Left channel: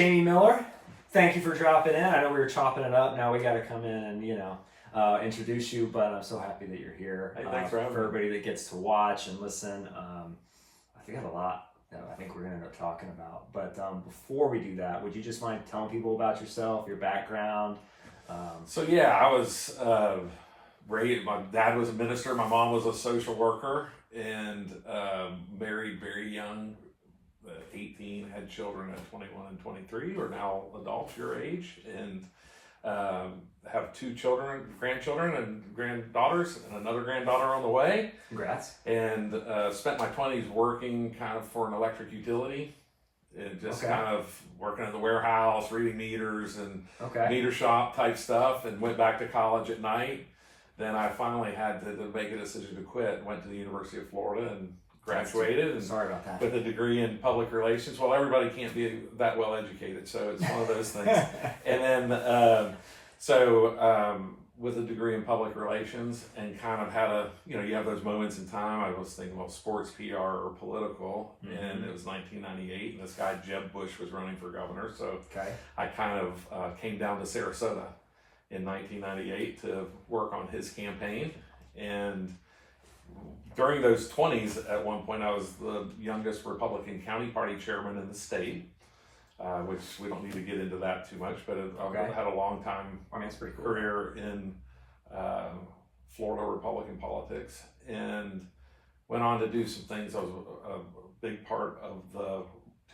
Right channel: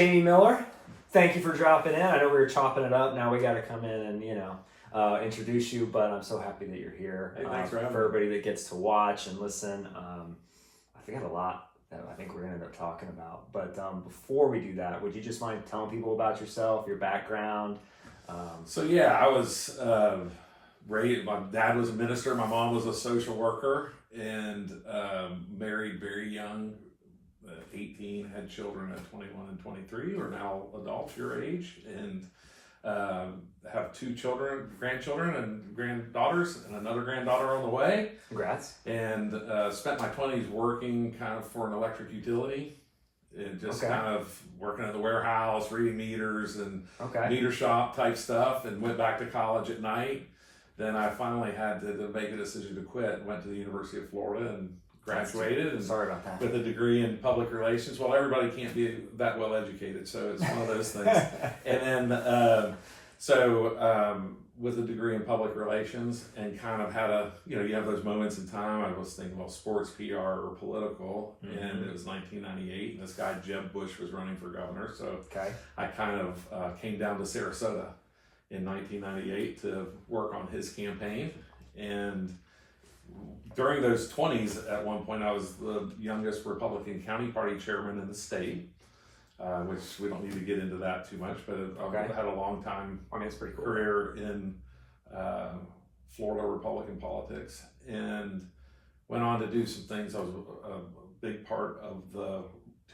Jamie Miller, thank you for dropping in. I know we were chopping it up. Now we got to come in and, introduce you, but I'm so happy that you're here. Hey, thanks for having me. For everybody that gets to watch and listen, I think I have a lot that I think we're going to end up talking about. But before we do that, would you just mind telling people about yourself, your background? I was raised, my dad was a minister, my mom was a social worker, and married very young, 18, had children at 21 and 23, who are now adults your age, and have 2 grandchildren and granddaughters, and another granddaughter on the way. Congrats. And spent my 20s working kind of for an electric utility, and just kind of working in the warehouse, reading meters and meter shop type stuff, and went back to college at night. Then I finally had to make a decision to quit. Went to the University of Florida and graduated. And sorry about that. With a degree in public relations. Well, everybody can't be that well educated, so it's one of those things. And then, with a degree in public relations, and kind of had you have those moments in time. I was thinking, well, sports, PR, or political, and it was 1998, and this guy Jeb Bush was running for governor. So I kind of came down to Sarasota in 1998 to work on his campaign. And during those 20s, at one point, I was the youngest Republican County Party chairman in the state, which we don't need to get into that too much, but I had a long time pretty cool. career in Florida Republican politics, and went on to do some things. I was a big part of the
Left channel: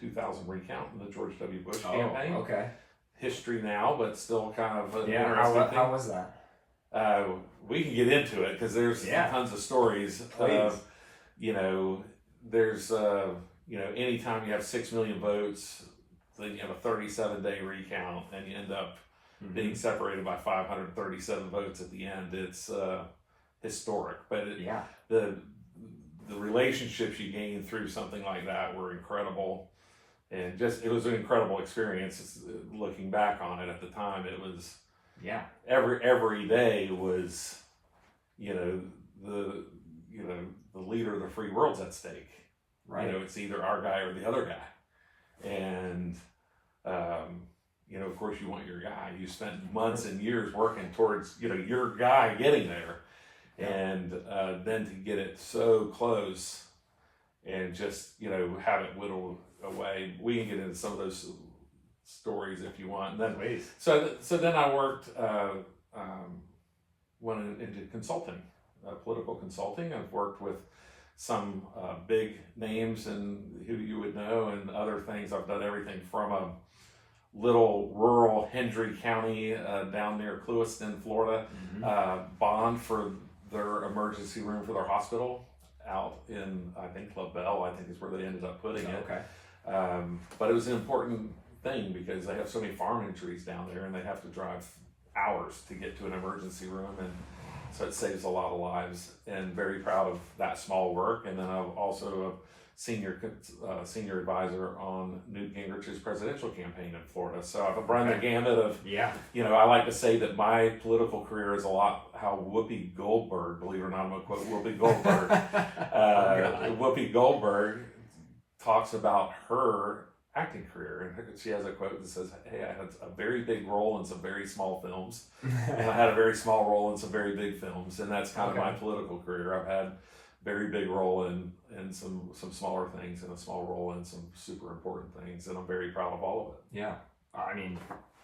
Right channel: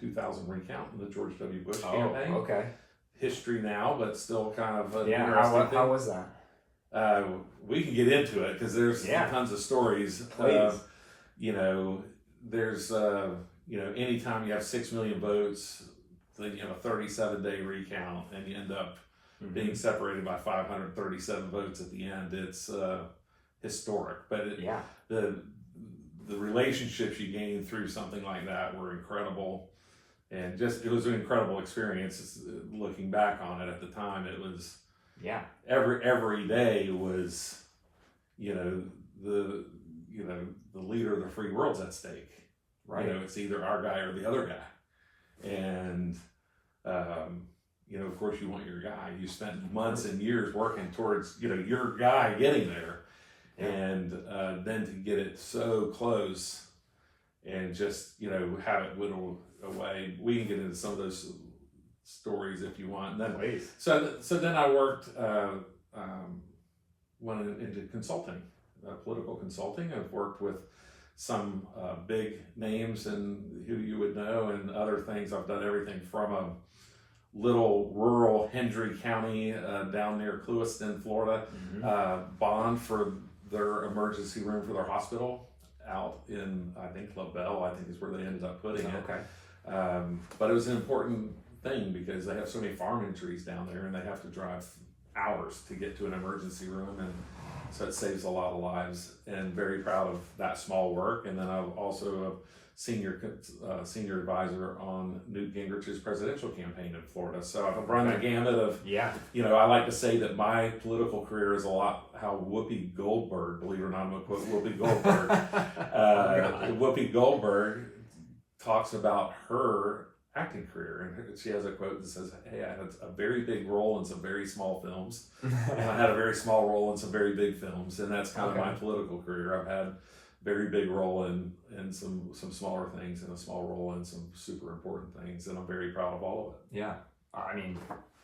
2000 recount in the George W. Bush campaign. History now, but still kind of an interesting thing. How was that? We can get into it because there's tons of stories. Please. There's anytime you have 6 million votes, then you have a 37-day recount, and you end up being separated by 537 votes at the end. It's historic, but the relationships you gain through something like that were incredible. And it was an incredible experience. Looking back on it, at the time, it was every day was, the leader of the free world's at stake. Right. It's either our guy or the other guy, and of course, you want your guy. You spent months and years working towards your guy getting there, and then to get it so close, and just have it whittled away. We can get into some of those stories if you want. And then, so then I worked, went into consulting, political consulting. I've worked with some big names and who you would know, and other things. I've done everything from a little rural Hendry County down near Clewiston, Florida, bond for their emergency room for their hospital out in, I think, LaBelle, I think is where they ended up putting it. But it was an important thing because they have so many farm injuries down there, and they have to drive hours to get to an emergency room, and so it saves a lot of lives. And very proud of that small work. And then I'm also a senior advisor on Newt Gingrich's presidential campaign in Florida. So I've run the gamut of, I like to say that my political career is a lot how Whoopi Goldberg, believe it or not, I'm going to quote Whoopi Goldberg. Whoopi Goldberg talks about her acting career, and she has a quote that says, "Hey, I had a very big role in some very small films, and I had a very small role in some very big films," and that's kind of my political career. I've had very big role in some smaller things, and a small role in some super important things, and I'm very proud of all of it. Yeah, I mean,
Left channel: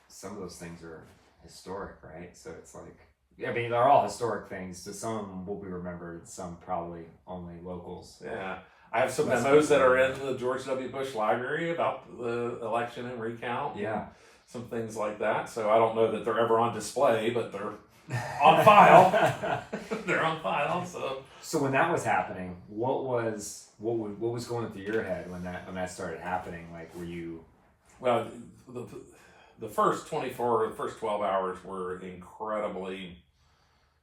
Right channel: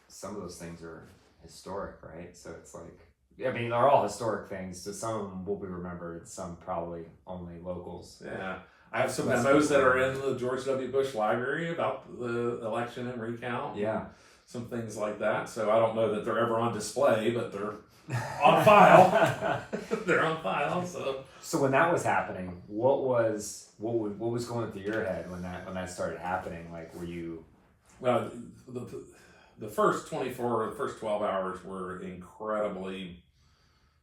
some of those things are historic, right? So it's like, they're all historic things. So some will be remembered, some probably only locals. Yeah. I have some memos that are in the George W. Bush Library about the election and recount. Yeah. Some things like that. So I don't know that they're ever on display, but they're on file. They're on file. So when that was happening, what was going through your head when that started happening? Like, were you? Well, the first 24 or the first 12 hours were incredibly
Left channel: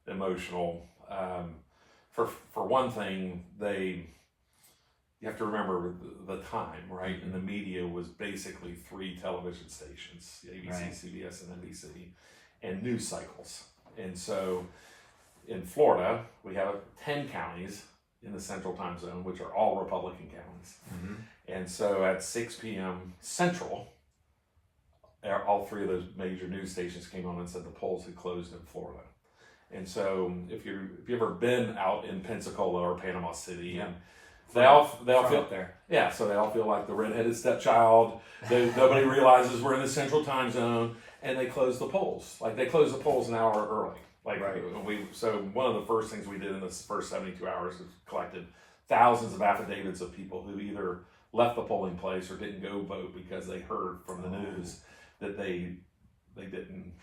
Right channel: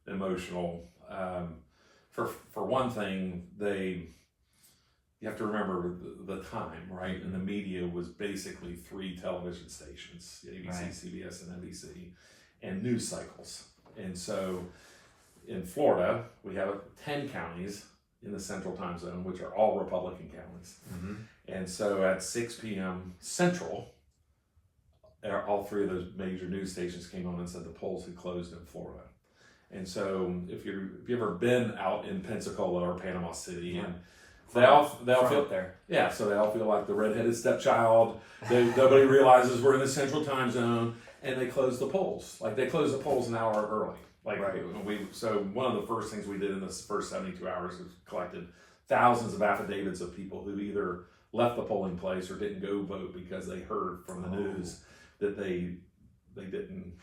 emotional. For one thing, you have to remember the time, right? And the media was basically 3 television stations, ABC, CBS, and NBC, and news cycles. And so in Florida, we have 10 counties in the Central Time Zone, which are all Republican counties. And so at 6 p.m. Central, all three of those major news stations came on and said the polls had closed in Florida. And so if you've ever been out in Pensacola or Panama City, Yeah. and they all feel there. Yeah, so they all feel like the redheaded stepchild. Nobody realizes we're in the central time zone, and they close the polls. Like they close the polls an hour early. Like Right. So one of the first things we did in this first 72 hours is collected thousands of affidavits of people who either left the polling place or didn't go vote because they heard from the news that they didn't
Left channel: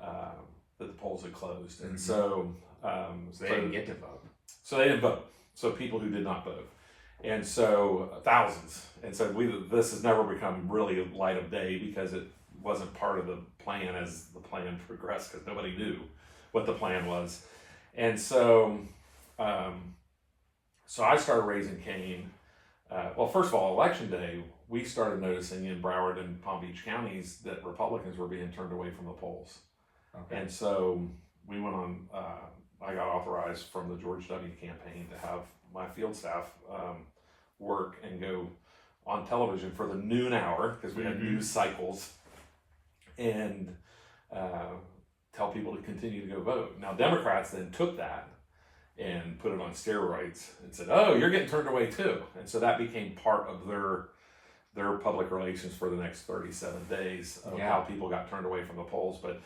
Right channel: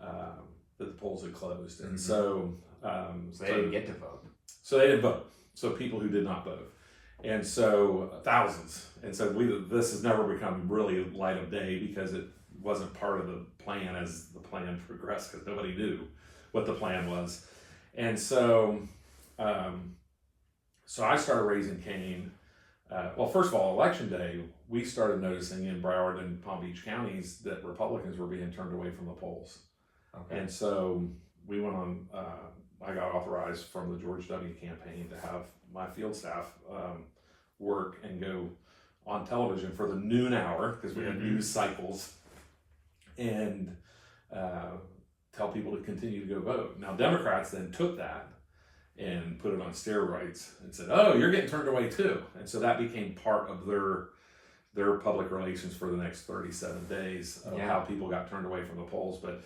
that the polls had closed, and so they didn't get to vote. So they didn't vote. So people who did not vote, and so thousands. And so this has never become really light of day because it wasn't part of the plan as the plan progressed because nobody knew what the plan was, and so so I started raising Cain. Well, first of all, election day, we started noticing in Broward and Palm Beach counties that Republicans were being turned away from the polls. Okay. And so we went on, I got authorized from the George W. campaign to have my field staff work and go on television for the noon hour, because we had news cycles, and tell people to continue to go vote. Now, Democrats then took that and put it on steroids and said, oh, you're getting turned away too. And so that became part of their public relations for the next 37 days of how people got turned away from the polls. But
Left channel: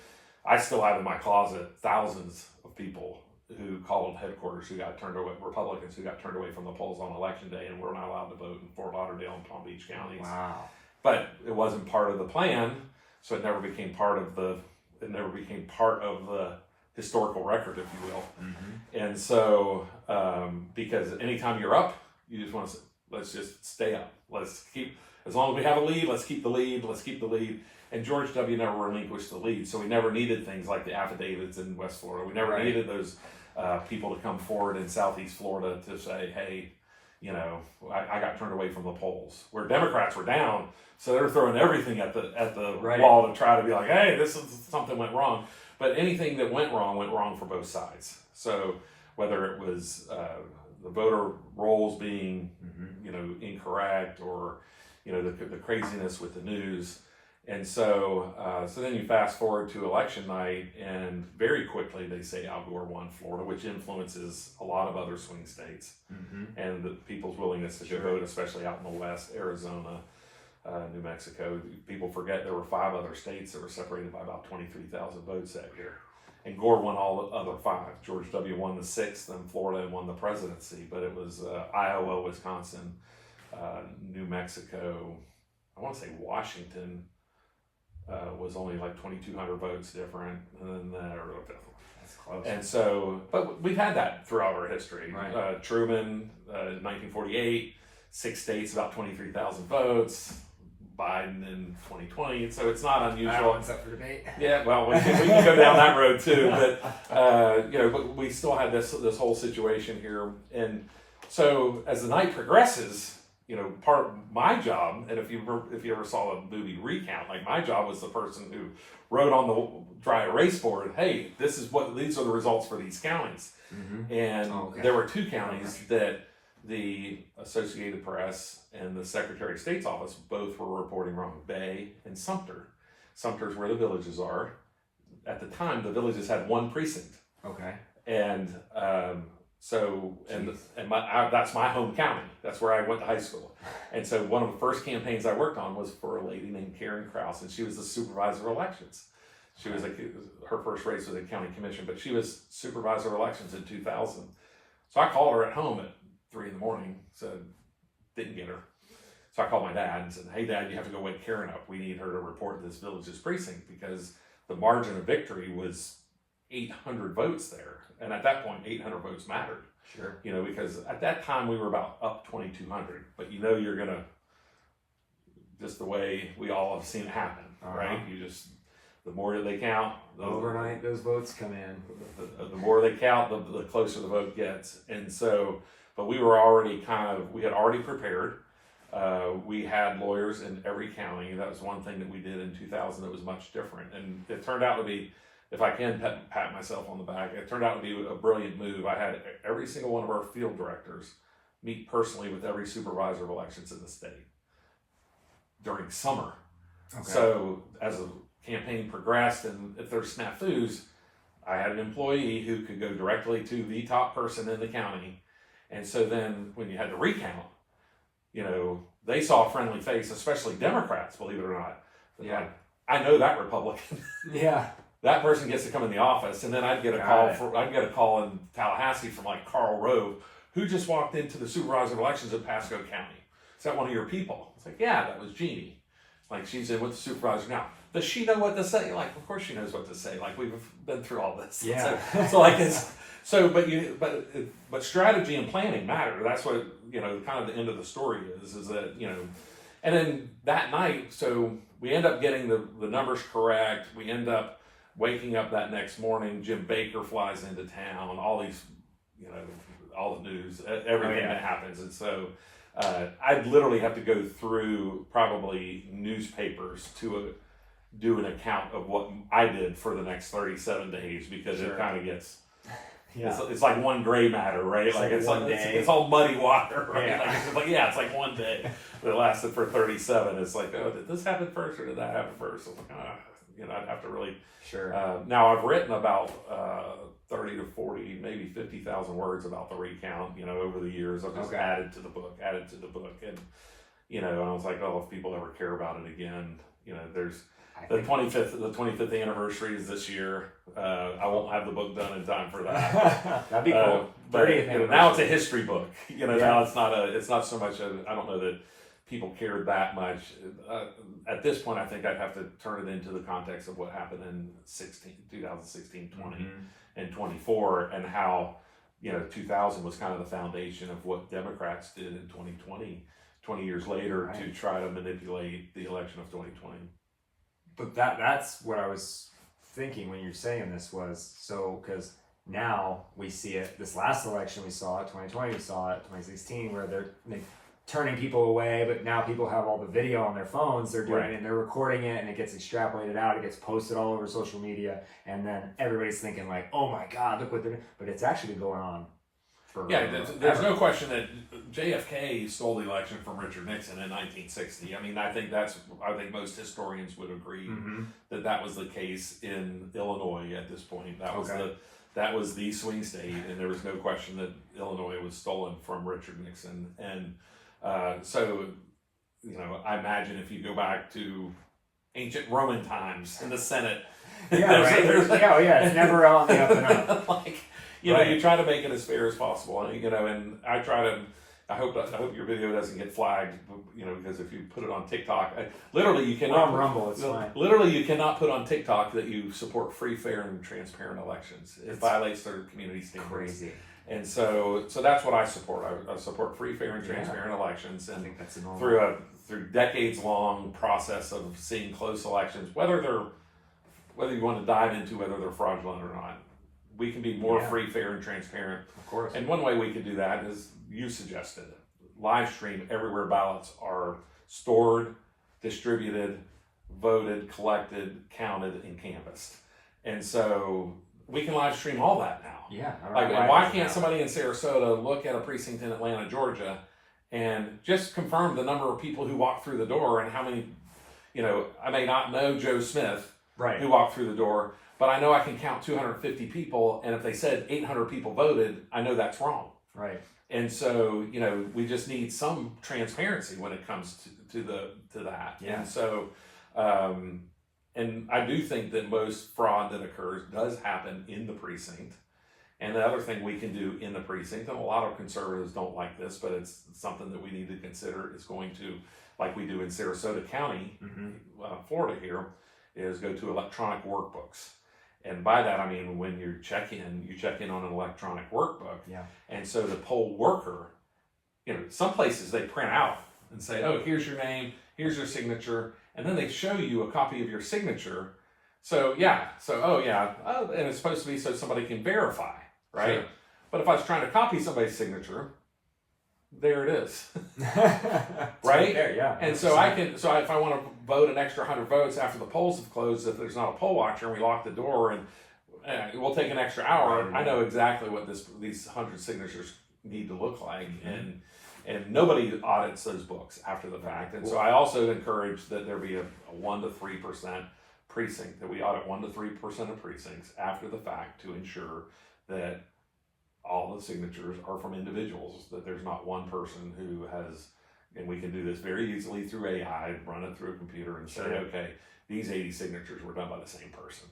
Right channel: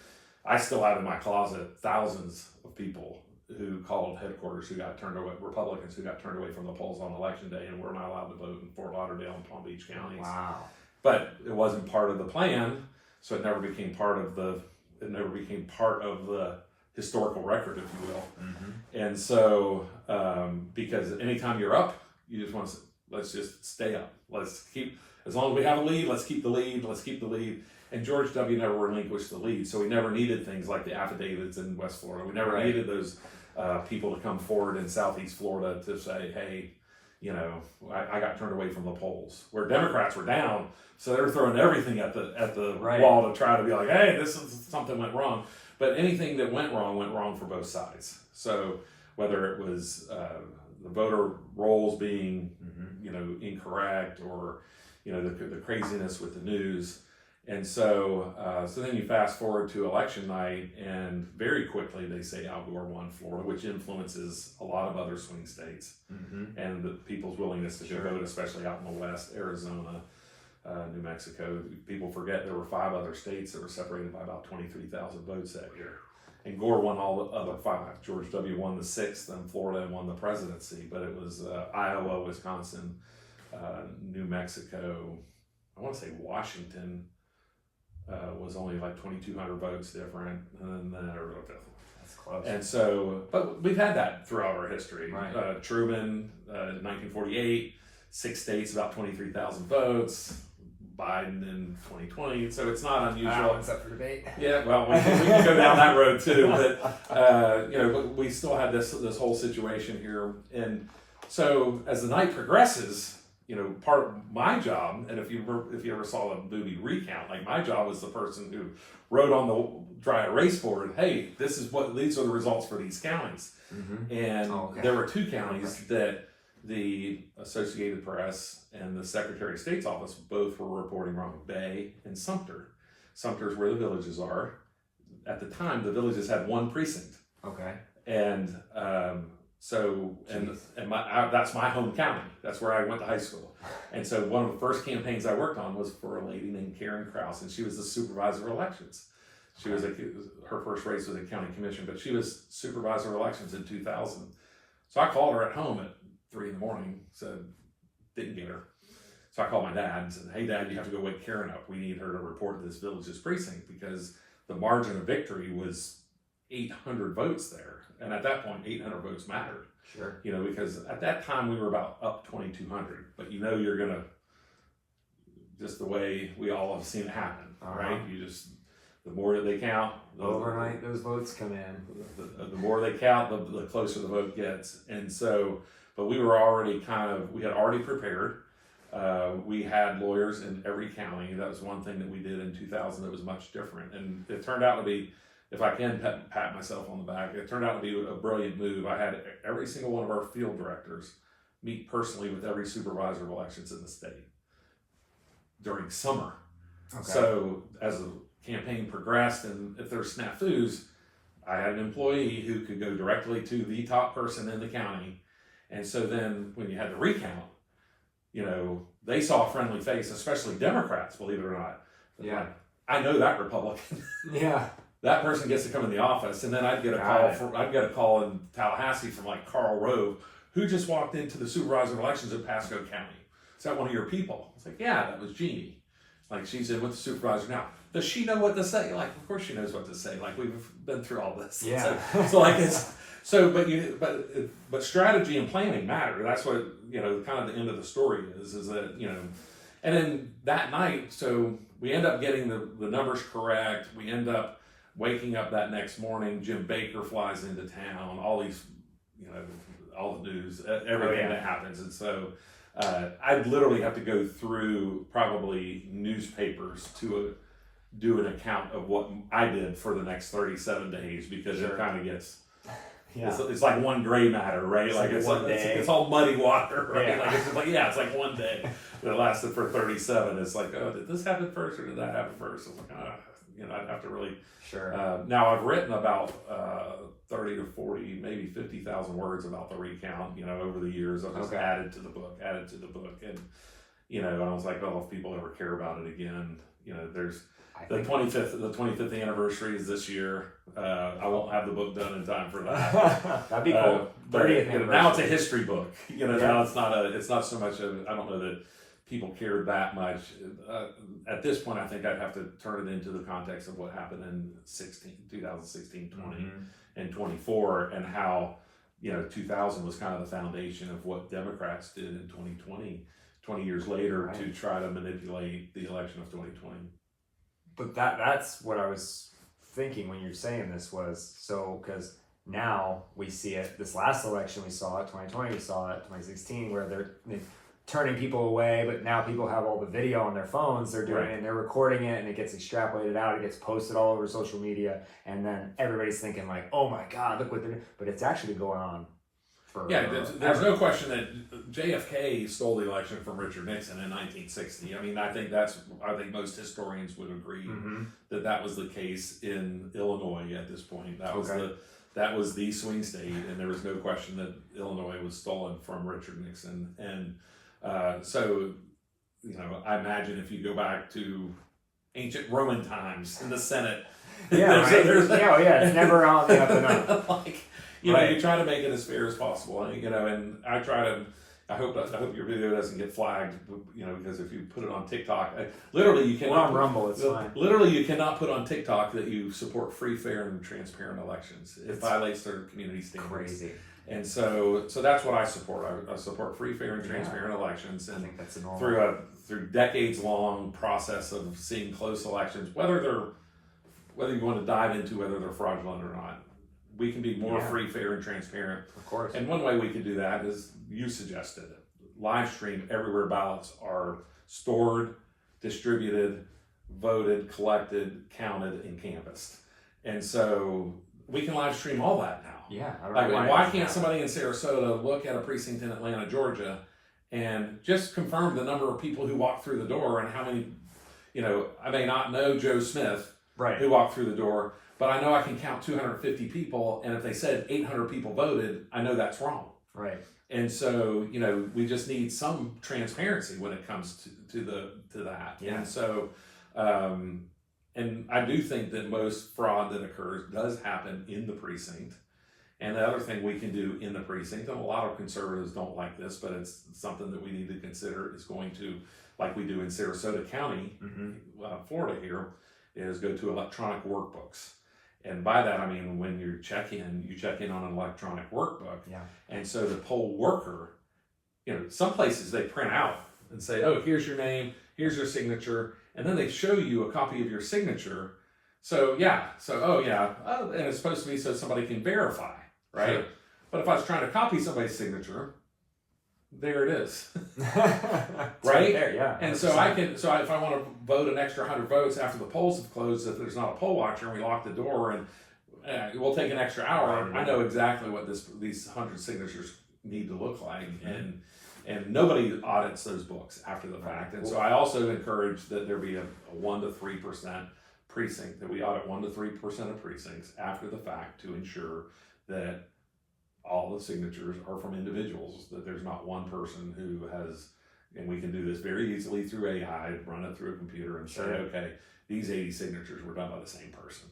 I still have in my closet thousands of people who called headquarters who got turned away, Republicans who got turned away from the polls on election day and were not allowed to vote in Fort Lauderdale and Palm Beach counties. Wow. But it wasn't part of the plan, so it never became part of the historical record, if you will. And so, because anytime you're up, you just want to say, let's just stay up. Let's keep, as long as we have a lead, let's keep the lead, let's keep the lead. And George W. never relinquished the lead, so we never needed things like the affidavits in West Florida. We never needed those people to come forward in Southeast Florida to say, hey, you know, I got turned away from the polls. Where Democrats were down, so they were throwing everything at the wall to try to be like, hey, this is something went wrong. But anything that went wrong for both sides. So whether it was the voter rolls being, you know, incorrect, or, you know, the craziness with the news. And so, so then you fast forward to election night, and very quickly they say Al Gore won Florida, which influences a lot of other swing states, and the people's willingness to go vote, especially out in the West, Arizona, New Mexico. People forget there were 5 other states that were separated by about 23,000 votes that year. And Gore won all the other 5. George W. won the 6th, and Florida won the presidency. But it was Iowa, Wisconsin, New Mexico, I want to say Washington, was only like 2,200 votes different. And then That's close. And so, but we've had that throughout our history. Right. Truman, 1948, 6 states, about 23,000 votes. Biden in 2020, so it's not unusual. That one's up for debate. Yeah, well, we can go down that road too, but you know, but we still had this whole situation here, and so as the night progresses, you know, part of my job, and if you ever saw the movie Recount, like my job was the person who wrote on the dry erase board, hey, these are the results for these counties, and there were 2 counties that the Associated Press and the Secretary of State's office both were reporting wrong: Bay and Sumter. Sumter's where the villages are. At the time, the villages had 1 precinct. Okay. And so, that's my home county. That's where I went to high school. And so one of the first campaigns I worked on was for a lady named Karen Krause, and she was the supervisor of elections. She was her first race was a county commission, but she was supervisor of elections in 2000. So I called her at home at 3 a.m, said, didn't get her. So I called my dad and said, hey Dad, you have to go wake Karen up. We need her to report to this village's precinct, because the margin of victory was 800 votes there. And at that point, 800 votes mattered. Sure. You know, because at that time we were about up 2,200, but you know, you're gonna, just the way we all have seen it happen, right? You just, the more they count, overnight those votes come in. The more they count, the closer the vote gets. And so, but we were already we had already prepared. We had lawyers in every county. That was one thing that we did in 2000 that was much different. And it turned out to be, if I can pat myself on the back, it turned out to be a brilliant move. I had every single one of our field directors meet personally with every supervisor of elections in the state during summer. Okay. So as the campaign progressed, and if there's snafus, I had an employee who could go directly to the top person in the county. And so then when you had to recount, they saw a friendly face, especially Democrats, believe it or not. Yeah. Like, I know that Republican. Yeah. That person gets to come in the office, and then I'd get a call in Tallahassee from like Carl Rove, who just walked into the supervisor elections in Pasco County. Is that one of your people? It's like, yeah, that was Jeannie. Like, she's in with the supervisor now. Does she know what to say? Like, of course she knows what to say. Like, we've been through all this. Yeah. So like it's but strategy and planning matter. That's what kind of the end of the story is that and then that night, so we end up getting the numbers correct. We end up waking up that next morning. Jim Baker flies into town. All these, all the news, everything that happens, and so. I'd literally have to go through probably newspapers to do an account of what I did for the next 37 days because it kind of gets, it's like one gray matter, right? It's like one day. It's all muddy water, right? Yeah. It's like one day that lasted for 37. It's like, oh, did this happen first or did that happen first? It's like, I'd have to really. Sure. Now I've written about 30 to 40, maybe 50,000 words about the recount, over the years. I've just added to the book. And, I was like, oh, if people ever care about it again, there's the 25th anniversary is this year. I won't have the book done in time for that. That'd be cool. 30th anniversary. Now it's a history book. Now it's not so much I don't know that people cared that much. At this point, I think I'd have to turn it into the context of what happened in 2016, 20, and 24, and how 2000 was kind of the foundation of what Democrats did in 2020, 20 years later, to try to manipulate the election of 2020. But that's what I was thinking when you're saying this was, so because now we see it, this last election we saw it, 2020 we saw it, 2016, where they're turning people away, but now people have all the video on their phones, they're doing it and they're recording it, and it gets extrapolated out, it gets posted all over social media, and then everybody's thinking like, oh my God, look what they're doing. But it's actually been going on for there's no question that JFK stole the election from Richard Nixon in 1960. I mean, I think most historians would agree that was the case in Illinois at this point. That was the swing state, and there was no question that Illinois was stolen from Richard Nixon. And so, I imagine if you go back to ancient Roman times in the Senate, it's never on the up and up. You try to make it as fair as possible, and I hope your video doesn't get flagged, because if you put it on TikTok, you cannot. We're on Rumble, it's fine. Literally, you cannot put on TikTok that you support free, fair, and transparent elections. It violates their community standards. Crazy. And so that's what I support. I support free, fair, and transparent elections, and I think that's normal. through decades-long process of seeing close elections, whether you want to dive into whether they're fraudulent or not. We can be more free, fair, and transparent. Of course. And one way we can do that is, you suggested it, live stream everywhere ballots are stored, distributed, voted, collected, counted, and canvassed. And so we can live stream all that now. Yeah. Why can't somebody in Sarasota look at a precinct in Atlanta, Georgia, and just confirm the number of people who walked through the door and how many, I may not know Joe Smith who walked through the door, but I know I can count 250 people, and if they said 800 people voted, I know that's wrong. Right. And so, we just need some transparency when it comes to that. Yeah. And so, and I do think that most fraud that occurs does happen in the precinct. And the other thing we can do in the precinct, and a lot of conservatives don't like this, but it's something that we need to consider, is going to, like we do in Sarasota County, Florida here, is go to electronic workbooks. And by that, I mean, when you check in on an electronic workbook. Yeah. And so the poll worker, some places they print out and say, oh, here's your name, here's your signature. And then they show you a copy of your signature. So, and it's supposed to be so somebody can verify, right? Sure. But if I was trying to copy somebody's signature, there it is. Right there, yeah. And so if I want to vote an extra 100 votes after the polls have closed, if there's not a poll watcher and we lock the door and it will take an extra hour, I know exactly what these 100 signatures need to look like, and nobody audits those books after the fact. And so I also encourage that there be a 1 to 3% precinct, that we audit 1 to 3% of precincts after the fact to ensure that all the signatures are from individuals, that there's not one person who has, and we can do this very easily through AI, run it through a computer and say, okay, these 80 signatures were done by the same person,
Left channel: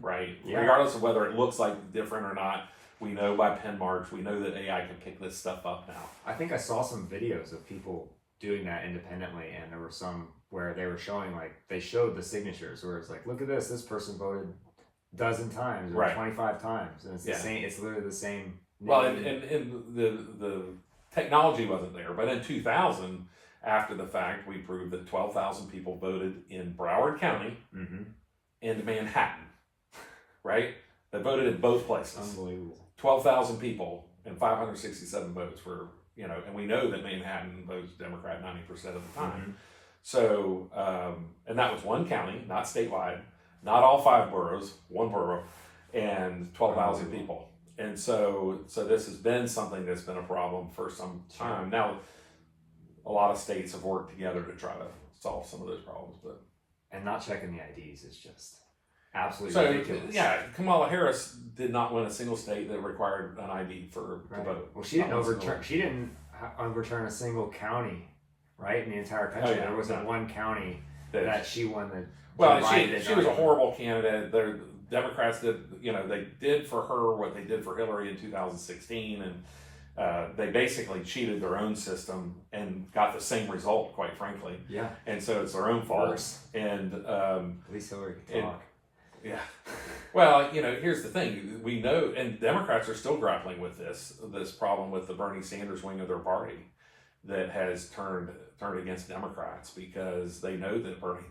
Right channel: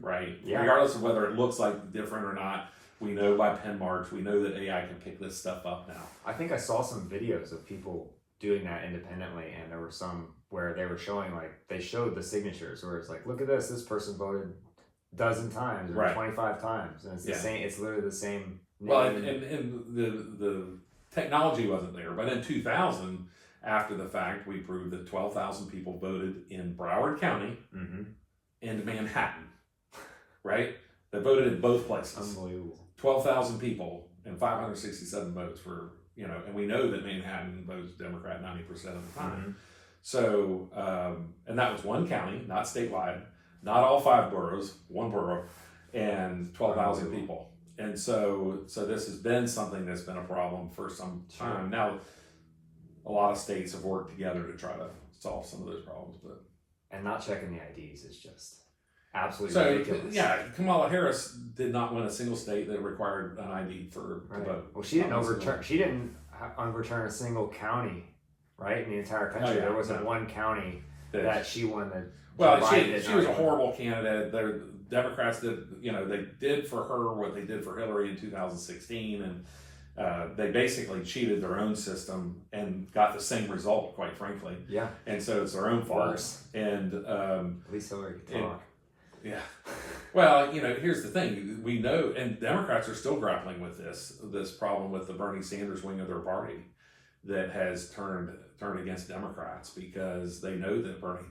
right? Yeah. Regardless of whether it looks like different or not, we know by pen marks, we know that AI can pick this stuff up now. I think I saw some videos of people doing that independently, and there were some where they were showing, like, they showed the signatures where it's like, look at this person voted a dozen times or 25 times, and it's the same, it's literally the same. Well, and the technology wasn't there, but in 2000, after the fact, we proved that 12,000 people voted in Broward County and Manhattan, right? They voted in both places. Unbelievable. 12,000 people and 567 votes were, and we know that Manhattan votes Democrat 90% of the time. So, and that was one county, not statewide, not all 5 boroughs, one borough, and 12,000 people. And so this has been something that's been a problem for some time. Now, a lot of states have worked together to try to solve some of those problems, and not checking the IDs is just absolutely ridiculous. Yeah, Kamala Harris did not win a single state that required an ID to vote. Well, she didn't overturn a single county, right, in the entire country. There wasn't one county that she won the. Well, she was a horrible candidate. The Democrats did, they did for her what they did for Hillary in 2016, and they basically cheated their own system and got the same result, quite frankly. Yeah. And so it's their own fault. Worse. And at least Hillary can talk. Yeah. Well, here's the thing. We know, and Democrats are still grappling with this problem with the Bernie Sanders wing of their party that has turned against Democrats because they know that Bernie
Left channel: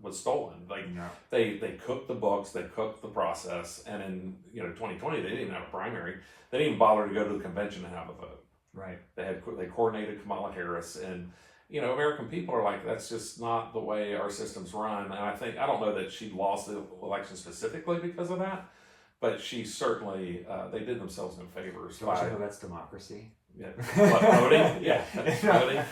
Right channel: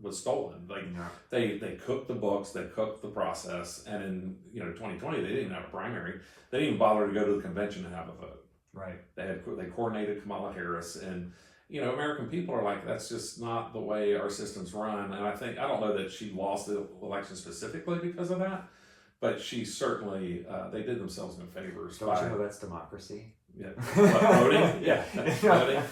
was stolen. Like they cooked the books, they cooked the process, and in 2020 they didn't even have a primary. They didn't even bother to go to the convention and have a vote. Right. They coordinated Kamala Harris, and American people are like, that's just not the way our systems run. And I don't know that she lost the election specifically because of that, but she certainly, they did themselves no favors. Don't you know that's democracy? Yeah. Voting? Yeah. Voting.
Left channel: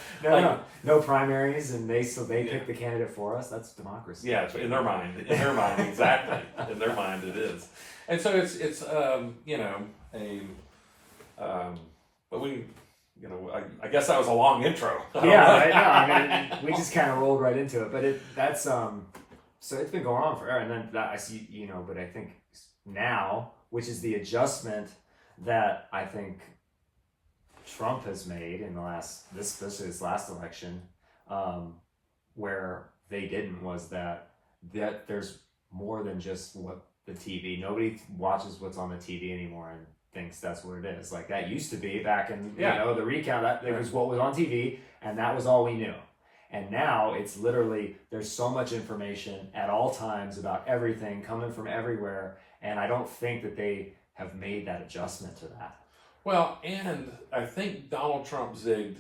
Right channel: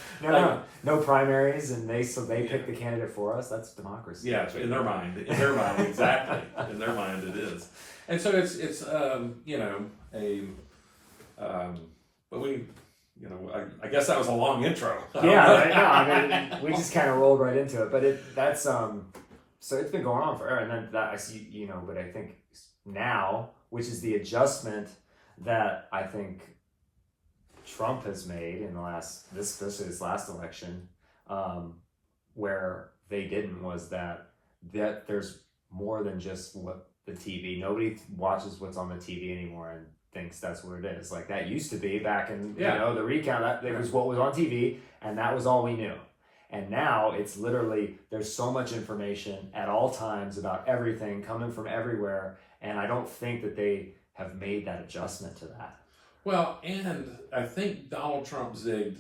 No primaries, and they pick the candidate for us. That's democracy. Yeah, in their mind, exactly. In their mind it is. And so it's but we, I guess that was a long intro. Yeah, we just kind of rolled right into it, but that's so it's been going on forever, and then that I see, but I think now, which is the adjustment that I think Trump has made in the especially this last election, where they didn't, was that there's more than just what the TV. Nobody watches what's on the TV anymore and thinks that's what it is. Like that used to be back in the recount. That was what was on TV, and that was all we knew. And now it's literally, there's so much information at all times about everything coming from everywhere, and I don't think that they have made that adjustment to that. Well, and I think Donald Trump zigged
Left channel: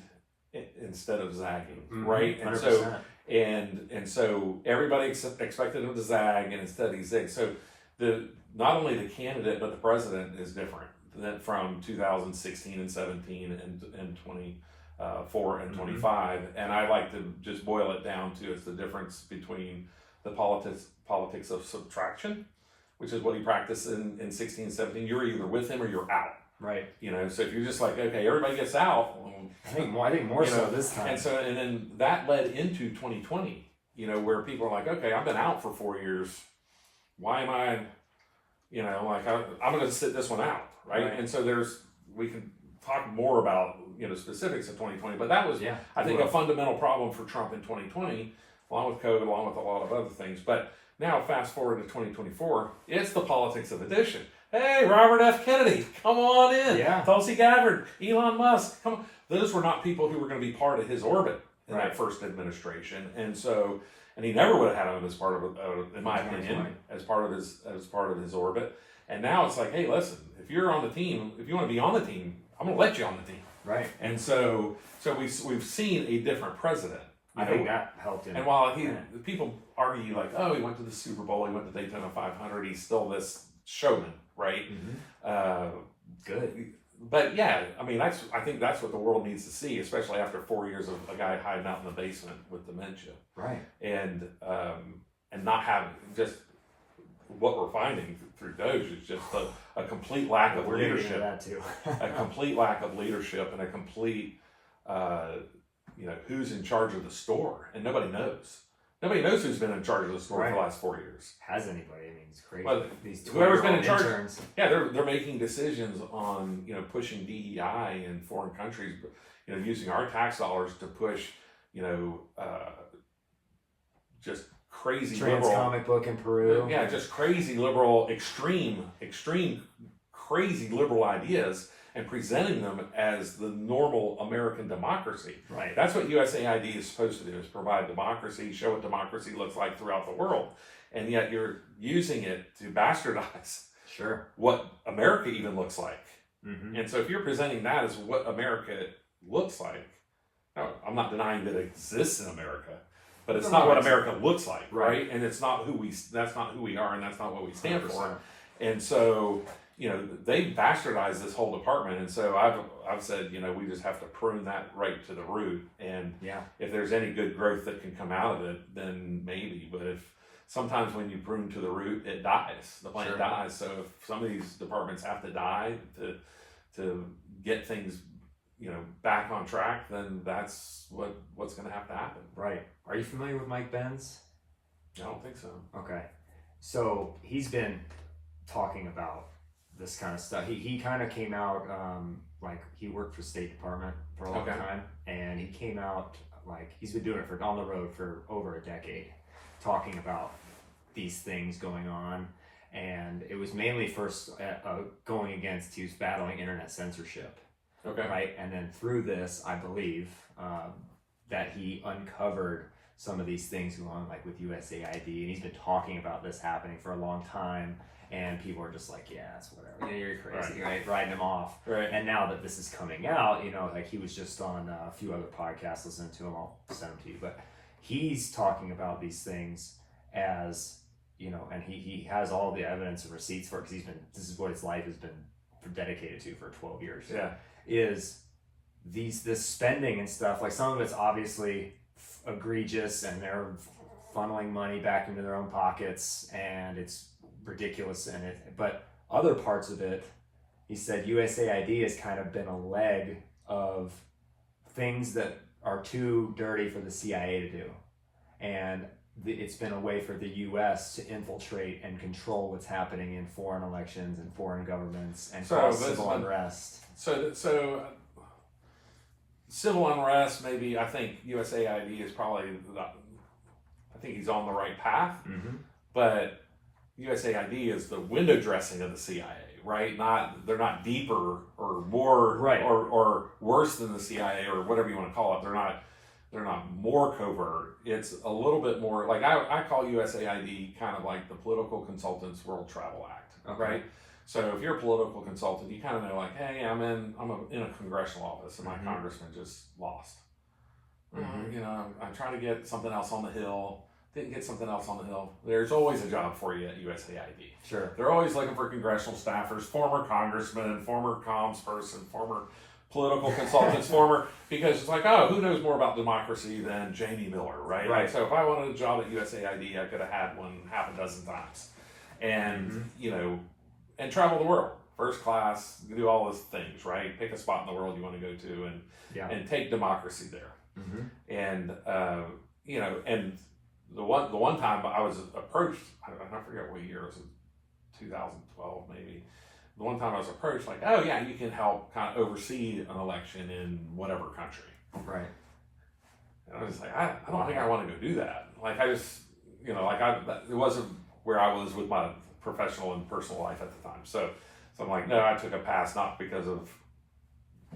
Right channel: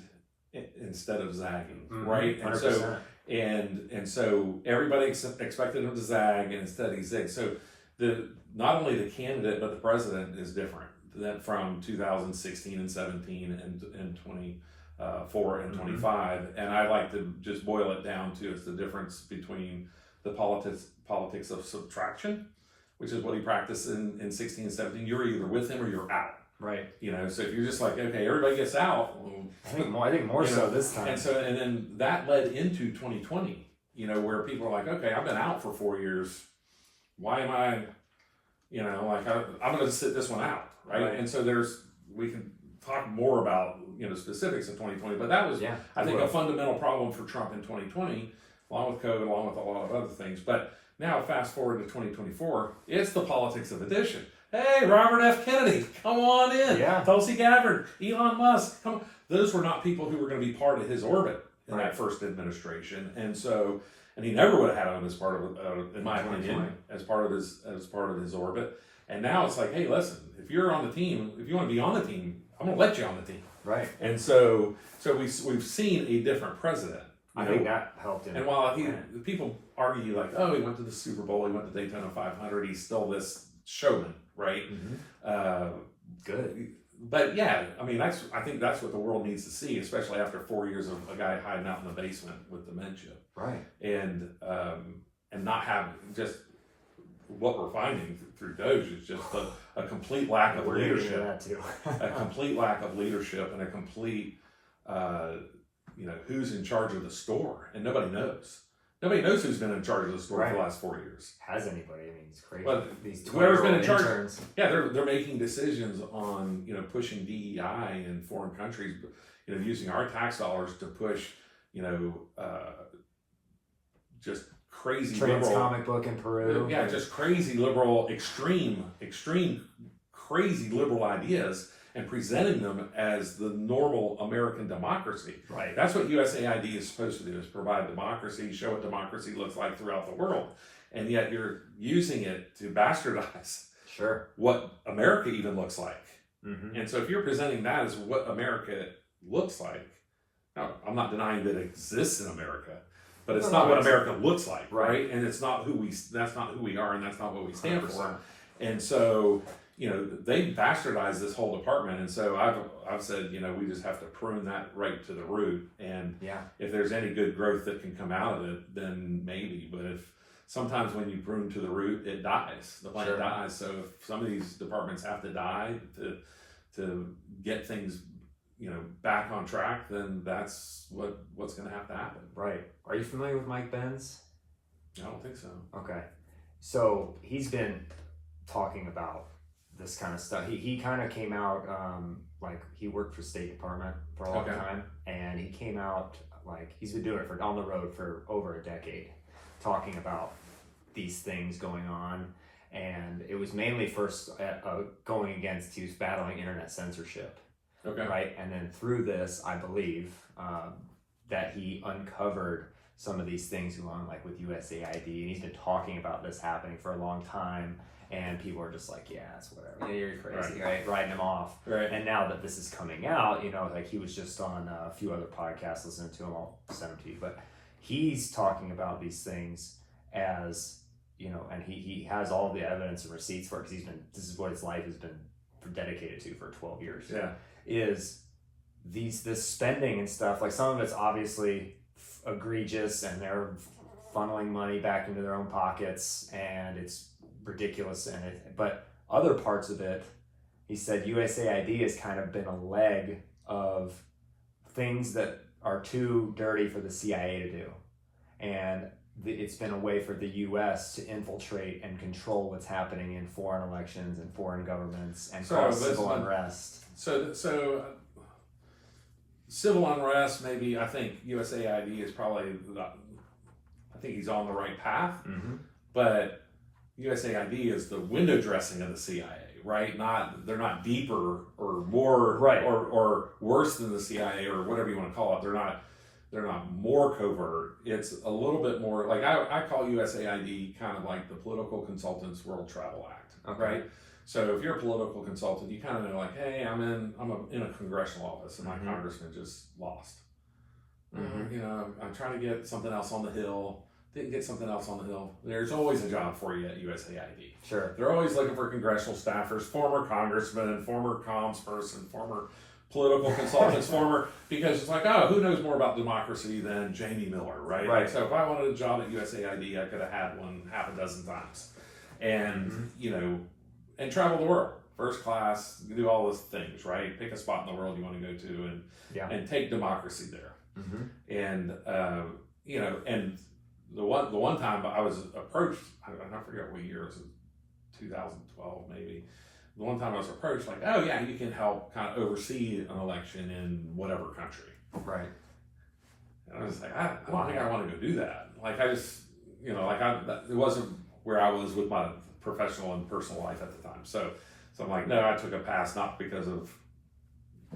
instead of zagging, right? 100%. And so everybody expected him to zag, and instead he zigged. So not only the candidate but the president is different than from 2016 and 17 and 24 and 25. And I like to just boil it down to it's the difference between the politics of subtraction, which is what he practiced in 16 and 17. You're either with him or you're out. Right. So if you're just like, okay, everybody gets out. Well, I think more so this time. And then that led into 2020, where people are like, okay, I've been out for 4 years. Why am I, I'm going to sit this one out. Right. And so we can talk more about, specifics of 2020, but that was, I think, a fundamental problem for Trump in 2020, along with COVID, along with a lot of other things. But now fast forward to 2024, it's the politics of addition. Hey, Robert F. Kennedy, come on in. Yeah. Tulsi Gabbard, Elon Musk, come on. Those were not people who were going to be part of his orbit in that first administration. And he never would have had him as part of, in my opinion, as part of his orbit. And now it's like, hey, listen, if you're on the team, if you want to be on the team, I'm going to let you on the team. Right. And so we've seen a different president. I think that helped him. And while people argue like, oh, he went to the Super Bowl, he went to Daytona 500, he's still this showman, right? Good. but yeah, I mean, I think that's what the world needs to see, especially after 4 years of a guy hiding out in the basement with dementia, Right. and not have just what we're finding through Doge is just a complete lack of We're gonna get into leadership, that too. a complete lack of leadership, and a complete, who's in charge of the store, and nobody knows. Nobody knows who's been in charge of the store for the last 4 years. Has anybody? I mean, it's crazy. Well, These whoever's been in charge, interns. yeah, they're making decisions on pushing DEI in foreign countries, using our tax dollars to push just crazy Trans liberal comic book in Peru. yeah, just crazy liberal, extreme, crazy liberal ideas, and presenting them as the normal American democracy. Right. That's what USAID is supposed to do, is provide democracy, show what democracy looks like throughout the world. And yet you're using it to bastardize Sure. what America even looks like. Mm-hmm. And so if you're presenting that as what America looks like, now, I'm not denying that it exists in America, but it's not what America looks like, right? And it's not that's not who we are, and that's not what we stand 100%. for. And so, they bastardized this whole department. And so I've said, we just have to prune that right to the root. And if there's any good growth that can come out of it, then maybe. But if sometimes when you prune to the root, it dies. The plant dies. So if some of these departments have to die to get things, back on track, then that's what's going to have to happen. Right. Are you familiar with Mike Benz? I don't think so. Okay. So he's been talking about this kind of stuff. He kind of came out, he worked for State Department for a long time, and he came out, he's been doing it on the road for over a decade, talking about these things going on. And it was mainly first going against, he was battling internet censorship. Okay. Right. And then through this, I believe that he uncovered some of these things going on, with USAID, and he's been talking about this happening for a long time. And people are just like, yeah, it's whatever. Yeah, you're crazy, right? Writing him off. Right. And now that this is coming out, he was just on a few other podcasts, listening to him. I'll send them to you. But he's talking about these things as, and he has all the evidence and receipts for it, because this is what his life has been dedicated to for 12 years. Yeah. Is this spending and stuff, some of it's obviously egregious, and they're funneling money back into their own pockets, and it's ridiculous. But other parts of it, he said USAID has kind of been a leg of things that are too dirty for the CIA to do, and it's been a way for the U.S. to infiltrate and control what's happening in foreign elections and foreign governments and cause civil unrest. So civil unrest, maybe. I think USAID is probably, I think he's on the right path, but USAID is the window dressing of the CIA, right? They're not deeper or more or worse than the CIA, or whatever you want to call it. They're not more covert. It's a little bit more I call USAID kind of like the Political Consultants World Travel Act, right? So if you're a political consultant, you kind of know, hey, I'm in a congressional office, and my congressman just lost. I'm trying to get something else on the Hill. Didn't get something else on the Hill. There's always a job for you at USAID. Sure. They're always looking for congressional staffers, former congressmen, former comms person, former political consultants, because it's who knows more about democracy than Jamie Miller, right? Right. So if I wanted a job at USAID, I could have had one half a dozen times. And, and travel the world, first class, do all those things, right? Pick a spot in the world you want to go to, and take democracy there. And, and the one time I was approached, I forget what year, it was 2012 maybe. The one time I was approached, oh yeah, you can help kind of oversee an election in whatever country. Right. And I was I don't think I want to go do that. I just, it wasn't where I was with my professional and personal life at the time. So I'm no, I took a pass, not because of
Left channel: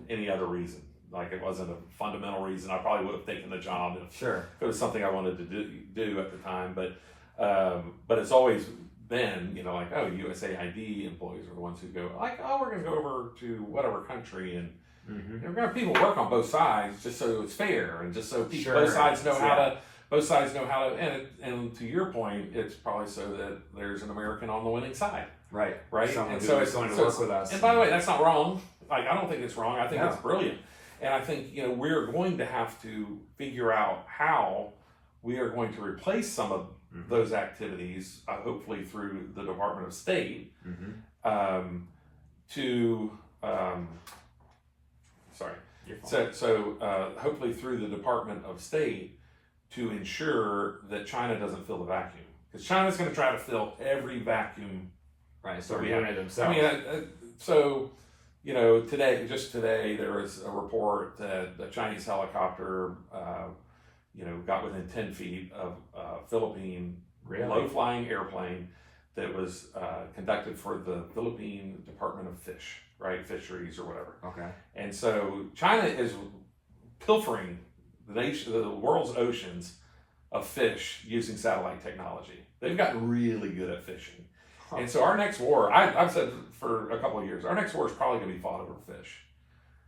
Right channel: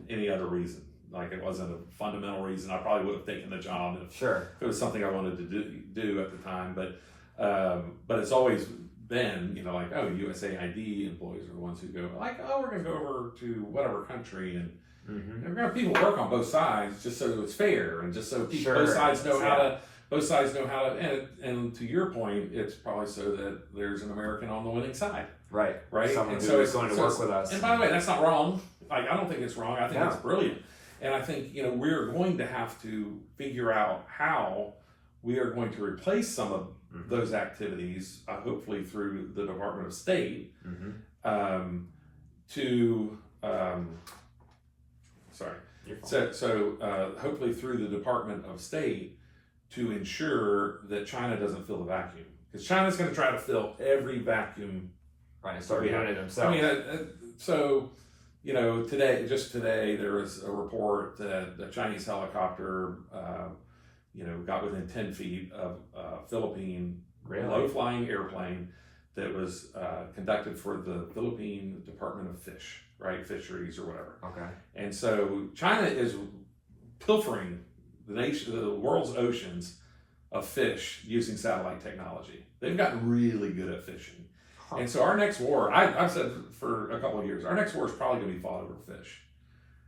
any other reason. It wasn't a fundamental reason. I probably would have taken the job if it was something I wanted to do at the time. But it's always been, USAID employees are the ones who go we're going to go over to whatever country, and we're going to have people work on both sides just so it's fair, and just so both sides know how to, and to your point, it's probably so that there's an American on the winning side. Right. Someone who's going to work with us. And by the way, that's not wrong. Like, I don't think it's wrong. I think No. it's brilliant. And I think, you know, we're going to have to figure out how we are going to replace some of those activities, hopefully through the Department of State, hopefully through the Department of State to ensure that China doesn't fill the vacuum. Because China's going to try to fill every vacuum. Right, start doing it themselves. I mean, so, you know, just today, there was a report that a Chinese helicopter, you know, got within 10 feet of a Philippine low-flying airplane that was conducted for the Philippine Department of Fish, right? Fisheries or whatever. Okay. And so China is pilfering the world's oceans of fish using satellite technology. They've gotten really good at fishing. And so our next war, I've said for a couple of years, our next war is probably going to be fought over fish.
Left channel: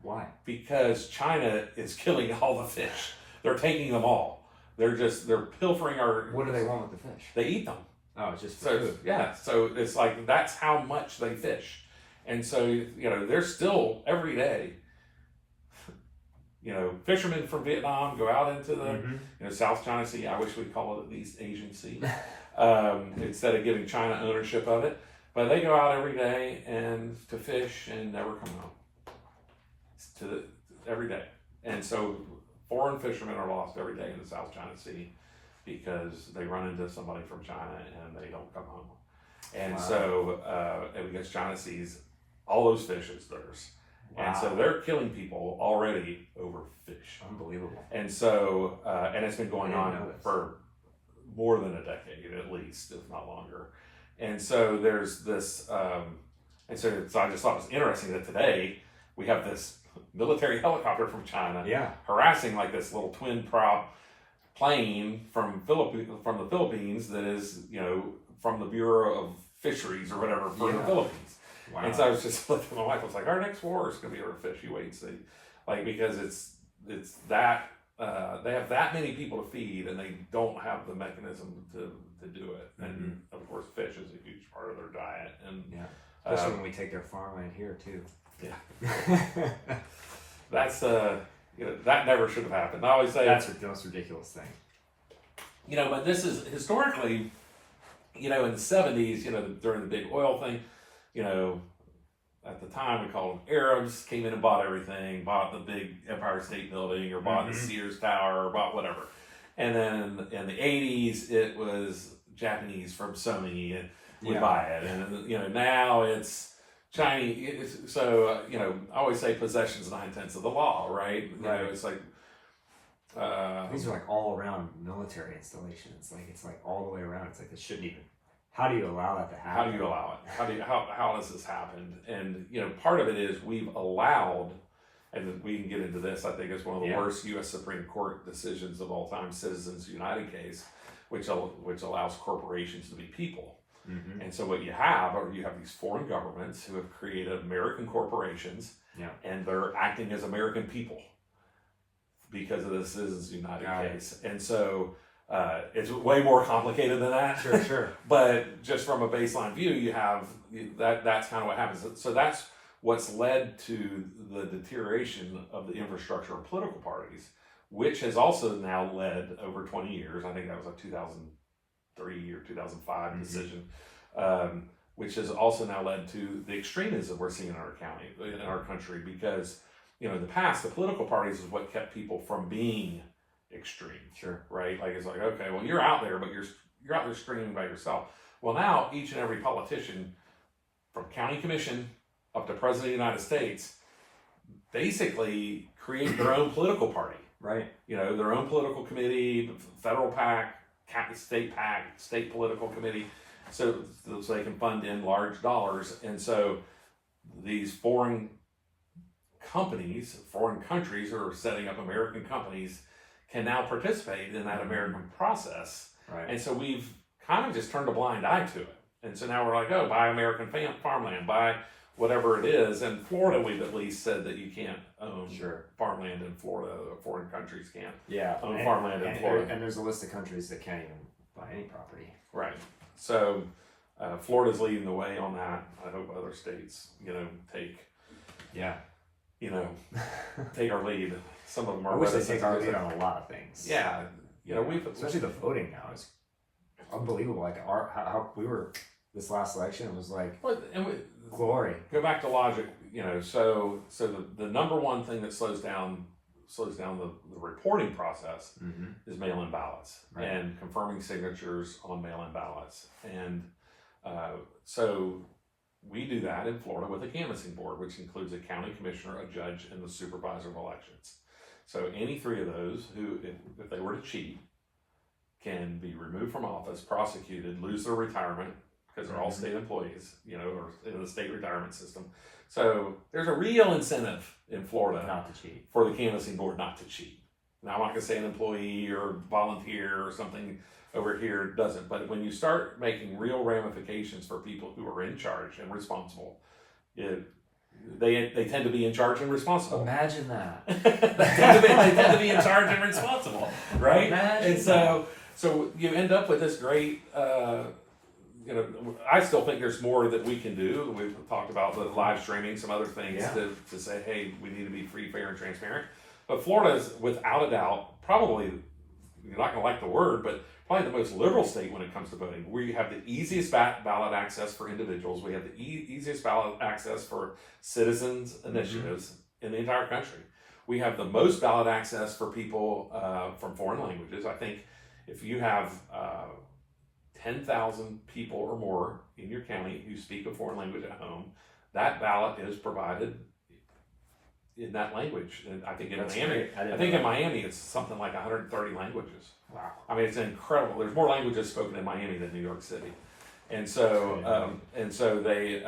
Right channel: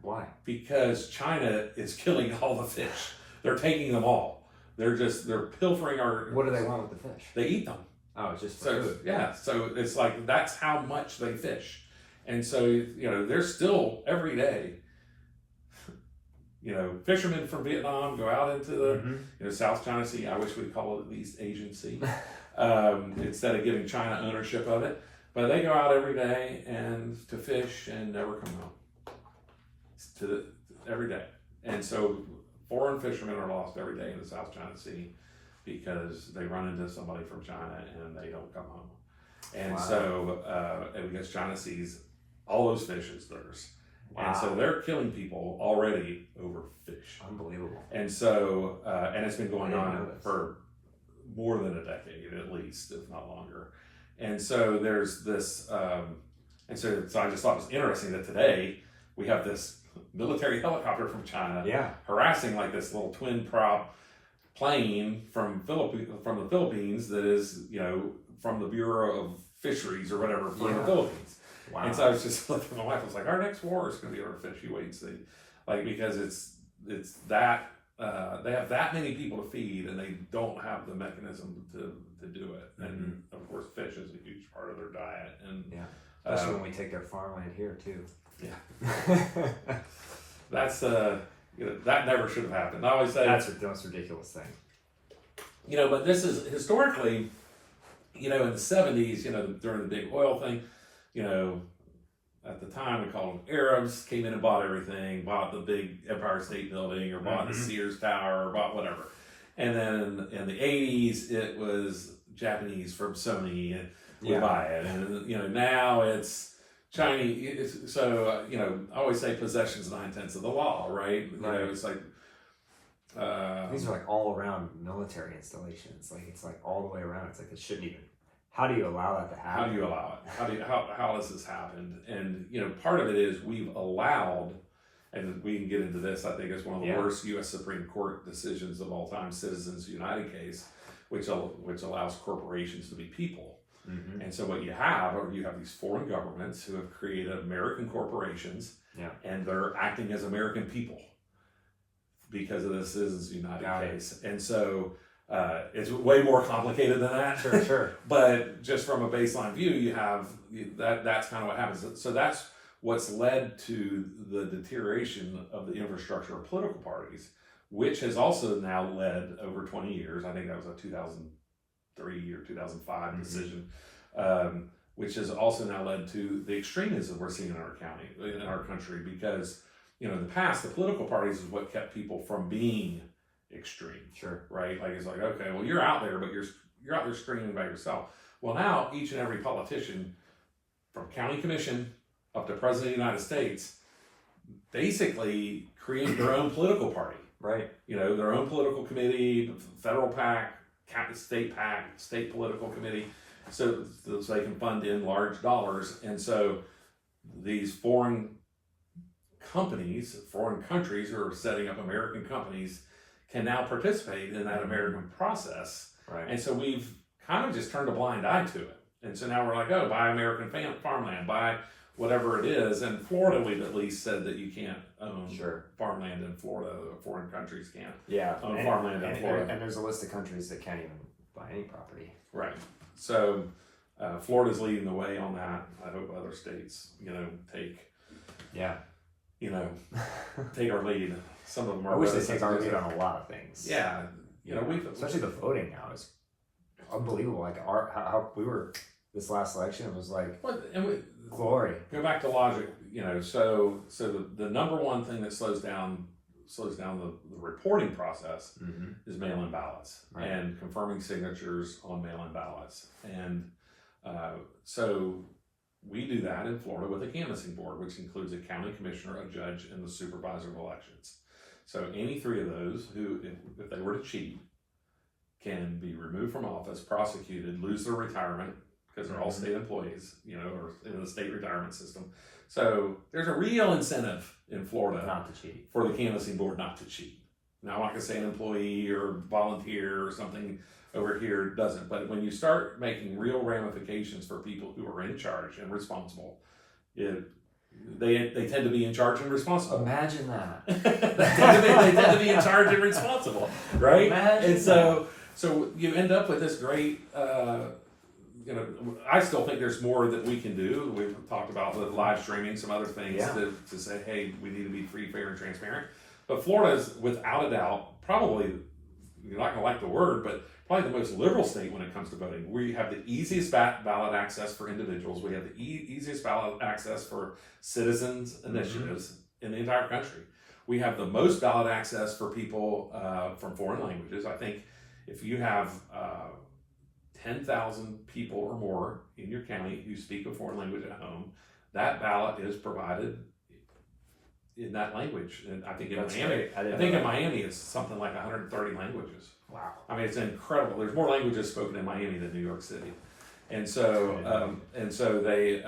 Why? Because China is killing all the fish. They're taking them all. They're pilfering our... What do they want with the fish? They eat them. Oh, it's just for food. Yeah, so it's like, that's how much they fish. And so, you know, there's still, every day, you know, fishermen from Vietnam go out into the, you know, South China Sea. I wish we'd call it the East Asian Sea. Instead of giving China ownership of it. But they go out every day and to fish and never come home. Every day. And so foreign fishermen are lost every day in the South China Sea because they run into somebody from China and they don't come home. And so, because China sees all those fish as theirs. Wow. And so they're killing people already over fish. Unbelievable. And so, and it's been going on for more than a decade at least, if not longer. And so there's this, and so I just thought it was interesting that today we have this military helicopter from China harassing like this little twin prop plane from the Philippines that is, you know, from the Bureau of Fisheries or whatever for the Philippines. Wow. And so I was just looking at my wife, I was like, our next war is going to be over fish, you wait and see. Like, because it's that, they have that many people to feed and they don't have the mechanism to do it. And of course, fish is a huge part of their diet. And especially when we take their farmland here too. Yeah. That's, you know, that never should have happened. I always say that's the most ridiculous thing. You know, but this is historically, you know, in the 70s, you know, during the big oil thing, you know, at the time we called them Arabs, came in and bought everything, bought the big Empire State Building or bought the Sears Tower or bought whatever. And then in the 80s, it was Japanese from Sony and would buy it. And, you know, now it's Chinese. So, you know, I always say possession's 9/10 of the law, right? You know, it's like, these are like all around military installations. Like, it's like all the way around. It's like, it shouldn't even. How do you allow that to happen? How do you allow it? How does this happen? And, you know, part of it is we've allowed, and we can get into this, I think it's one of the worst U.S. Supreme Court decisions of all time, Citizens United case, which allows corporations to be people. And so what you have these foreign governments who have created American corporations, and they're acting as American people because of the Citizens United case. And so it's way more complicated than that. Sure. But just from a baseline view, you have that's kind of what happens. So that's what's led to the deterioration of the infrastructure of political parties, which has also now led over 20 years. I think that was a 2003 or 2005 decision, which has also now led to the extremism we're seeing in our country, because, you know, in the past, the political parties is what kept people from being extreme. Sure. Right? Like, it's like, okay, well, you're out there, but you're out there screaming by yourself. Well, now each and every politician, from county commission up to president of the United States, basically create their own political party. Right. You know, their own political committee, federal PAC, state political committee, so they can fund in large dollars. And so these foreign countries who are setting up American companies can now participate in that American process. Right. And so we've kind of just turned a blind eye to it. And so now we're like, oh, buy American farmland, buy whatever it is. And Florida, we've at least said that you can't own farmland in Florida. Foreign countries can't own farmland in Florida. And there's a list of countries that can't even buy any property. Right. So Florida's leading the way on that. I hope other states, you know, take take our lead. Some of them are. I wish they take our lead on a lot of things. Yeah, especially the voting now is unbelievable. Like how we were this last election, it was like glory. Go back to logic. So the number one thing that slows down the reporting process is mail-in ballots and confirming signatures on mail-in ballots. And so we do that in Florida with a canvassing board, which includes a county commissioner, a judge, and the supervisor of elections. So any three of those who, if they were to cheat, can be removed from office, prosecuted, lose their retirement, because they're all state employees, or in the state retirement system. So there's a real incentive in Florida not to cheat, for the canvassing board not to cheat. Now, I'm not going to say an employee or volunteer or something over here doesn't, but when you start making real ramifications for people who are in charge and responsible, they tend to be in charge and responsible. Imagine that. They tend to be in charge and responsible, right? Imagine and so you end up with this great. I still think there's more that we can do. We've talked about the live streaming, some other things to say, hey, we need to be free, fair, and transparent. But Florida is, without a doubt, probably, you're not going to like the word, but probably the most liberal state when it comes to voting. We have the easiest ballot access for individuals. We have the easiest ballot access for citizens initiatives in the entire country. We have the most ballot access for people from foreign languages. I think if you have 10,000 people or more in your county who speak a foreign language at home, that ballot is provided in that language. And I think in Miami, it's something like 130 languages. Wow. I mean, it's incredible. There's more languages spoken in Miami than New York City. And so, they,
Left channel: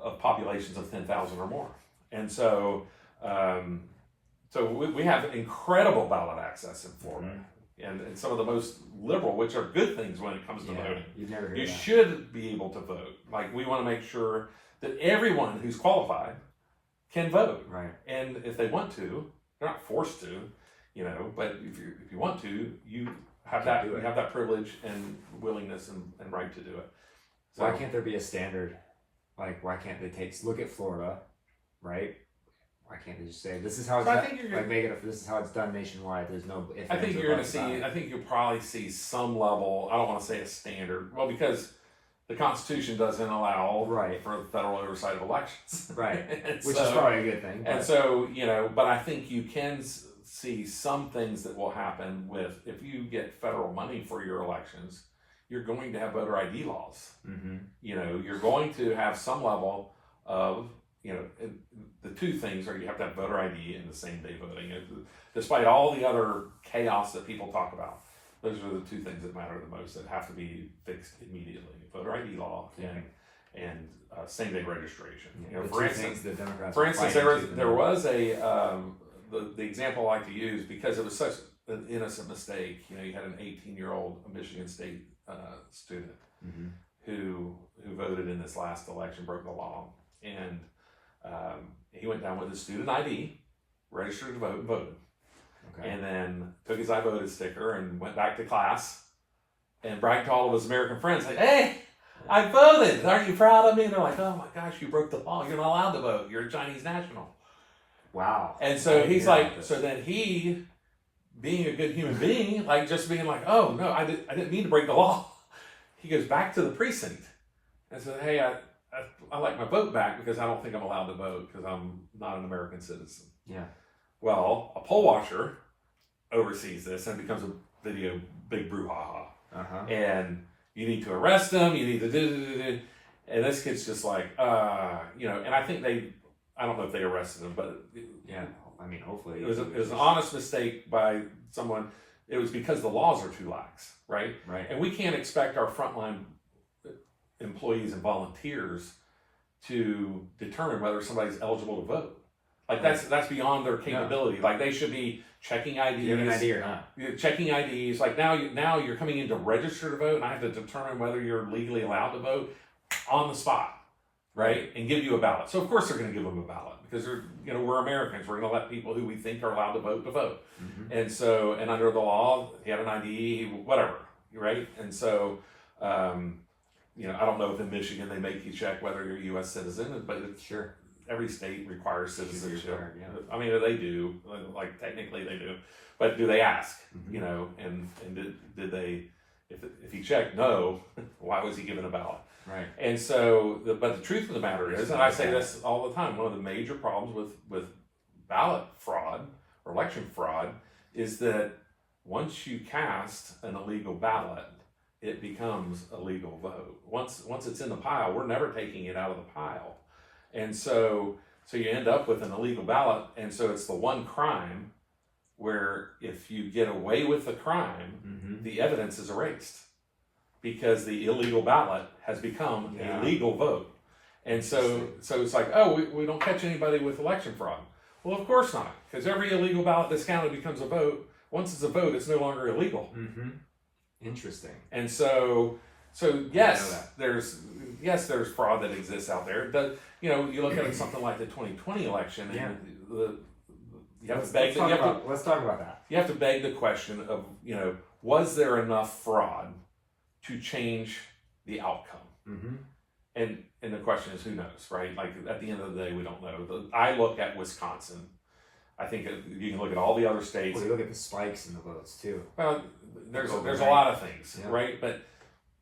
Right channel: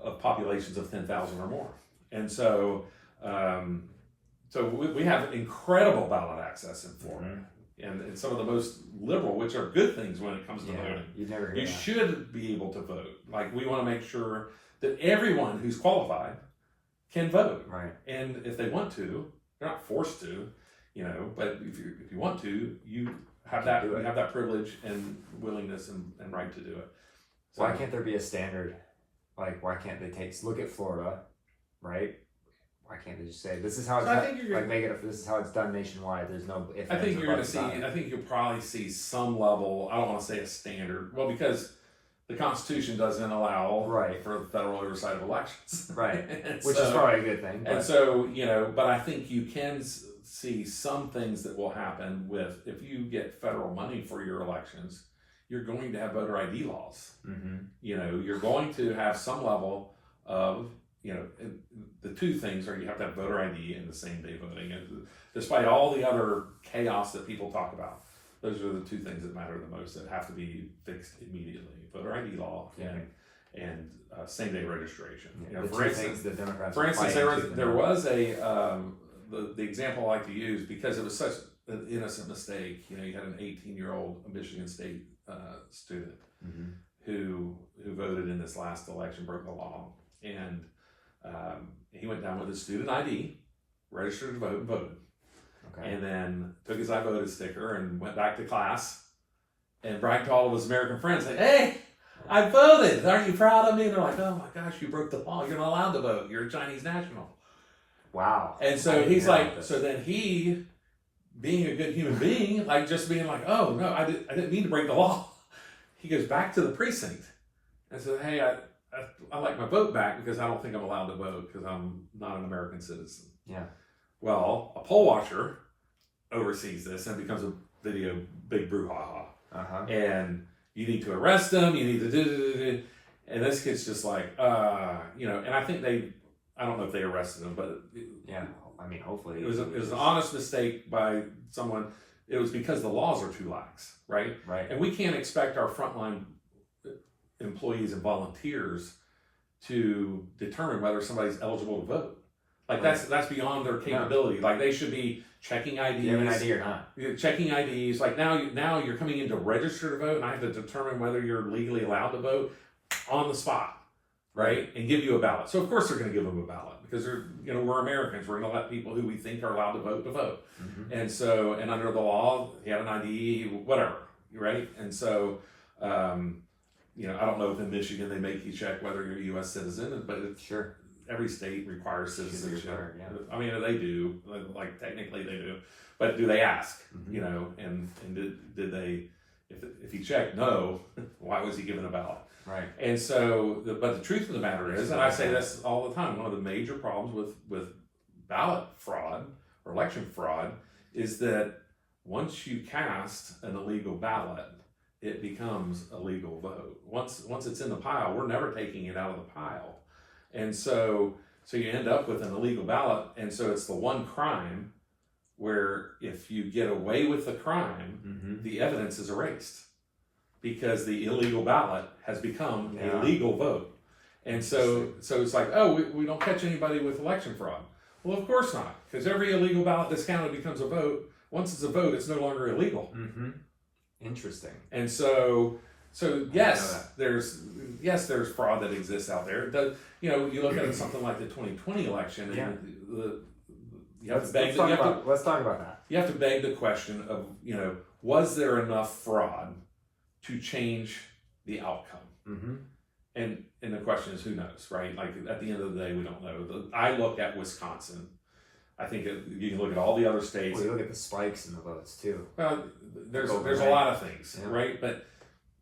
of populations of 10,000 or more. And so, we have incredible ballot access in Florida. And some of the most liberal, which are good things when it comes to voting. You should be able to vote. Like, we want to make sure that everyone who's qualified can vote. Right. And if they want to, they're not forced to, but if you want to, you have that privilege and willingness and right to do it. So, why can't there be a standard? Like, why can't they look at Florida, right? Why can't they just say this is how it's done? Make it. This is how it's done nationwide. There's no. I think you're going to see. I think you'll probably see some level. I don't want to say a standard. Well, because the Constitution doesn't allow for the federal oversight of elections, right? Which is probably a good thing. But. And so but I think you can see some things that will happen with if you get federal money for your elections, you're going to have voter ID laws. You're going to have some level of. The two things are you have to have voter ID and the same day voting. And despite all the other chaos that people talk about, those are the two things that matter the most that have to be fixed immediately: voter ID law and same day registration. For instance, the Democrats. There was a the example I like to use because it was such an innocent mistake. You had an 18-year-old Michigan State student who voted in this last election, broke the law, and he went down with his student ID, registered to vote, and voted. Okay. And then took his I voted sticker and went back to class and bragged to all of his American friends, like, hey, I voted. Aren't you proud of me? And they're like, oh my gosh, you broke the law. You're not allowed to vote. You're a Chinese national. Wow. And so he's like, so then he, being a good human being, like just being like, oh no, I didn't mean to break the law. He goes back to the precinct and says, hey, I like my vote back because I don't think I'm allowed to vote because I'm not an American citizen. Yeah. Well, a poll watcher oversees this and becomes a video big brouhaha. And you need to arrest him. You need to do. And this kid's just like, and I think I don't know if they arrested him, but I mean, hopefully it was an honest mistake by someone. It was because the laws are too lax, right? Right. And we can't expect our frontline employees and volunteers to determine whether somebody's eligible to vote. Like that's beyond their capability. Like they should be checking IDs. Do you have an ID or not? Checking IDs. Like now you're coming in to register to vote, and I have to determine whether you're legally allowed to vote on the spot, right? And give you a ballot. So of course they're going to give them a ballot because we're Americans. We're going to let people who we think are allowed to vote. And so and under the law, you have an ID, whatever, right? And so. I don't know if in Michigan they make you check whether you're a U.S. citizen, but every state requires citizenship. Required, yeah. I mean, they do, like technically they do, but do they ask? Mm-hmm. You know, and did they? If he checked no, why was he given a ballot? Right. And so, but the truth of the matter is, and I say this all the time, one of the major problems with ballot fraud or election fraud is that once you cast an illegal ballot, it becomes a legal vote. Once it's in the pile, we're never taking it out of the pile. And so you end up with an illegal ballot, and so it's the one crime where if you get away with the crime, Mm-hmm. the evidence is erased because the illegal ballot has become a legal vote. And so it's like, oh, we don't catch anybody with election fraud. Well, of course not, because every illegal ballot that's counted becomes a vote. Once it's a vote, it's no longer illegal. Mm-hmm. Interesting. And so yes, there's fraud that exists out there. You know, you look at something like the 2020 election, and let's talk about that. You have to beg the question of, you know, was there enough fraud to change the outcome? Mm-hmm. And the question is, who knows, right? Like at the end of the day, we don't know. I look at Wisconsin. I think you can look at all the other states. Well, you look at the spikes in the votes too. Well, there's a lot of things, right? But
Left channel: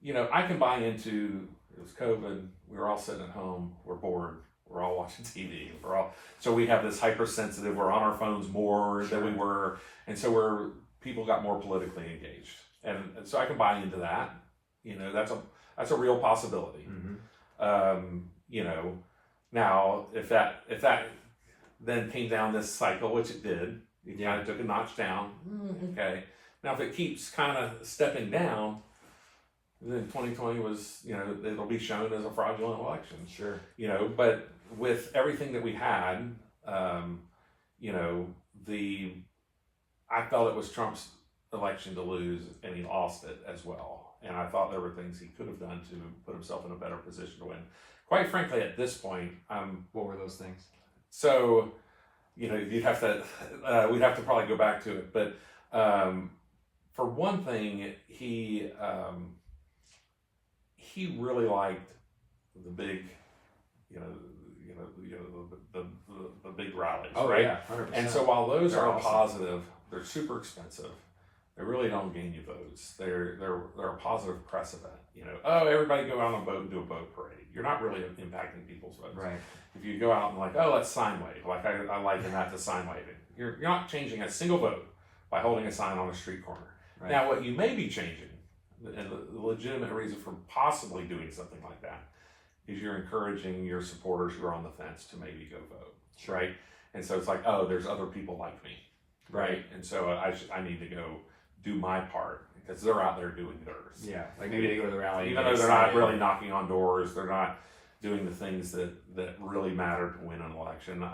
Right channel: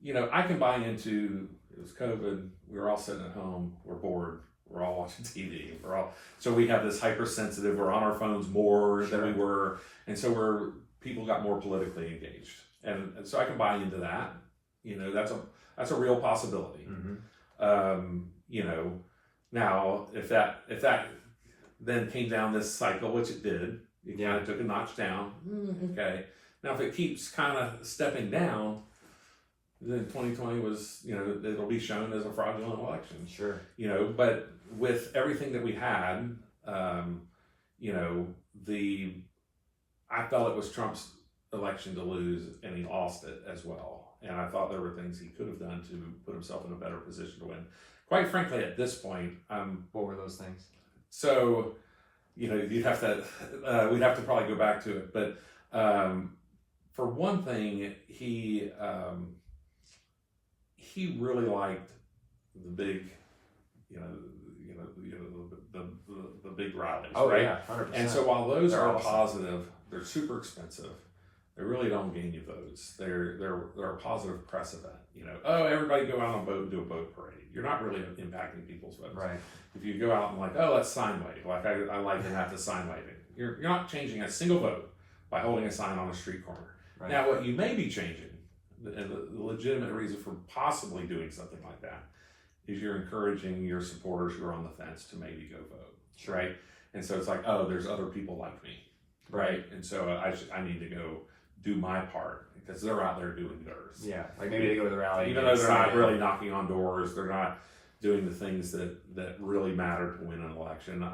you know, I can buy into, it was COVID. We were all sitting at home. We're bored. We're all watching TV. So we have this hypersensitive. We're on our phones more than we were, and so people got more politically engaged, and so I can buy into that. You know, that's a real possibility. Mm-hmm. You know, now if that then came down this cycle, which it did, it kind of took a notch down. Okay, now if it keeps kind of stepping down, then 2020 was, you know, it'll be shown as a fraudulent election. Sure. You know, but with everything that we had, you know, I felt it was Trump's election to lose, and he lost it as well. And I thought there were things he could have done to put himself in a better position to win. Quite frankly, at this point, what were those things? So, you know, we'd have to probably go back to it. But for one thing, he really liked the big, the big rallies. Oh, right? Yeah, 100%. And so while those are awesome. positive, they're super expensive. They really don't gain you votes. They're a positive precedent. You know, oh, everybody go out and vote and do a vote parade. You're not really impacting people's votes. Right. If you go out and like, oh, let's sign wave. Like I liken that to sign waving. You're not changing a single vote by holding a sign on a street corner. Right. Now, what you may be changing, and the legitimate reason for possibly doing something like that, is you're encouraging your supporters who are on the fence to maybe go vote. Sure. Right. And so it's like, oh, there's other people like me. Right. And so I need to go do my part because they're out there doing theirs. Yeah. Like maybe they go to the rally. Even though they're not really knocking on doors, they're not doing the things that really matter to win an election.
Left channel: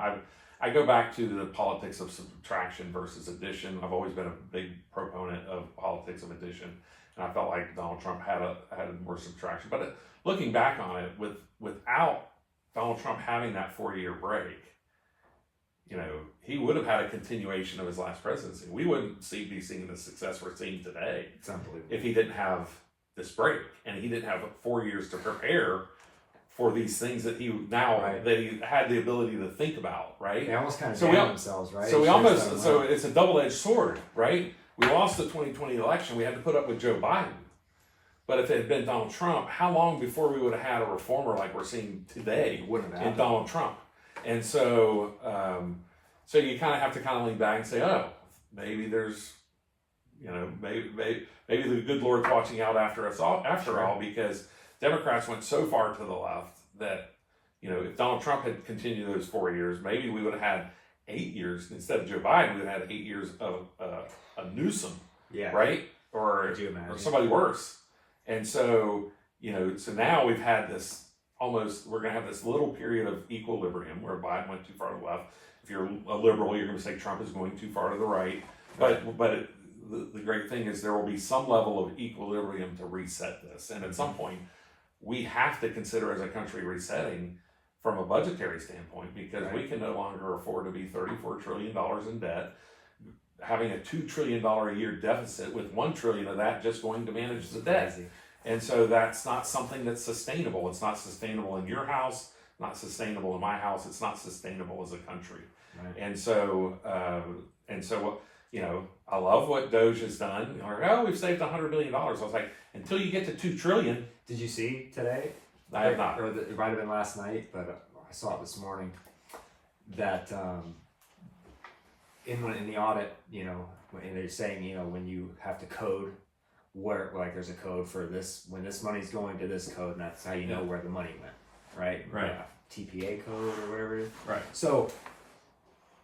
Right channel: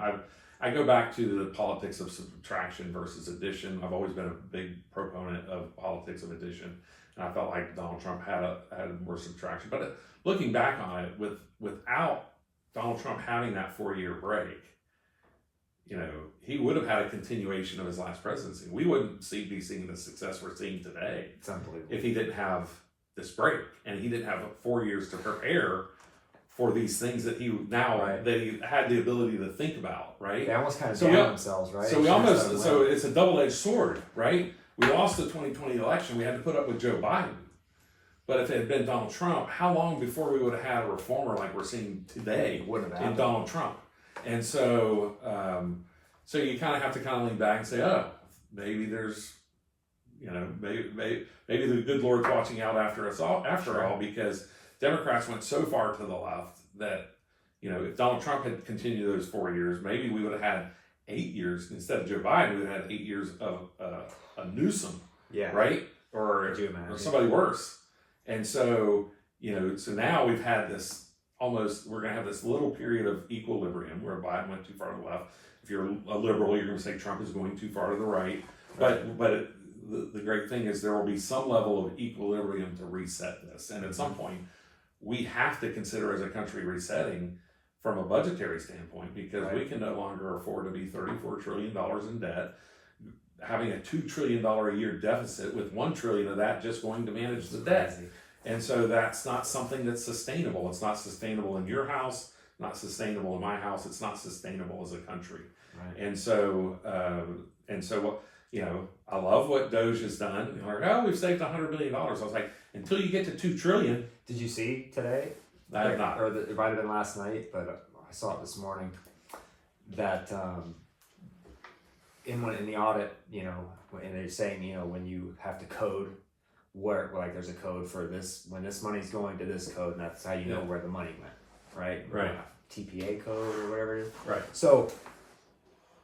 I go back to the politics of subtraction versus addition. I've always been a big proponent of politics of addition, and I felt like Donald Trump had more subtraction. But looking back on it, without Donald Trump having that 4-year break, you know, he would have had a continuation of his last presidency. We wouldn't be seeing the success we're seeing today. It's unbelievable. If he didn't have this break, and he didn't have 4 years to prepare for these things that he that he had the ability to think about, right? They almost kind of down themselves, right? So it's a double-edged sword, right? We lost the 2020 election. We had to put up with Joe Biden. But if it had been Donald Trump, how long before we would have had a reformer like we're seeing today in Donald Trump? And so, so you kind of have to kind of lean back and say, oh, maybe there's, you know, maybe the good Lord's watching out after us all, all, because Democrats went so far to the left that, you know, if Donald Trump had continued those 4 years, maybe we would have had 8 years instead of Joe Biden. We would have had 8 years of a Newsom, right, or somebody worse. And so, you know, so now we've had this. We're going to have this little period of equilibrium where Biden went too far to the left. If you're a liberal, you're going to say Trump is going too far to the right. But the great thing is there will be some level of equilibrium to reset this. And at some point, we have to consider as a country resetting from a budgetary standpoint, because we can no longer afford to be $34 trillion in debt, having a $2 trillion a year deficit with $1 trillion of that just going to manage the debt. And so that's not something that's sustainable. It's not sustainable in your house, not sustainable in my house. It's not sustainable as a country. Right. And so, what, you know, I love what Doge has done. Like, oh, we've saved $100 billion. I was like, until you get to $2 trillion. Did you see today? I have not. Or it might have been last night, but I saw it this morning. That in the audit, you know, and they're saying, you know, when you have to code, where like there's a code for this, when this money's going to this code, and that's how you know where the money went, right? Right. TPA code or whatever it is. Right. So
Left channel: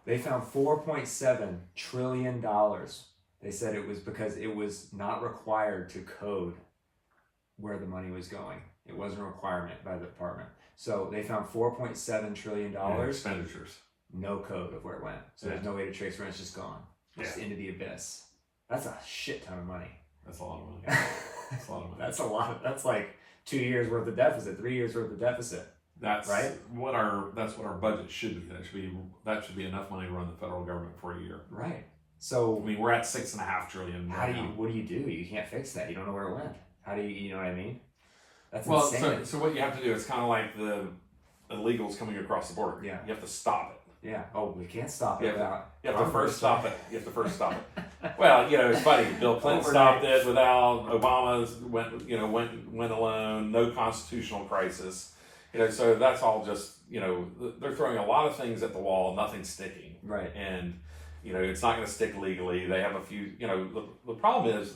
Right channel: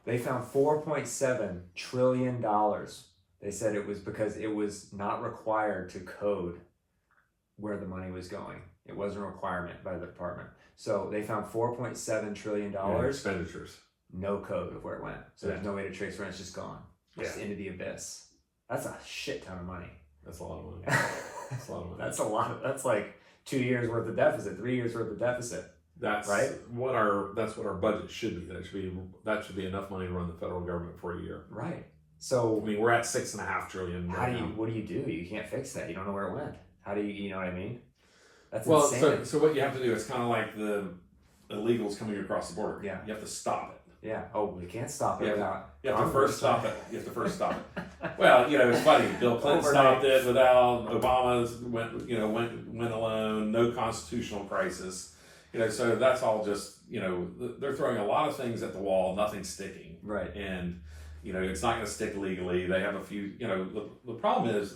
they found $4.7 trillion. They said it was because it was not required to code where the money was going. It wasn't a requirement by the department. So they found $4.7 trillion. Expenditures. No code of where it went. So there's no way to trace where it's just gone. Just into the abyss. That's a shit ton of money. That's a lot of money. That's a lot of money. That's a lot. That's like 2 years worth of deficit, 3 years worth of deficit. That's right. That's what our budget should be. That should be enough money to run the federal government for a year. Right. So I mean, we're at $6.5 trillion. How do you? What do? You can't fix that. You don't know where it went. How do you? You know what I mean? That's well, insane. so what you have to do is kind of like the illegals coming across the border. Yeah. You have to stop it. Yeah. Oh, we can't stop it without. You have to first stop it. You have to first stop it. Well, you know, it's funny. Bill Clinton stopped it without Obama. Went alone. No constitutional crisis. You know, so that's all just, you know, they're throwing a lot of things at the wall. Nothing's sticking. Right. And you know, it's not going to stick legally. They have a few. You know, the problem is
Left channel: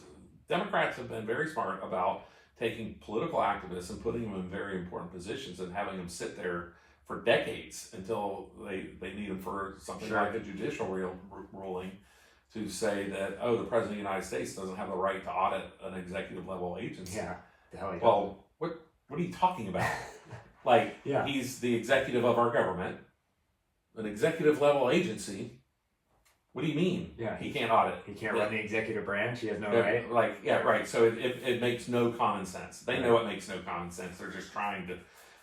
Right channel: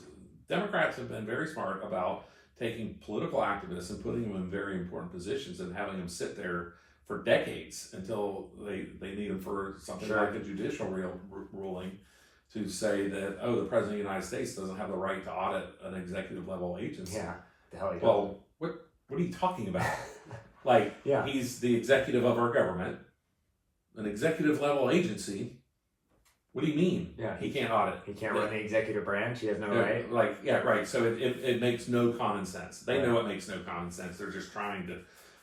Democrats have been very smart about taking political activists and putting them in very important positions and having them sit there for decades until they need them for something like a judicial ruling to say that, oh, the President of the United States doesn't have the right to audit an executive level agency. Yeah, the hell he Well, what are you talking about? Like, he's the executive of our government, an executive level agency. What do you mean? Yeah, he can't audit. He can't run the executive branch. He has no right. Like, right. So it makes no common sense. They know it makes no common sense. They're just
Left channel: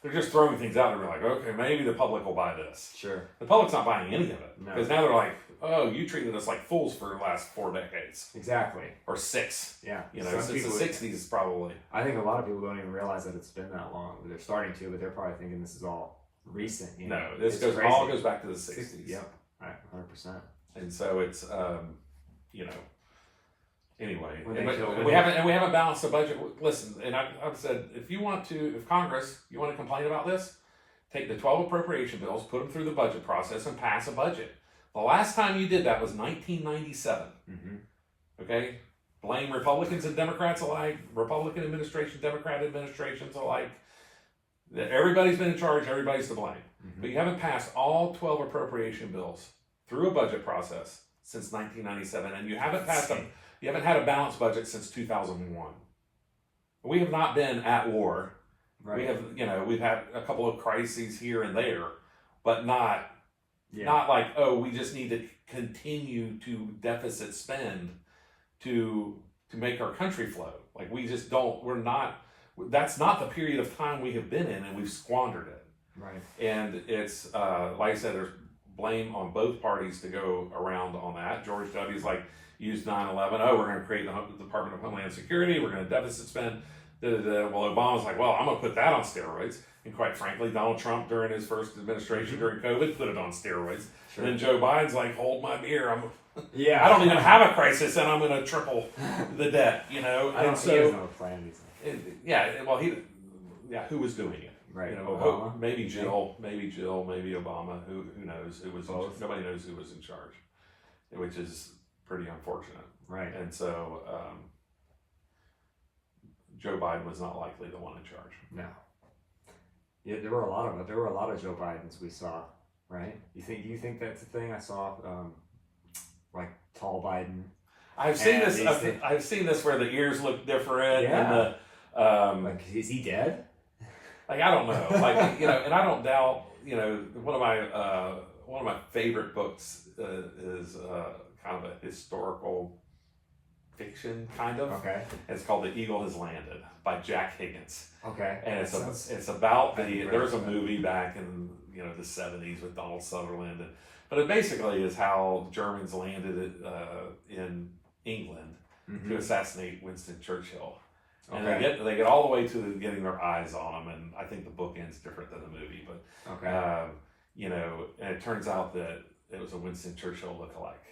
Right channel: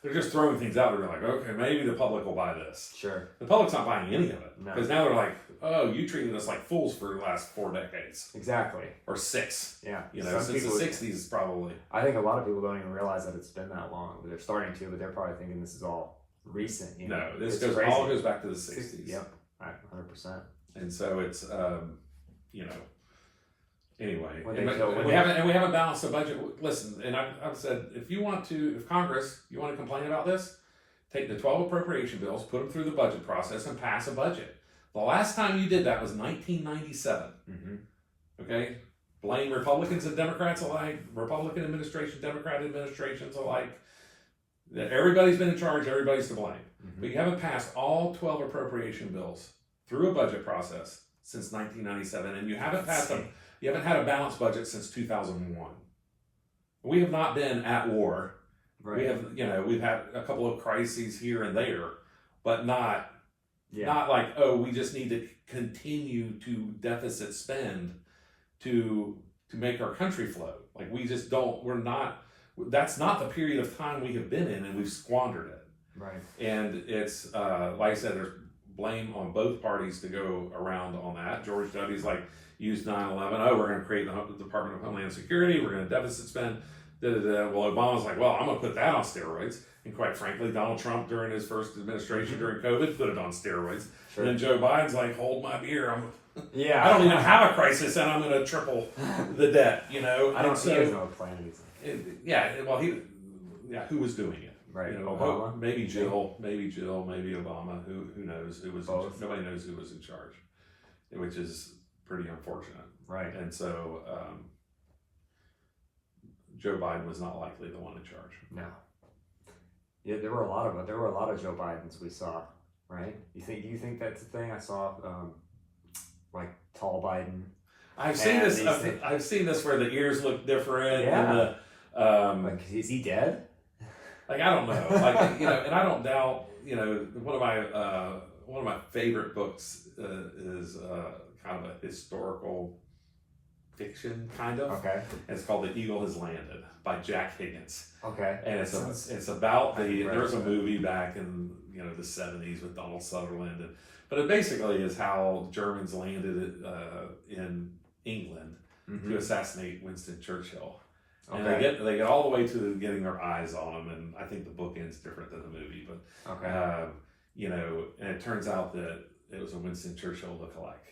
they're just throwing things out. They're like, okay, maybe the public will buy this. Sure. The public's not buying any of it because now they're like, oh, you treated us like fools for the last 4 decades. Exactly. Or 6. Yeah. You know, since the 60s probably. I think a lot of people don't even realize that it's been that long. They're starting to, but they're probably thinking this is all recent. You know? No, this all goes back to the 60s. Yep. Right. 100%. And so it's, you know, anyway, we haven't balanced the budget. Listen, and I've said, if Congress, you want to complain about this, take the 12 appropriation bills, put them through the budget process, and pass a budget. The last time you did that was 1997. Mm-hmm. Okay, blame Republicans and Democrats alike, Republican administration, Democrat administrations alike. Everybody's been in charge. Everybody's to blame. Mm-hmm. But you haven't passed all 12 appropriation bills through a budget process since 1997, and you haven't passed them. You haven't had a balanced budget since 2001. We have not been at war. Right. We have, you know, we've had a couple of crises here and there, but not like, oh, we just need to continue to deficit spend to make our country flow. Like we just don't. That's not the period of time we have been in, and we've squandered it. Right. And it's like I said, there's blame on both parties to go around on that. George W.'s like, use 9/11. Oh, we're going to create the Department of Homeland Security. We're going to deficit spend. Well, Obama's like, well, I'm going to put that on steroids. And quite frankly, Donald Trump, during his first administration during COVID, put it on steroids. Sure. And then Joe Biden's like, hold my beer. I don't even have a crisis, and I'm going to triple the debt. You know, I don't see it as no plan. Who was doing it? Right, you know, Obama. Maybe Jill, maybe Obama. Who knows? Who was? Nobody knows who was in charge, which is pretty unfortunate. Right. And so Joe Biden was not likely the one in charge. No. Yeah, there were a lot of Joe Bidens we saw, right? Do you think that's the thing? I saw like tall Biden. I've seen this. I've seen this where the ears look different. Yeah. And like, is he dead? Like, I don't know. Like, you know, and I don't doubt. You know, one of my favorite books is kind of a historical fiction, kind of. Okay. It's called The Eagle Has Landed by Jack Higgins. Okay. And it's about there was a movie back in the 70s with Donald Sutherland, but it basically is how Germans landed in England to assassinate Winston Churchill. And Okay. they get all the way to getting their eyes on him, and I think the book ends different than the movie, but Okay. you know, and it turns out that it was a Winston Churchill lookalike.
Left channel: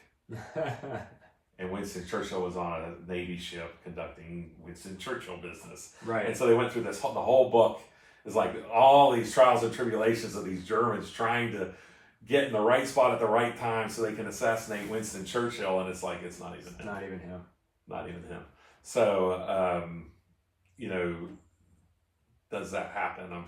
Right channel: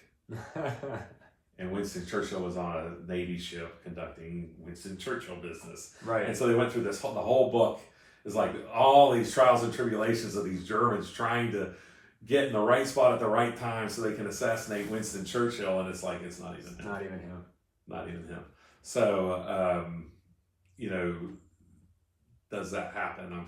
And Winston Churchill was on a Navy ship conducting Winston Churchill business. Right. And so they went through the whole book is like all these trials and tribulations of these Germans trying to get in the right spot at the right time so they can assassinate Winston Churchill. And it's like, it's not even him. Not even him. Not even him. So, you know, does that happen? I'm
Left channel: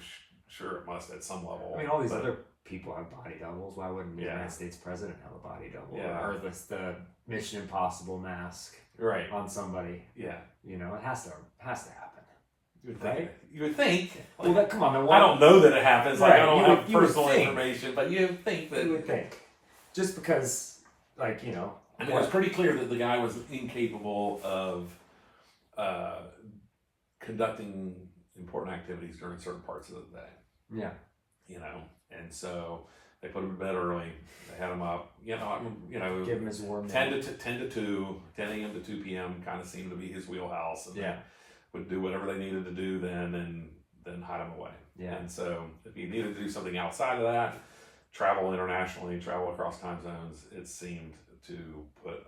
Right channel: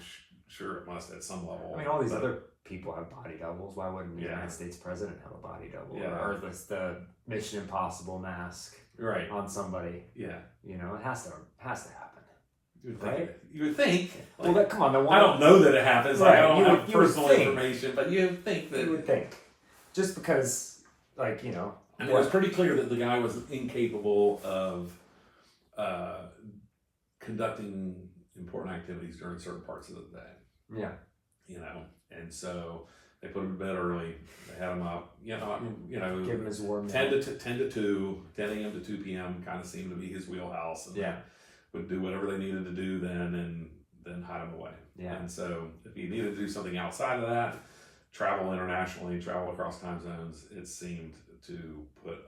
sure it must at some level. I mean, all these other people have body doubles. Why wouldn't the Yeah. United States president have a body double? Yeah. Or the Mission Impossible mask Right. on somebody. Yeah. You know, it has to happen. You would Right? think. You would think. Well, come on. The one, I don't know that it happens. Right, Like, I don't you have would- you would personal think. information, but you would think that. you would think, just because, like, you know, I mean, it was pretty clear that the guy was incapable of conducting important activities during certain parts of the day. yeah, You know, and so they put him to bed early. They had him up. You know, give him his warm 10 to 2, 10 a.m. to 2 p.m. kind of seemed to be his wheelhouse. And Yeah. they would do whatever they needed to do then, and then hide him away. Yeah. And so if he needed to do something outside of that, travel internationally, travel across time zones, it seemed to put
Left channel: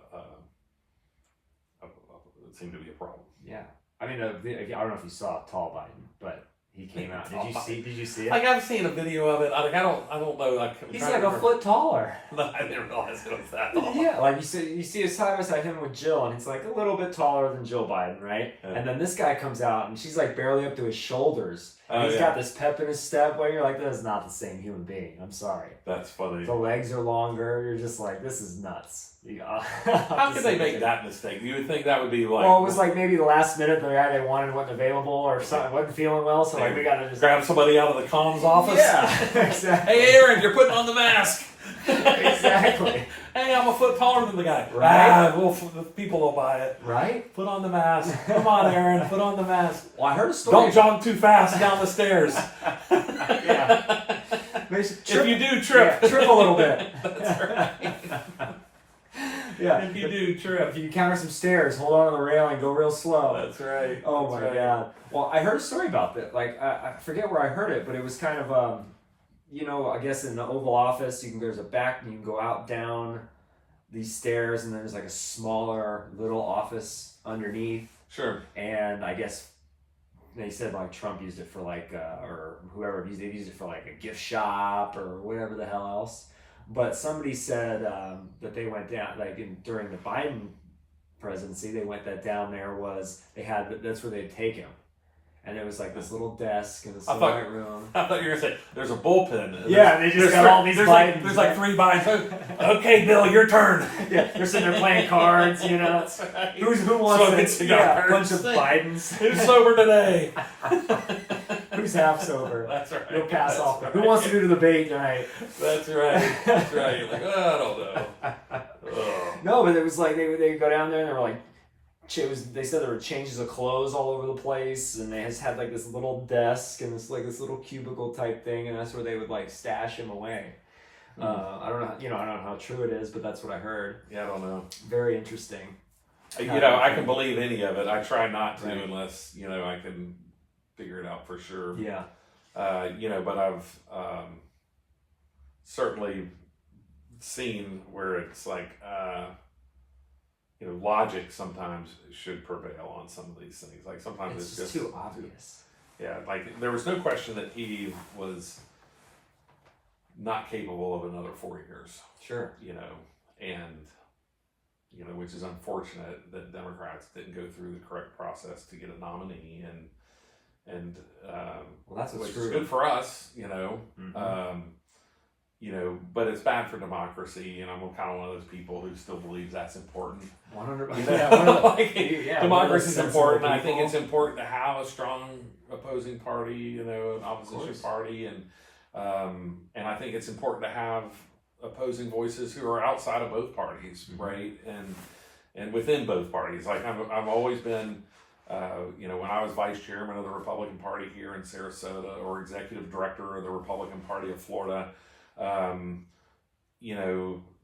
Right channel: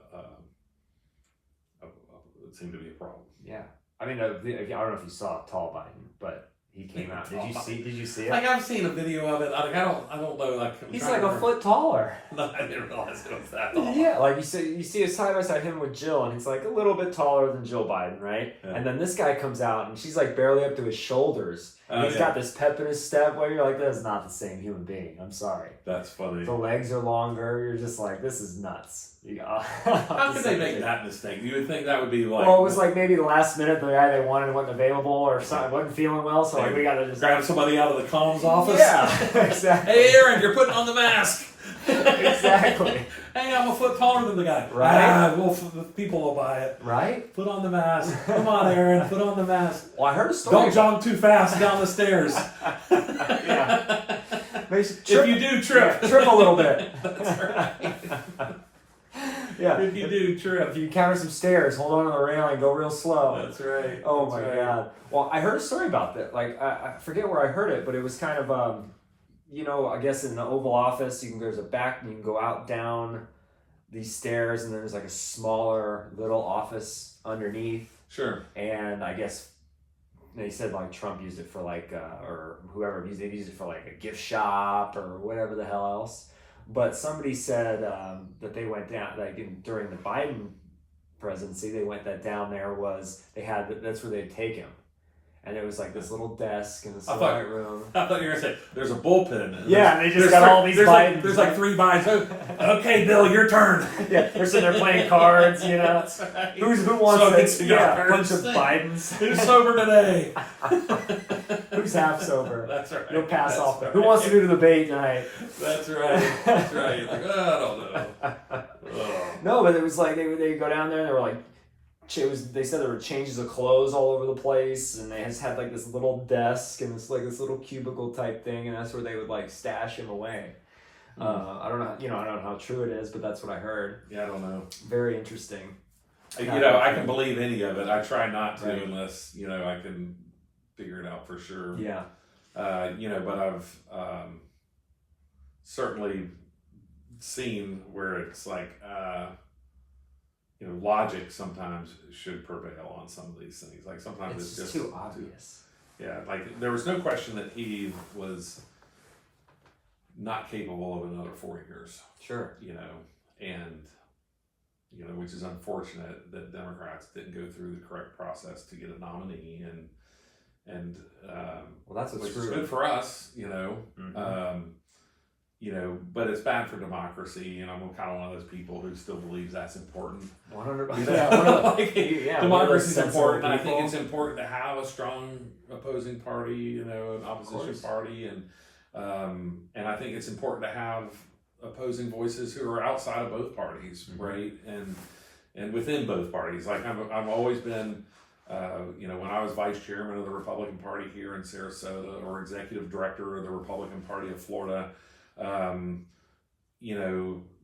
it seemed to be a problem. Yeah. I mean, I don't know if you saw Tall Biden, but he came out. Did you see it? Like, I've seen a video of it. I don't know. Like, He's like a foot taller. No, I didn't realize it was that tall. Yeah, like you see it side by side him with Jill, and he's like a little bit taller than Jill Biden, right? Yeah. And then this guy comes out, and she's like barely up to his shoulders. And he's got this pep in his step where you're like, that's not the same human being. I'm sorry. That's funny. The legs are longer. You're just like, this is nuts. How could they make that mistake? You would think that would be like. Well, it was like maybe the last minute the guy they wanted wasn't available or something, wasn't feeling well, so like we gotta just grab somebody out of the comms office. Yeah, exactly. Hey, Aaron, you're putting on the mask. Exactly. Hey, I'm a foot taller than the guy. Right. The people will buy it. Right? Put on the mask. Come on, Aaron. Put on the mask. Well, I heard a story. Don't jog too fast down the stairs. Yeah. If you do, trip. Yeah, trip a little bit. That's right. Yeah. If you do, trip. If you encounter some stairs, hold on to the railing, go real slow. That's right. Oh That's my right. God. Well, I heard a story about that. Like, I forget where I heard it, but it was kind of, you know, I guess in the Oval Office, there's a back, you can go out down these stairs, and there's like a smaller little office underneath. Sure. And I guess they said like Trump used it for like, or whoever used it for like a gift shop or whatever the hell else. But somebody said that they went down, like during the Biden presidency, they went that down there was, that's where they'd take him. And it was like this little desk in this white room. I thought you were going to say, there's a bullpen. Yeah, they just got all these Bidens. There's like 3 Bidens. Okay, Bill, your turn. Yeah, they're sitting there playing cards, you know. That's right. Who wants Smoking it? Yeah, a bunch of cigars. Bidens. Who's sober today? Who's half sober? That's right. You'll pass That's off. right. Who wants to do the debate tonight? That's right. That's right. You're like, oh, I don't know. Oh. No, but it was like they go down there and they were like, they said there were changes of clothes all over the place, and they just had like this little desk and this little cubicle type thing, and that's where they would like stash him away. I don't know, I don't know how true it is, but that's what I heard. Yeah, I don't know. Very interesting. I can believe any of it. I try not to Right. unless, I can figure it out for sure. Yeah. But I've certainly seen where it's like, logic sometimes should prevail on some of these things. Like sometimes It's it's just too obvious. Yeah, like there was no question that he was not capable of another 4 years. Sure. Which is unfortunate that Democrats didn't go through the correct process to get a nominee, and Well, that's what's which true. is good for us, Mhm. but it's bad for democracy, and I'm kind of one of those people who still believes that's important. 100%. Democracy is sensible important. I think people. it's important to have a strong opposing party, an opposition course. party, and I think it's important to have opposing voices who are outside of both parties, Mhm. right? And within both parties. Like I've always been, when I was vice chairman of the Republican Party here in Sarasota, or executive director of the Republican Party of Florida,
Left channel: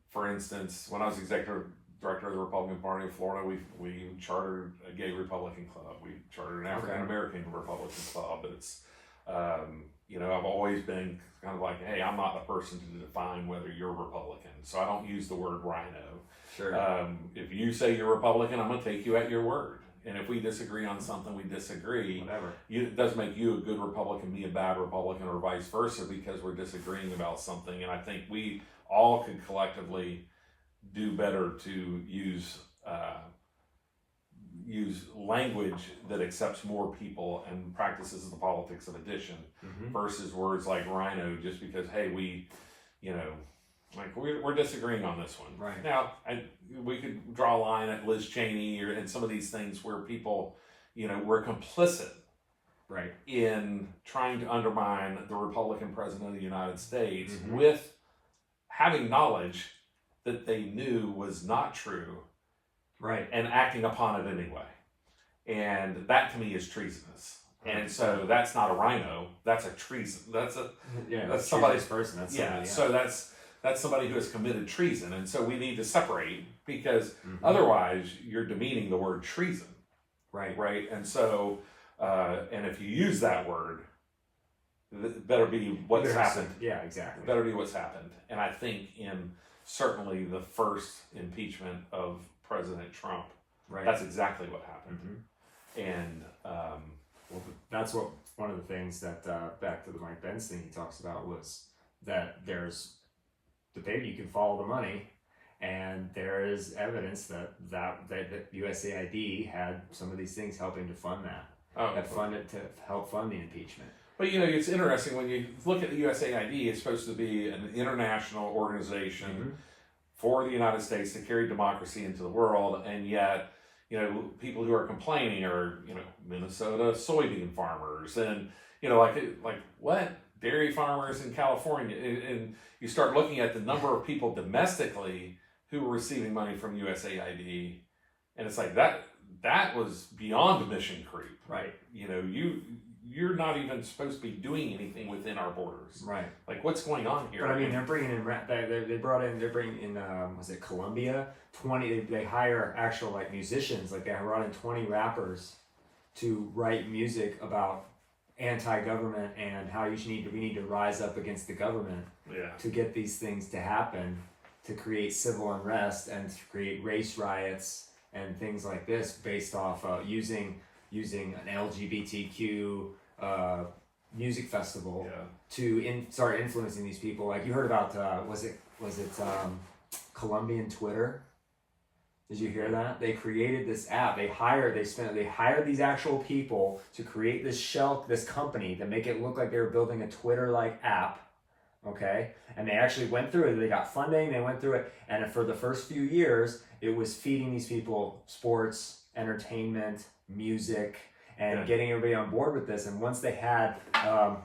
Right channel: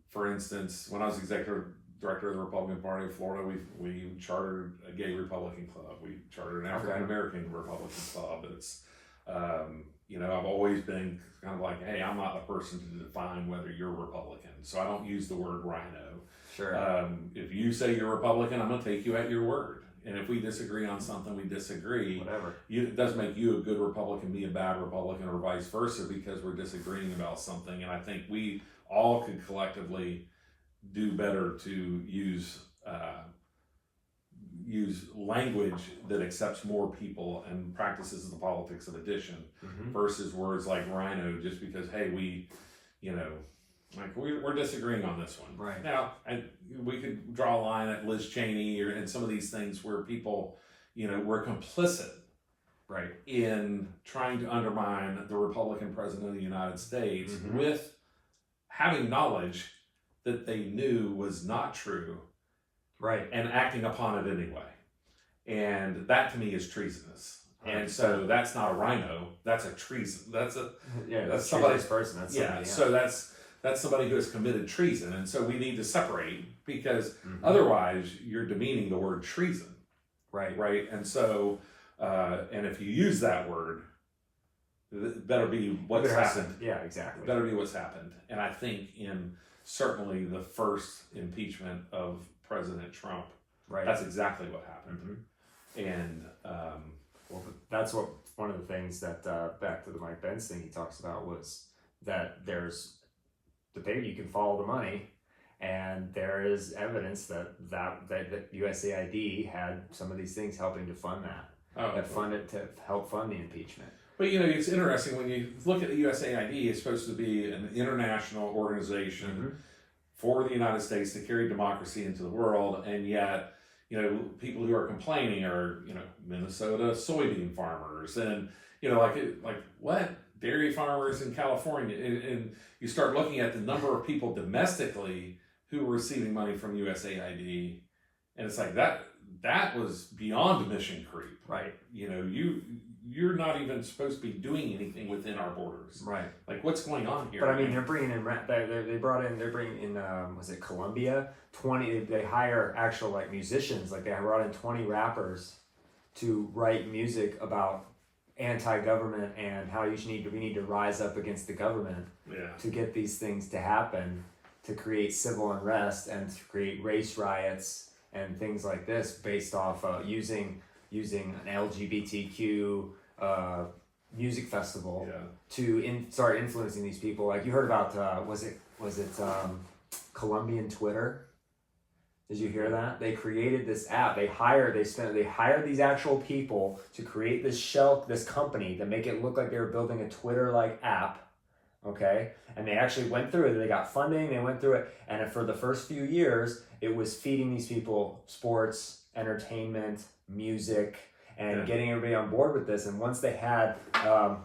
for instance, when I was executive director of the Republican Party of Florida. We chartered a gay Republican club. We chartered an African American Republican club. It's you know, I've always been kind of like, hey, I'm not the person to define whether you're Republican, so I don't use the word rhino. Sure. If you say you're Republican, I'm going to take you at your word. And if we disagree on something, we disagree. Whatever. It doesn't make you a good Republican, me a bad Republican, or vice versa, because we're disagreeing about something. And I think we all could collectively do better to use language that accepts more people and practices the politics of addition versus words like rhino, just because, hey, we, you know, like we're disagreeing on this one. Right. Now, and we could draw a line at Liz Cheney or in some of these things where people, you know, were complicit, right, in trying to undermine the Republican president of the United States with having knowledge that they knew was not true, right, and acting upon it anyway. And that to me is treasonous. And so that's not a rhino. That's a treason. That's somebody's person. That's So that's somebody who has committed treason. And so we need to separate, because otherwise you're demeaning the word treason. Right. Right. And so, and if you use that word, it better be what's happened. Yeah, exactly. Better be what's happened. And I think in certainly the first impeachment of President Trump, that's exactly what happened. And, well, that's what one of the things that, back to the Mike Pence thing he talks about, was that there's debate, you can follow the money, and there is evidence that USAID had some of these things helping to fund that. That funded to help fund the impeachment. But you know, it's interesting when you look at the USAID, it's supposed to be an international organization for the United States to carry democracy into the world, and yet, you know, people who are complaining are, you know, Minnesota soybean farmers, and you know, like what? Dairy farmers in California, and you start looking at the number of people domestically who were receiving money from USAID, and it's like that was beyond mission creep. Right. You know, you're not even supposed to be doing anything within our borders. Right. Like, what's going on here? But I mean, they're bringing in was it Colombia? 20. They hire actual like musicians. Like they brought in 20 rappers to write music about anti-government and how we need to rise up against the government to get these things to happen, to create civil unrest and to create race riots and things like this based off using an LGBTQ music festival to start influencing these people. Like you heard about was it Colombian Twitter? Did you hear that? They created this app. They hired these actual people to create this company to make it look like they were building a Twitter-like app. Okay? And they actually went through it. They got funding, they went through it. And for the first few years, it was feeding these people sports, entertainment, music, and getting everybody on board with this. And once they had a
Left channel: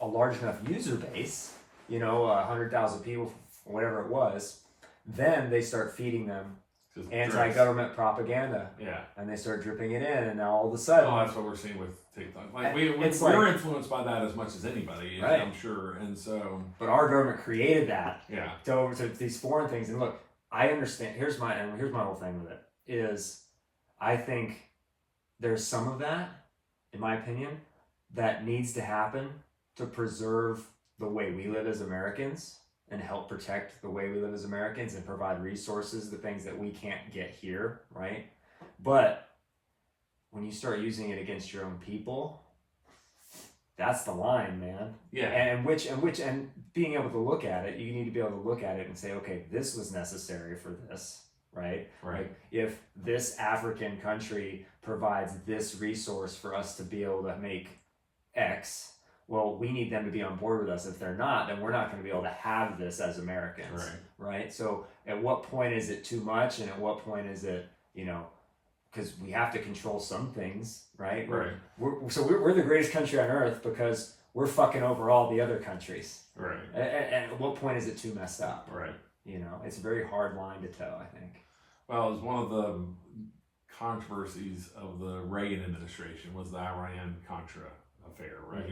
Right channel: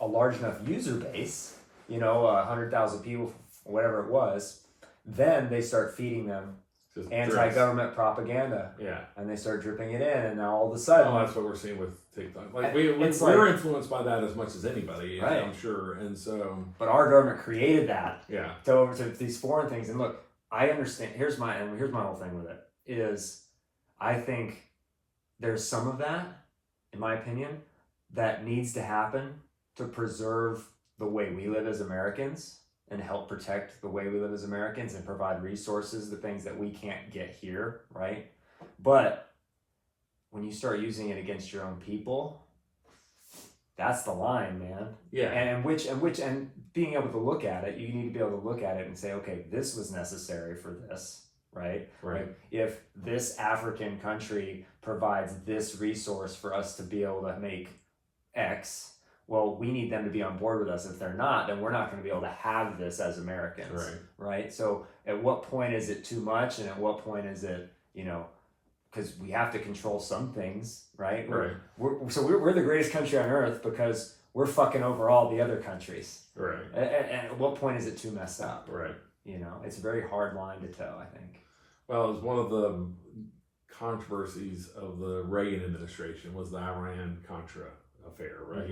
large enough user base, 100,000 people, whatever it was, then they start feeding them anti-government propaganda. Yeah. And they start dripping it in, and now all of a sudden... Oh, that's what we're seeing with TikTok. Like we're influenced by that as much as anybody, right. I'm sure. And so... But our government created that. Yeah. To these foreign things. And look, I understand... Here's my whole thing with it, is I think there's some of that, in my opinion, that needs to happen to preserve the way we live as Americans and help protect the way we live as Americans and provide resources, the things that we can't get here, right? But when you start using it against your own people, that's the line, man. Yeah. And being able to look at it, you need to be able to look at it and say, okay, this was necessary for this, right? Right. Like if this African country provides this resource for us to be able to make X, well, we need them to be on board with us. If they're not, then we're not going to be able to have this as Americans, right? So at what point is it too much, and at what point is it, because we have to control some things, right? Right. We're the greatest country on earth because we're fucking over all the other countries. Right. And at what point is it too messed up? Right. It's a very hard line to toe, I think. Well, it was one of the controversies of the Reagan administration was the Iran-Contra affair, right?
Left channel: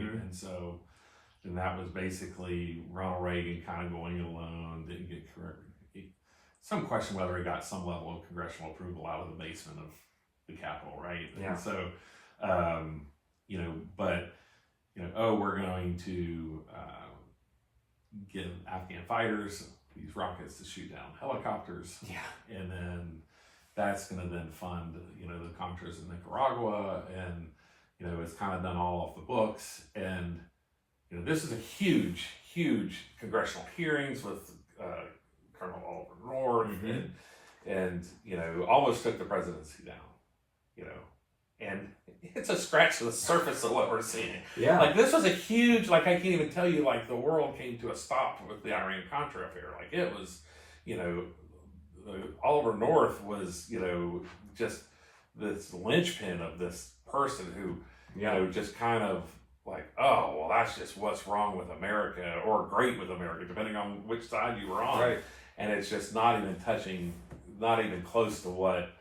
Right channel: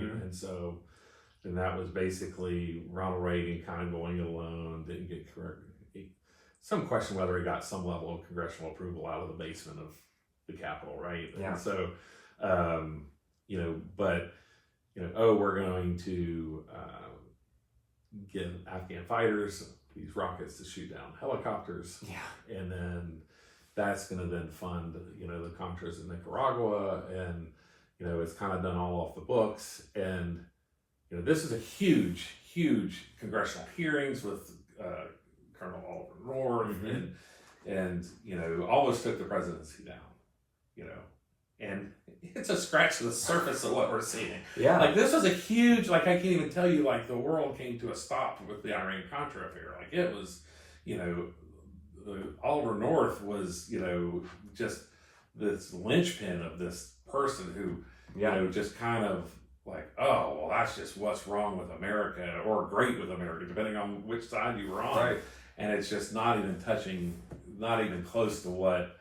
And that was basically Ronald Reagan kind of going alone, didn't get correct. some question whether he got some level of congressional approval out of the basement of the Capitol, right? Yeah. And so, we're going to give Afghan fighters these rockets to shoot down helicopters. Yeah. And then that's going to then fund, the Contras in Nicaragua. And, it's kind of done all off the books. And, this is a huge, huge congressional hearings with Colonel Oliver North and almost took the presidency down, and it's a scratch to the surface of what we're seeing. Yeah. Like, this was a huge, I can't even tell you, the world came to a stop with the Iran-Contra affair. It was, Oliver North was, just this linchpin of this person who, just kind of oh, well, that's just what's wrong with America, or great with America, depending on which side you were on. Right. And it's just not even close to what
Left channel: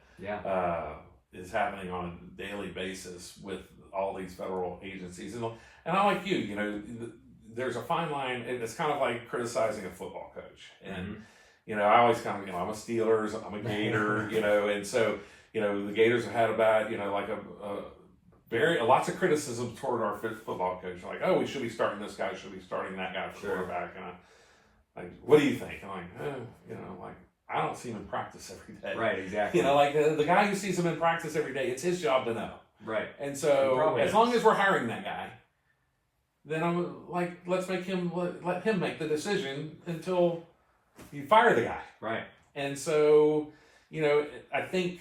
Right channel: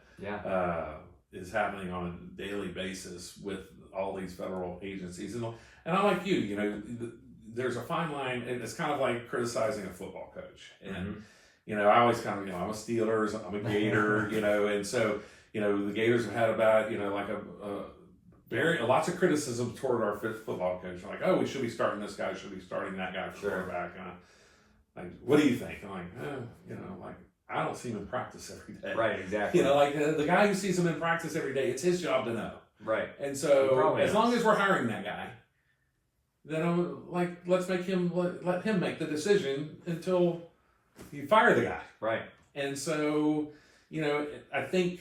is happening on a daily basis with all these federal agencies. And I like there's a fine line. It's kind of like criticizing a football coach. And, I always kind of, I'm a Steelers, I'm a Gator, and so, the Gators have had about, lots of criticism toward our football coach. Oh, we should be starting this guy, should be starting that guy for quarterback. And what do you think? I'm I don't see him in practice every day. Right, exactly. The guy who sees him in practice every day, it's his job to know. Right. And so, as long as we're hiring that guy, then I'm let's let him make the decision until you fire the guy. Right. And so, I think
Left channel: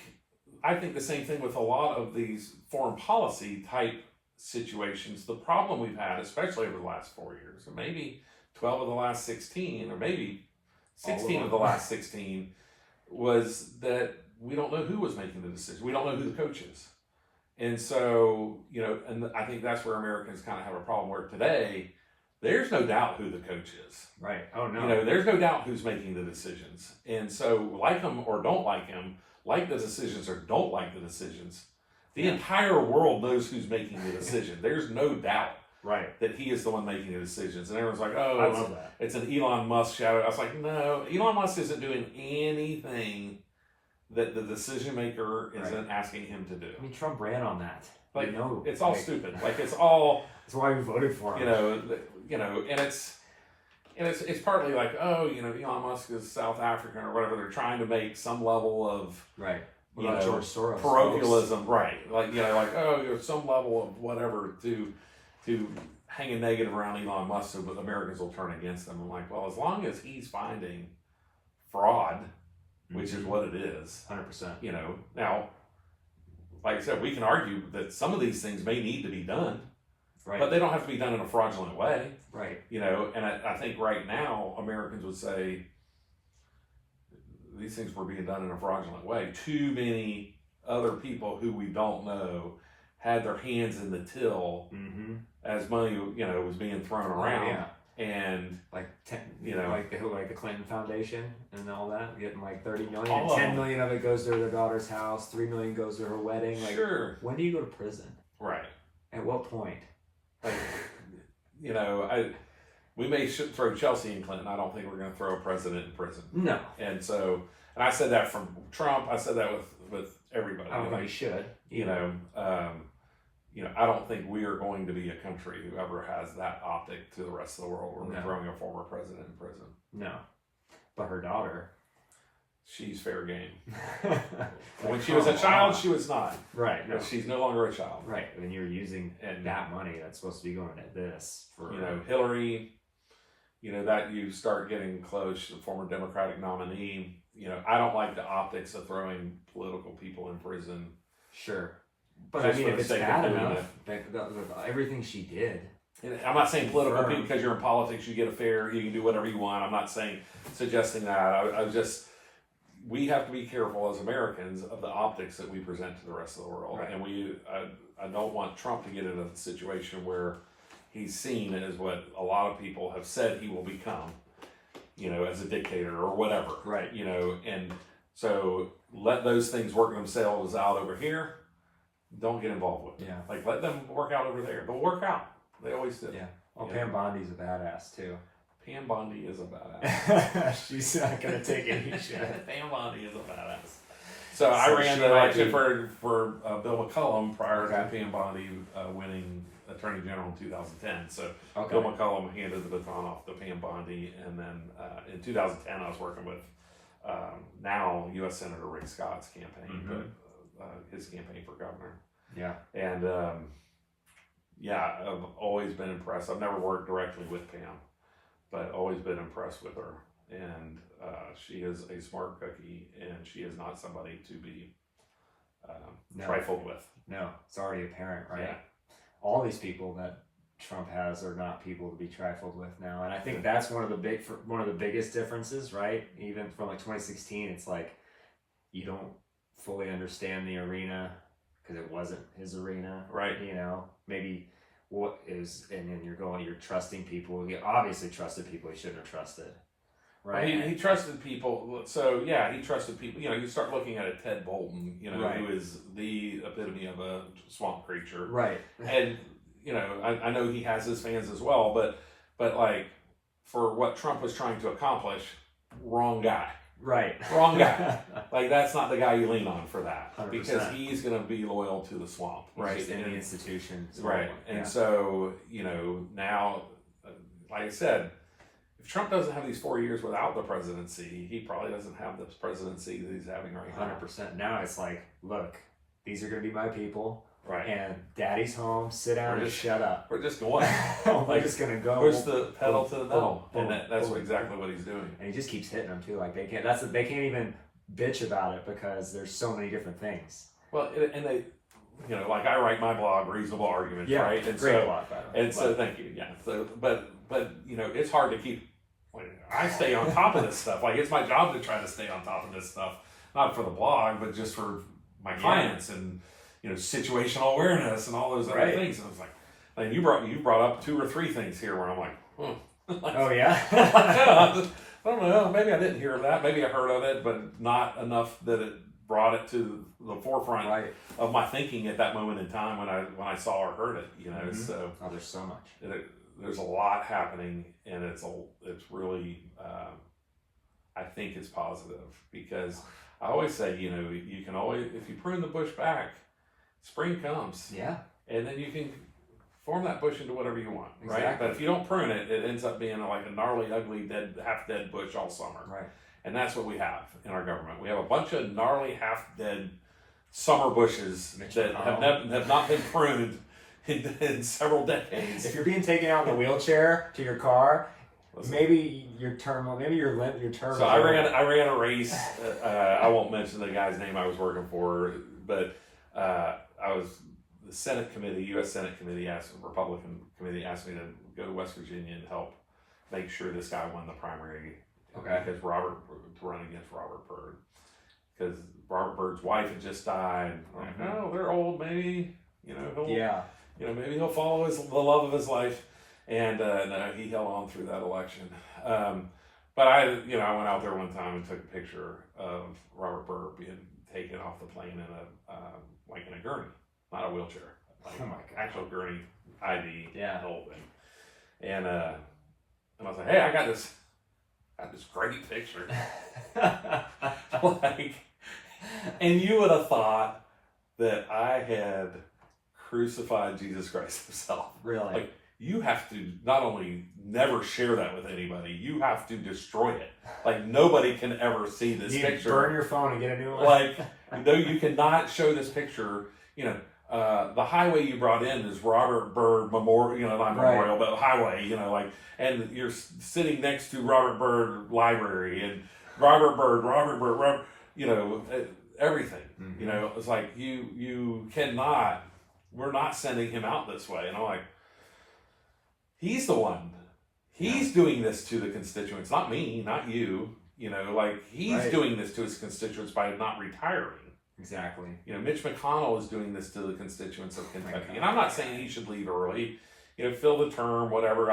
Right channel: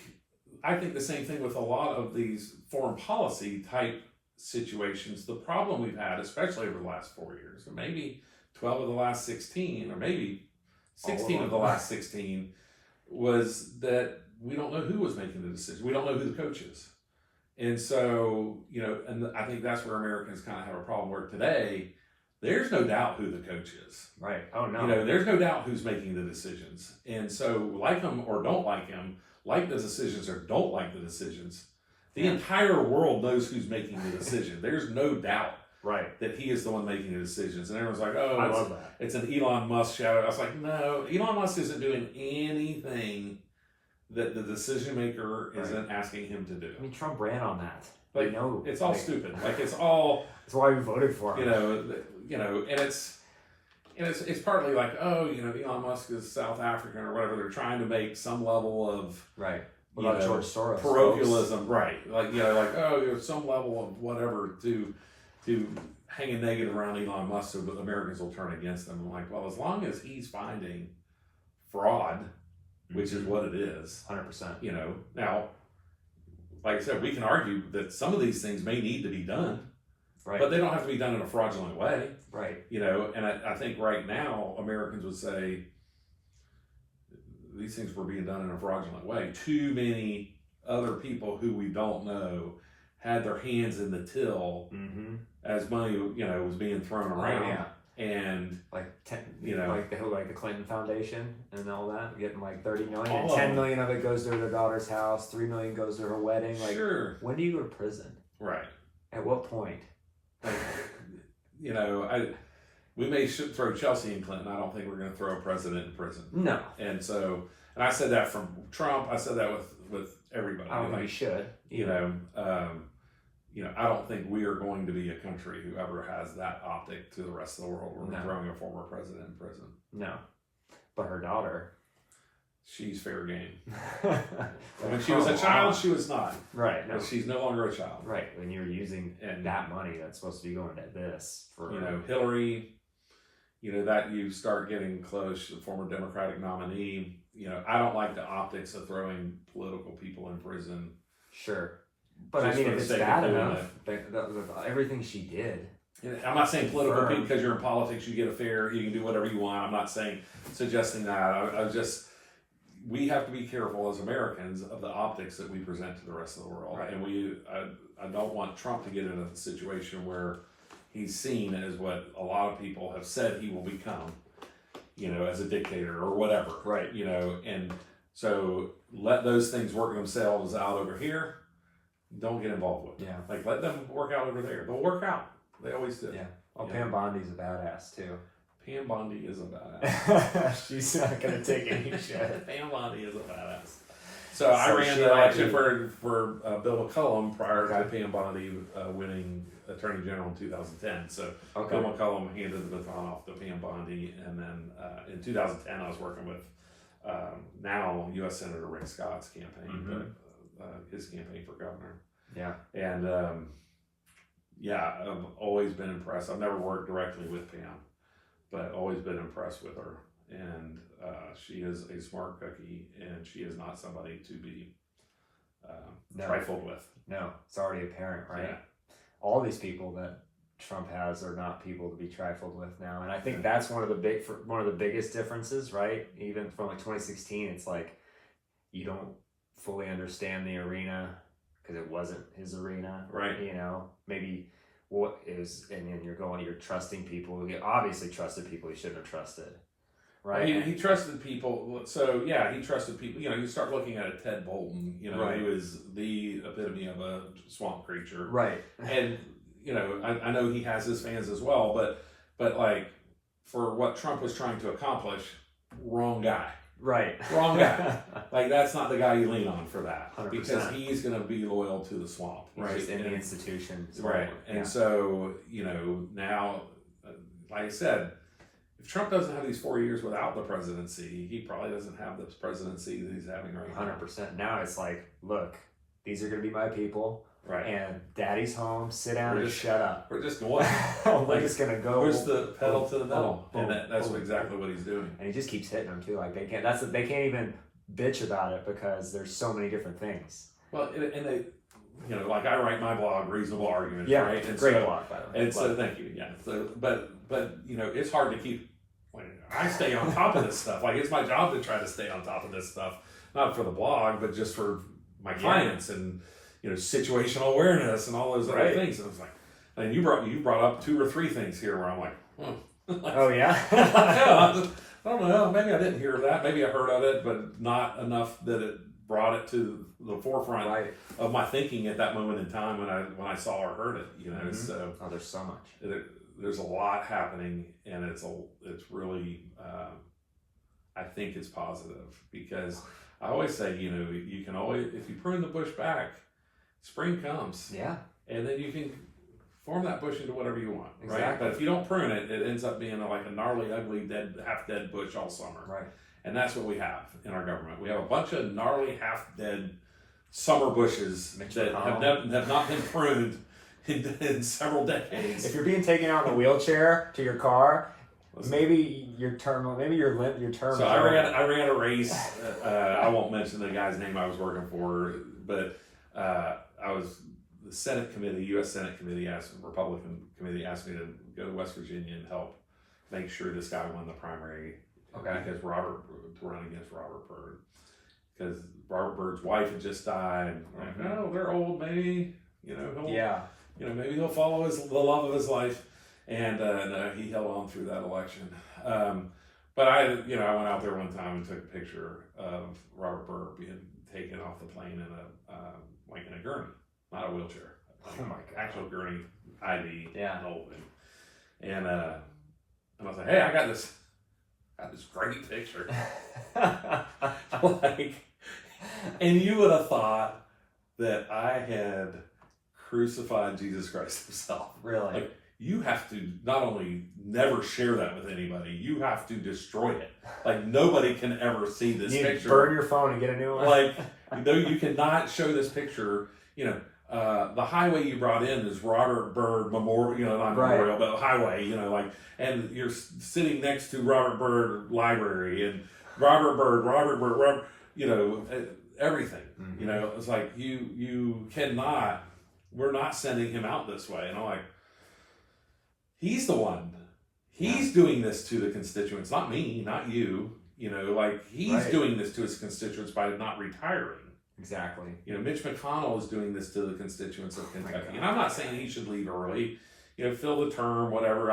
the same thing with a lot of these foreign policy type situations. The problem we've had, especially over the last 4 years, and maybe 12 of the last 16, or maybe 16 of the last 16, was that we don't know who was making the decision. We don't know who the coach is. And so, and I think that's where Americans kind of have a problem, where today, there's no doubt who the coach is. Right. Oh, no. There's no doubt who's making the decisions. And so, like him or don't like him, like the decisions or don't like the decisions, the entire world knows who's making the decision. There's no doubt that he is the one making the decisions. And everyone's like, oh, I love that. It's an Elon Musk shout out. I was like, no, Elon Musk isn't doing anything that the decision maker isn't asking him to do. I mean, Trump ran on that. It's all stupid. It's all. That's why we voted for him. And it's partly Elon Musk is South African or whatever. They're trying to make some level of George Soros parochialism, right? Some level of whatever to hang a negative around Elon Musk so that Americans will turn against him. I'm like, well, as long as he's finding fraud, which is what it is, 100%. Now, like I said, we can argue that some of these things may need to be done. Right. But they don't have to be done in a fraudulent way. Right. And I think right now, Americans would say these things were being done in a fraudulent way. Too many other people who we don't know had their hands in the till as money, was being thrown around. Yeah. And like the Clinton Foundation and all that, getting $30 million, and 10 million of it goes to their daughter's house, 3 million goes to her wedding. Sure. When do you go to prison? Right. At what point? We may throw Chelsea in Clinton. I don't think we're going to throw a president in prison. No. And I said that from Trump. I said that with everybody. I don't think we should. I don't think we are going to be a country who ever has that optic to the rest of the world. We're throwing a former president in prison. No. But her daughter. She's fair game. When she was a child, she was not. Right. No. She's no longer a child. Right. When you're using that money that's supposed to be going to this for Hillary, that you start getting close to the former Democratic nominee. I don't like the optics of throwing political people in prison. Sure. But if it's bad enough, everything she did. I'm not saying political people, because you're in politics, you get a fair, you can do whatever you want. I'm not suggesting that. We have to be careful as Americans of the optics that we present to the rest of the world. Right. And I don't want Trump to get into a situation where he's seen as what a lot of people have said he will become, as a dictator or whatever. Right. And so let those things work themselves out over here. Don't get involved with them. Let them work out over there. They'll work out. They always do. Yeah. Well, Pam Bondi's a badass too. Pam Bondi is a badass. She's not gonna take any shit. Pam Bondi is a badass. So I ran the election for Bill McCullum prior to Pam Bondi winning Attorney General in 2010. So Bill McCullum handed the baton off to Pam Bondi, and then in 2010 I was working with now U.S. Senator Rick Scott's campaign, but his campaign for governor. Yeah. And I've always been impressed. I've never worked directly with Pam, but always been impressed with her. And she is a smart cookie, and she is not somebody to be trifled with. No, it's already apparent, right? Yeah. All these people that Trump has are not people to be trifled with now, and I think that's one of the biggest differences, right? Even from like 2016, it's like you don't fully understand the arena because it wasn't his arena, right? You know, maybe what is, and then you're trusting people. You obviously trusted people he shouldn't have trusted. Right. He trusted people. So he trusted people. You know, you start looking at a Ted Bolton, you know, who is the epitome of a swamp creature. Right. And, you know, I know he has his fans as well, but like for what Trump was trying to accomplish, wrong guy. Right. Wrong guy. Like that's not the guy you lean on for that. 100%. Because he's going to be loyal to the swamp. Right. Just in the institution. Right. And so, you know, now, like I said, if Trump doesn't have these 4 years without the presidency, he probably doesn't have this presidency that he's having right now. 100%. Now it's like, look, these are going to be my people. Right. And daddy's home, sit down and shut up. We're just going. We're just going to go. Where's the pedal to the metal? Boom, and that's exactly what he's doing. And he just keeps hitting them too. Like they can't even bitch about it because there's so many different things. Well, and they, you know, like I write my blog, Reasonable Arguments, yeah, right? And great blog, by the way. And so, thank you, yeah. So, but you know, it's hard to keep. I stay on top of this stuff. Like it's my job to try to stay on top of this stuff, not for the blog, but just for my clients and you know situational awareness and all those other things. And I was like, and you brought up 2 or 3 things here where I'm like, like oh yeah, I don't know. Maybe I didn't hear of that. Maybe I heard of it, but not enough that it brought it to the forefront of my thinking at that moment in time when I saw or heard it. You know, so there's so much. There's a lot happening, and it's really I think it's positive because I always say, you know, you can always, if you prune the bush back, spring comes. Yeah. And then you can form that bush into whatever you want. Exactly. Right. But if you don't prune it, it ends up being like a gnarly, ugly, half dead bush all summer. Right. And that's what we have in our government. We have a bunch of gnarly, half dead summer bushes that have not been pruned in several decades. If you're being taken out in a wheelchair to your car, maybe your term. So I ran a race. I won't mention the guy's name I was working for, but the Senate committee, U.S. Senate committee, Republican committee asked me to go to West Virginia and help make sure this guy won the primary. Okay. Because to run against Robert Byrd, because Robert Byrd's wife had just died. Like, oh, they're old, maybe maybe he'll follow the love of his life. And no, he held on through that election. But I went out there one time and took a picture of Robert Byrd being taken off the plane in a gurney, not a wheelchair. Like, oh my God. Actual gurney, ID, whole thing. And I was like, hey, I got this great picture. And you would have thought that I had crucified Jesus Christ himself. Really? Like, you have to not only never share that with anybody, you have to destroy it. Like, nobody can ever see this picture. Burn your phone and get a new one. Like, you cannot show this picture. The highway you brought in is Robert Byrd Memorial, not Memorial, but highway, and you're sitting next to Robert Byrd Library and Robert Byrd, everything. Mm-hmm. It's like you cannot, we're not sending him out this way. And I'm like, he's the one. He's doing this to the constituents, not me, not you. He's doing this to his constituents by not retiring. Exactly. Mitch McConnell is doing this to the constituents of Kentucky, and I'm not saying he should leave early. Fill the term, whatever.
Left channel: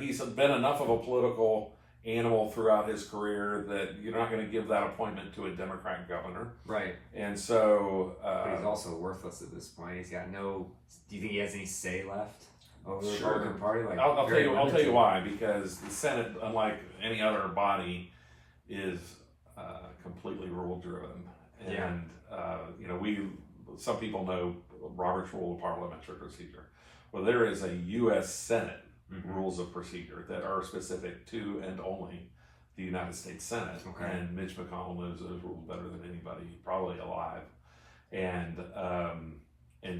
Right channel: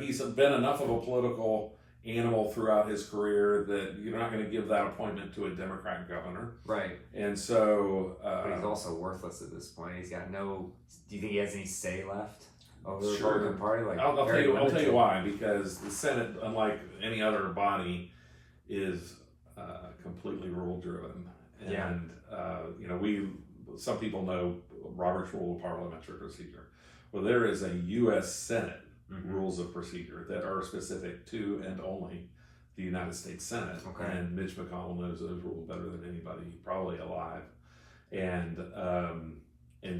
He's been enough of a political animal throughout his career that you're not going to give that appointment to a Democrat governor. Right. And so, but he's also worthless at this point. He's got no. Do you think he has any say left? over the Sure. Republican Party? Like, I'll tell very you. I'll tell limited. you why. Because the Senate, unlike any other body, is completely rule driven. Yeah. And some people know Robert's Rule of Parliamentary Procedure. Well, there is a U.S. Senate rules of procedure that are specific to and only the United States Senate. Okay. And Mitch McConnell knows those rules better than anybody, probably alive. And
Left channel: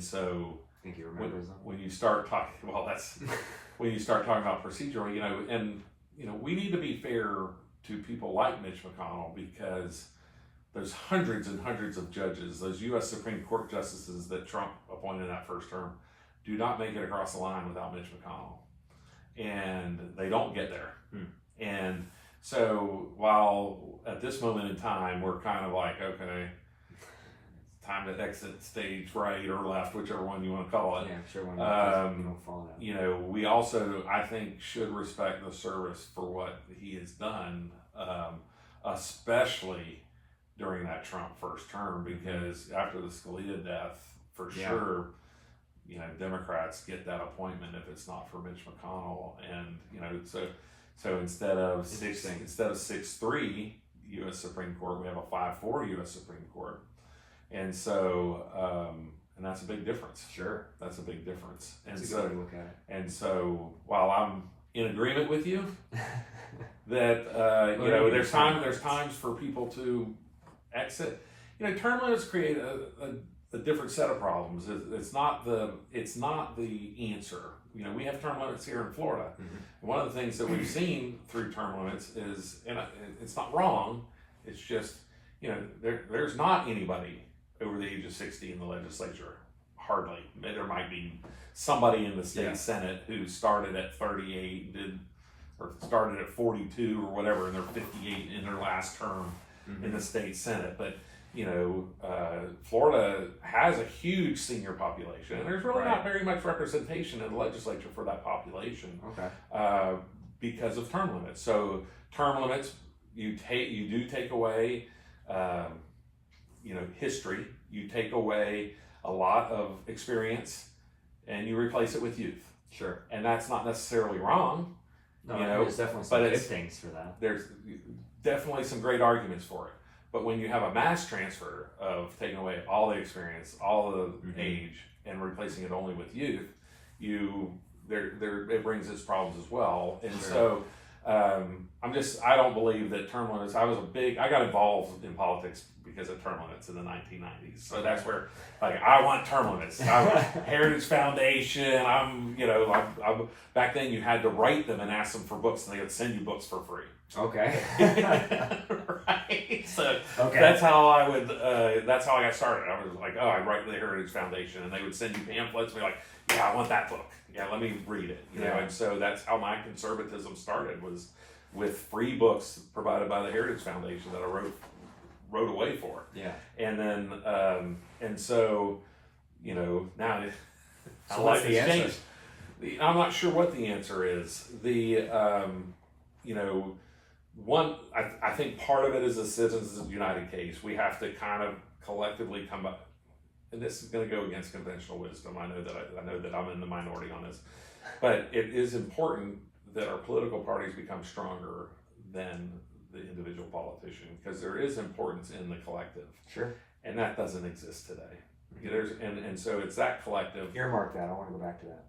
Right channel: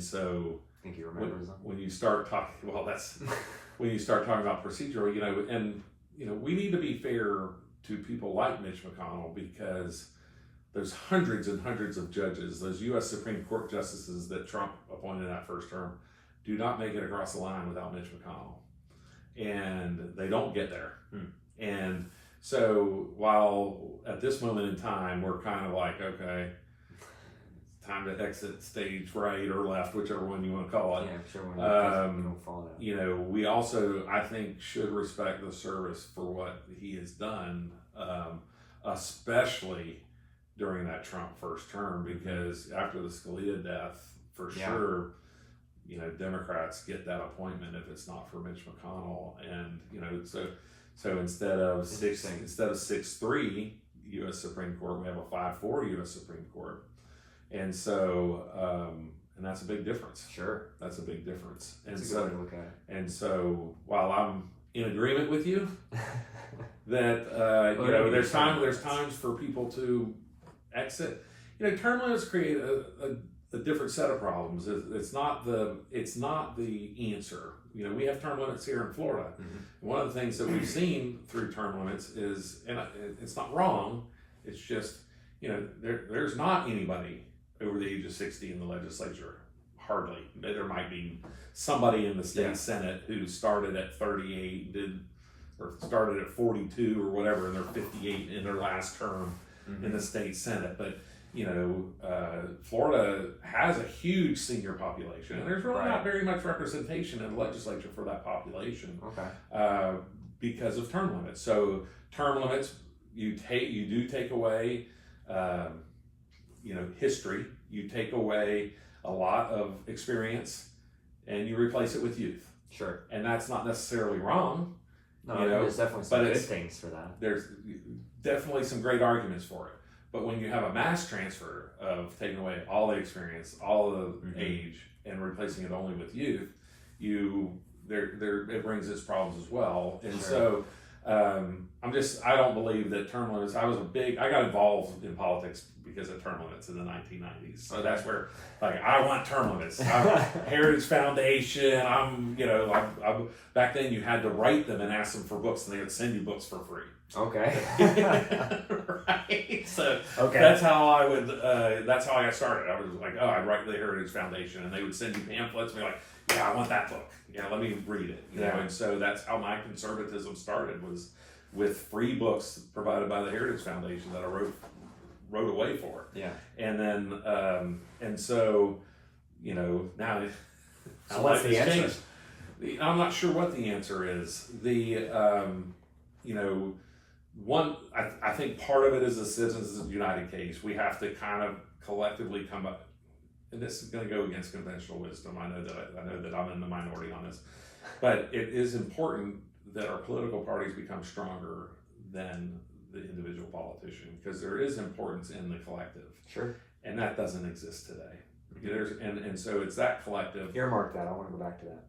so I think he remembers them. when you start talking, when you start talking about procedural, we need to be fair to people like Mitch McConnell, because there's hundreds and hundreds of judges, those U.S. Supreme Court justices that Trump appointed in that first term, do not make it across the line without Mitch McConnell. And they don't get there. And so while at this moment in time, we're kind of like, okay, it's time to exit stage right or left, whichever one you want to call it. Yeah, sure. When you don't follow that. We also, I think, should respect the service for what he has done, especially during that Trump first term, because after the Scalia death, for sure, Democrats get that appointment if it's not for Mitch McConnell. And, so instead of 6-3 U.S. Supreme Court, we have a 5-4 U.S. Supreme Court. And so, and that's a big difference. Sure. That's a big difference. And That's a good way to look at it. And so, while I'm in agreement with you that there's times for people to exit. Term limits create a different set of problems. It's not the answer. We have term limits here in Florida. One of the things that we've seen through term limits is, and it's not wrong, it's just there's not anybody over the age of 60 in the legislature. Hardly. There might be somebody in the state Senate who started at 38, or started at 42 or whatever, and they're 58 in their last term in the state Senate. But Florida has a huge senior population, and there's really not very much representation in the legislature for that population. Because of term limits. So term limits, you do take away history, you take away a lot of experience, and you replace it with youth. Sure. And that's not necessarily wrong. No, there's definitely some good things for that. There's definitely some great arguments for it. But when you have a mass transfer of taking away all the experience, all the age, and replacing it only with youth, it brings its problems as well. And so I don't believe that term limits. I got involved in politics because of term limits in the 1990s. So that's where, I want term limits. Heritage Foundation. Back then you had to write them and ask them for books, and they would send you books for free. Okay. Right. So that's how I would. That's how I got started. I was like, I'd write the Heritage Foundation, and they would send you pamphlets and be like, yeah, I want that book. Yeah, let me read it. You know, and so that's how my conservatism started, was with free books provided by the Heritage Foundation that I wrote away for. Yeah. And then and so now so what's the answer? Changed. I'm not sure what the answer is. I think part of it is the Citizens United case. We have to kind of collectively come up, and this is going to go against conventional wisdom. I know that I'm in the minority on this, but it is important that our political parties become stronger than the individual politician, because there is importance in the collective. Sure. And that doesn't exist today. And so it's that collective. Earmark that. I want to go back to that.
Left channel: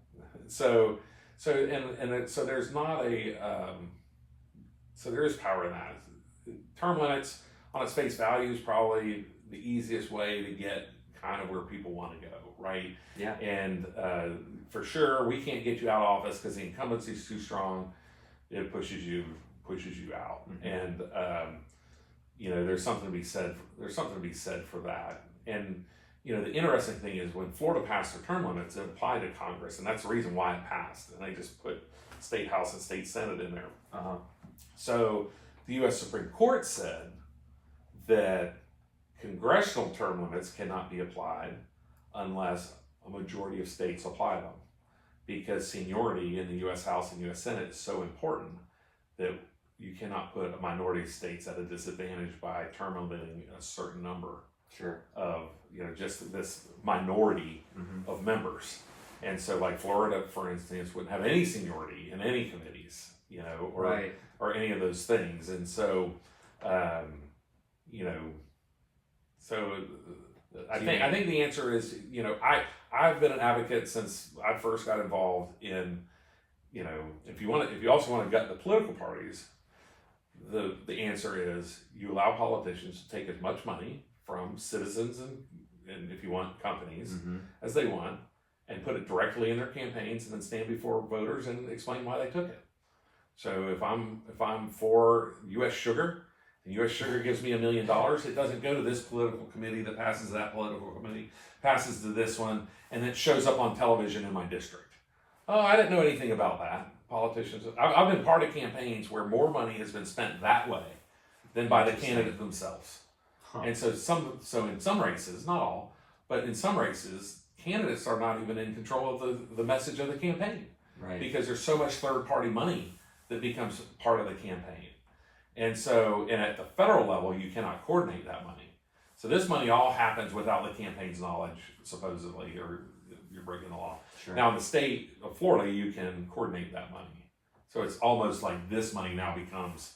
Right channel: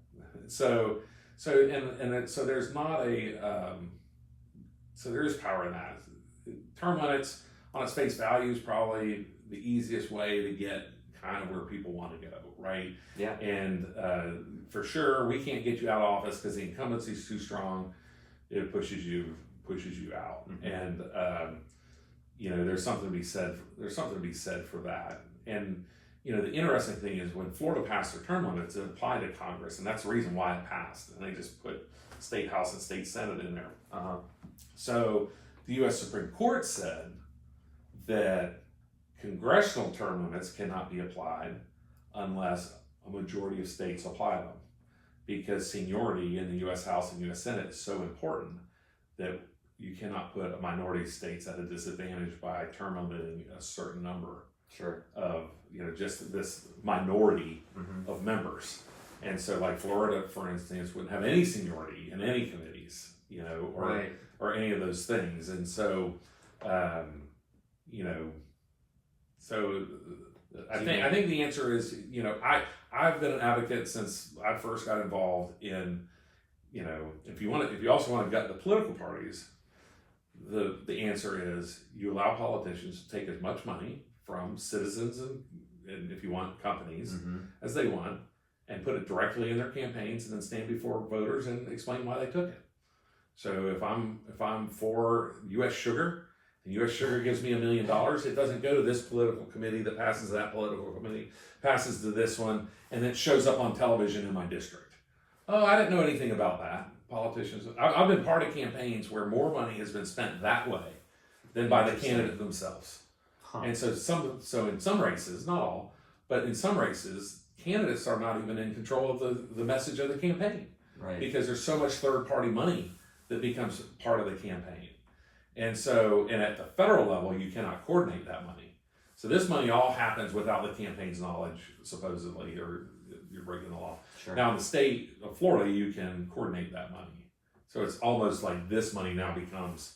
So there's not so there is power in that. Term limits on its face value is probably the easiest way to get kind of where people want to go, right? Yeah. And for sure, we can't get you out of office because the incumbency is too strong. It pushes you out. And there's something to be said. There's something to be said for that. And the interesting thing is, when Florida passed their term limits, it applied to Congress, and that's the reason why it passed. And they just put State House and State Senate in there. So the U.S. Supreme Court said that congressional term limits cannot be applied unless a majority of states apply them, because seniority in the U.S. House and U.S. Senate is so important that you cannot put a minority of states at a disadvantage by term limiting a certain number of just this minority of members. And so like Florida, for instance, wouldn't have any seniority in any committees, or any of those things. And so, so I think the answer is, I've been an advocate since I first got involved in, if you also want to gut the political parties, the answer is you allow politicians to take as much money from citizens and if you want companies as they want, and put it directly in their campaigns, and then stand before voters and explain why they took it. So if I'm for U.S. Sugar, and U.S. Sugar gives me $1 million, it doesn't go to this political committee that passes that political committee, passes to this one, and it shows up on television in my district. Oh, I didn't know anything about that. Politicians, I've been part of campaigns where more money has been spent that way than by the candidate themselves. And so in some races, not all, but in some races, candidates are not even in control of the message of the campaign. Right. Because there's so much third-party money that becomes part of the campaign. And at the federal level, you cannot coordinate that money. So this money all happens without the campaign's knowledge, supposedly, or you're breaking the law. Sure. Now in the state of Florida, you can coordinate that money. So it's almost like this money now becomes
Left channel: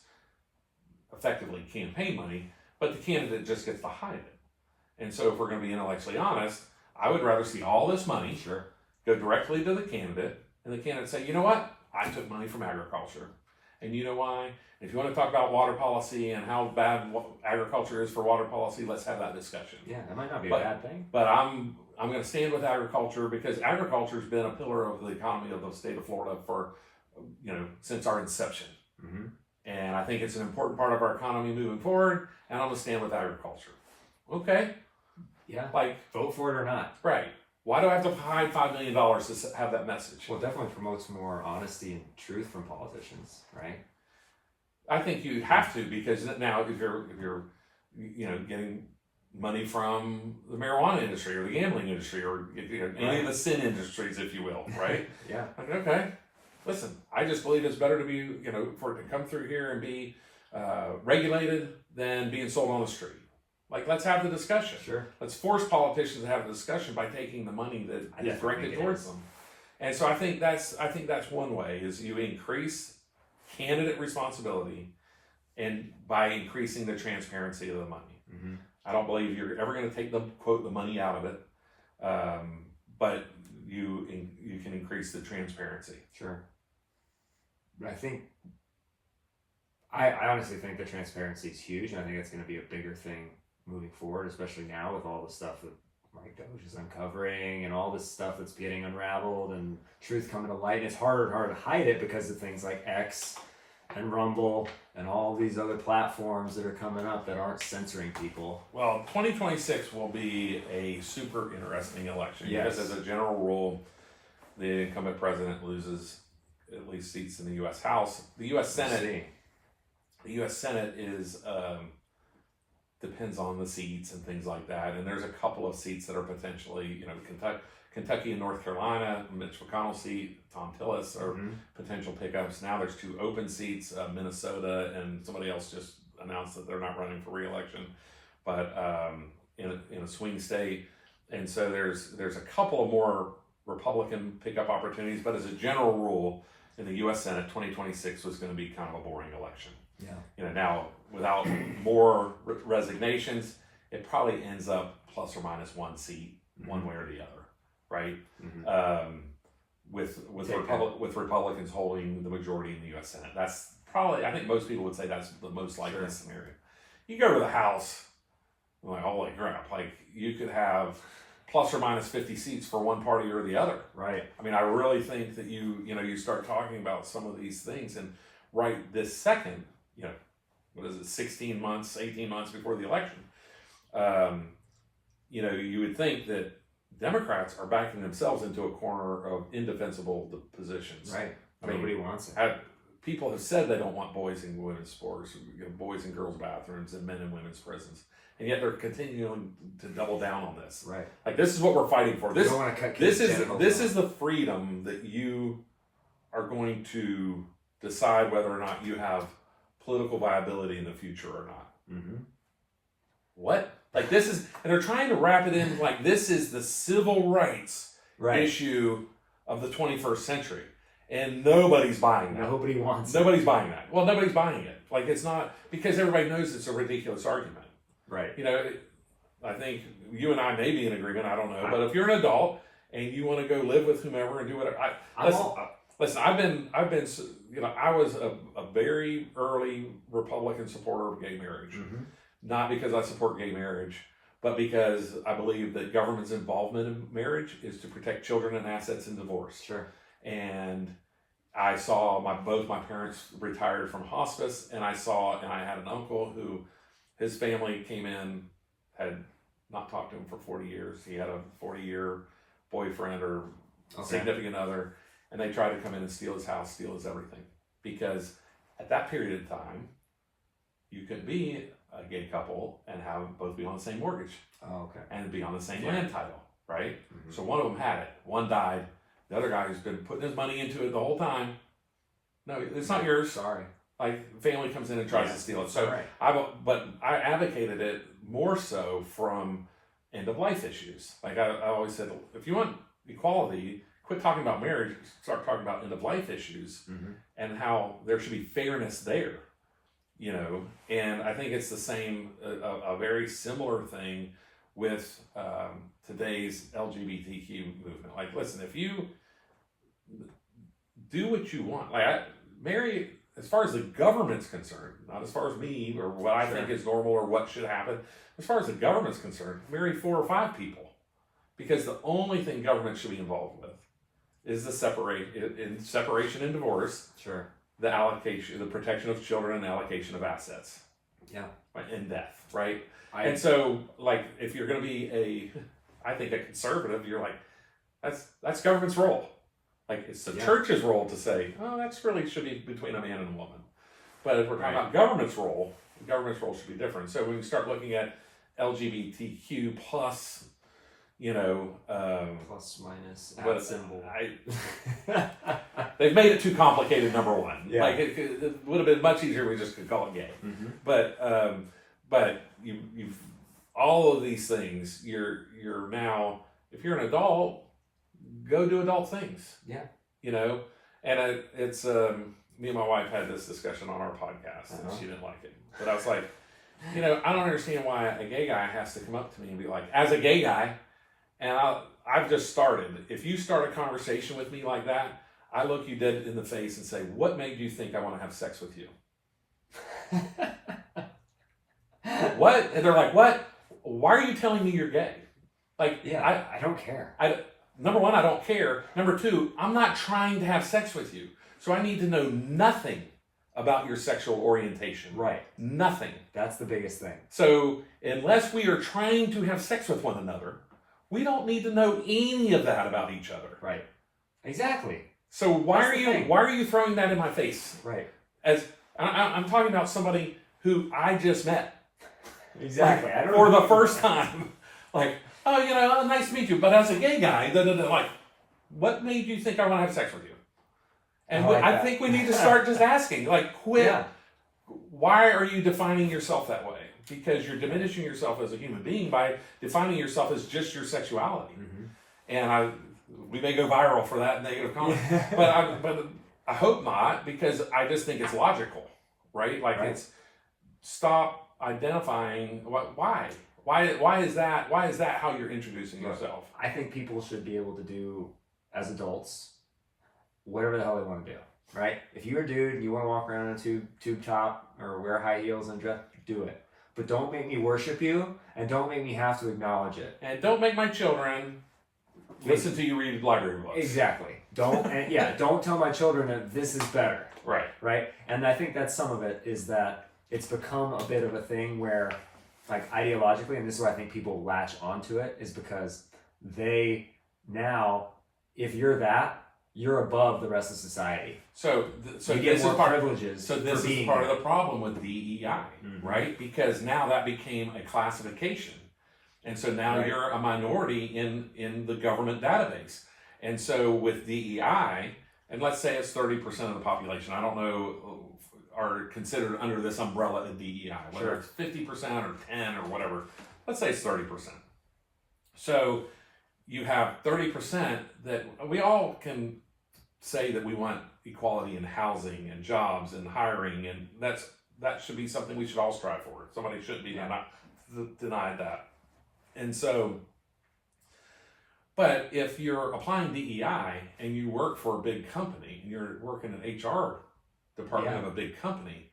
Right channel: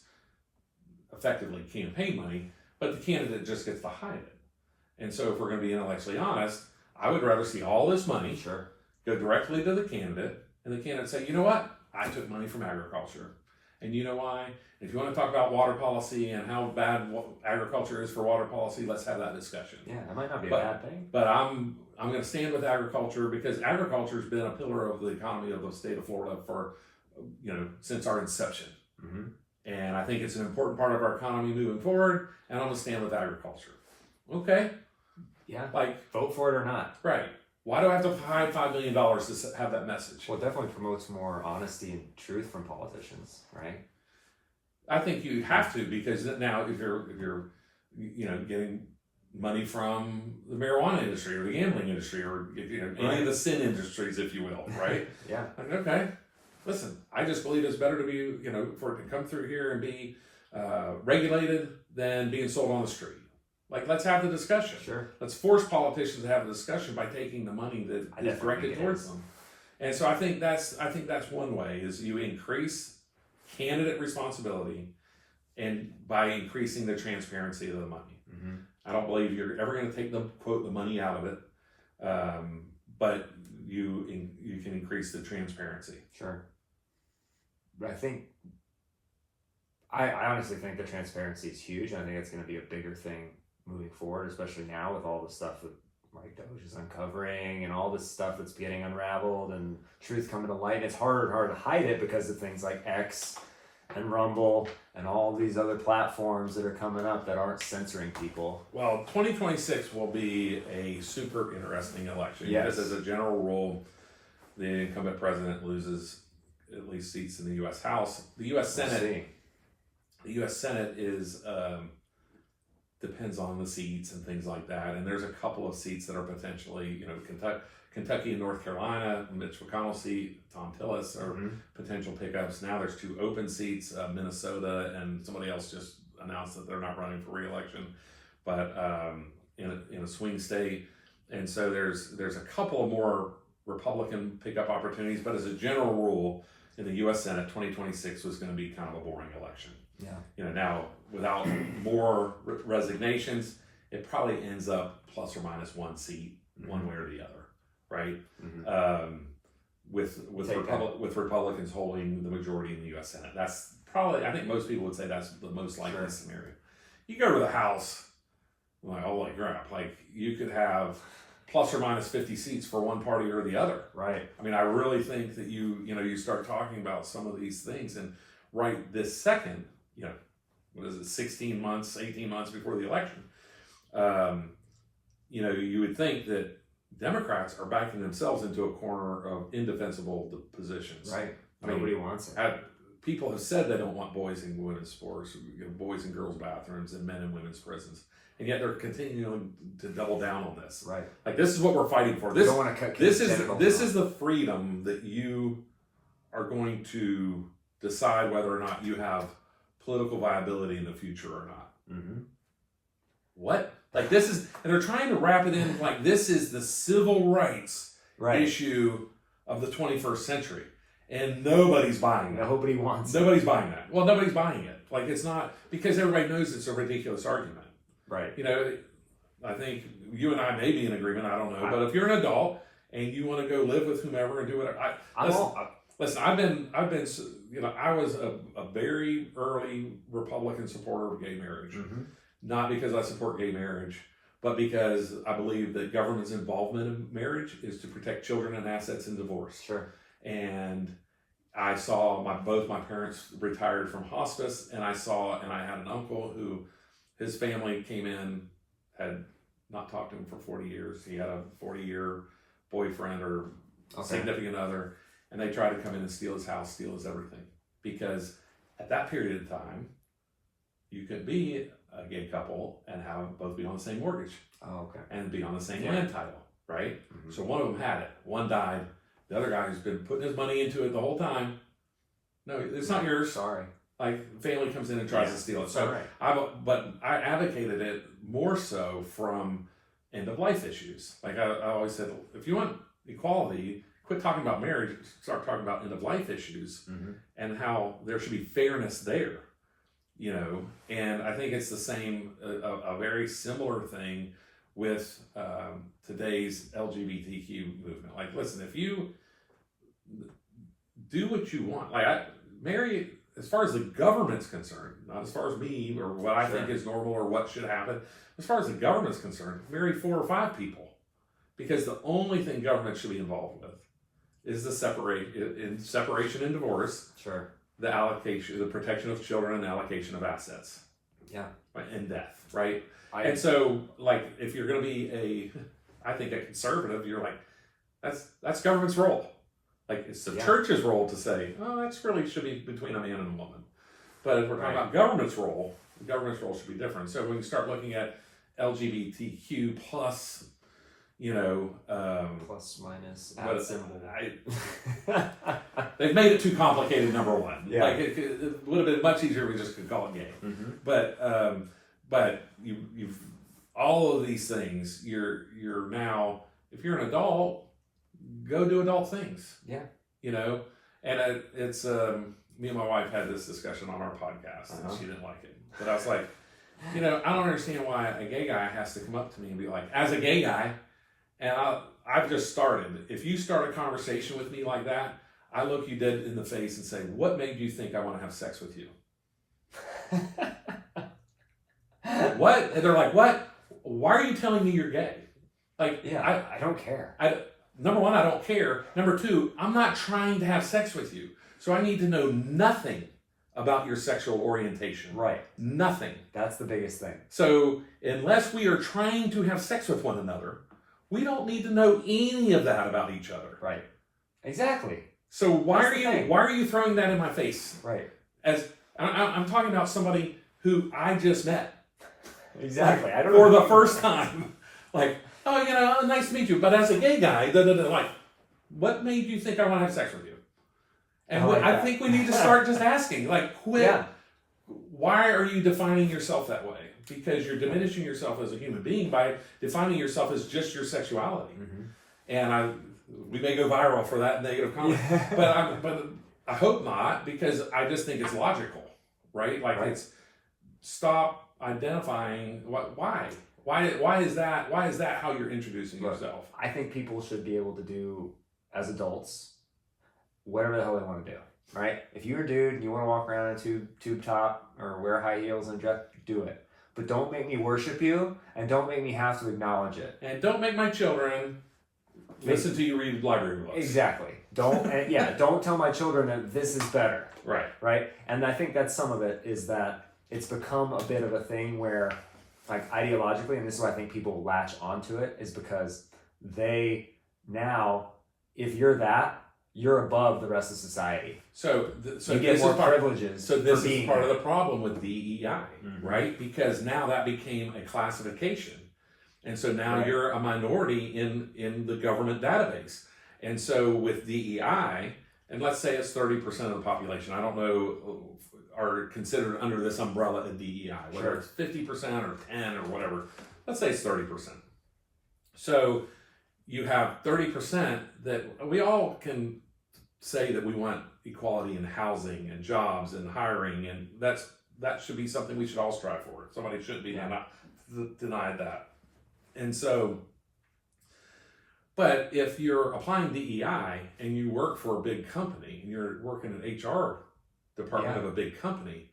effectively campaign money, but the candidate just gets to hide it. And so if we're going to be intellectually honest, I would rather see all this money go directly to the candidate, and the candidate say, you know what? I took money from agriculture. And you know why? If you want to talk about water policy and how bad agriculture is for water policy, let's have that discussion. Yeah, that might not be a bad thing. But I'm going to stand with agriculture because agriculture has been a pillar of the economy of the state of Florida for, since our inception. Mm-hmm. And I think it's an important part of our economy moving forward, and I'm going to stand with agriculture. Okay? Yeah. Like, vote for it or not. Right. Why do I have to hide $5 million to have that message? Well, it definitely promotes more honesty and truth from politicians, right? I think you have to, because now if you're getting money from the marijuana industry or the gambling industry or any of the sin industries, if you will, right? Yeah. Okay. Listen, I just believe it's better to be, for it to come through here and be regulated than being sold on the street. Like, let's have the discussion. Sure. Let's force politicians to have a discussion by taking the money that is directed towards them. And so I think that's one way, is you increase candidate responsibility and by increasing the transparency of the money. Mm-hmm. I don't believe you're ever going to take the money out of it, but you can increase the transparency. Sure. But I honestly think the transparency is huge, and I think it's going to be a bigger thing moving forward, especially now with all the stuff that Mike Doge is uncovering and all this stuff that's getting unraveled and truth coming to light. It's harder and harder to hide it because of things like X and Rumble and all these other platforms that are coming up that aren't censoring people. Well, 2026 will be a super interesting election. Yes. Because as a general rule, the incumbent president loses at least seats in the U.S. House. The U.S. Senate is depends on the seats and things like that. And there's a couple of seats that are potentially, Kentucky and North Carolina, Mitch McConnell's seat, Tom Tillis are potential pickups. Now there's 2 open seats, Minnesota, and somebody else just announced that they're not running for re-election, but in a swing state. And so there's a couple of more Republican pickup opportunities, but as a general rule, in the U.S. Senate, 2026 was going to be kind of a boring election. Yeah. Now without more resignations, it probably ends up plus or minus 1 seat, one way or the other, right? Mm-hmm. With Republicans holding the majority in the U.S. Senate, that's probably, I think most people would say that's the most likely scenario. You go to the House, like, holy crap, like you could have plus or minus 50 seats for one party or the other. Right. I mean, I really think that you start talking about some of these things, and right this second, what is it, 18 months before the election, you would think that Democrats are backing themselves into a corner of indefensible positions. Right. Nobody wants it. People have said they don't want boys in women's sports, boys in girls' bathrooms, and men in women's prisons. And yet they're continuing to double down on this. Right. Like, this is what we're fighting for. This, you don't want to cut this is the freedom that you are going to decide whether or not you have political viability in the future or not. Mm-hmm. What? Like, this is, and they're trying to wrap it in like this is the civil rights issue of the 21st century. And nobody's buying that. Nobody wants Nobody's buying that. Well, nobody's buying it. Like, it's not, because everybody knows it's a ridiculous argument. Right. You know, I think you and I may be in agreement, I don't know. But if you're an adult and you want to go live with whomever and do whatever, listen, I've been, you know, I was a very early Republican supporter of gay marriage. Mm-hmm. Not because I support gay marriage, but because I believe that government's involvement in marriage is to protect children and assets in divorce. Sure. And I saw both my parents retired from hospice, and I had an uncle who, his family came in, had not talked to him for 40 years. He had a 40-year boyfriend or significant other, and they tried to come in and steal his house, steal his everything. Because at that period of time, you could be a gay couple and have both be on the same mortgage. Oh, okay. And be on the same land title, right? Mm-hmm. So one of them had it, one died. The other guy who's been putting his money into it the whole time, no, it's not yours. Sorry. Like, family comes in and tries to steal it. So, right. but I advocated it more so from end of life issues. Like, I always said, if you want equality, quit talking about marriage, start talking about end of life issues, mm-hmm. and how there should be fairness there. You know, and I think it's the same, a very similar thing with today's LGBTQ movement. Like, listen, if you do what you want, like, marry, as far as the government's concerned, not as far as me or what I think is normal or what should happen, as far as the government's concerned, marry 4 or 5 people. Because the only thing government should be involved with is the separation and divorce. Sure. The allocation, the protection of children and allocation of assets. Yeah. In death, right? And so, like, if you're going to be I think a conservative, you're like, that's government's role. Like, it's the church's role to say, oh, that's really should be between a man and a woman. But if we're talking about government's role should be different. So when you start looking at LGBTQ plus, you know, plus minus at symbol. They've made it too complicated. Number one, yeah. Like it would have been much easier if we just could call it gay. Mm-hmm. But you've all of these things. You're now, if you're an adult, go do adult things. Yeah, you know, and it's me and my wife had this discussion on our podcast, and she didn't like it. But I was like, you know, I don't understand why a gay guy has to come up to me and be like, as a gay guy. And I've just started. If you start a conversation with me like that, I look you dead in the face and say, what made you think I want to have sex with you? What? And they're like, what? Why are you telling me you're gay? Like, yeah, I don't care. Number one, I don't care. Number two, I'm not trying to have sex with you. So I need to know nothing about your sexual orientation. Right. Nothing. That's the biggest thing. So unless we are trying to have sex with one another, we don't need to know any of that about each other. Right. Exactly. So why are you throwing that in my face? Right. As I'm talking about somebody who I just met. Exactly. Like, I don't know. For the first time. Like, oh, you know, nice to meet you. But as a gay guy, like, what made you think I want to have sex with you? And I think we need to start just asking, like, quit. Yeah. Why are you defining yourself that way? Because you're diminishing yourself as a human being by defining yourself as just your sexuality. Mm-hmm. And we may go viral for that negative comment, but I hope not, because I just think it's logical, right? Like, it's stop identifying why is that how you're introducing yourself? I think people should be able to do, as adults, whatever the hell they want to do, right? If you're a dude and you want to walk around in a tube top or wear high heels and dress, do it. But don't make me worship you, and don't make me have to acknowledge it. And don't make my children listen to you read library books. Exactly. Don't tell my children that this is better. Right. Right? And I think that's some of it, is that it's become a bit of a thing where, like, ideologically, and this is why I think people latch onto it, is because they now, if you're that, you're above the rest of society. So you get more privileges. So this is part of the problem with DEI, mm-hmm. right? Because now that became a classification, and so now you're a minority in the government database. And so with DEI, and let's say it's 30% of the population, I don't know, are considered under this umbrella of DEI, whether it's 50% or 10 or whatever. Let's say it's 30%. So you have 30% that we all can say that we want equality in housing and jobs and hiring, and that should be something we should all strive for. Somebody shouldn't be denied that. And so, but if you're applying DEI and you work for a big company and you're working in an HR department of a big company,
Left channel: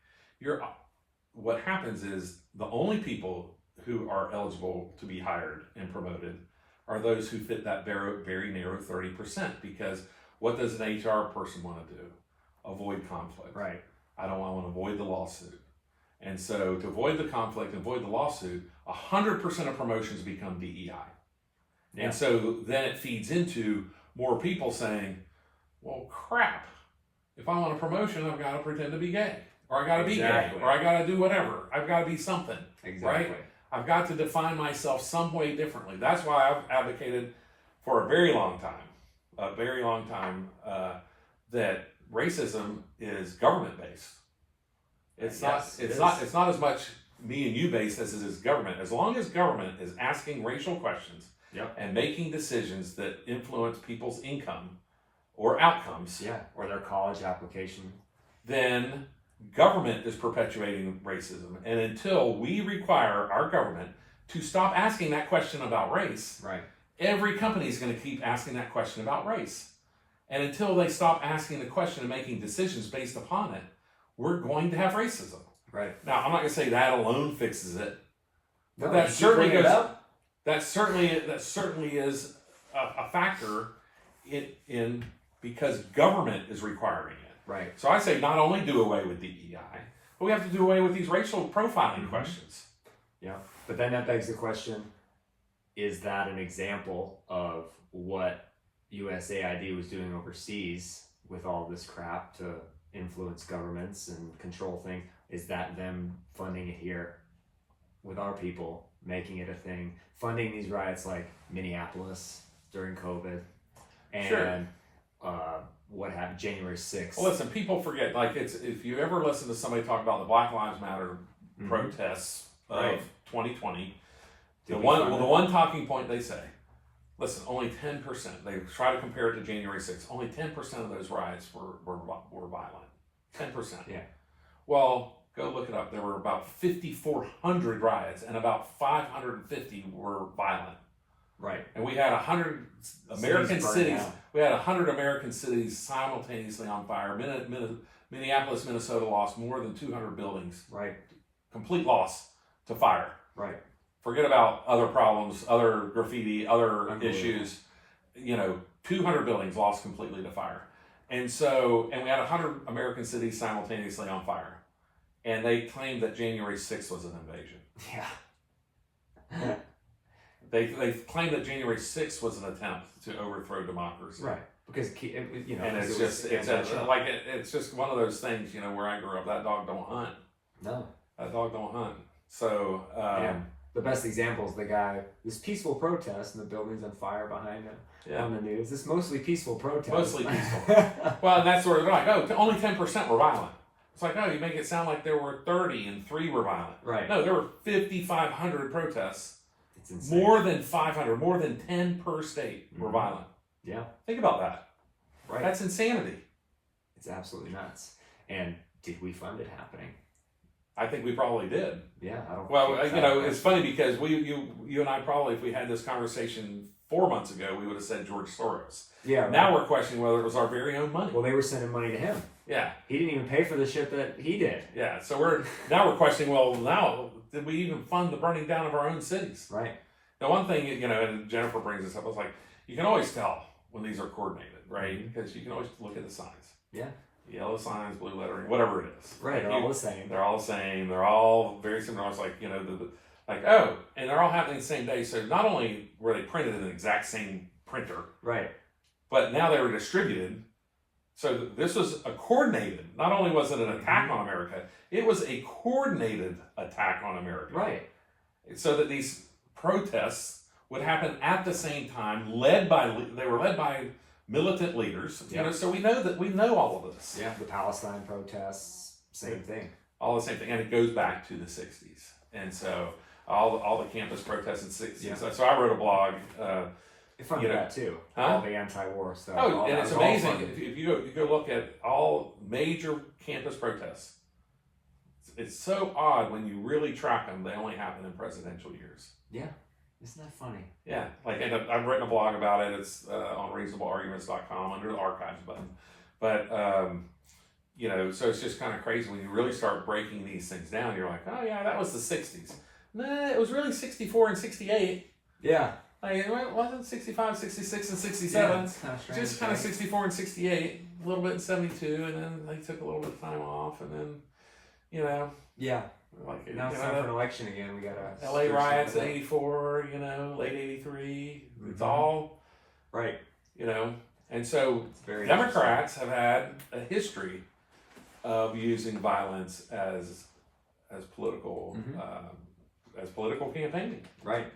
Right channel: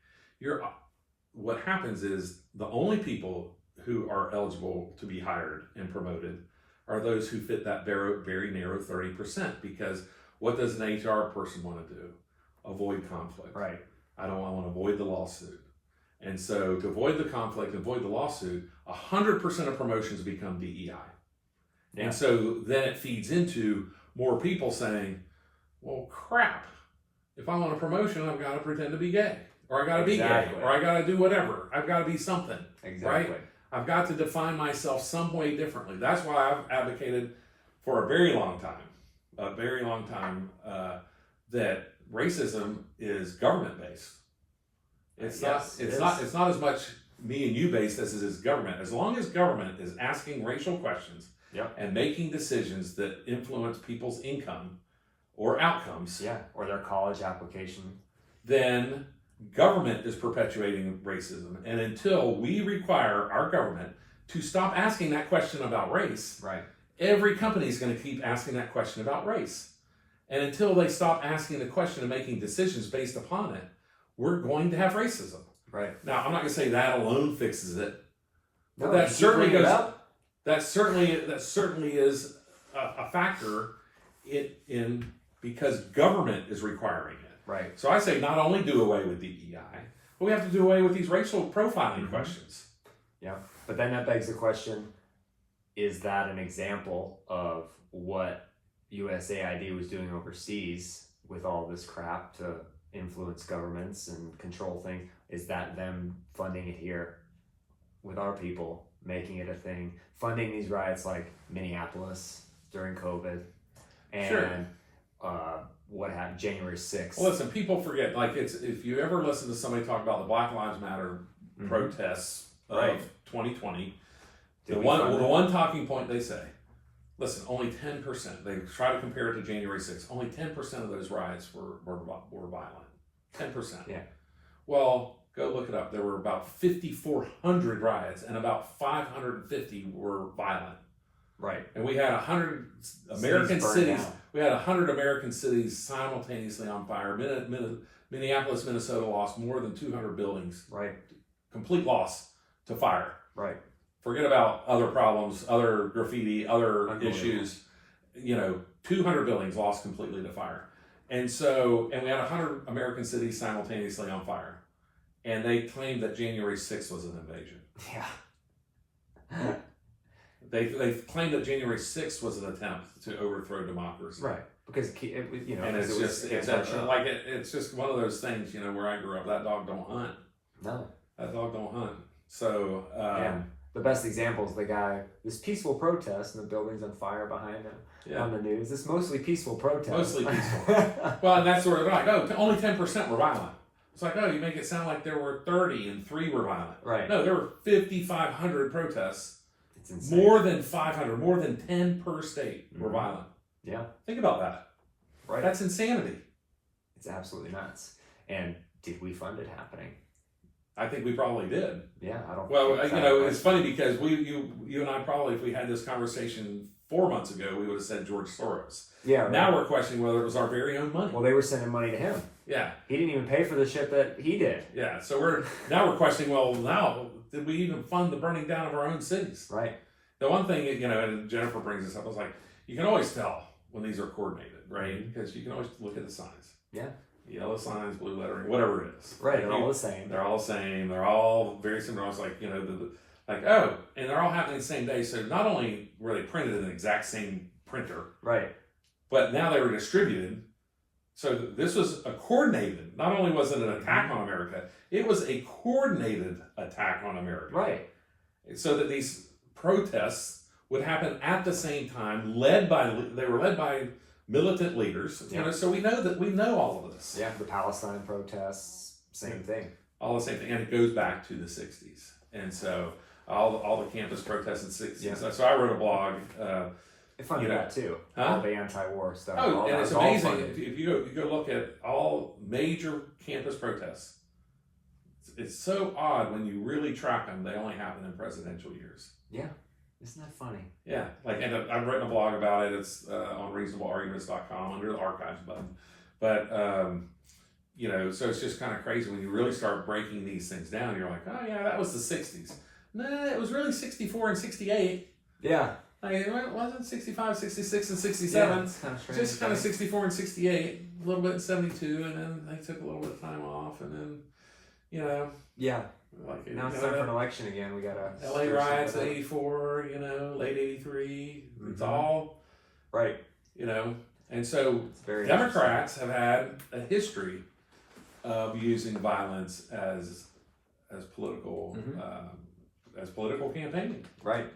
what happens is the only people who are eligible to be hired and promoted are those who fit that very, very narrow 30%. Because what does an HR person want to do? Avoid conflict. Right. I want to avoid the lawsuit. And so to avoid the conflict and avoid the lawsuit, 100% of promotions become DEI. Yeah. And so then it feeds into more people saying, well, crap, if I want a promotion, I've got to pretend to be gay. Or I got to be gay. Or I got to do whatever. I've got to be something. Exactly. Right? I've got to define myself some way differently. That's why I've advocated for a very long time, that racism is government-based. It's not as much me and you based as it is government. As long as government is asking racial questions and making decisions that influence people's income or outcomes, or their college application, then government is perpetuating racism. And until we require our government to stop asking that question about race, every company is going to keep asking that question about race. And until they stop asking the question and making decisions based upon it, we're going to have racism. Right. Now, I'm not going to say that alone fixes it, but No, that certainly is a factor in because government is requiring it. Right. So I say not only do away with DEI, but we have to do away with these racial profiling questions. Yeah. But then that begs the question, is that an example of what USAID was doing overseas with all this crap to influence governments and control things? Is that them funding it here with our people, making it a thing, funding these riots like Minneapolis during COVID and what happened January 6th? Well, listen, people forget, like if you ever listen to somebody talk about the Black Lives Matter protests of 2020, the one talking point they say, listen, only 10%, they try to compare it to January 6th, only 10% of those riots were violent. 10%. Yeah. Well, go look it up. There were about 5,400 riots and about 550 were violent. Right. And we had 100 American cities. We had 100 American cities simultaneously on fire. Minneapolis, Minnesota lost more than 200 buildings. Right. Complete loss to fire. Right. Forget about other problems, other graffiti, other issues. 200 buildings lost completely to fire. And we had 100 American cities simultaneously on fire. And they claimed that January 6th was an invasion. Yeah. They claimed that January 6th was an attempt to overthrow democracy. Right. Because, and it's just one of those things, where I grew up, that dog don't hunt. No. That dog don't hunt. So, the best example is the guy, this peaceful protest and the building's on fire behind him on the news. This mostly peaceful protest. Mostly peaceful. Well, and that's where they're like, only 10% were violent. It's like, you make it sound like there were 30 and 3 were violent. Right. No, there were 5,500 protests. It's insane. More than 500, more than 10 per state were violent. Yeah. Think about that. Right. That's insanity. It's absolutely nuts. And did we fund it happening? I think we probably did. Yeah, I don't. Well, it's funny because you and I probably, if we had this conversation 4 months ago, we would have said George Soros. Yeah. Right. Now we're questioning whether it was our very own money. Well, they were sending money to him. Yeah. He didn't even pay for the shit that he did. Yeah. So we're questioning. Well, now did we even fund the burning down of our own cities? Right. The one thing and Jennifer brings this up, was like, you can always tell when these are coordinated, right? Because you can always look at the signs. Yeah. Yellow signs, blue lettering, whatever it is. Right, they're all the same. They're all the same. They're all very similar. I was like, and they're all happening the same day. So not only were they printed in the exact same printer, right, but now they were distributed. So this was a coordinated. Not only was it an attack on America, it was a coordinated attack on America. Right. So that these protests would happen at the same time, they were led by militant leaders, so we know all of this. Yeah, the Palestine protests, same thing. All the same thing, and it goes back to the 60s. And so all the campus protests in the 60s. Yeah. So I wrote a blog funded that too. All the anti-war stuff. Oh, and it's amazing. Funded. If you go look at all major campus protests, it's so odd when you really track them. They only happen in presidential years. Yeah, isn't that funny? Yeah, like, and I've written a blog about it. It's on reasonablearguments.com under the archives button. But you know, so it's just kind of crazy when you really start breaking these things down. You're like, oh yeah, that was the '60s. Nah, it was really 64 and 68. Yeah. Like, it wasn't 65, 66, and 67. Yeah, kind of strange, just kind of 64 and 68, a little bit in 72, and then they took a little bit of time off, and then, you know. Yeah. Like, now it's time for an election again. We got to. LA riots in 84, you know, late 83. It's all. Right. You know, and so Democrats have had a history of using violence as political as political campaigning. Right.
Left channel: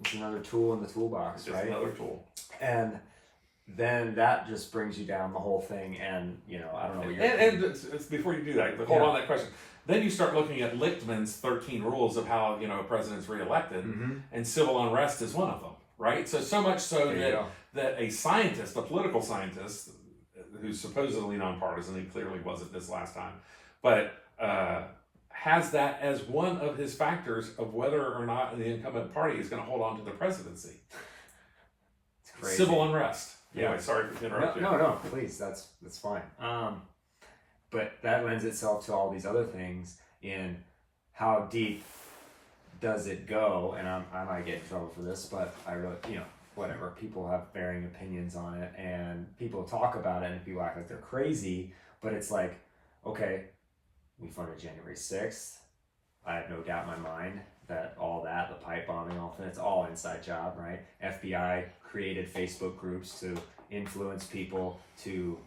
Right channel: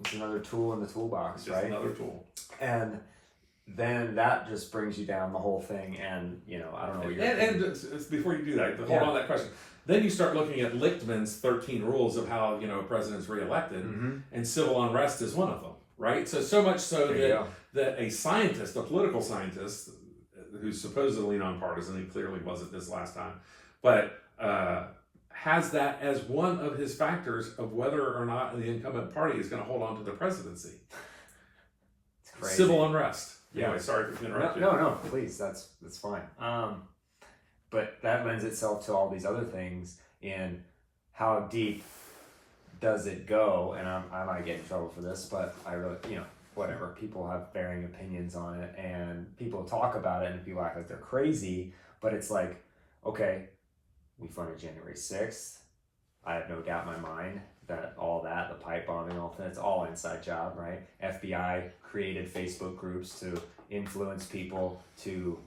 It's another tool in the toolbox, Just right? Another tool. And then that just brings you down the whole thing, and you know, I don't know what you're. And before you do that, hold on that question. Then you start looking at Lichtman's 13 rules of how, you know, a president's reelected, and civil unrest is one of them, right? So much so that a scientist, a political scientist, who's supposedly nonpartisan, he clearly wasn't this last time, but has that as one of his factors of whether or not the incumbent party is going to hold on to the presidency. It's crazy. Civil unrest. Yeah. Anyway, sorry for interrupting. No, please, that's fine. But that lends itself to all these other things in how deep does it go, and I might get in trouble for this, but I really, you know, whatever. People have varying opinions on it, and people talk about it, and people act like they're crazy, but it's like, okay, we funded January 6th. I have no doubt in my mind that all that, the pipe bombing, all that, it's all inside job, right? FBI created Facebook groups to influence people to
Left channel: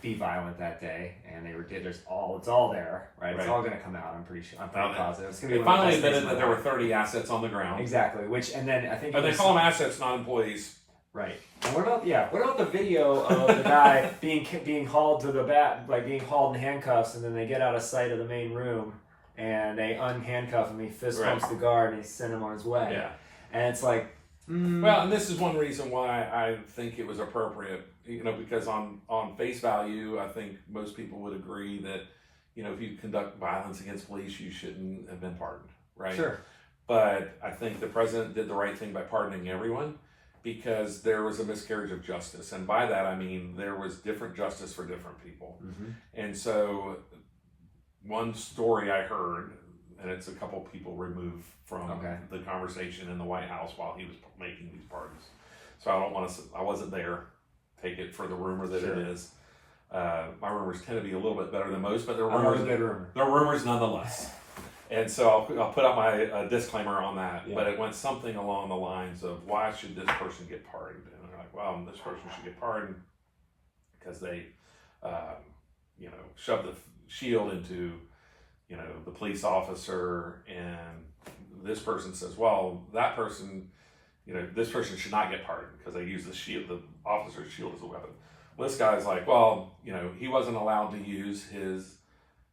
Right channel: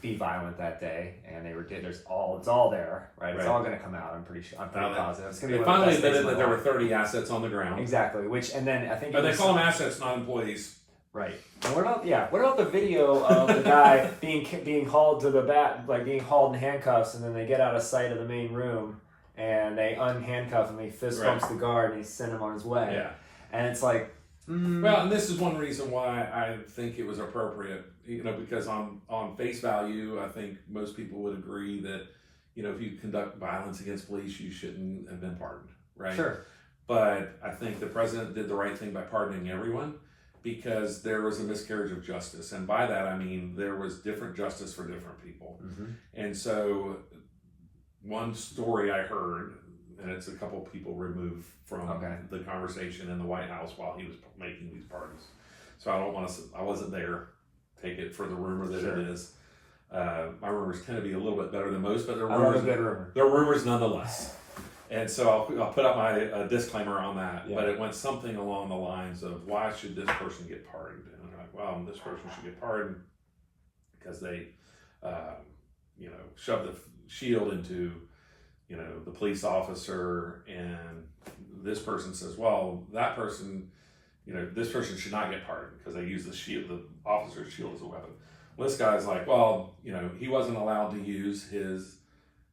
be violent that day, and it's all there, right? It's all going to come out. I'm pretty positive. It's going to be. They finally admitted that there were 30 assets on the ground. Exactly. And then I think. But they call them assets, not employees. Right. And what about the video of the guy being hauled to the back, like being hauled in handcuffs, and then they get out of sight of the main room, and they unhandcuff him. He fist bumps the guard, and he sent him on his way. Yeah. And it's like. Well, and this is one reason why I think it was appropriate, you know, because on face value, I think most people would agree that, you know, if you conduct violence against police, you shouldn't have been pardoned, right? Sure. But I think the president did the right thing by pardoning everyone because there was a miscarriage of justice. And by that, I mean, there was different justice for different people. And so one story I heard, and it's a couple people removed from the conversation in the White House while he was making these pardons. So I wasn't there. Take it for the rumor that it is. My rumors tend to be a little bit better than most, but they're rumors nonetheless. And so I'll put up my disclaimer on that. Yeah. But it went something along the lines of, why should this person get pardoned? And they're like, well, this person should get pardoned because they, you know, shoved the shield into, you know, the police officer, and this person says, well, that person, you know, this person should not get pardoned because they use the officer's shield as a weapon. Well, this guy's like, well, you know, he wasn't allowed to use his,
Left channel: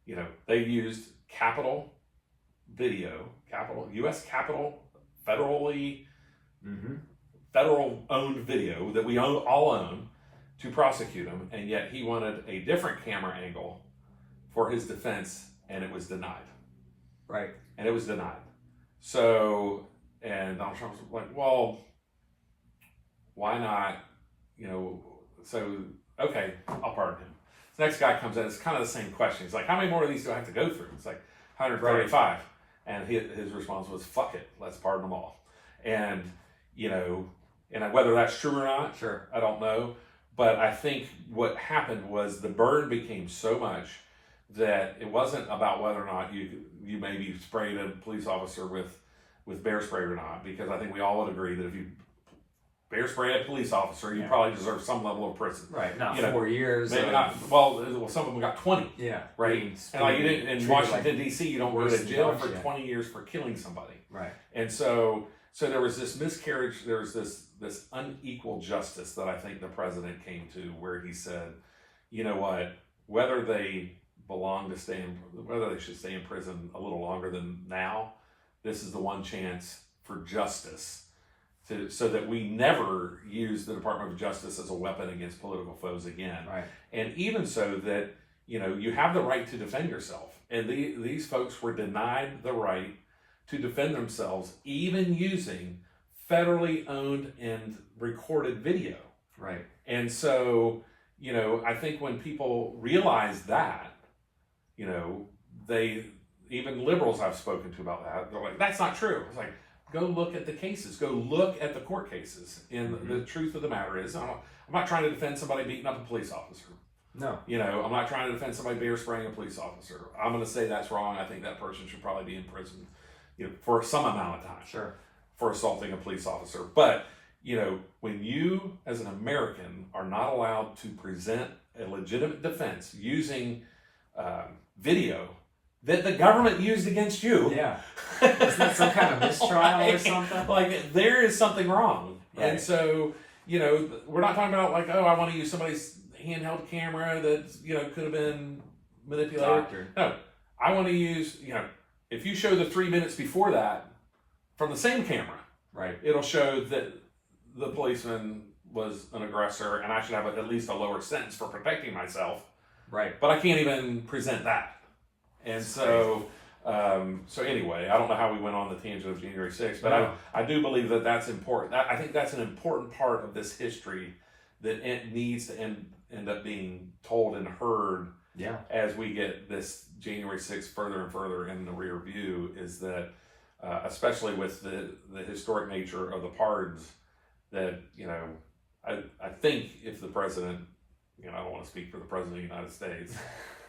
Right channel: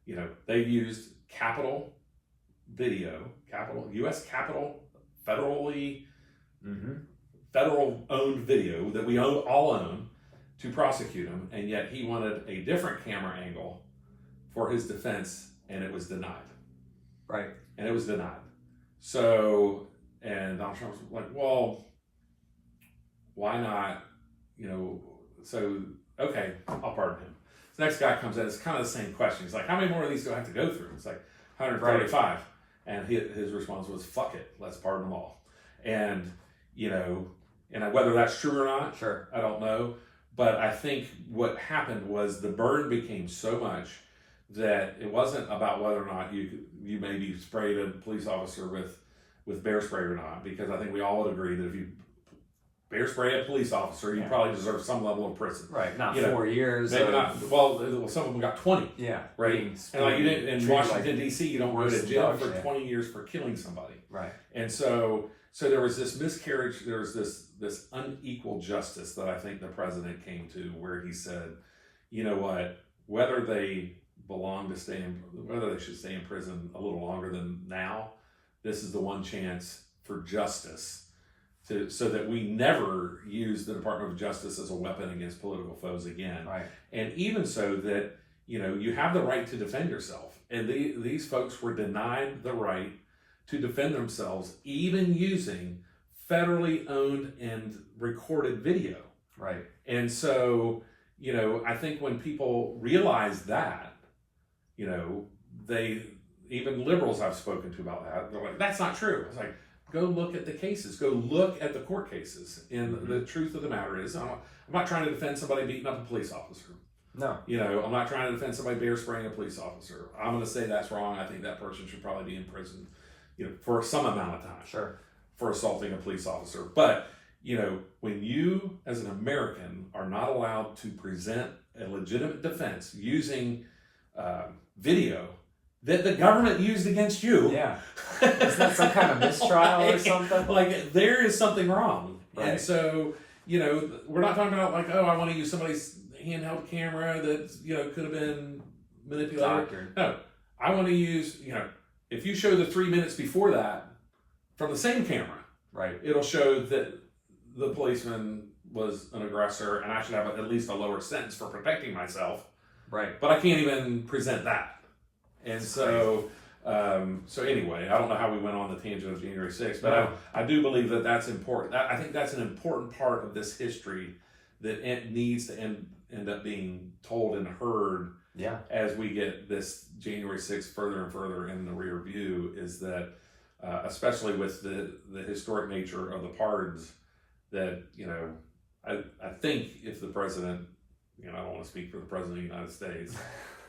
you know, they used Capitol video, U.S. Capitol, federal owned video that we all own to prosecute him, and yet he wanted a different camera angle for his defense, and it was denied. Right. And it was denied. So, and Donald Trump was like, well, why not, you know, so, okay, I'll pardon him. The next guy comes in, it's kind of the same question. He's like, how many more of these do I have to go through? It's like 135. Right. And his response was, fuck it, let's pardon them all. And, you know, and whether that's true or not, sure, I don't know. But I think what happened was the burden became so much that it wasn't about whether or not you maybe sprayed a police officer with bear spray or not, because I think we all would agree that if you bear spray a police officer, you probably deserve some level of prison. Right, not 4 years. Maybe not. Well, some of them got 20. Yeah, right. And like you didn't in Washington D.C., you don't go to jail for 20 years for killing somebody. Right. And so there was this miscarriage. There was this unequal justice that I think the president came to, where he said, you know what, whether they whether they should stay in prison a little longer than now, this is the one chance for justice so that we never use the Department of Justice as a weapon against political foes again. Right. And even so that, you have the right to defend yourself. And these folks were denied the right to defend themselves, even using federally owned and recorded video. Right. And so, I think when people realize that, even liberals I've spoken to about that, they're like, that's not true. It's like, go look at the cases. Go look at the court cases. And the truth of the matter is, I'm not trying to defend somebody beating up a police officer. No. I'm not trying to defend somebody bear spraying a police officer. I'm going to say that's wrong. I think that person should probably be in prison, for some amount of time. Sure. For assaulting a police officer. But, when you, as an American, are not allowed to present a legitimate defense using video that the government used against you. Yeah. Isn't that some kind of mistrial or something? Like, there is something wrong. Right. And so, we're not talking about like, oh, I want to use somebody's handheld camera that, could have been manipulated. Doctor. No, I want to use, if you show the 3 minutes before that from the same camera, right, it'll show that the policeman was an aggressor and I should have at least a lower sentence for protecting myself. Right. But I can't even present that. And so, anyway, I don't know how we went on the tangent of January 6th, but No. I do believe that that's important. I think that's an important part of this history that it needs to end up being told and heard. Yeah. As we get this January 6th further and further in the rear view, is that, especially with the historic nature of the pardons, that, I think if the president, I don't want to speak for the president of the United States,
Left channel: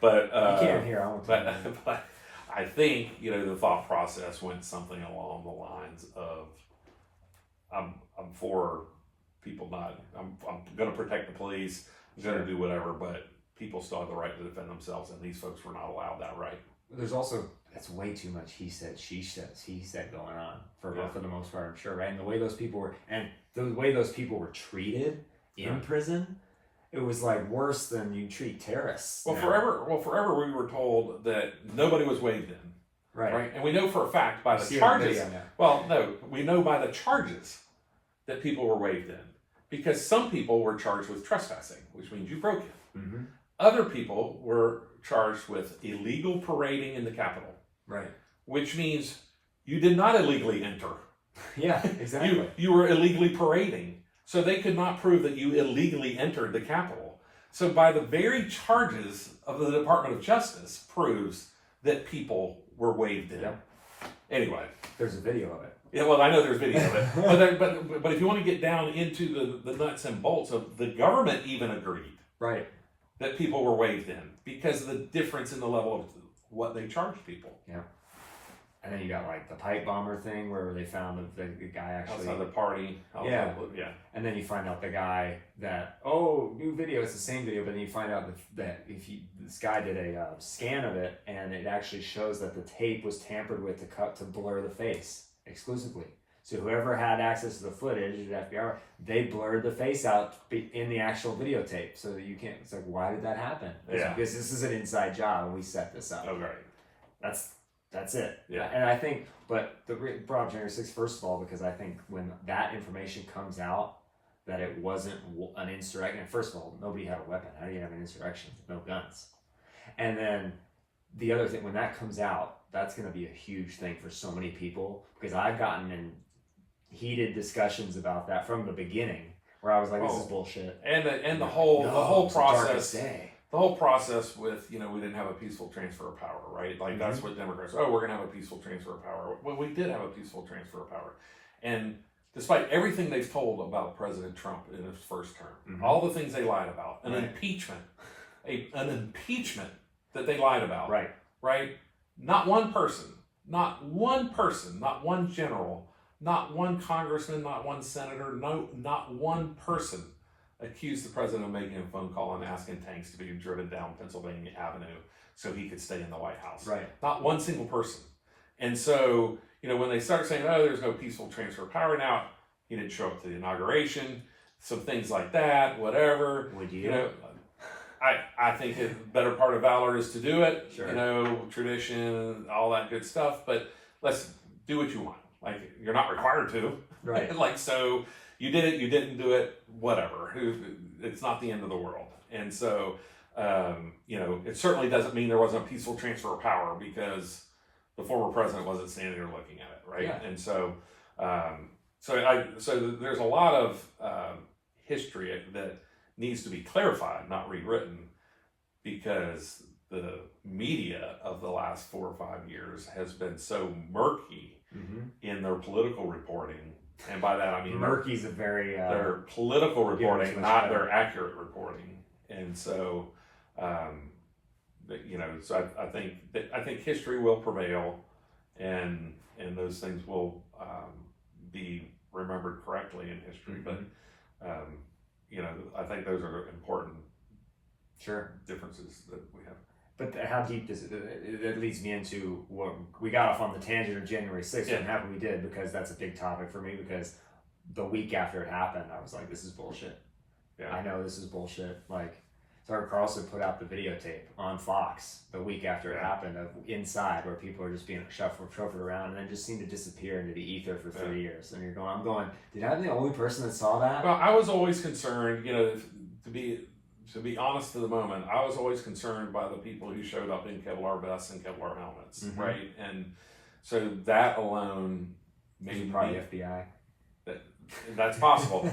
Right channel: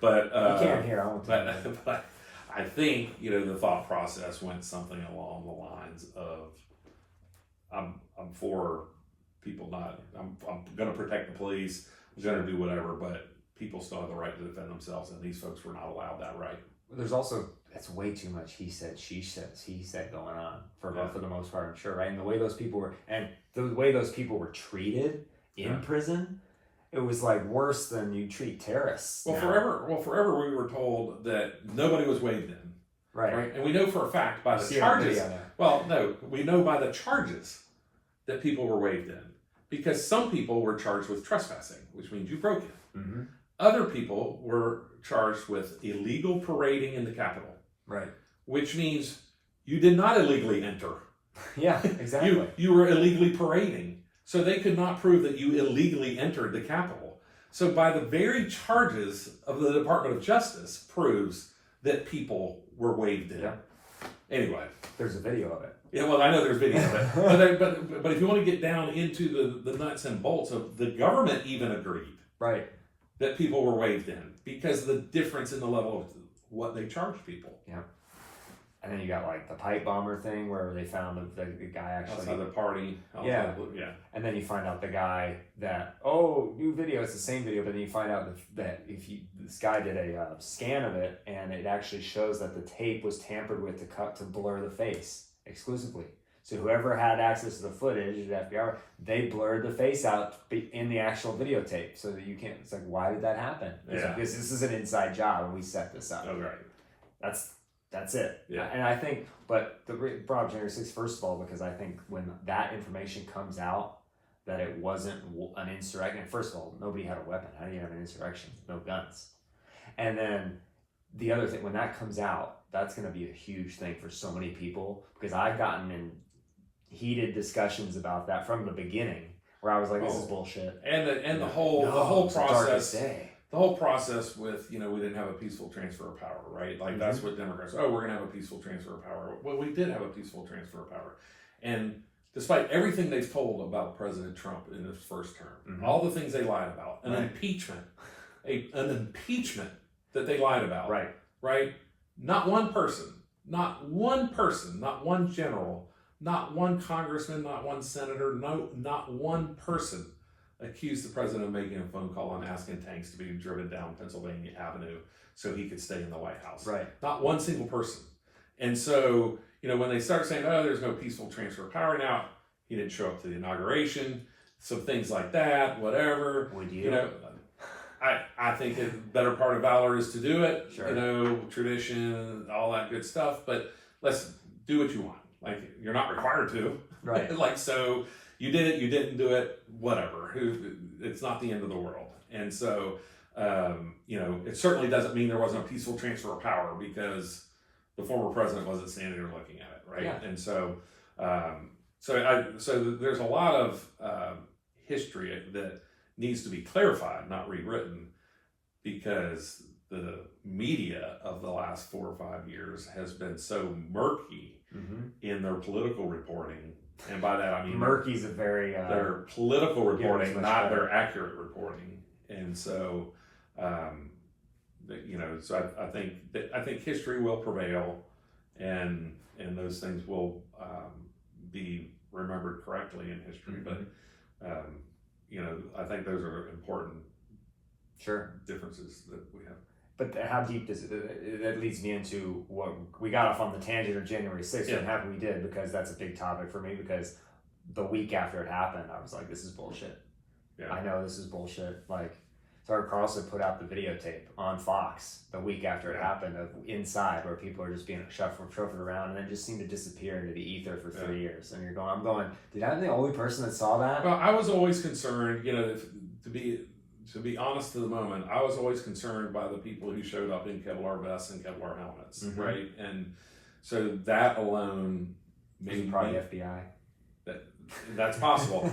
but you can't hear. but I think the thought process went something along the lines of, I'm for people not. I'm going to protect the police. I'm going to do whatever, but people still have the right to defend themselves, and these folks were not allowed that right. There's also, that's way too much he said, she said, he said going on for the most part, I'm sure, right? And the way those people were treated in prison, it was like worse than you treat terrorists. Well, forever we were told that nobody was waved in. Right. And we know for a fact by the charges. Well, no, we know by the charges that people were waved in, because some people were charged with trespassing, which means you broke it. Mm-hmm. Other people were charged with illegal parading in the Capitol. Right. Which means you did not illegally enter. Yeah, exactly. You were illegally parading. So they could not prove that you illegally entered the Capitol. So by the very charges of the Department of Justice proves that people were waved in. Yeah. Anyway. There's a video of it. Yeah, well, I know there's video of it. But if you want to get down into the nuts and bolts of, the government even agreed. Right. That people were waved in because of the difference in the level of what they charged people. Yeah. And then you got like the pipe bomber thing where they found the guy actually outside the party. Yeah. Yeah. And then you find out the guy that, new video, it's the same video, but then you find out that this guy did a scan of it, and it actually shows that the tape was tampered with to blur the face exclusively. So whoever had access to the footage, the FBI, they blurred the face out in the actual videotape so that you can't. It's like, why did that happen? Yeah. This is an inside job, and we set this up. Oh, right. That's it. Yeah. And I think, but brought up January 6th, first of all, because I think when that information comes out, that it wasn't an insurrection. First of all, nobody had a weapon. How do you have an insurrection? No guns. And then the other thing, when that comes out, that's going to be a huge thing for so many people, because I've gotten in heated discussions about that from the beginning, where I was like, this is bullshit. And the whole process. Day. The whole process with, we didn't have a peaceful transfer of power, right? Like, that's what Democrats, we're going to have a peaceful transfer of power. Well, we did have a peaceful transfer of power. And despite everything they've told about President Trump in his first term, all the things they lied about, an impeachment that they lied about, right? Not one person, not one general, not one congressman, not one senator, not one person accused the president of making a phone call and asking tanks to be driven down Pennsylvania Avenue so he could stay in the White House. Right. Not one single person. And so, when they start saying, there's no peaceful transfer of power now, he didn't show up to the inauguration, some things like that, whatever. Would you? I think a better part of valor is to do it. Sure. Tradition, all that good stuff, but let's do what you want. Like, you're not required to. Right. Like, so you did it, you didn't do it, whatever. It's not the end of the world. And so, it certainly doesn't mean there wasn't a peaceful transfer of power, because the former president wasn't standing there looking at it, right? Yeah. And so, so there's a lot of history that needs to be clarified, not rewritten, because the media of the last 4 or 5 years has been so murky in their political reporting. And by that I mean murky's a very their political reporting, not better. their accurate reporting. And so, so I think history will prevail, and those things will be remembered correctly in history. But I think those are important differences that we have. But how deep does it? That leads me into what we got off on the tangent of January 6th. I'm happy we did, because that's a big topic for me. Because the week after it happened, I was like, "This is bullshit." Yeah. I know this is bullshit. Like, Tucker Carlson put out the videotape on Fox the week after it happened of inside, where people are just being shuffled around, and then just seem to disappear into the ether for 3 years. And I'm going, did I be the only person that saw that? Well, I was always concerned, to be honest to the moment, I was always concerned by the people who showed up in Kevlar vests and Kevlar helmets, right? And so that alone made probably FBI. That's possible,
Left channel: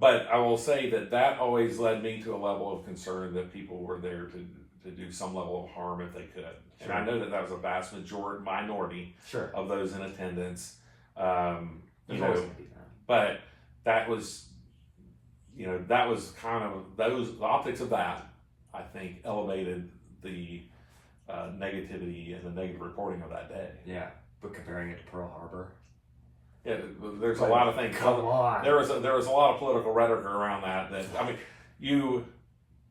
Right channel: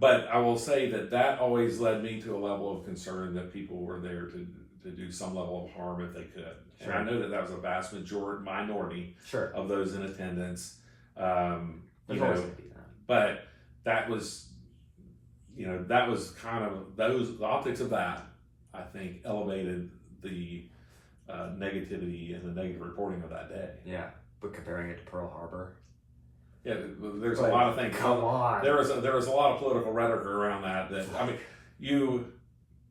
but I will say that always led me to a level of concern that people were there to do some level of harm if they could. Sure. And I know that was a vast minority of those in attendance. There's always going to be that. But that was, that was kind of the optics of that, I think, elevated the negativity and the negative reporting of that day. Yeah, but comparing it to Pearl Harbor. Yeah, there's a lot of things. Come on. There was a lot of political rhetoric around that. I mean, you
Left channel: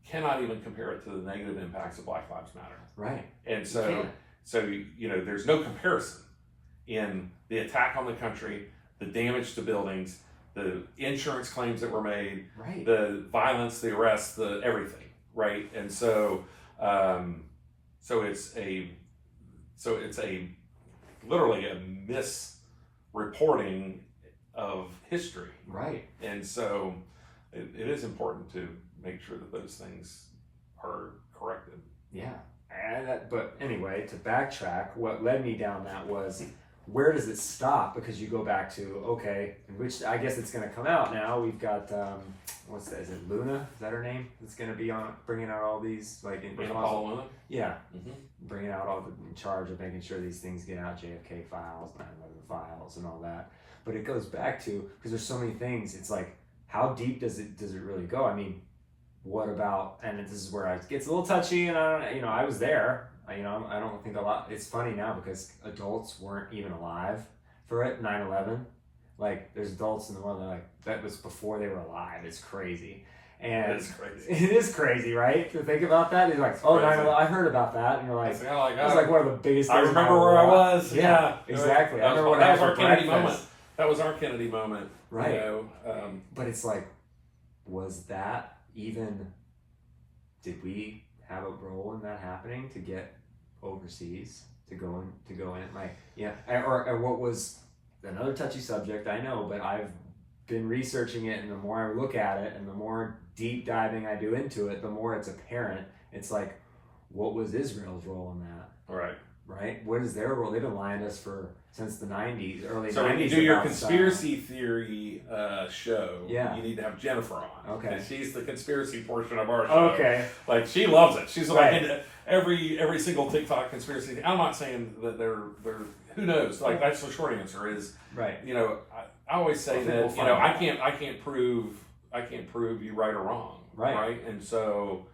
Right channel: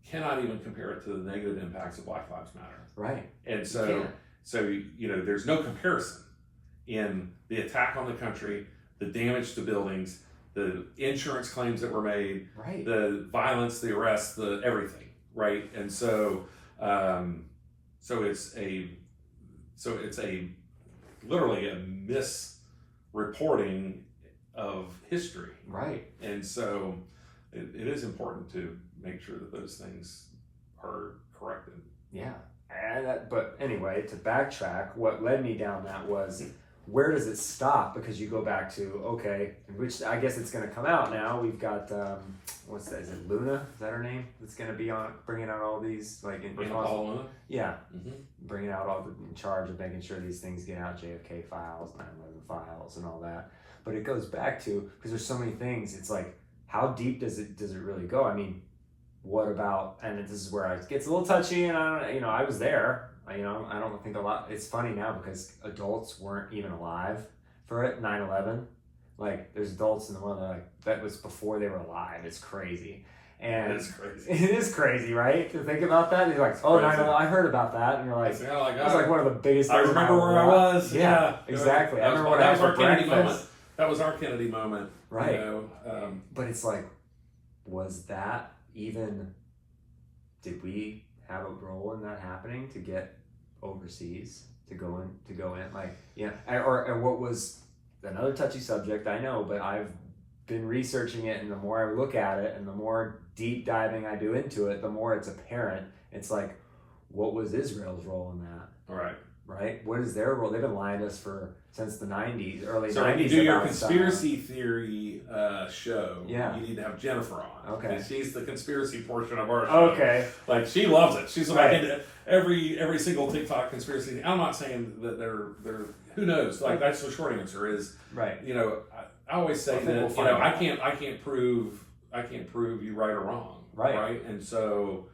cannot even compare it to the negative impacts of Black Lives Matter. Right. And so there's no comparison in the attack on the country, the damage to buildings, the insurance claims that were made, right, the violence, the arrests, the everything, right? And so it's literally a misreporting of history, right? And so it is important to make sure that those things are corrected. Yeah, but anyway, to backtrack, what led me down that was, where does it stop? Because you go back to, okay, which I guess it's going to come out now. We've got, what's that? Is it Luna? Is that her name? That's going to be on, bringing out all these, like, Luna? Yeah. Bringing out in charge of making sure these things get out, JFK files, 9/11 files, and all that. But it goes back to, because there's so many things, it's like, how deep does it really go? I mean, what about, and this is where it gets a little touchy, and I was there. I don't think a lot. It's funny now because adults weren't even alive for it. 9/11, like, there's adults in the world that are like, that was before they were alive. It's crazy, and it's crazy. It is crazy, right? To think about that, you're like, oh, 9/11, I heard about that, and you're like, it was like one of the biggest. I remember where I was. Yeah, exactly. I remember what I had for Kennedy breakfast. moment. That was our Kennedy moment, right? But it's like, was that even? Did we have a role in that happening to get overseas to go in like, yeah, or what was another touchy subject, I know, but I've been researching it, and the more I look at it and the more deep diving I do into it, the more it's apparent. It's like, what was Israel's role in that? Right? What is their role? They've been lying to us since the 90s, early 90s. So when you do your conspiracy theory show, you need to have Jennifer on. Okay. And she's the conspiracy portion of our show. Okay. Like, she loves it. She's like, every single TikTok conspiracy. I'm not saying that they're who knows? Like, that's the short answer is, right. I always say that, I can't prove you right or wrong. Right. And so,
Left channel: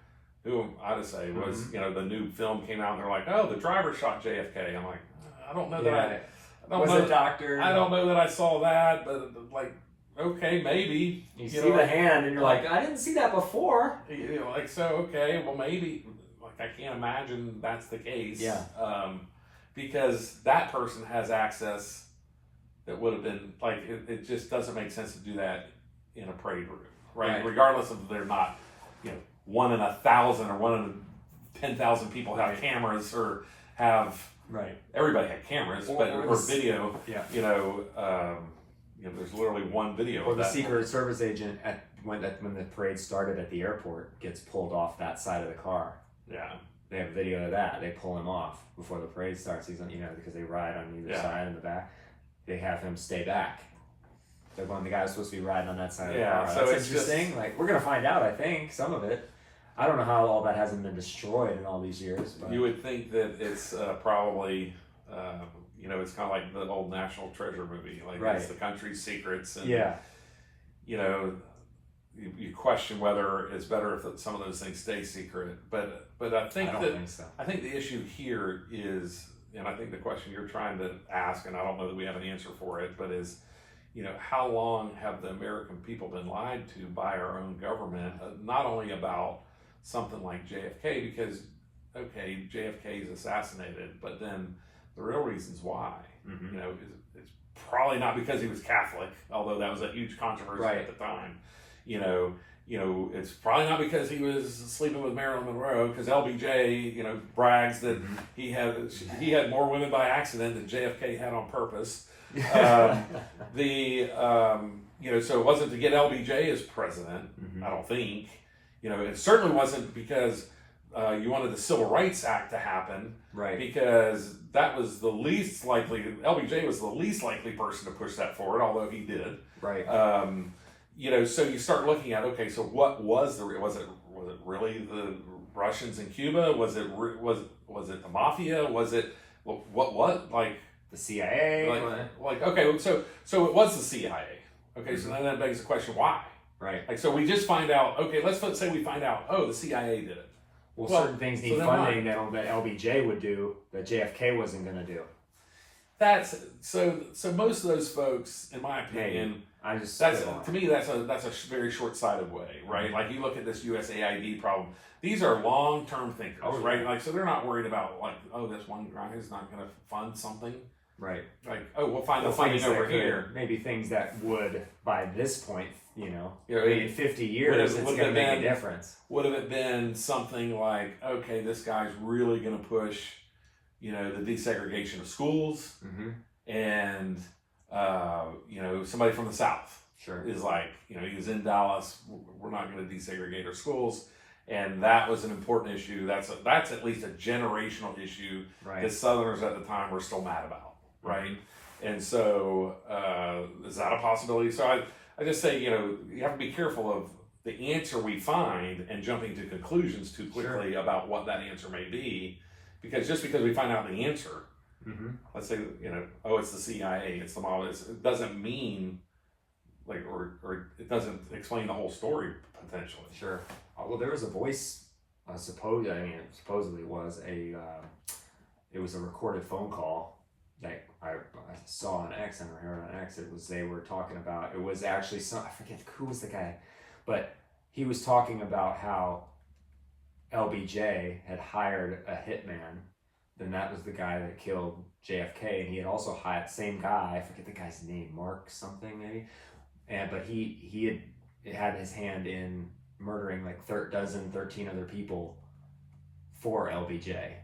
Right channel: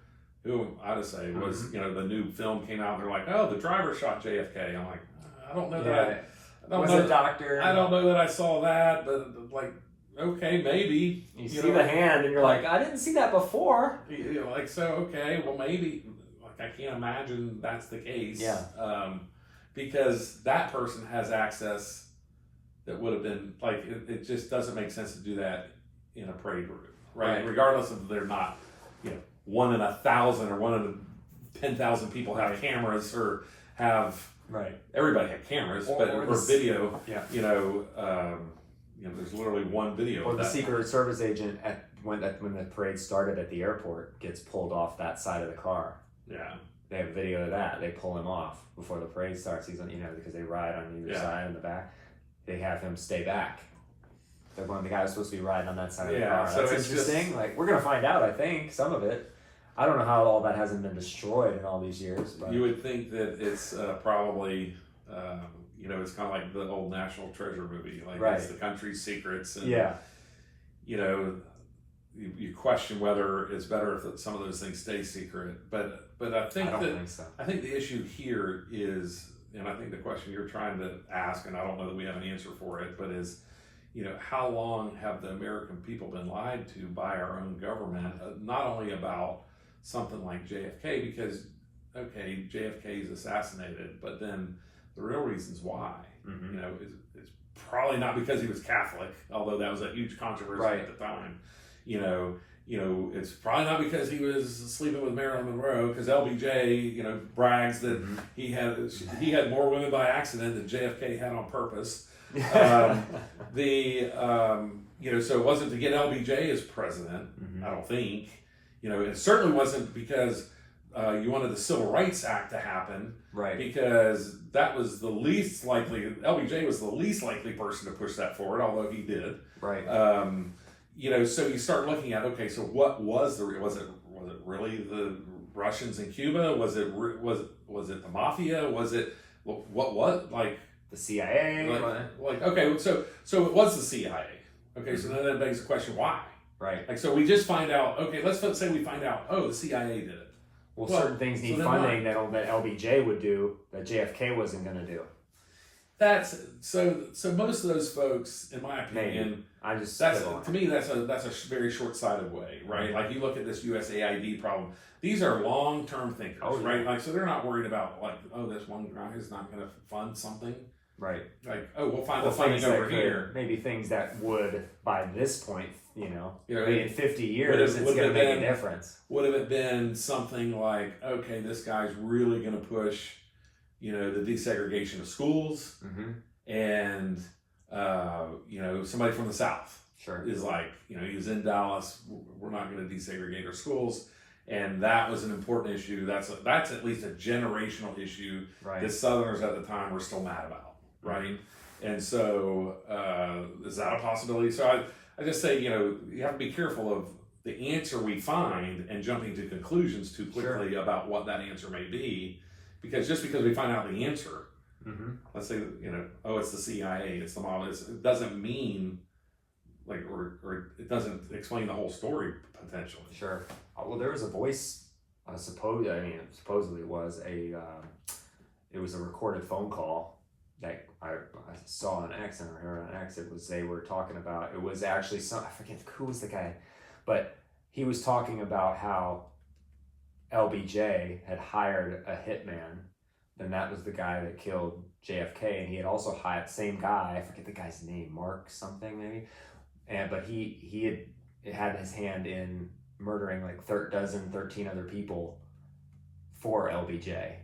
who I just say was, the new film came out and they're like, oh, the driver shot JFK. I'm like, I don't know that was a doctor. I don't know that I saw that, but like, okay, maybe. You see the hand and you're like, I didn't see that before. So, okay, well, maybe, like, I can't imagine that's the case. Yeah. Because that person has access that would have been, like, it just doesn't make sense to do that in a parade room, right? Regardless of they're not, 1 in 1,000 or 1 in 10,000 people have cameras or have Right. Everybody had cameras, or video. Yeah. There's literally one video. Or of the that. Secret Service agent when the parade started at the airport gets pulled off that side of the car. Yeah. They have video of that. They pull him off before the parade starts. He's on, because they ride on either side in the back. They have him stay back. They're going, the guy was supposed to be riding on that side of the car. So that's interesting. We're gonna find out. I think some of it. I don't know how all that hasn't been destroyed in all these years. But you would think that it's probably, it's kind of like the old National Treasure movie, it's the country's secrets, and you question whether it's better if some of those things stay secret. But I think I think the issue here is, and I think the question you're trying to ask, and I don't know that we have an answer for it, but is, how long have the American people been lied to by our own government? Not only about something like JFK, because okay, JFK is assassinated, but then the real reasons why, is probably not because he was Catholic, although that was a huge controversy at the time. It's probably not because he was sleeping with Marilyn Monroe, because LBJ, brags that he had more women by accident than JFK had on purpose. So it wasn't to get LBJ as president, I don't think. It certainly wasn't because you wanted the Civil Rights Act to happen, right? Because that was the least likely. LBJ was the least likely person to push that forward, although he did, right? So you start looking at, okay, so what was was it really the Russians in Cuba? Was it the mafia? Was it what the CIA? Okay, so it was the CIA. Okay, so then that begs the question, why? Right. So we just find out, okay, let's say we find out, the CIA did it. Well, certain things need funding that LBJ would do that JFK wasn't going to do. That's so most of those folks, in my opinion, to me that's a very short-sighted way, right? Like you look at this USAID problem; these are long-term thinkers, right? So they're not worried about this one guy is not going to fund something, right? We'll find the funding over here. Maybe things that would by this point, in 50 years, it's going to make a difference. Would have it been something like, okay, this guy's really going to push, the desegregation of schools, and somebody from the South is he was in Dallas, we're not going to desegregate our schools, and that was an important issue. That's at least a generational issue that Southerners at the time were still mad about, right? And so is that a possibility? So I just say, you have to be careful of the answer we find and jumping to conclusions too quickly about what that answer may be, because just because we find out the answer, let's say, it's the CIA, it's the mob, it doesn't mean or it doesn't explain the whole story potentially. Sure. Well, there was a voice, supposedly it was a recorded phone call that I saw on X and heard on X. They were talking about, it was actually I forget who was the guy, but he was talking about how LBJ had hired a hitman, and that was the guy that killed JFK, and he had also hired the same guy, I forget the guy's name, Mark something maybe, but he had his hand in murdering 13 other people for LBJ.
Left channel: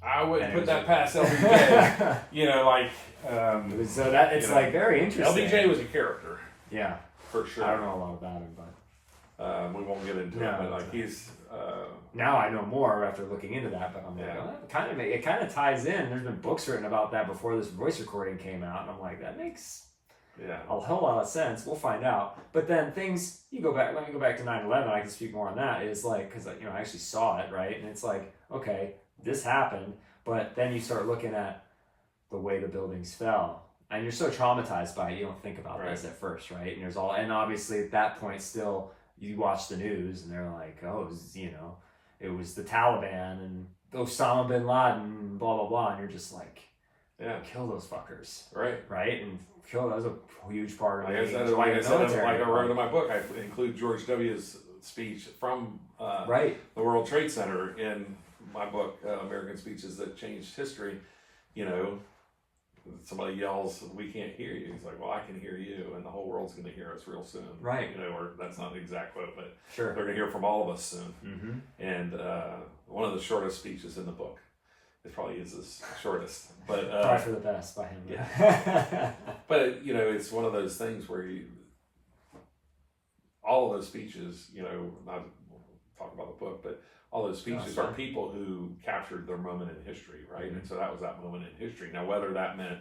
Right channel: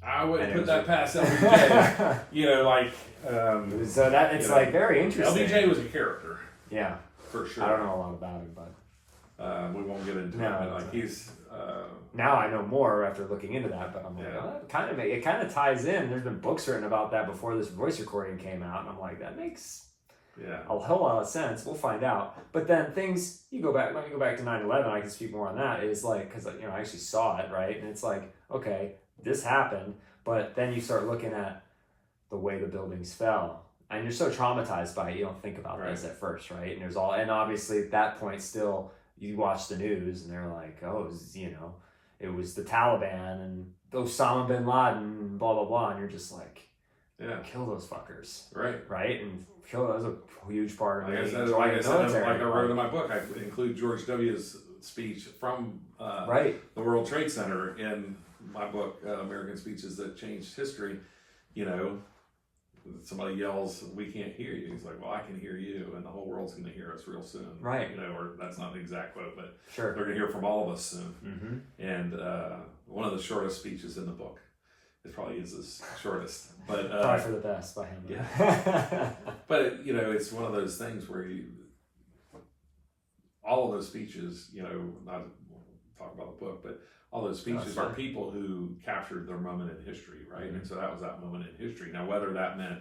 I wouldn't put that past LBJ. So that it's very interesting. LBJ was a character. Yeah, for sure. I don't know a lot about him, but we won't get into it. But he's now I know more after looking into that. But I'm like, it kind of ties in. There's been books written about that before this voice recording came out, and I'm like, that makes a whole lot of sense. We'll find out. But then let me go back to 9/11. I can speak more on that. Is because I actually saw it, right? And it's okay, this happened, but then you start looking at the way the buildings fell, and you're so traumatized by it, you don't think about this at first, right? And obviously at that point still, you watch the news and they're like, it was the Taliban and Osama bin Laden, blah blah blah, and you're just like, kill those fuckers, right, and kill. That was a huge part of it. Like I wrote in my book, I include George W.'s speech from the World Trade Center in my book, American Speeches That Changed History. Somebody yells, "We can't hear you." He's like, "Well, I can hear you, and the whole world's going to hear us real soon." Right. Or that's not the exact quote, but they're going to hear from all of us soon. And one of the shortest speeches in the book. It probably is the shortest, but probably for the best by him. Yeah. But you know, it's one of those things where all of those speeches, you know, not talk about the book, but all those speeches are people who captured their moment in history, right? And so that was that moment in history. Now, whether that meant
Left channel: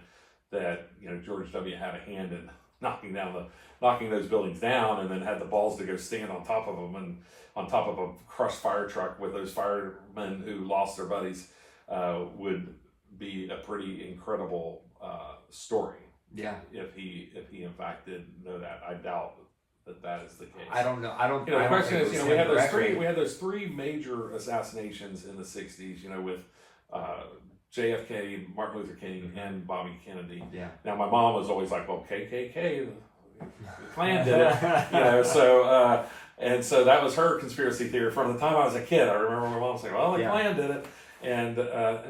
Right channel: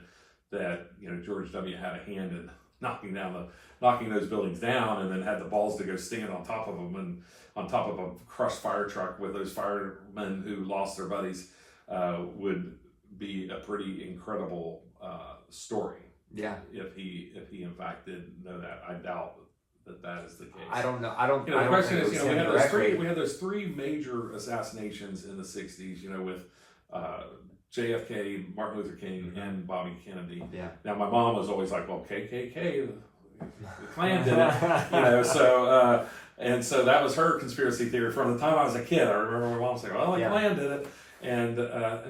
that, you know, George W. had a hand in knocking those buildings down, and then had the balls to go stinging on top of them, and on top of a crushed fire truck with those firemen who lost their buddies, would be a pretty incredible story. Yeah. If he in fact did know that, I doubt that is the case. I don't know. I don't. You know, the question is, you know, we had those three major assassinations in the '60s. You know, with JFK, Martin Luther King, and Bobby Kennedy. Yeah. Now, my mom was always like, "Well, KKK, the Klan did it," you know. So, and so that was her conspiracy theory from the time I was a kid. I remember my mom saying, "Well, the Klan did it," and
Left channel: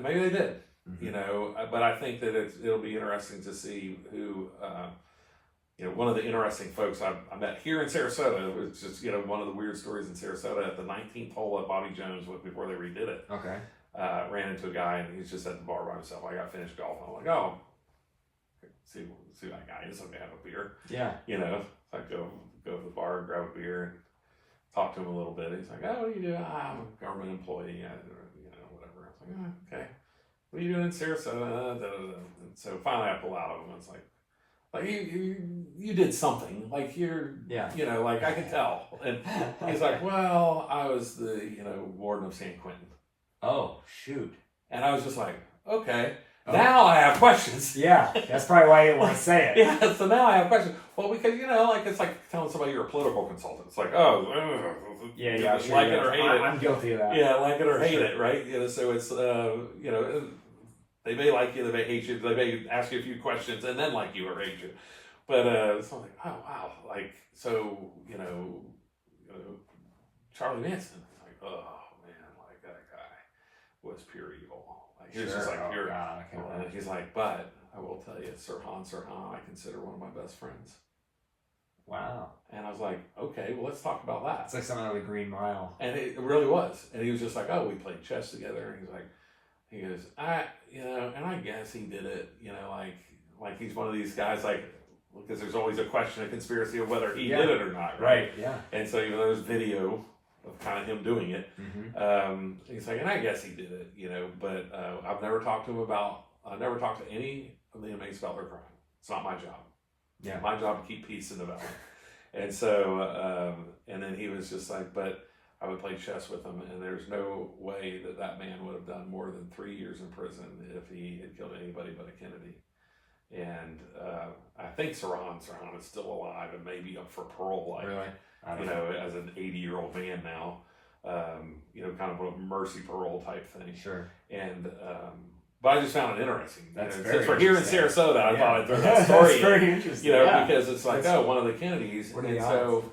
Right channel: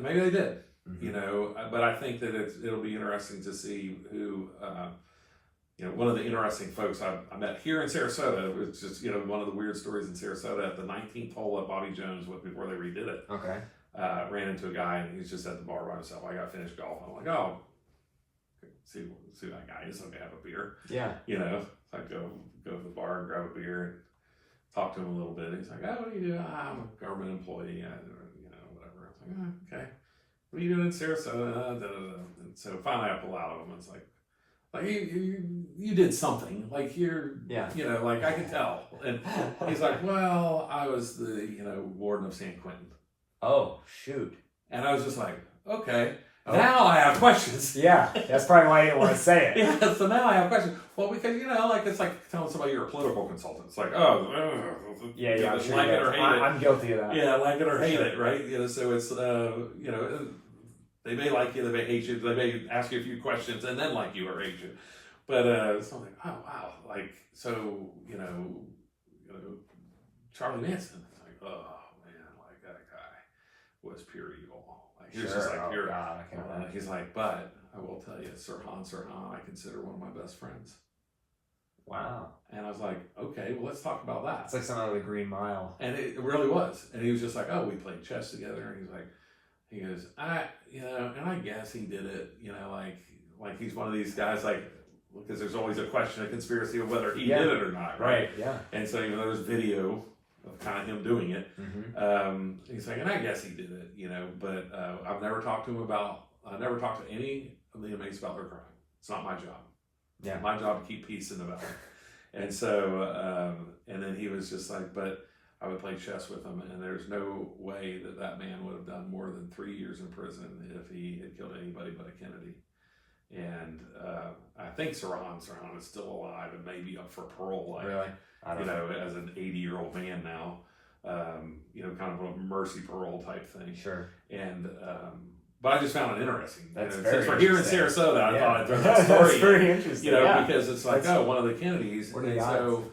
maybe they did. You know, but I think that it'll be interesting to see who. You know, one of the interesting folks I met here in Sarasota, was just, you know, one of the weird stories in Sarasota, at the 19th hole at Bobby Jones, before they redid it. Okay. Ran into a guy, and he's just at the bar by himself. I got finished golf. I'm like, oh, see who that guy is. Let me have a beer. Yeah. You know, so I go to the bar and grab a beer and talk to him a little bit. He's like, oh, what do you do? I'm a government employee, you know, whatever. I was like, oh, okay. What are you doing in Sarasota? And so finally I pull out of him. It's like you did something, like you're, you know, like I can tell. And he's like, well, I was the, you know, warden of San Quentin. Oh, shoot. And I was just like, okay, now I have questions. Yeah, that's probably why you didn't want to say it. Yeah, so now I have questions. Well, because, you know, like, it's like telling somebody you're a political consultant. It's like, oh, yeah, sure, like it or hate it. I'm guilty of that. Yeah, like it or hate it, right? You know, so it's, you know, they may like you, they may hate you, they may ask you a few questions and then like you or hate you. But it's not like, oh, wow. Like, so, you know, Charlie Manson. Like, oh, man, like that guy was pure evil. Like, he was just like pure. God, he's like, but I will tell you, Sirhan, I consider one of my best friends. Wow. And I was like, okay, well, let's talk about that. It's like something out of the Green Mile. And it really was. And he was just like, oh, we played chess together. And he goes, you know, and I guess he did it, you know, like he's one of these guys, like, because there's always a question of conspiracy of whether he did it or not, right? Yeah. And so even though there's video of kind of him doing it, he's like, and I guess he did it, you know, but I've never talked to any of the inmates about their crime. It's not my job. Yeah. It's my job to keep peace in the valley. And so, and then he was just like, but I would play chess with him, and there's no way that man would have done more than 3 years in prison if he had killed anybody but a Kennedy. And I think Sirhan is still alive and maybe up for parole, like, really? You know, as an 80-year-old man now, you know, kind of a mercy parole type thing. Sure. And but I just found it interesting. That's you know, very since we're here in Sarasota, I thought I'd throw that story. That's very interesting. You know, because it's like, one of the Kennedys, and so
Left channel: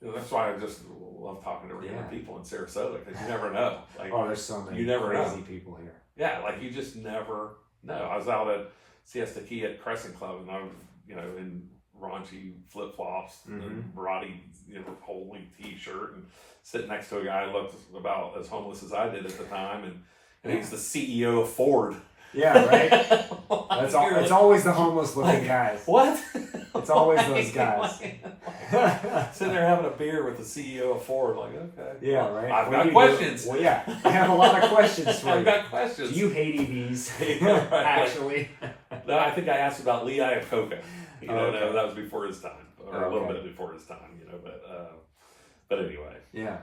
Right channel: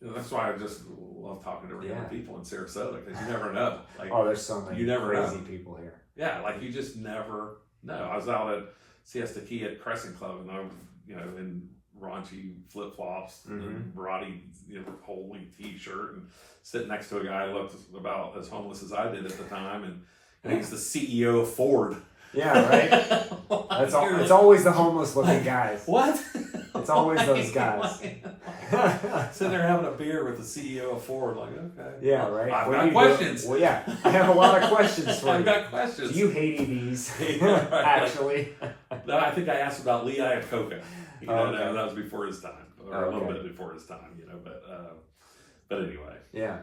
you know, that's why I just love talking to regular people in Sarasota, because you never know. Like, there's so many crazy people here. Yeah, like you just never know. I was out at Siesta Key at Crescent Club, and I was, you know, in raunchy flip flops and Barati, you know, whole length t-shirt, and sitting next to a guy who looked about as homeless as I did at the time, and he's the CEO of Ford. Yeah, right. It's always the homeless looking guys. What? It's always those guys. Sitting there having a beer with the CEO of Ford, like, okay. Yeah, right. I've got questions. Well, yeah, I have a lot of questions for you. I've got questions. Do you hate EVs? Right. Actually. Then I think I asked about Lee Iacocca. You know, that was before his time, or a little bit before his time, you know. But anyway. Yeah.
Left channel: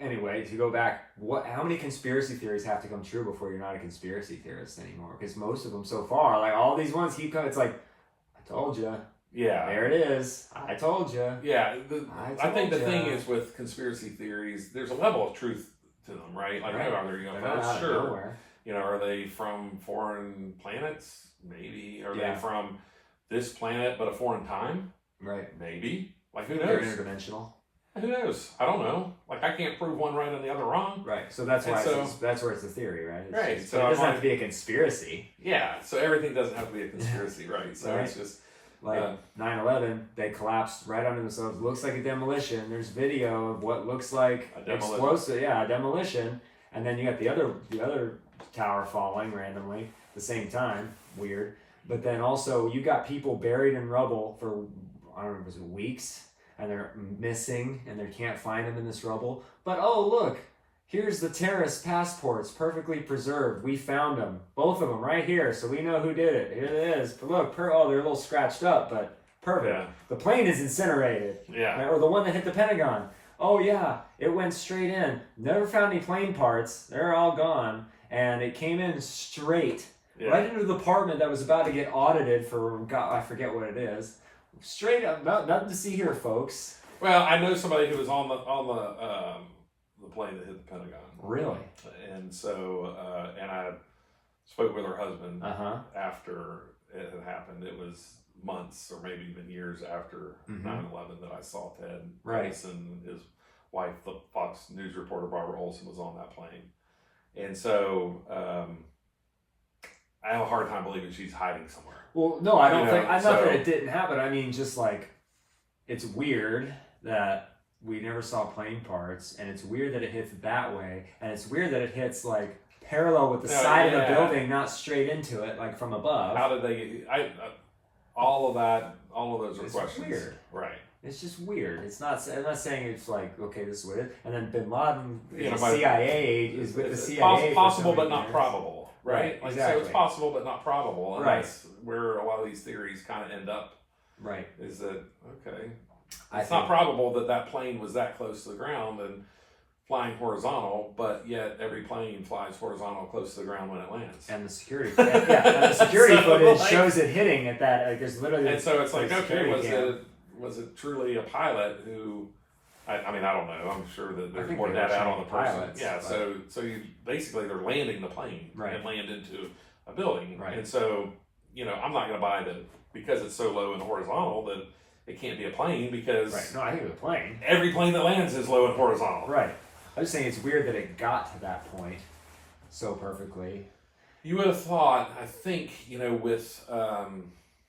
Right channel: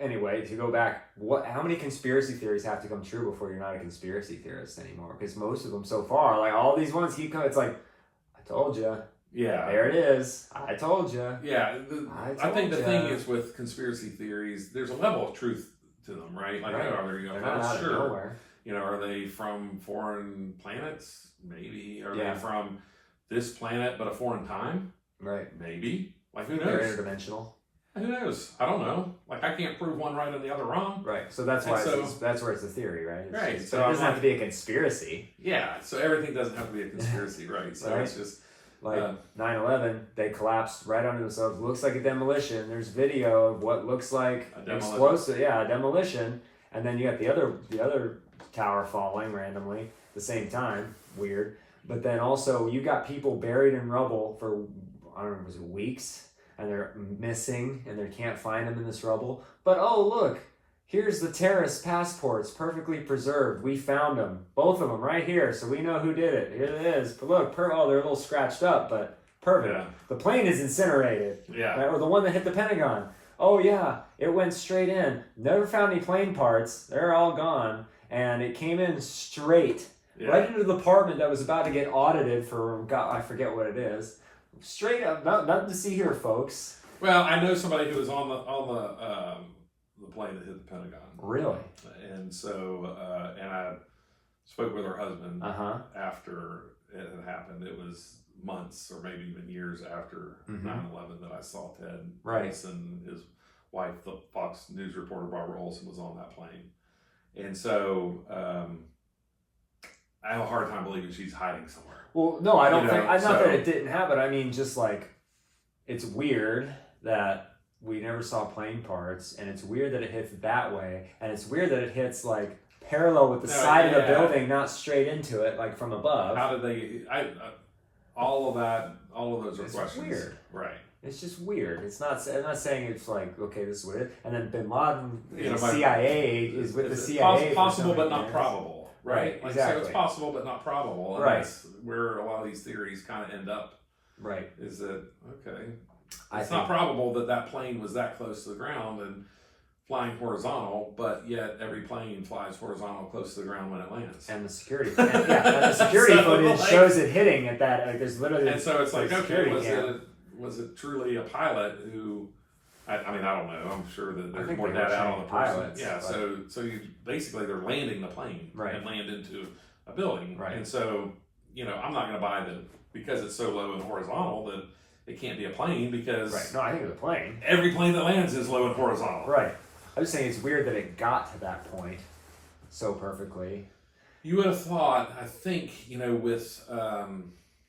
Anyway, to go back, how many conspiracy theories have to come true before you're not a conspiracy theorist anymore? Because most of them so far, like all these ones keep coming. It's like, I told you. Yeah. There it is. I told you. Yeah. I think the thing is with conspiracy theories, there's a level of truth to them, right? Like, are they UFOs? Sure. You know, are they from foreign planets? Maybe. Are they from this planet but a foreign time? Right. Maybe. Like, who knows? They're interdimensional. Who knows? I don't know. Like, I can't prove one right and the other wrong. Right. So that's why that's where it's a theory, right? Right. So it doesn't have to be a conspiracy. Yeah. So everything doesn't have to be a conspiracy, right? So it's just like 9/11. They collapsed right under themselves. Looks like a demolition. There's video of what looks like explosive. Yeah, a demolition. and then you got the other tower falling randomly at the same time. Weird. But then also you got people buried in rubble for, I don't know, was it weeks, and they're missing and they can't find them in this rubble. But oh look, here's the terrorist passports, perfectly preserved. We found them, both of them right here, so we know who did it. Here it is. But look, they're a little scratched up, but perfect. Yeah. The plane is incinerated. Yeah. Right? Or the one that hit the Pentagon. Oh yeah, it went straight in. Never found any plane parts. They're all gone. And it came in straight, right into the department that was about to get audited for, God, I forget what it is. Straight up, nothing to see here, folks. Well, I know somebody who was on the plane that hit the Pentagon. Really? And so, and I spoke with her husband after it had happened. It was months or maybe even years after 9/11 that I saw Ted. Right. And his wife, the Fox News reporter Barbara Olson, was on that plane. And so, I have a hard time believing she's hiding somewhere. Well, no, I don't think. Not that it didn't happen. I mean, just like, it's weird that we never saw plane parts, and it's weird that it hits that way, and it's weird that it hits like parallel with the side of the building, not straight into it, like from above. How did they? All of those are questions. Weird, right? It's just weird. It's not. I'm not saying it's like, okay, this is weird. And then Bin Laden, the by, CIA is with the CIA. Possible, but not probable. Right. Exactly. So it's possible, but not probable. And right. That's where a lot of these theories kind of end up. Right. Is that okay? It's not probable that plane was that close to the ground and flying horizontal, but yet every plane flies horizontal close to the ground when it lands. And the security, and the security footage shows it hitting at that. Like, there's literally. And so it's like, okay, was it truly a pilot who? I mean, I don't know. I'm sure that there's more data out on the person. Pilots, yeah. So you basically they're landing the plane and land into a building. Right. And so I'm not going to buy that because it's so low and horizontal that it can't be a plane because. Right. No, I think it's a plane. Every plane that lands is low and horizontal. Right. I was saying it's weird that it got to that point so perfectly. You would have thought, I think, with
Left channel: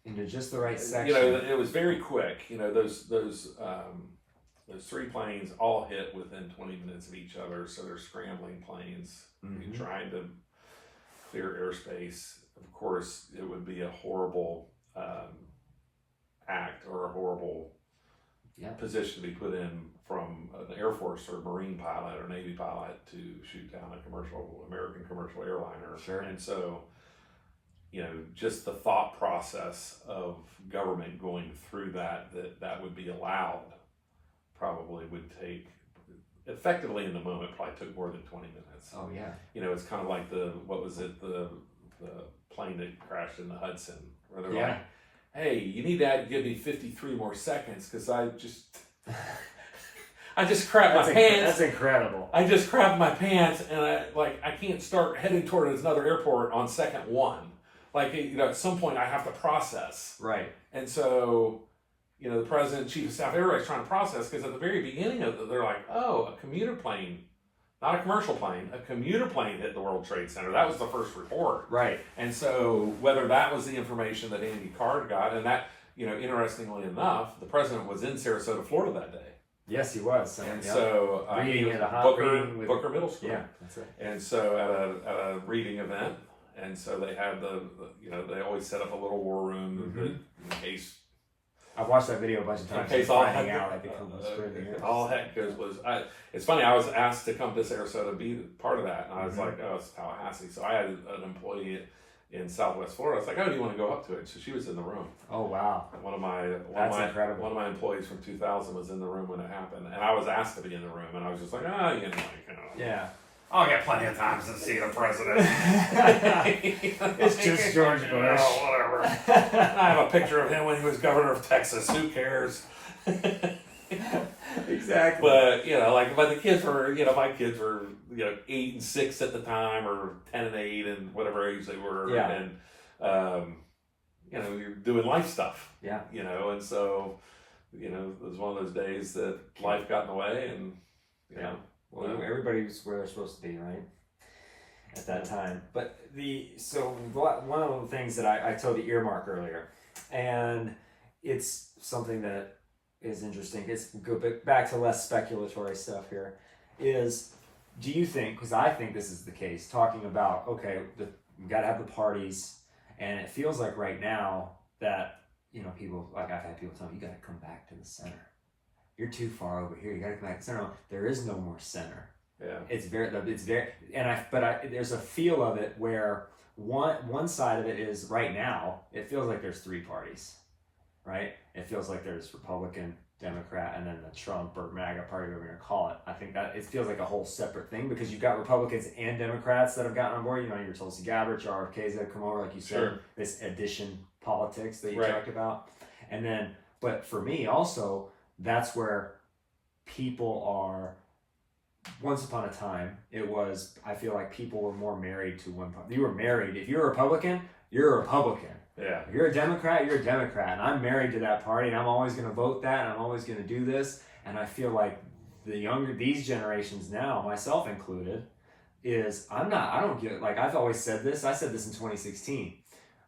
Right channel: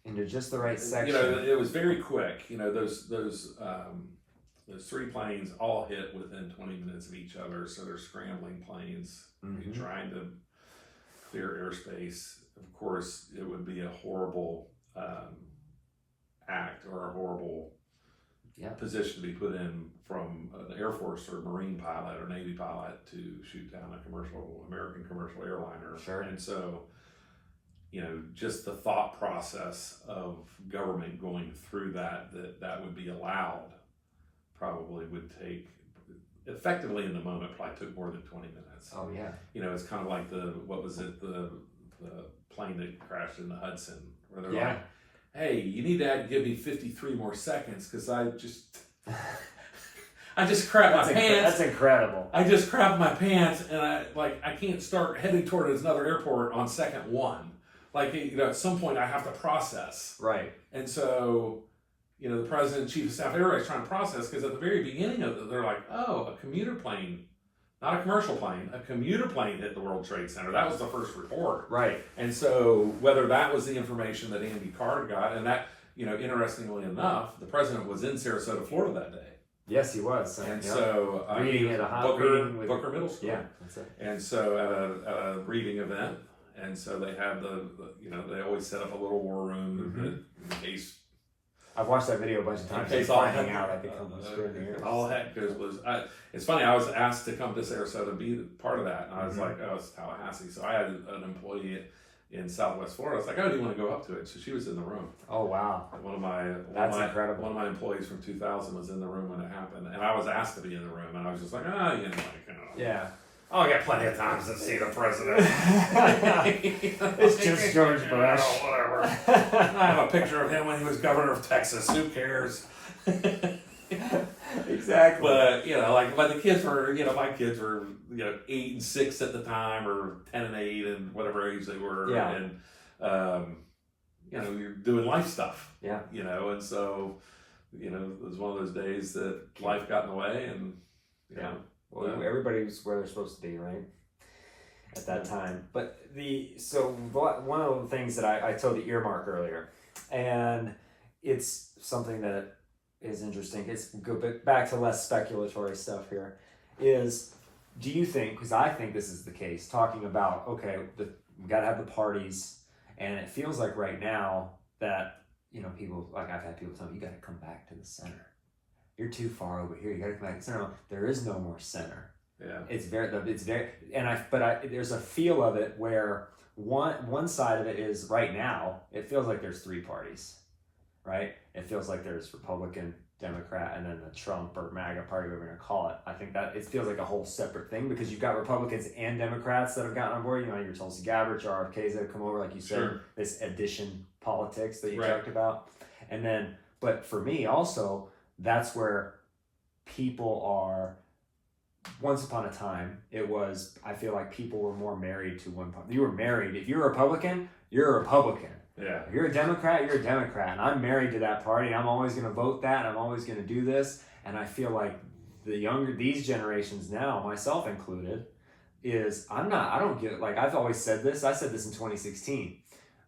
into just the right section. It was very quick. Those three planes all hit within 20 minutes of each other, so they're scrambling planes, trying to clear airspace. Of course, it would be a horrible act or a horrible position to be put in from an Air Force or Marine pilot or Navy pilot to shoot down a American commercial airliner. Sure. And so, just the thought process of government going through that would be allowed probably would take, effectively in the moment, probably took more than 20 minutes. Oh, yeah. It's kind of like the plane that crashed in the Hudson, where they're like, hey, you need to give me 53 more seconds because I just crapped my pants. That's incredible. I just crapped my pants and I can't start heading toward another airport on second one. At some point I have to process. Right. And so, the president, chief of staff, everybody's trying to process because at the very beginning of it, they're like, oh, a commuter plane, not a commercial plane, a commuter plane hit the World Trade Center. That was the first report. Right. And so whether that was the information that Andy Card got, and that, interestingly enough, the president was in Sarasota, Florida that day. Yes, he was. And so reading at a Booker Middle School. Yeah, that's it. And so at a reading event, and so they had they always set up a little war room in case. I've watched that video a bunch of times. In case all hang out like they come screaming. All heck goes it's funny. I was asked to come to Sarasota be part of that, and I was like, oh, it's Tallahassee. So I had an employee in Southwest Florida. I was like, oh, do you want to go up to it? So she was in the room. Oh wow, incredible. One of my employees from 2000 was in the room when it happened, and I was asked to be in the room, and I was just like, yeah. Oh, I got plenty of times to see the president. It's just George Bush. Whatever. I have a picture of him when he was governor of Texas. Who cares? Exactly. But but the kids were, my kids were, 8 and 6 at the time, or 10 and 8, and whatever age they were. Yeah. And you're doing life stuff. Yeah. And so, it was one of those days that life got in the way, and Well, everybody's where they're supposed to be, right? At that time. But one of the things that I told you earmark earlier, and it's something that is interesting. It's go back to less speculatory stuff here. Is do you think, because I think this is the case, talking about, okay, we got to have the parties, and it feels like right now that, people, like I've had people tell me, you got to come back to the center. You're too far over here. You got to come back to the center. There is no more center. Yeah. It's very, there's a feel of it where one side of it is right now, it feels like there's three parties, right? It feels like there's Republican, Democrat, and then the Trump or MAGA party, whatever we're going to call it. I think that it feels like a whole separate thing because you've got Republicans and Democrats that have gotten on board. Your Tulsi Gabbard, your RFKs that have come over, like you said, Sure. this addition politics that you Right. talked about. And then, but for me also, that's where people are. Once upon a time, it was, I feel like people were more married to one party. You were married. If you're a Republican, you're a Republican. Yeah. If you're a Democrat, you're a Democrat. And I'm married to that party, and I'm always going to vote that, and I'm always going to do this. And I feel like these generations now, myself included, I don't get it. Like, I've always said this. I said this in 2016.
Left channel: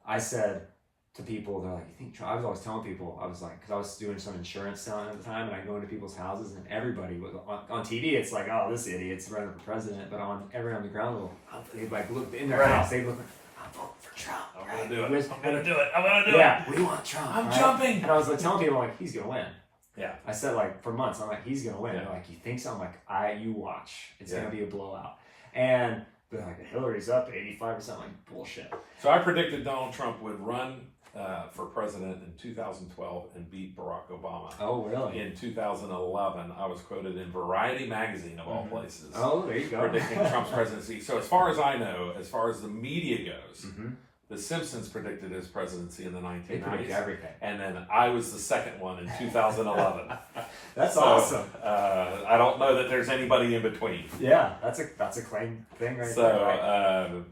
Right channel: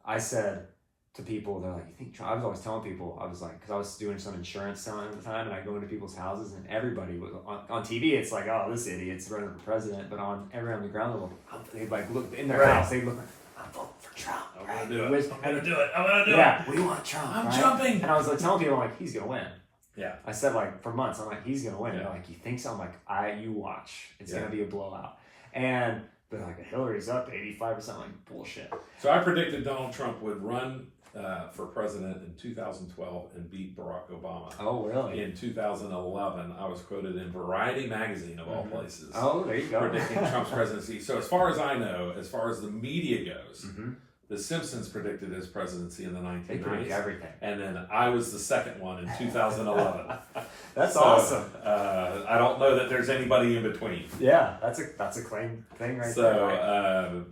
I said to people, they're like, you think Trump? I was always telling people, I was like, because I was doing some insurance selling at the time, and I go into people's houses, and everybody was on TV. It's like, oh, this idiot's running for president. But on the ground level, they'd like look in their house. They'd look, I'm voting for Trump. I'm gonna do it. I'm gonna do it. Yeah, we want Trump. I'm jumping. And I was like telling people, I'm like, he's gonna win. Yeah. I said like for months, I'm like, he's gonna win. Yeah. They're like, you think so? I'm like, you watch. It's Yeah. gonna be a blowout. And but like Hillary's up to 85%. Like bullshit. So I predicted Donald Trump would run for president in 2012 and beat Barack Obama. Oh really? In 2011, I was quoted in Variety magazine of all places. Oh, there you go. Predicting Trump's presidency. So as far as I know, as far as the media goes, Mm-hmm. The Simpsons predicted his presidency in the They predict 1990s. everything. And then I was the second one in 2011. That's So, awesome. I don't know that there's anybody in between. Yeah, that's a claim thing right So, there. Right?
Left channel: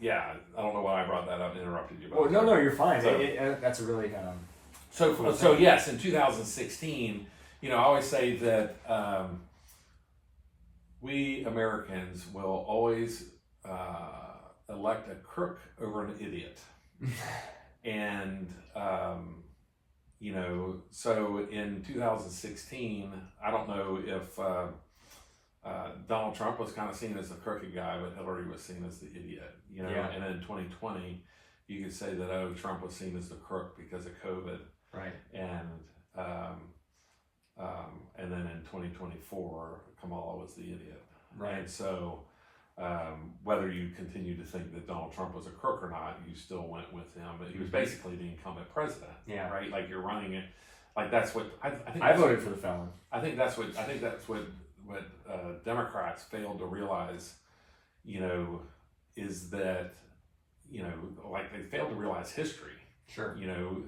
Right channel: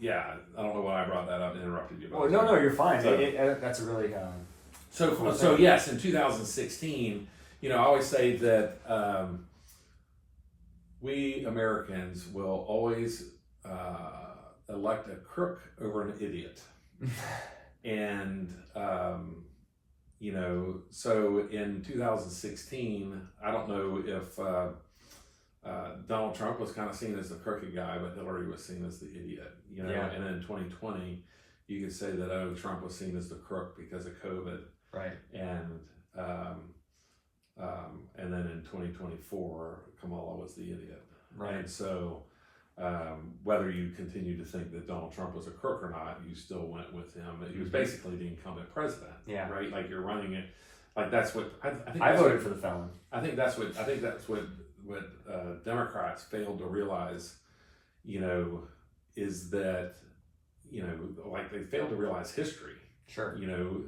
yeah, I don't know why I brought that up and interrupted you. Well, no, you're fine. So- That's a really So, cool so thing. yes, in 2016, I always say that we Americans will always elect a crook over an idiot. And, so in 2016, I don't know if Donald Trump was kind of seen as the crooked guy, but Hillary was seen as the idiot, Yeah. And then in 2020, you could say that, Trump was seen as the crook because of COVID. right. And then in 2024, Kamala was the idiot. Right. And so, whether you continue to think that Donald Trump was a crook or not, you still went with him. He was basically the incumbent president. Yeah. Right. Like you're running it. Like that's what I think. I voted for the felon. I think that's what Democrats failed to realize. Is that like they failed to realize history. Sure.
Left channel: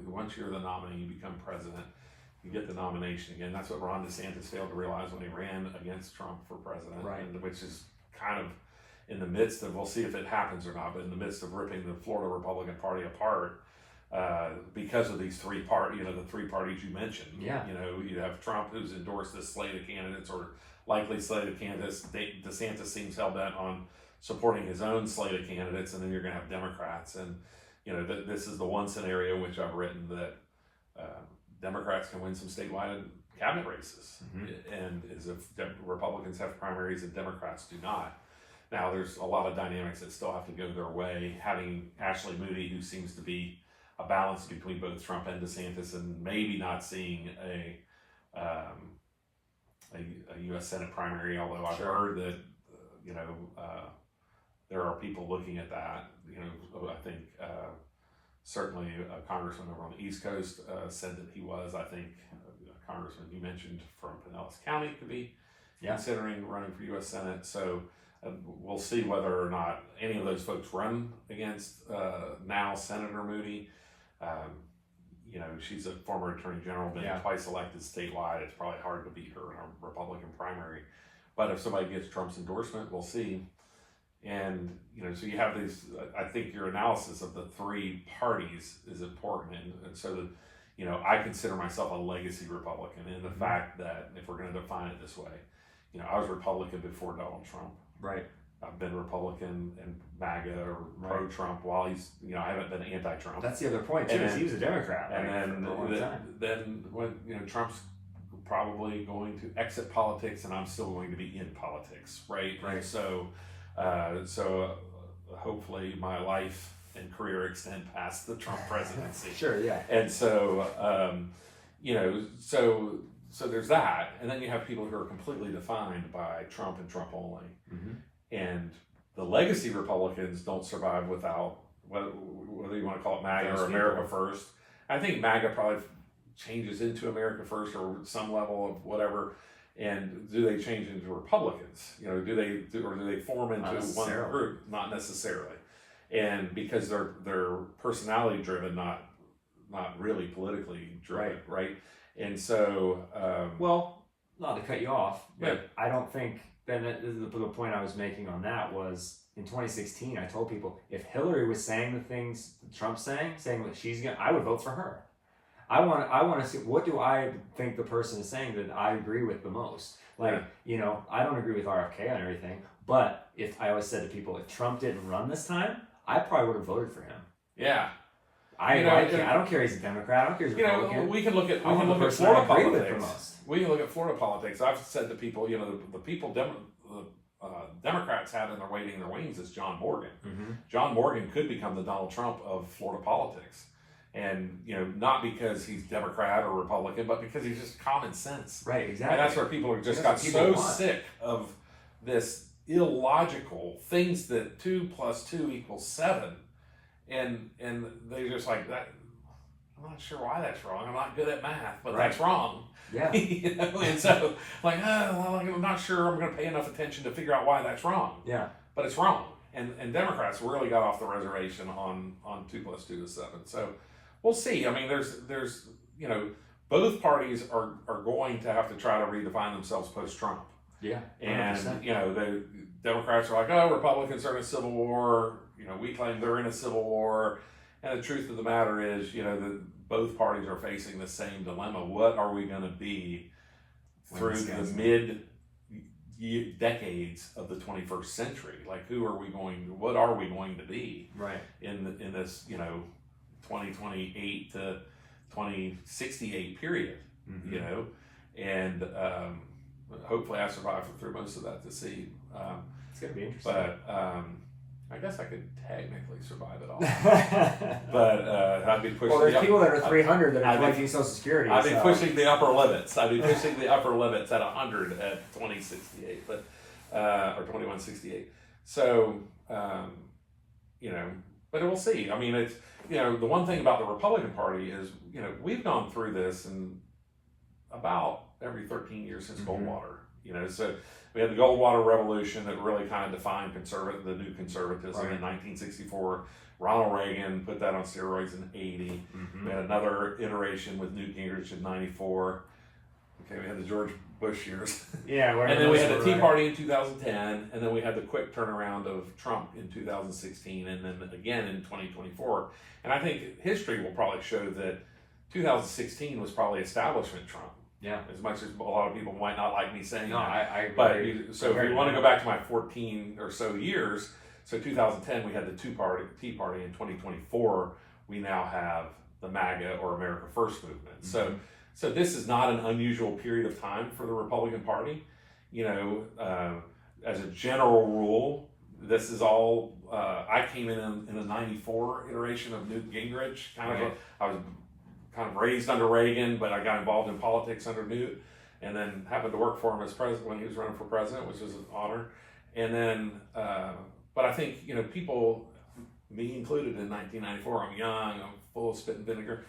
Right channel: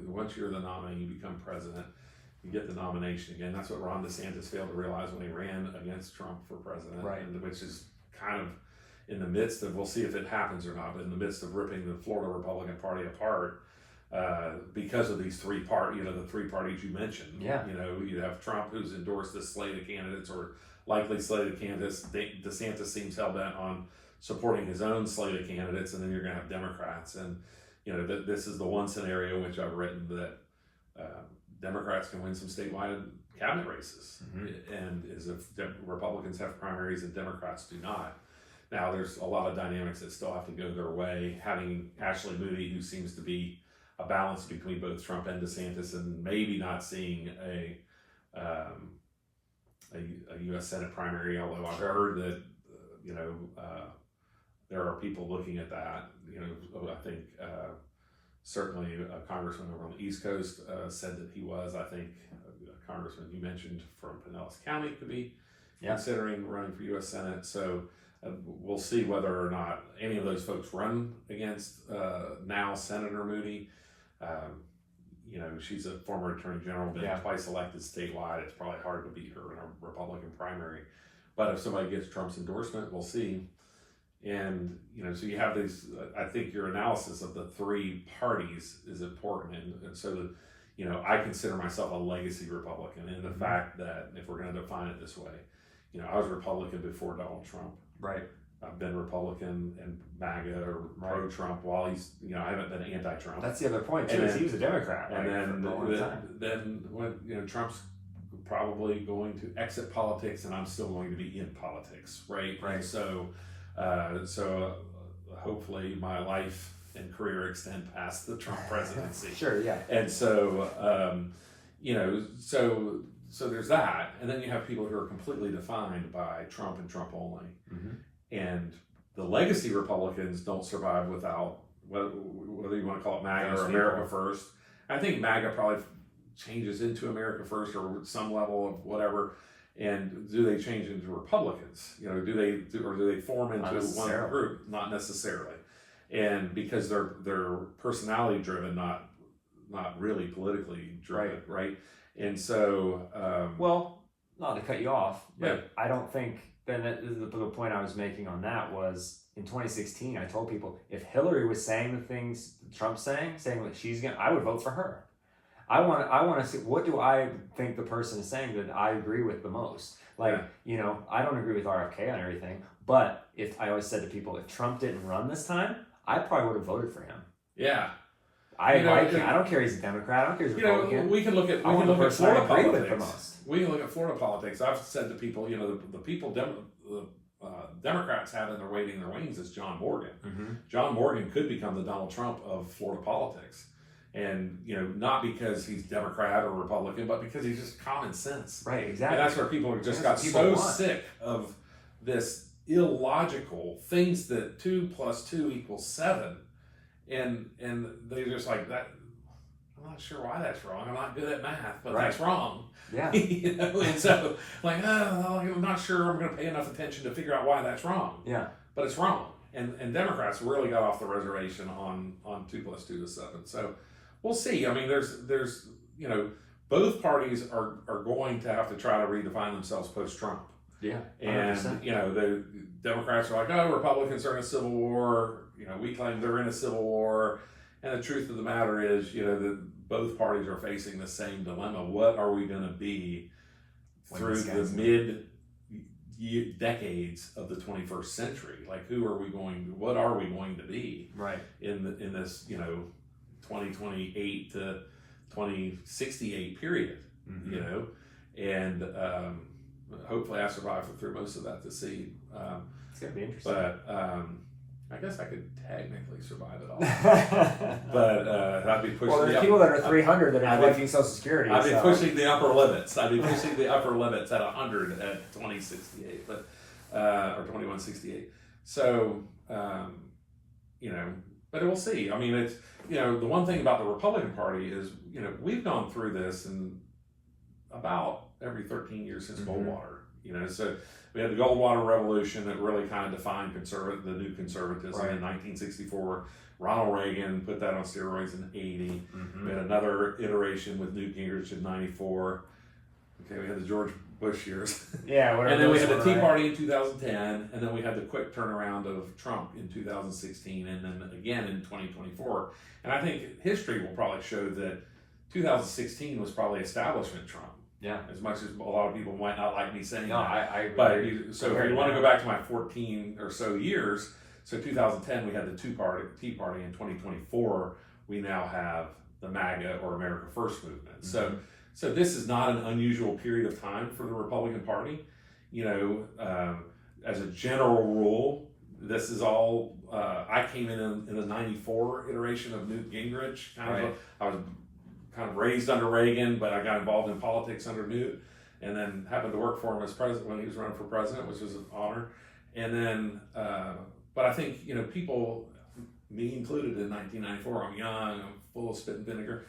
Once you're the nominee, you become president. You get the nomination again. That's what Ron DeSantis failed to realize when he ran against Trump for president, Right. and which is kind of in the midst of, we'll see if it happens or not, but in the midst of ripping the Florida Republican Party apart because of these three the three parties you mentioned. Yeah. You have Trump, who's endorsed this slate of candidates or likely slate of candidates. DeSantis seems hell bent on supporting his own slate of candidates, and then you're going to have Democrats. And this is the one scenario in which I've written that Democrats can win some statewide cabinet races, and as if Republicans have primaries and Democrats do not. Now, there's a lot of dynamics that still have to go their way. Having Ashley Moody, who seems to be a balance between both Trump and DeSantis, and maybe not seeing a U.S. Senate primary, although I've heard that there are people looking at that. I think certainly a congressman over on the East Coast said that he was. I think a congressman you mentioned from Pinellas County could be considering running for U.S. Senate. So we'll see whether or not any of those folks run against now Senator Moody. She's a former attorney general, been twice elected statewide. It's probably hard to beat her in a Republican primary. But if somebody gets Trump's endorsement, we'll see. And, so you have these, I think your analysis of the three parties is important. And so, I consider myself a legacy Republican in the fact that, if we're going to define it this way, I was Republican before Donald Trump. Right. I've been Republican and MAGA or pro-Trump while he's, I haven't been anti-Trump. That's the other point too. And is he was a Democrat. And for a long time. then when, Trump's probably going to exit politics, and I'm still going to be in politics, right? Right. And so, hopefully my life and career extend past the Trump presidency. Sure, yeah. And so, so there's that, and then you have people who are completely defined by Trump and Trump only, and the legacy Republicans don't survive without whether you want to call it MAGA or America First. I think MAGA probably changes into America First or some level of whatever. And do they change into Republicans? Do they form into one group? Not necessarily. And because they're personality driven, not really politically driven, right? And so, well, not to cut you off, but yeah. I don't think. Then the point I was making on that was in 2016. I told people if Hillary was saying the things Trump's saying what she's gonna, I would vote for her. I want to see what do I think the person is saying that I agree with the most. Like, I don't agree with RFK on everything, but if I always said to people, if Trump didn't run this time, I probably would have voted for him. Yeah. I don't care he's a Democrat. I don't care he's a Republican. We can look at Florida politics. We can look at Florida politics. I've said to people, the people Democrats had in their waiting in their wings is John Morgan. John Morgan could become the Donald Trump of Florida politics. And, not because he's Democrat or Republican, but because he's just common sense. Right, exactly. And that's where people just got so sick of this illogical things that 2 + 2 = 7. And they're just like, that. I'm not sure why that's wrong. I'm not good at math, but that's wrong. Yeah. And so, like, I'm not sure I'm going to pay enough attention to figure out why that's wrong. Yeah. But it's wrong. And Democrats really got off the reservation on 2 + 2 = 7. So we'll see. I mean, there's both parties are going to have to try to redefine themselves post-Trump. Yeah. 100%. And the Democrats are like, oh, Republicans are in a civil war. We claim they're in a civil war. And the truth of the matter is, that both parties are facing the same dilemma. What are we going to be through the mid-decades of the 21st century? Like, what are we going to be in this, 2028 to 2068 period, and hopefully I survive through most of that to see. It's going to be interesting. But I guess I could technically survive it all. But I'd be pushing. Well, there's people that are 300 that are collecting Social Security. I'd be pushing the upper limits. I'd be pushing the upper limits at 100 at 2068, or 2168. So, but we'll see. I mean, it's the one thing about the Republican Party is we've gone through this in about every 13 years since Goldwater. So we had the Goldwater Revolution that really kind of defined the new conservatism in 1964. Ronald Reagan put that on steroids in 80. We had another iteration with Newt Gingrich in 94. Okay, we had the George Bush years. Yeah, and then we had the Tea Party in 2010, and then we had the quick turnaround of Trump in 2016, and then again in 2024. And I think history will probably show that 2016 was probably establishment Trump. Yeah. As much as a lot of people might not like me saying that. I but so if you want to go back to my 14 or so years, so 2010 we had the Tea Party. In 2024 we now have the MAGA or America First movement. So this is not an unusual period of time for the Republican Party. As a general rule, this is all. I came in the '94 iteration of Newt Gingrich. I was kind of raised under Reagan, but I got involved in politics under Newt, and then happened to work for him as president when he was running for president, which was an honor. And then, but I think people, me included, in 1994, I'm young, I'm full of spit and vinegar.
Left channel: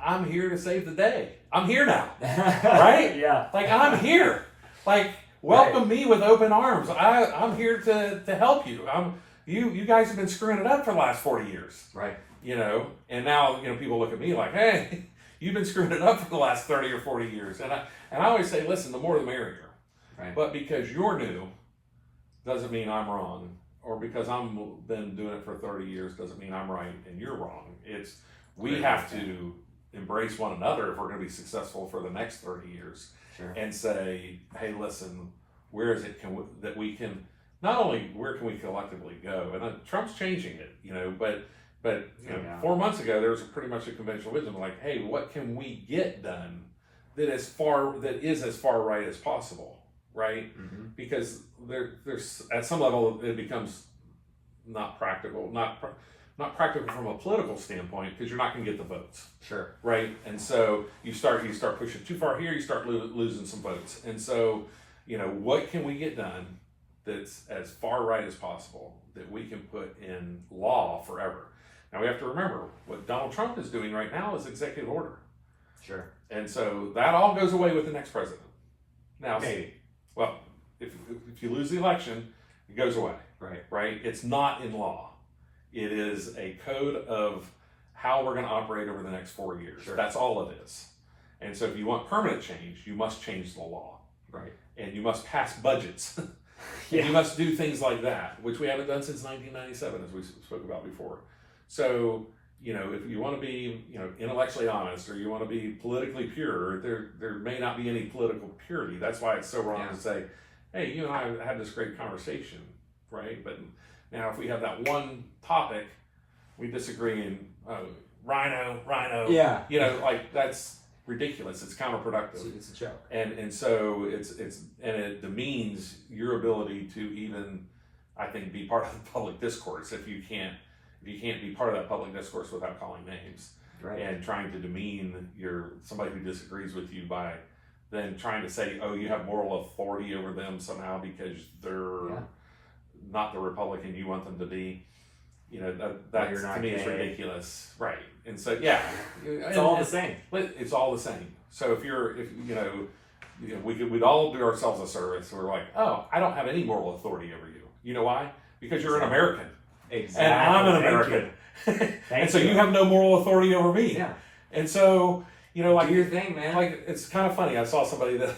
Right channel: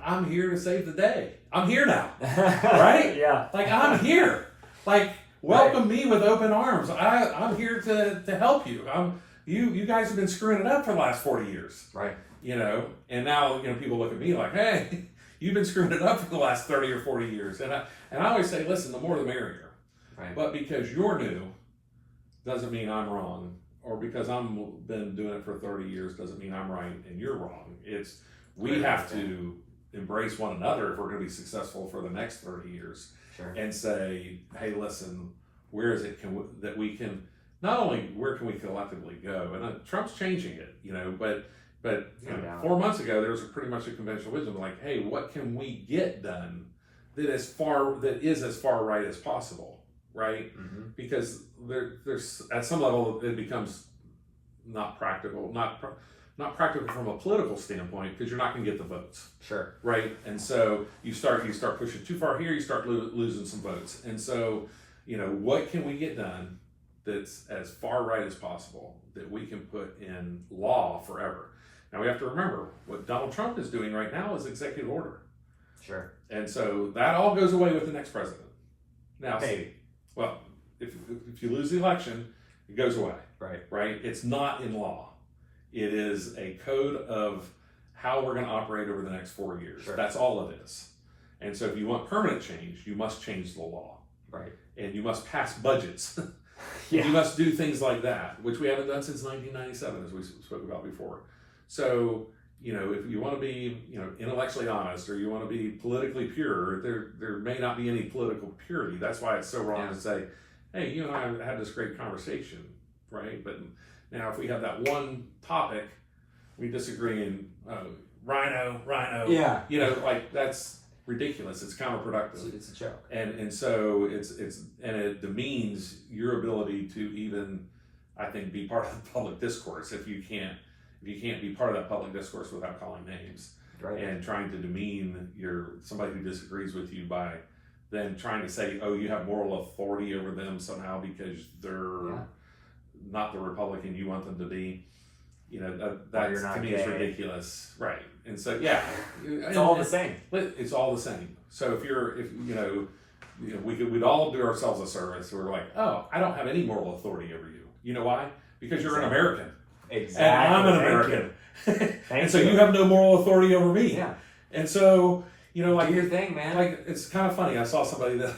I'm here to save the day. I'm here now, right? Yeah. Like, I'm here. Like, welcome me with open arms. I'm here to help you. You guys have been screwing it up for the last 40 years. Right. And now, people look at me like, hey, you've been screwing it up for the last 30 or 40 years. And I always say, listen, the more the merrier. Right. But because you're new doesn't mean I'm wrong. Or because I've been doing it for 30 years doesn't mean I'm right and you're wrong. We have to embrace one another if we're going to be successful for the next 30 years. Sure. And say, hey, listen, where is it that we can, not only where can we collectively go? And Trump's changing it, but 4 months ago, there was pretty much a conventional wisdom like, hey, what can we get done that is as far right as possible, right? Mm-hmm. Because there's at some level it becomes not practical, not practical from a political standpoint, because you're not going to get the votes, Sure. right? And so you start pushing too far here, you start losing some votes. And so, what can we get done that's as far right as possible that we can put in law forever? Now we have to remember what Donald Trump is doing right now is executive order. Sure. And so that all goes away with the next president. Now, Maybe. well, if you lose the election, it goes away. Right. Right? It's not in law. It is a code of how we're going to operate over the next 4 years. Sure. That's all it is. And so if you want permanent change, you must change the law. Right. And you must pass budgets. Yeah. You must do things like that, which we haven't done since 1997, as we spoke about before. So, if you want to be, intellectually honest, or you want to be politically pure, there may not be any political purity. That's why it's so wrong to say, hey, you and I had this great conversation, right? But now if we have that one topic, we disagree in rhino. Yeah. Like that's ridiculous. It's counterproductive. It's a joke. And so it demeans your ability to even, I think, be part of the public discourse if you can't be part of that public discourse without calling names. Right. And trying to demean somebody who disagrees with you by then trying to say, oh, you have moral authority over them somehow because they're not the Republican you want them to be. That to me is ridiculous. Right. And so, it's all the same. It's all the same. So we'd all do ourselves a service. We're like, oh, I don't have any moral authority over you. You know why? Because you're an American. Exactly. And I'm an American. And so you have no moral authority over me. Yeah. And so, like, do your thing, man. Like, it's kind of funny. I saw somebody the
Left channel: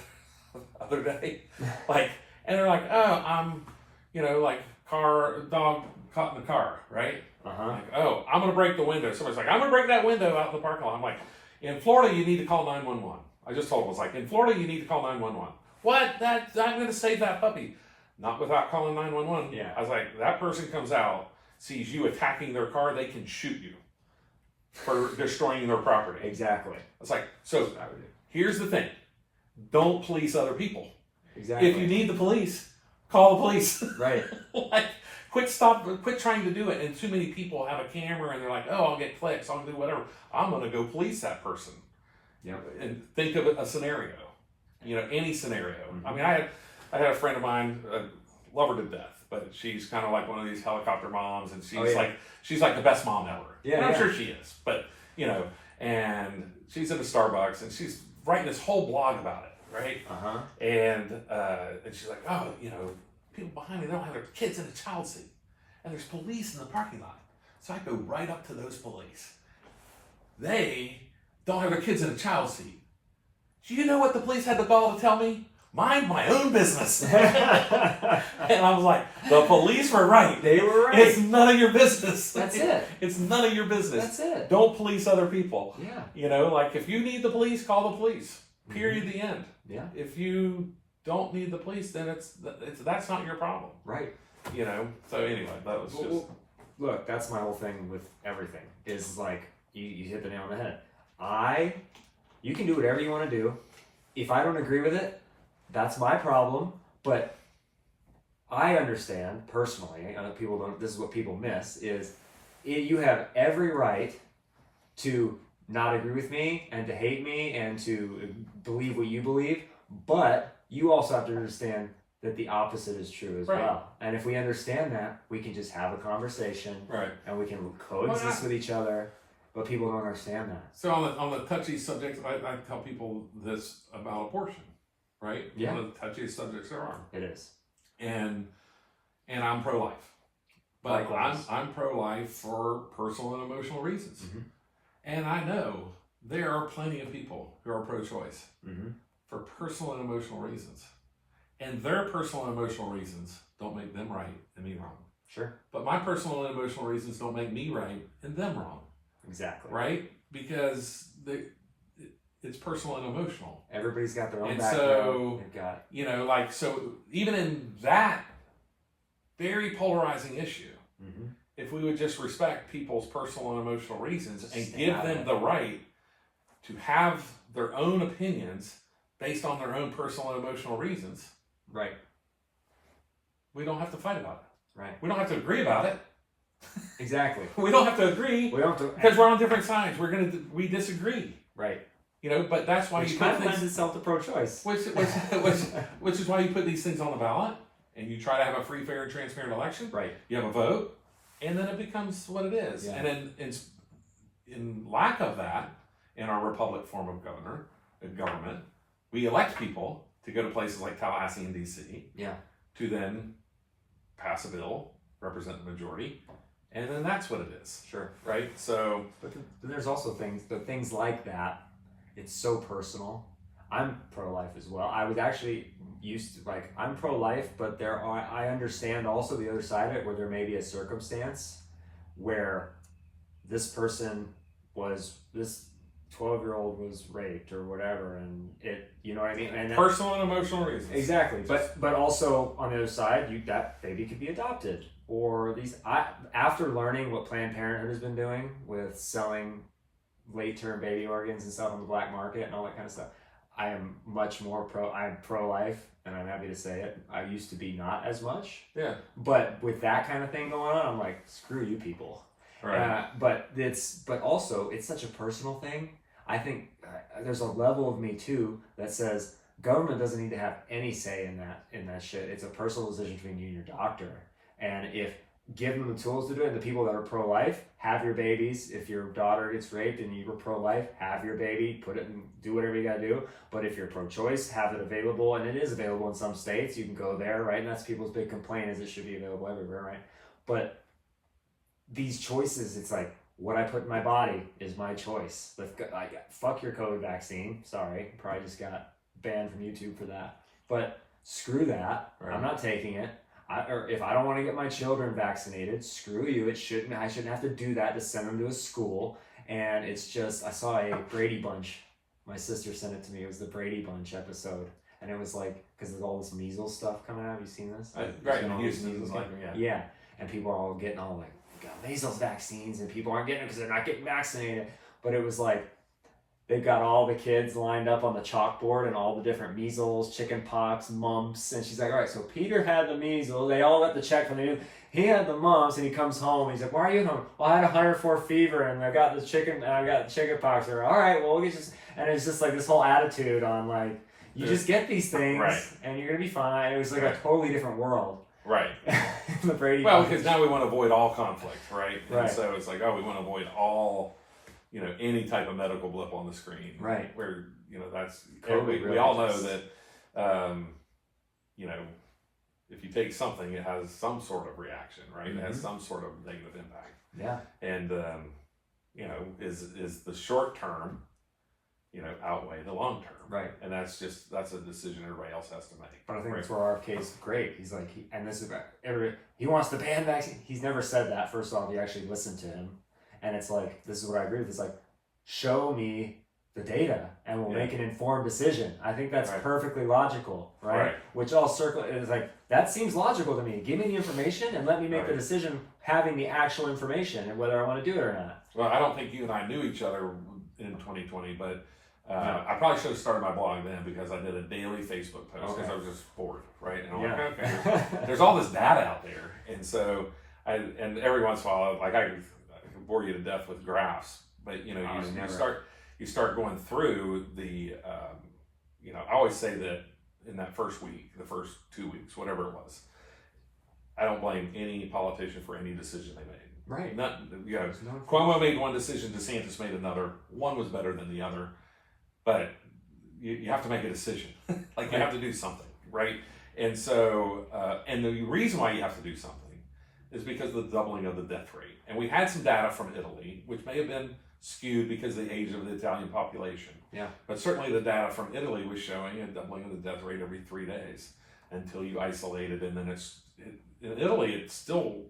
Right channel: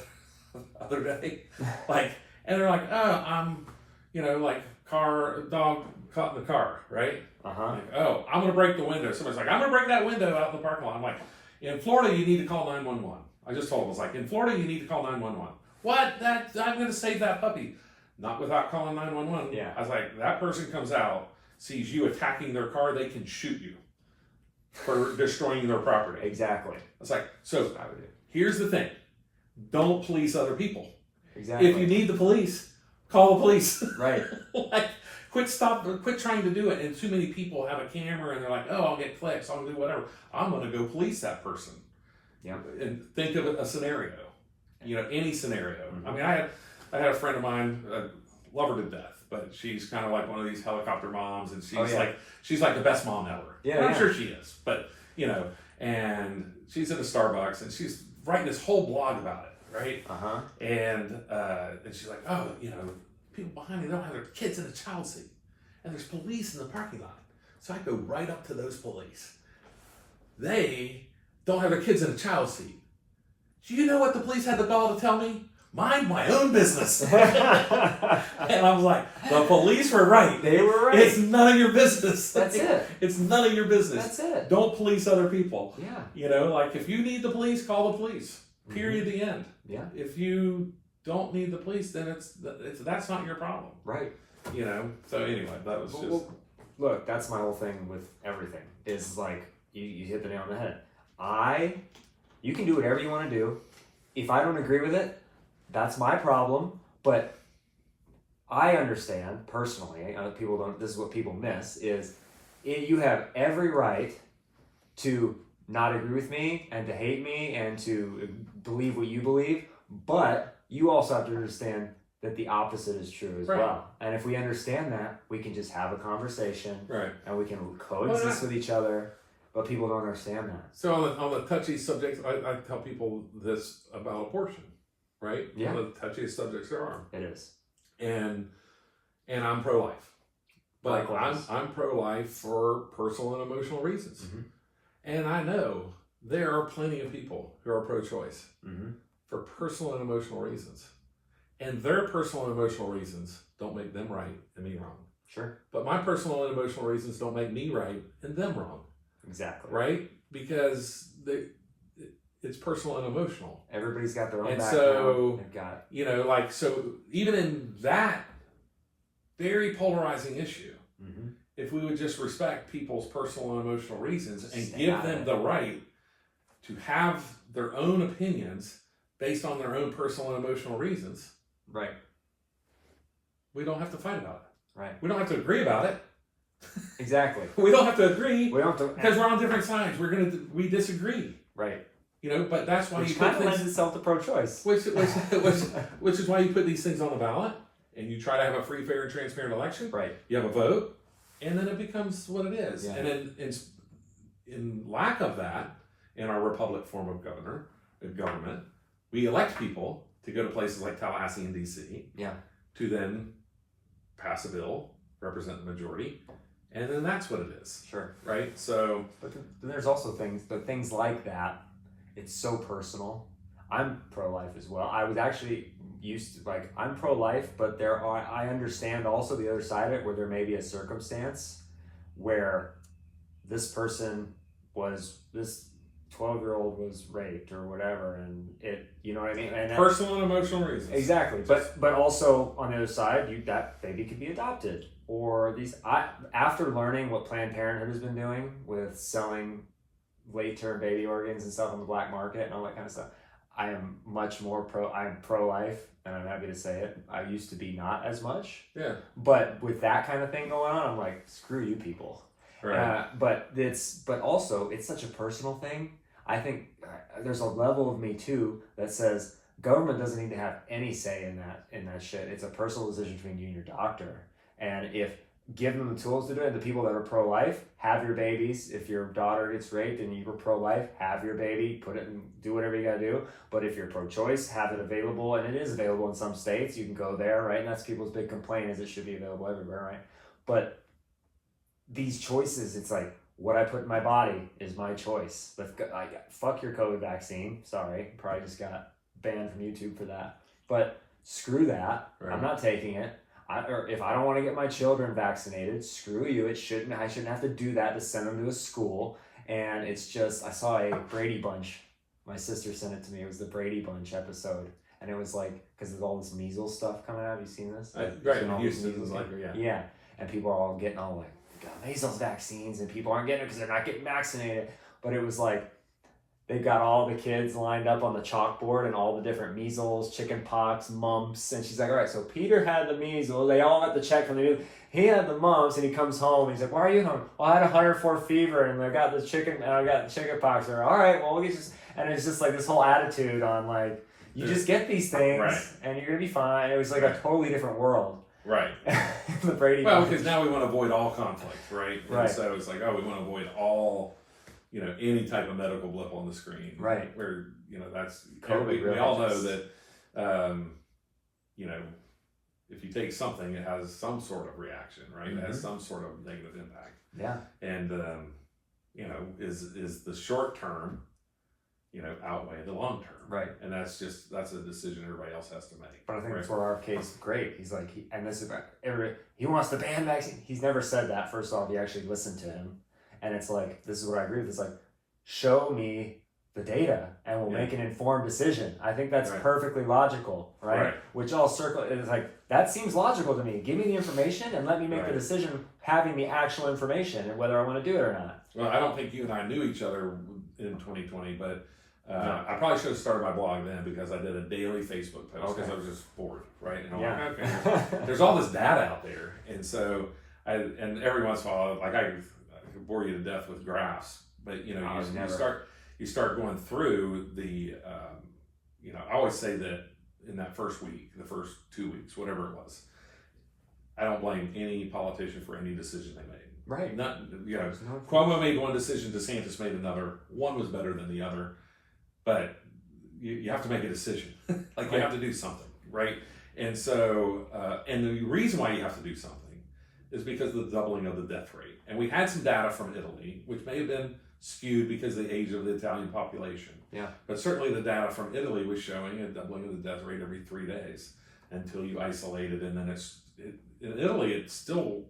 other day, and they're like, oh, I'm, dog caught in the car, right? Uh-huh. Like, oh, I'm going to break the window. Somebody's like, I'm going to break that window out in the parking lot. I'm like, in Florida, you need to call 911. I just told them, in Florida, you need to call 911. What? I'm going to save that puppy. Not without calling 911. Yeah. I was like, that person comes out, sees you attacking their car, they can shoot you for destroying their property. Exactly. It's like, so here's the thing. Don't police other people. Exactly. If you need the police, call the police. Right. Quit trying to do it. And too many people have a camera and they're like, oh, I'll get clicks, I'll do whatever. I'm going to go police that person. Yeah. And think of a scenario. Any scenario. Mm-hmm. I mean, I had a friend of mine, love her to death, but she's kind of like one of these helicopter moms, and she's like the best mom ever. Yeah, and I'm sure she is, but and she's at a Starbucks and she's writing this whole blog about it, right? Uh-huh. And she's like, oh, people behind me don't have their kids in the child seat, and there's police in the parking lot. So I go right up to those police. They don't have their kids in a child seat. Do you know what the police had the gall to tell me? Mind my own business. And I was like, the police were right. They were right. It's none of your business. That's it. It's none of your business. That's it. Don't police other people. Yeah. If you need the police, call the police. Period. Mm-hmm. The end. Yeah. If you don't need the police, then that's not your problem. Right. So anyway, that was just. Look, that's my whole thing with everything. Is like you hit the nail on the head. You can do whatever you want to do. If I don't agree with it, that's my problem. But I understand personally. People don't. This is what people miss: you have every right to not agree with me and to hate me and to believe what you believe. But you also have to understand that the opposite is true as well. And if we understand that, we can just have a conversation, right? And we can coexist with each other. But people don't understand that. So on the touchy subjects, I tell people this about abortion, right? Yeah. One of the touchiest subjects there are. It is. And I'm pro-life. But Likewise. I'm pro-life for personal and emotional reasons. Mm-hmm. And I know there are plenty of people who are pro-choice for personal and emotional reasons. And their personal and emotional reasons don't make them right and me wrong. Sure. But my personal and emotional reasons don't make me right and them wrong. Exactly. Right? Because it's personal and emotional. Everybody's got their own background. So, they've got... so even in that very polarizing issue, if we would just respect people's personal and emotional reasons and give them the right to have their own opinions based on their own personal and emotional reasons, Right. we don't have to fight about it. Right. We don't have to agree about it. Exactly. We don't have to agree We don't have to, because we're on different sides. We disagree. right. You know, but that's why Which you kind put of lends things, itself to pro-choice. which is why you put these things on the ballot, and you try to have a free, fair, and transparent election. Right. You have a vote, and then it becomes what it is. Yeah. And then in lack of that, in our republic form of government, we elect people to go to places like Tallahassee and DC. Yeah. To then pass a bill, represent the majority, and then that's what it is. Sure. Right? So, But there's also things like that. It's so personal. I'm pro-life as well. I was actually used to, I'm pro-life, but I understand also the other side of it, where there may be a circumstance where this 12-year-old was raped or whatever, and you know what I mean? And personal and emotional reasons. Exactly. But also on the other side, that baby could be adopted. Or after learning what Planned Parenthood has been doing with selling late-term baby organs and stuff on the black market and all that kind of stuff, I am much more I'm pro-life, and I'm happy to say it. I used to be not as much. Yeah. But with that kind of thing going on, I'm like, screw you people. Right. But also it's such a personal thing. I think there's a level of me too that says government doesn't need to have any say in that shit. It's a personal decision between you and your doctor. And if give them the tools to do it, the people that are pro-life, have your babies. If your daughter gets raped and you were pro-life, have your baby, put it and do whatever you gotta do. But if you're pro-choice, have it available, and it is available in some states. You can go there, right? And that's people's big complaint, is it should be available everywhere, right? But these choices, it's like, what I put in my body is my choice. Fuck your COVID vaccine. Sorry, probably just got banned from YouTube for that. But screw that. Right. I'm not taking it. Or if I don't want to get my children vaccinated, screw you. I shouldn't have to do that to send them to a school. And it's just, I saw a Brady Bunch. My sister sent it to me. It was the Brady Bunch episode. And it was like, because there's all this measles stuff coming out. Have you seen this? Right. All these measles, Yeah. And people are all getting all like, got measles vaccines, and people aren't getting it because they're not getting vaccinated. But it was like, they've got all the kids lined up on the chalkboard and all the different measles, chicken pox, mumps. And she's like, all right, so Peter had the measles. They all got the check from the news. He had the mumps, and he comes home. And he's like, why are you home? Well, I had 104 fever, and I got the chicken pox. They're all right, well, we'll get just, and it's just like this whole attitude on like, you just get these things, right, and you're going to be fine. It was like a totally different world. Right. The Brady well, Bunch. because now we want to avoid all conflict, right? Right. And so it's like, oh, we want to avoid all, any type of medical blip on the screen. Right. Where, that's, COVID we all know just... that, if you take something, it has some sort of reaction, right? Mm-hmm. It has some sort of negative impact. Yeah. And, is the short term, outweigh the long term. Right. And that's a decision everybody else has to make. But I think right? that's where our case is great. He's like, he wants to ban vaccine. He's never said that. First off, you actually listened to him. And it's like, this is what I agree with. It's like, show me the data and we'll make an informed decision. I think that's perfectly logical, right? Which all circle is like, that seems logical to me. Give me the information and let me make the decision having the actual information and whether I want to do it or not. Well, I don't think you and I knew each other in 2020, but I probably should have started my blog then, because I did a daily Facebook post because I was just bored, right? And I'm like, okay, there's all this data out there. And so, and every once in a while, like I could bore you to death with graphs, but you start going through the, I always say that in that first week, the first 2 weeks, whatever it was, I don't blame any politician for any decision they made. Right. Cuomo made one decision, DeSantis made another. One was better than the other, but you have to make a decision. You have to do something, right? And so, and the reason why you have to do something is because of the doubling of the death rate. And we had some data from Italy, which may have been skewed because of the age of the Italian population. Yeah. But certainly the data from Italy was showing a doubling of the death rate every 3 days until you isolate it. And then in Italy, it's still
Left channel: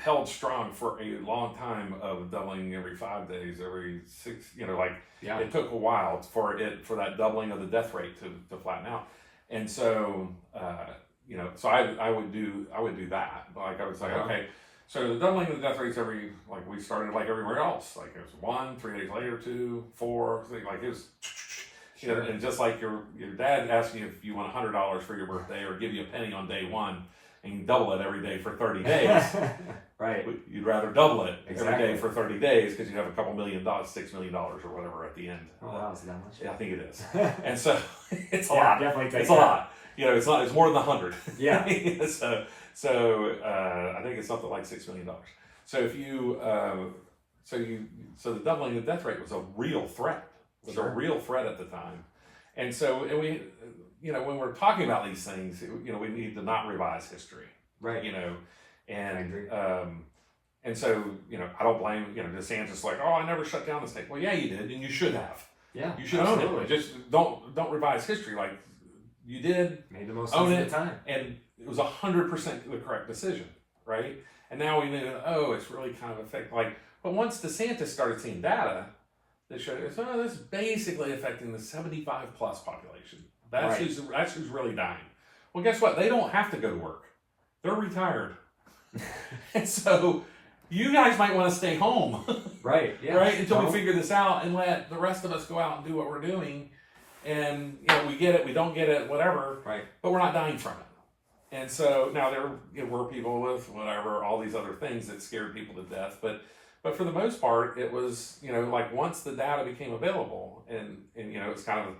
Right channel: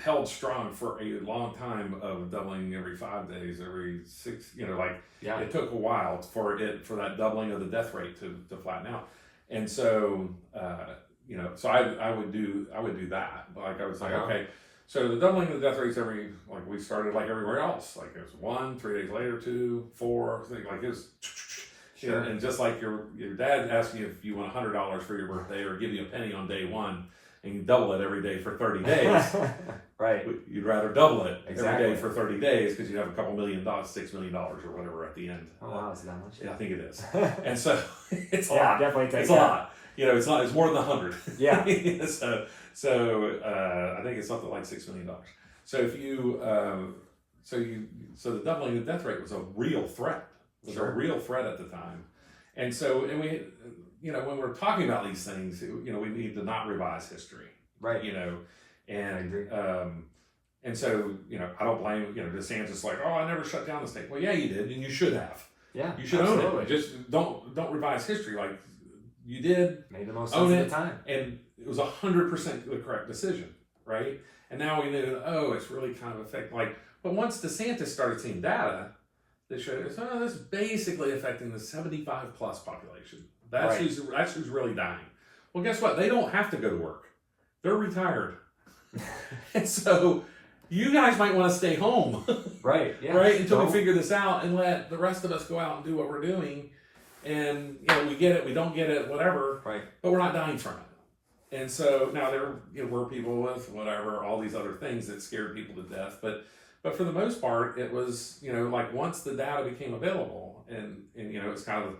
held strong for a long time of doubling every 5 days, every 6, it took a while for that doubling of the death rate to flatten out. And so, so I would do that. Like I was like, okay, So the doubling of the death rates we started like everywhere else. Like it was 1, 3 days later, 2, 4, like it was. Sure. And just like your dad asking you if you want $100 for your birthday or give you a penny on day 1 and you double it every day for 30 days. Right. You'd rather double it Exactly. every day for 30 days because you have a couple $1 million, $6 million or whatever at the end. Oh wow, is it that much? Yeah, I think it is. And so it's a Yeah, lot. definitely takes It's a lot. You know, it's more than 100. Yeah. so I think it's something like $6 million. So if you so the doubling of the death rate was a real threat. It was Sure. a real threat at the time. And so we, you know, when we're talking about these things, you know, we need to not revise history. Right. You know, and I agree. And so, you know, I don't blame, you know, DeSantis like, oh, I never shut down the state. Well, yeah, you did, and you should have. Yeah. You should absolutely. own it. Just don't revise history. Like you did, Made the most own sense it, at the time. and it was 100% the correct decision, right? And now we knew, oh, it's really kind of affecting. Like, but once DeSantis started seeing data that showed, oh, this is basically affecting the 75 plus population. That's Right. who's really dying. Well, guess what? They don't have to go to work. They're retired. And so you guys might want to stay home, Right. Yeah. right? Until Don't- we figure this out and let the rest of us go out and do what we're doing. And, you know, we get it, we don't get it, whatever, Right. but we're not dying from it. And so now there were people with whatever, all these other things that scared people to death. But for the most part, it was, you know, like once the data became available and you know, it's kind of,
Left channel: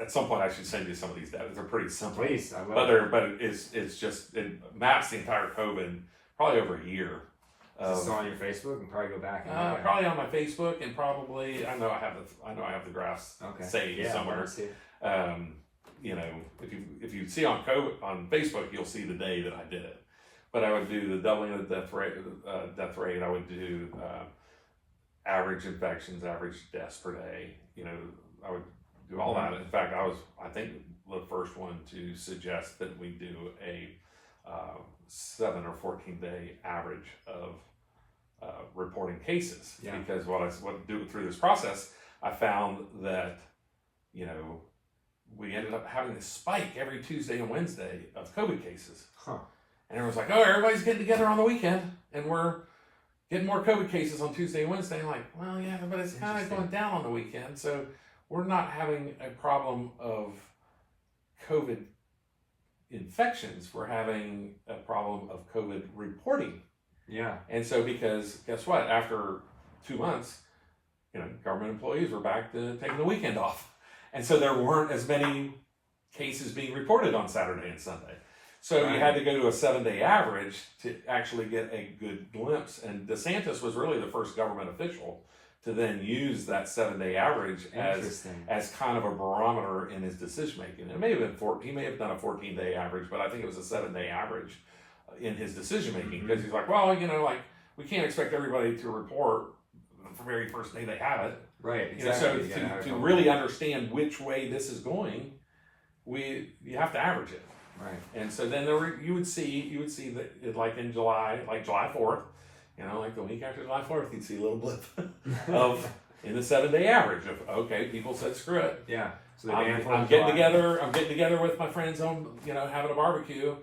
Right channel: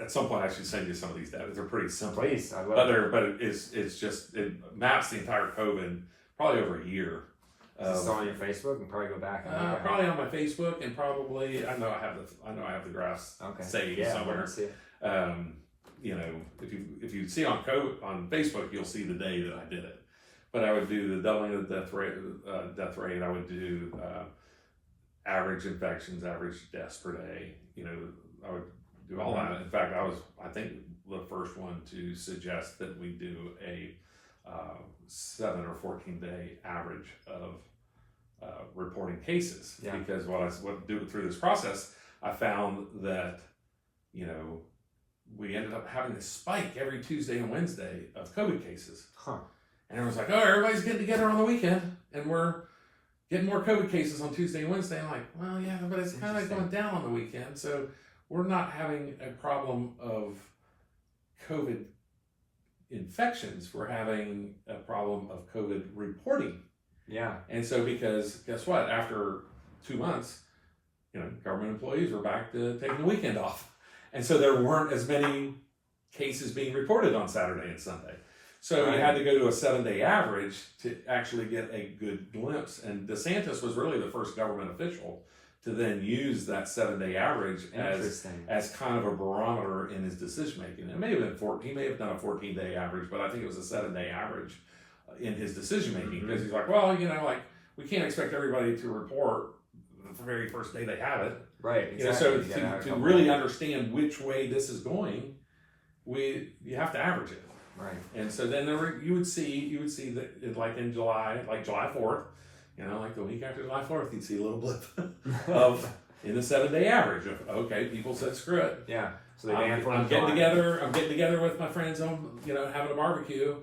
at some point I should send you some of these data. They're pretty simple. Please. I love it. But it's just, it maps the entire COVID probably over a year. Is this on your Facebook and probably go back and look at it? Probably on my Facebook and probably I know I have the graphs Okay. saved Yeah, somewhere. let's see it. You know, if you see on Facebook, you'll see the day that I did it. But I would do the doubling of the death rate. I would do average infections, average deaths per day. You know, I would do all that. In fact, I think the first one to suggest that we do a 7 or 14 day average of reporting cases. Yeah. Because what I do through this process, I found that, you know, we ended up having a spike every Tuesday and Wednesday of COVID cases. Huh. And everyone's like, oh, everybody's getting together on the weekend and we're getting more COVID cases on Tuesday and Wednesday. I'm like, well, yeah, but it's kind of Interesting. going down on the weekend. So we're not having a problem of COVID infections. We're having a problem of COVID reporting. Yeah. And so because guess what? After 2 months, you know, government employees were back to taking the weekend off. And so there weren't as many cases being reported on Saturday and Sunday. So Right. you had to go to a 7-day average to actually get a good glimpse. And DeSantis was really the first government official to then use that 7-day average Interesting. as kind of a barometer in his decision making. It may have been he may have done a 14-day average, but I think it was a 7-day average in his decision making because he's like, well, you know, like we can't expect everybody to report the very first day they have it. Right. You know, Exactly. so You gotta have a to couple- really understand which way this is going, you have to average it. Right. And so then you would see that it, like in July, like July 4th, you know, like the week after July 4th, you'd see a little blip of in the 7-day average of okay, people said screw it. Yeah. So they I'm banned getting together. I'm getting together with my friends on, you know, having a barbecue.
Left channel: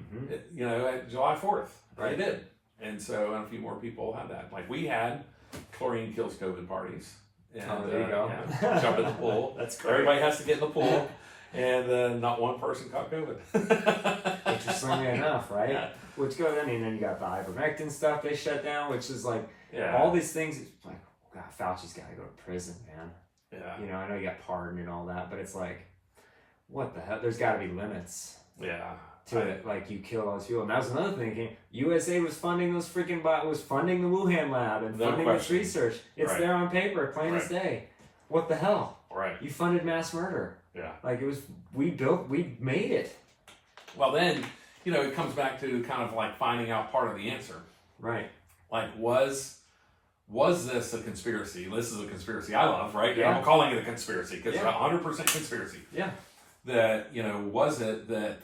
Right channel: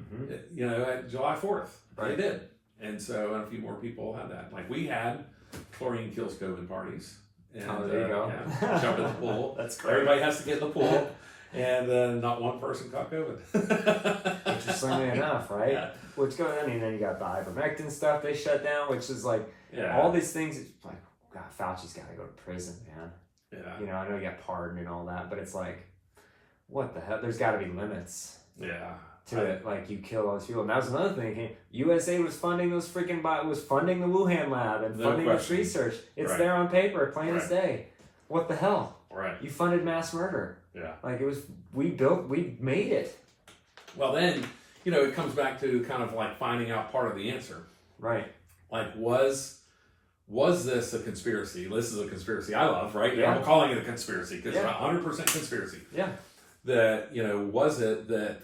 Mm-hmm. You know, at July 4th, Right. they did, and so a few more people had that. Like we had chlorine kills COVID parties. And, Oh, there you go. Yeah, jump in the pool. That's great. Everybody has to get in the pool, and not one person caught COVID. Interestingly enough, right? Yeah. Which goes, I mean, then you got the ivermectin stuff they shut down, which is like Yeah. all these things. It's like, God, Fauci's got to go to prison, man. Yeah. You know, I know he got pardoned and all that, but it's like, what the hell? There's got to be limits Yeah. to it. Like, you kill all these people. And that was another thing. USA was funding those was funding the Wuhan lab and No funding this question. research. It's Right. there on paper, plain as Right. day. What the hell? Right. You funded mass murder. Yeah. Like, we made it. Well, then, you know, it comes back to kind of like finding out part of the answer. Right. Like, was this a conspiracy? This is a conspiracy I love, right? Yeah. I'm calling it a conspiracy because Yeah. it's 100% conspiracy. Yeah. That, you know, was it that,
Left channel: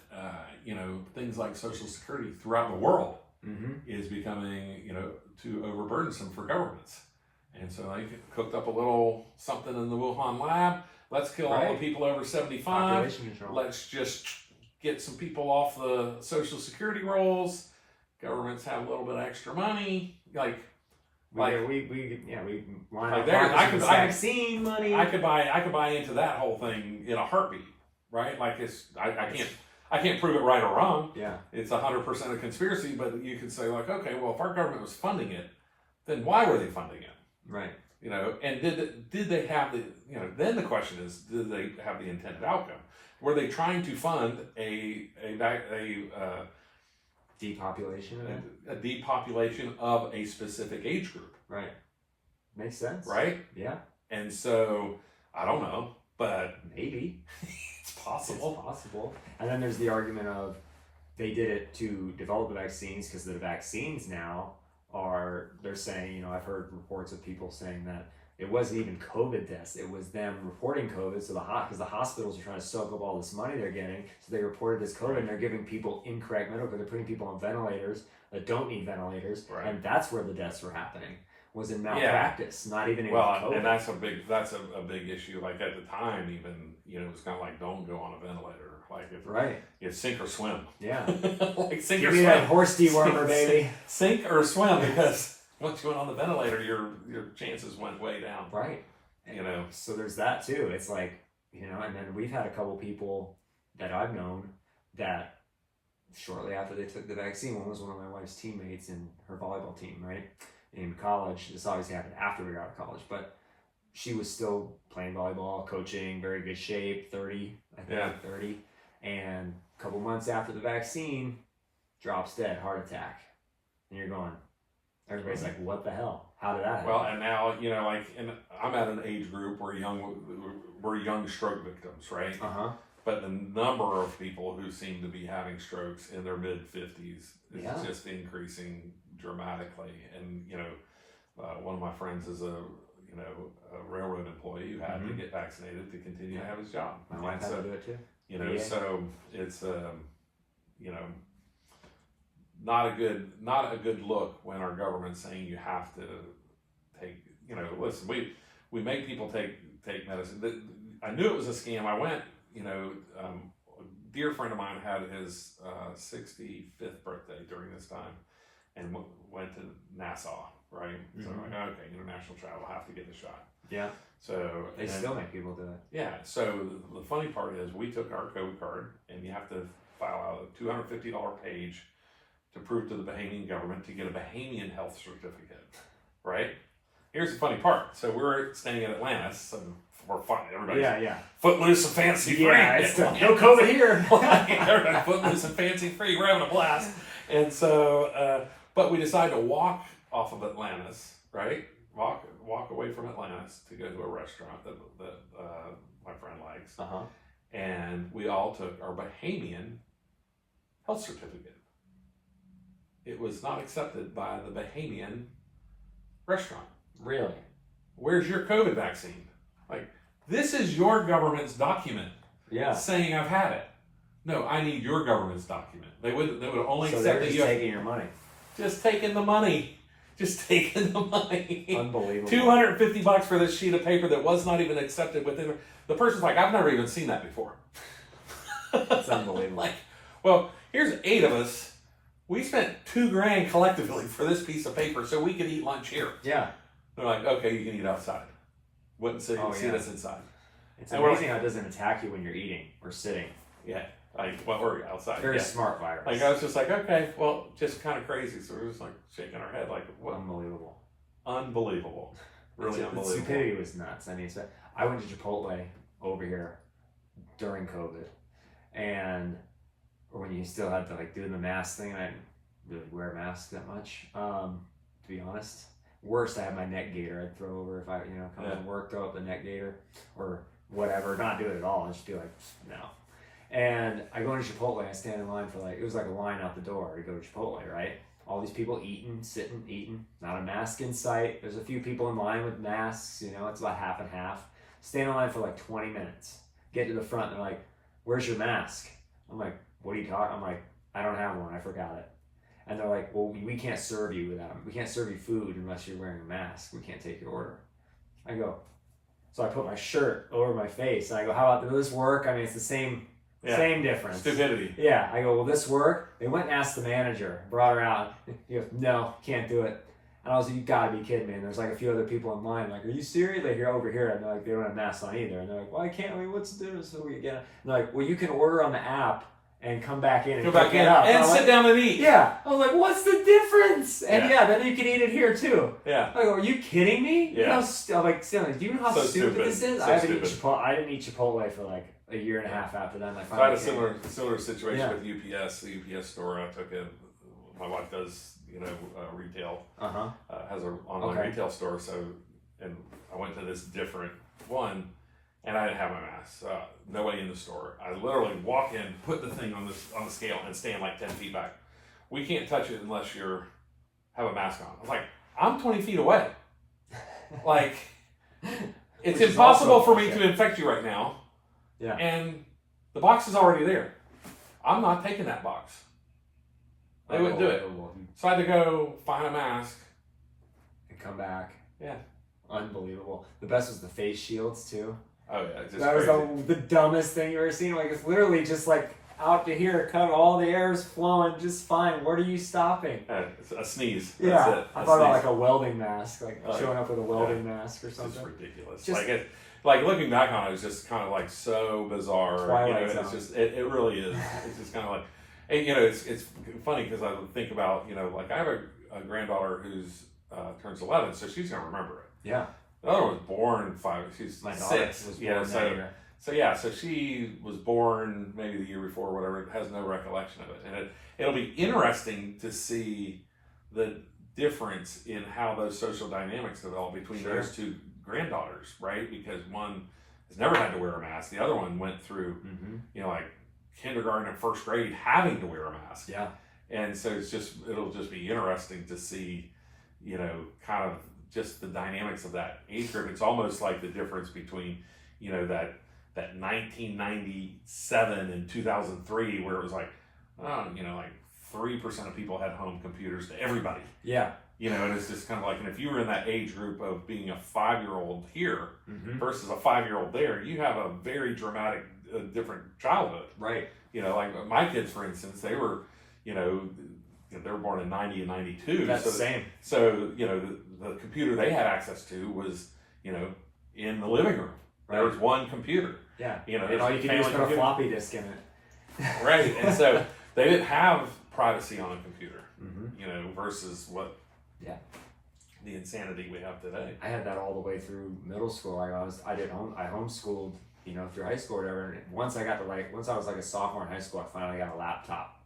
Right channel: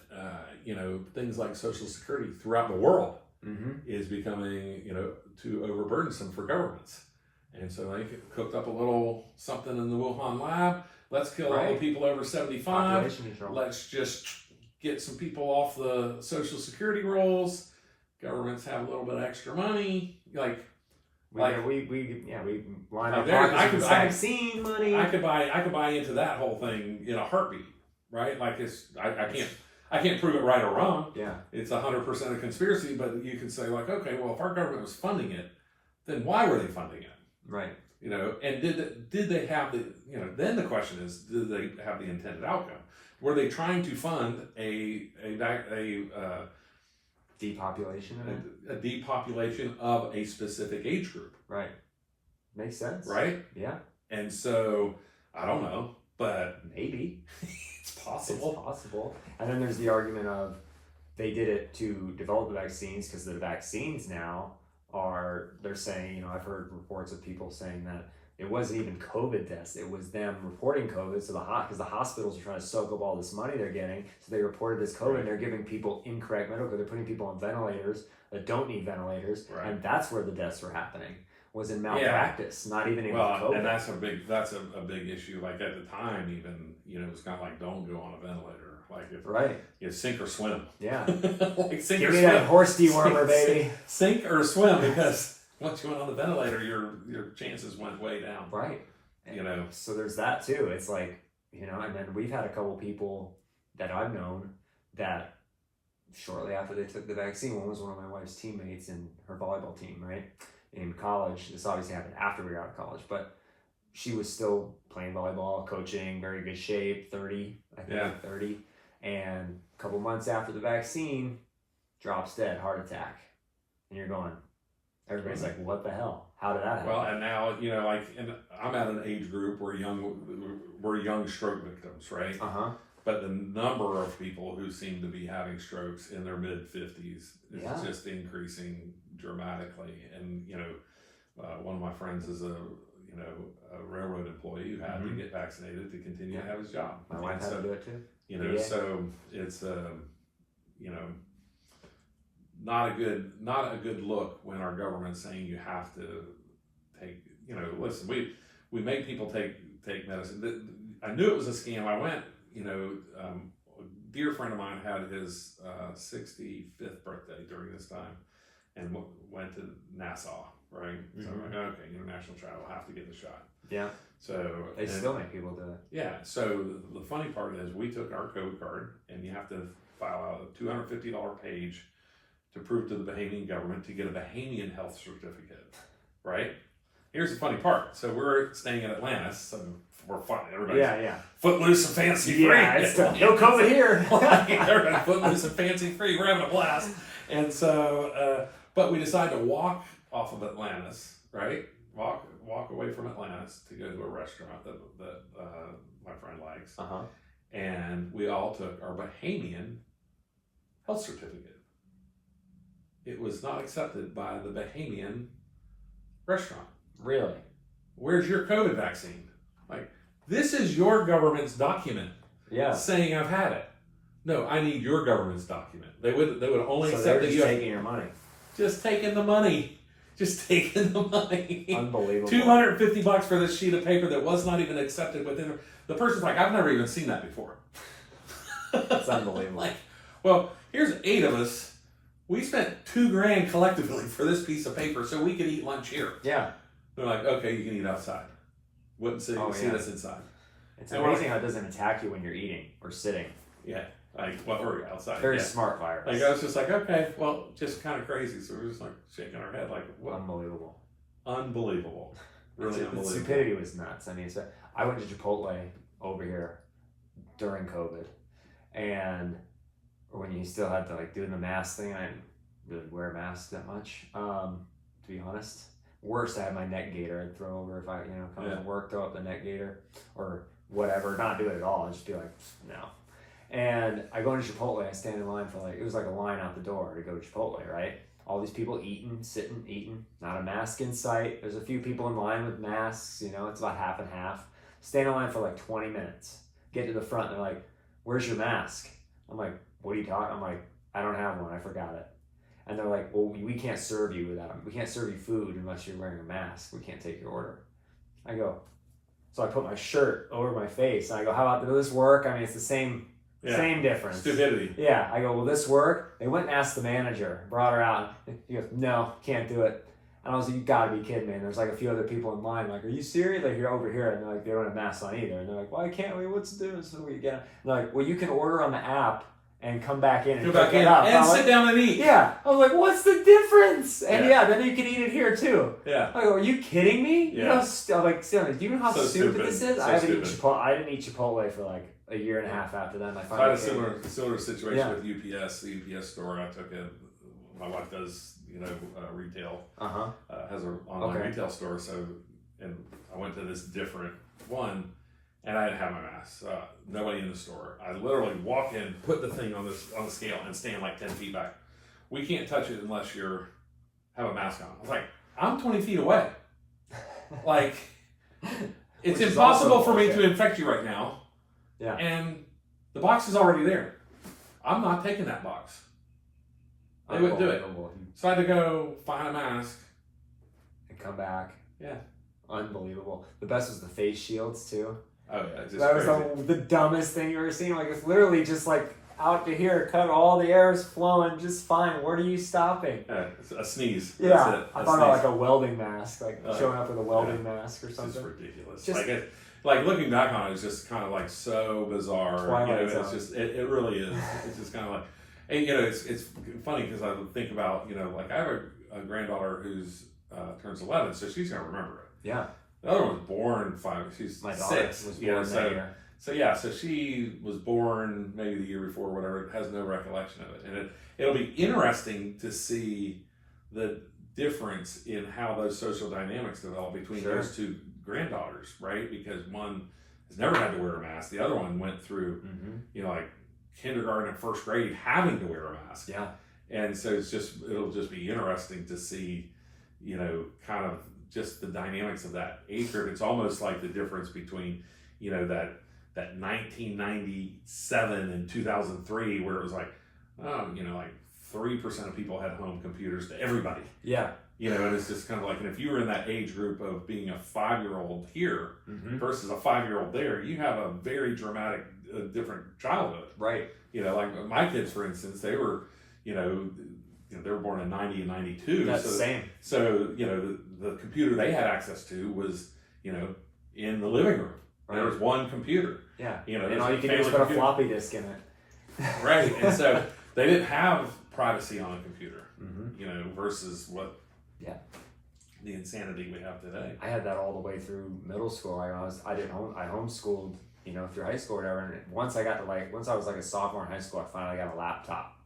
you know, things like Social Security throughout the world Mm-hmm. is becoming, you know, too overburdensome for governments. And so they cooked up a little something in the Wuhan lab. Let's kill all the Right. people over 75. Population control. Let's just get some people off the Social Security rolls. governments have a little bit of extra money. Like we line like up there, I could vaccine money. I could buy into that whole thing in a heartbeat, right? Like I can't prove it right or wrong. Yeah, it's 100% a conspiracy, but you can say like, okay, well, if our government was funding it, then why were they funding it? right. You know, and did they have the, you know, then the question is, did they have the intended outcome? Were they trying to fund a Depopulation of it. a depopulation of a specific age group? Right. Makes sense. Right? Yeah. And so I don't know, but maybe it's possible. It's possible. And then there's the argument of they did it to develop the vaccines because the vaccines now they're saying, you know, I've heard reports of people saying that it wasn't even COVID deaths. It was them reporting COVID. So because the hospitals are trying to soak up all this money they're getting. So they reported this COVID and they're giving people incorrect medical care. They're putting people on ventilators that don't need ventilators. Right. And that's where the deaths were happening. Was in malpractice, not even in COVID. And that's a big issue. Like at the time, even, you know, it was kind of like, don't go on a ventilator. Like it's sink or swim. Yeah. Like sink Give or me swim. that horse dewormer, baby. Sink or swim, because once you went on the ventilator, your chances went way down. Right. You know. So there's that too. It's like, you know, and then we've had a couple people that I've known that shortly after they took the vaccine, one was one of my wife's teammates in her volleyball team, right? In college. This obviously happened after we got out of college, but she was still playing volleyball, coaching, very good shape, 30, I think 30. And a couple months after the vaccine, drops dead, heart attack. And you're going, everybody's like, what the hell? How did that happen? Well, and now, you know, like, and I'm at an age group where we're young stroke victims, right? Uh-huh. But the number of people who seem to be having strokes in their mid-50s is just increasing dramatically. And, you know, one of my friends is a railroad employee who had to get vaccinated to continue to have his job. My wife had to do it too. You know, so it's you know, not a good look when our government's saying you have to take, you know, listen, we make people take medicine. I knew it was a scam. I went, you know, a dear friend of mine had his 65th birthday during this time and went to Nassau, right? So I'm like, okay, international travel, have to get the shot. Yeah. So they still make people do it. Yeah. So the funny part is we took our code card and you have to file out a $250 page to prove to the Bahamian government to get a Bahamian health certificate, right? Here's the funny part. So we're staying in Atlantis, so we're fun. Everybody's footloose and fancy free. Yeah, it's no COVID here. Everybody's footloose and fancy free. We're having a blast. And so, but we decided to walk off of Atlantis, right? Walk away from Atlantis to go to a restaurant that my friend likes. Uh-huh. And we all took our Bahamian health certificate. It was not accepted by the Bahamian restaurant. Really? Where's your COVID vaccine? Like, this is your government's document saying I've had it. No, I need your government's document. They would only accept they're that just taking your money. Just taking the money. Just taking the money. Unbelievable. $250 for this sheet of paper that was not even accepted within. The person's like, I've never even seen that before. That's unbelievable. Like, well, here's 8 of us. We spent $2,000 collectively for this piece of paper so we could eat lunch here. Yeah. They're like, okay, you can eat outside. Wouldn't see us inside. It's amazing how it doesn't attack you when you're eating or sitting. Yeah. Like, what were we outside? Very smart virus. Like, I was just like, okay, well, just kind of crazy. So we're just like shaking our head, like, what? Unbelievable. Unbelievable. Really unbelievable. The stupidity was nuts. I mean, so I went to Chipotle over here during COVID, and when you still had to like do the mask thing, and I didn't really wear masks that much, to be honest. Worst, I had my neck gaiter I'd throw over if I, come to work, throw up the neck gaiter or whatever, not do it at all, and just be like, no. And I go into Chipotle, I stand in line for it was like a line out the door to go to Chipotle, right? All these people eating, sitting, eating, not a mask in sight. There's a few people in line with masks, it's about half and half. Stand in line for like 20 minutes. Get to the front, and they're like, where's your mask? I'm like, what are you talking? I'm like, I don't have one, I forgot it. And they're like, well, we can't serve you without, we can't serve you food unless you're wearing a mask. We can't take your order. I go, so I put my shirt over my face, and I go, how about, does this work? I mean, it's the same Yeah. Same difference. Stupidity. Yeah, I go, will this work? They went and asked the manager, brought her out. He goes, no, can't do it. And I was like, you gotta be kidding me. And there's like a few other people in line, like, are you serious? Like, you're over here. And they're like, they don't have masks on either. And they're like, why can't we? What's the difference? So we get it. And they're like, well, you can order on the app and come back in and Go back pick it in up. and sit down and eat. Yeah. I was like, what's the difference? And Yeah. then you can eat it here too. Yeah. I go, are you kidding me? Yeah. You know, I'm like, Stanley, do you know how So stupid this is? So I haven't eaten stupid. Chipotle. I didn't eat Chipotle for like a year and a half after that. And I I had finally a similar situation Yeah. with UPS. The UPS store I took in. My wife does, retail. Has an online Okay. retail store. So, and I went to this different one, and I didn't have my mask. Nobody in the store. I literally walk in, put the thing on the scale, and stand like 10 feet back. We can't touch it unless you have a mask on. I was like, I'm 20 feet away. Like, it's Which is impossible also for me okay. to infect you right now. Yeah. And the box is already there. I'm not taking that box. They wouldn't do it. So I had to go find a mask. And come back. Yeah. Unbelievable. The best was the face shields too. Oh yeah, just That was crazy. the dumbest thing you ever seen. Like, it's literally just like out to here, cut, all the air is flowing just fine. What are you stopping? It's a sneeze. Yeah, That's it. I A thought about sneeze. like a welding mask, like showing up with a welding mask or It's something. just ridiculous. Just- Like looking back on it, it's just kind of like so bizarre. Twilight It's Zone. just it really is. It's just kind of like, and it's funny because I think about like I have a granddaughter who's turns 11, so she's gonna remember it. Yeah, The other one was born 5. She's my daughter 6. was Yeah, born that year. So she was born maybe the year before, whatever. Has no recollection of it, and it'll be interesting to see the difference in how those social dynamics develop between Sure. those two granddaughters, right? Because one has never had to wear a mask, the other one went through, like kindergarten and first grade having to wear a mask, Yeah, and so it'll just be interesting to see, kind of just the dynamics of that age group. It's almost like the difference between, that 1997 and 2003, where it was like, like 3% of people had home computers to everybody. yeah, And it's just kind of like, and if you were in that age group of being a 5-year-old here versus a 5-year-old there, you have a very dramatic, different childhood. right. Like my kids, for instance, they were, they were born in 90 and 92. That's the same. So, the computer they had access to was, in the living room. Right. There was one computer. Yeah, And and all you can do is put a floppy disk in it. Right. And so they didn't have privacy on a computer, versus what the insanity we have today. I had that all the way through middle school. I homeschooled, through high school or whatever. And once I was like a sophomore in high school, I finally got a laptop.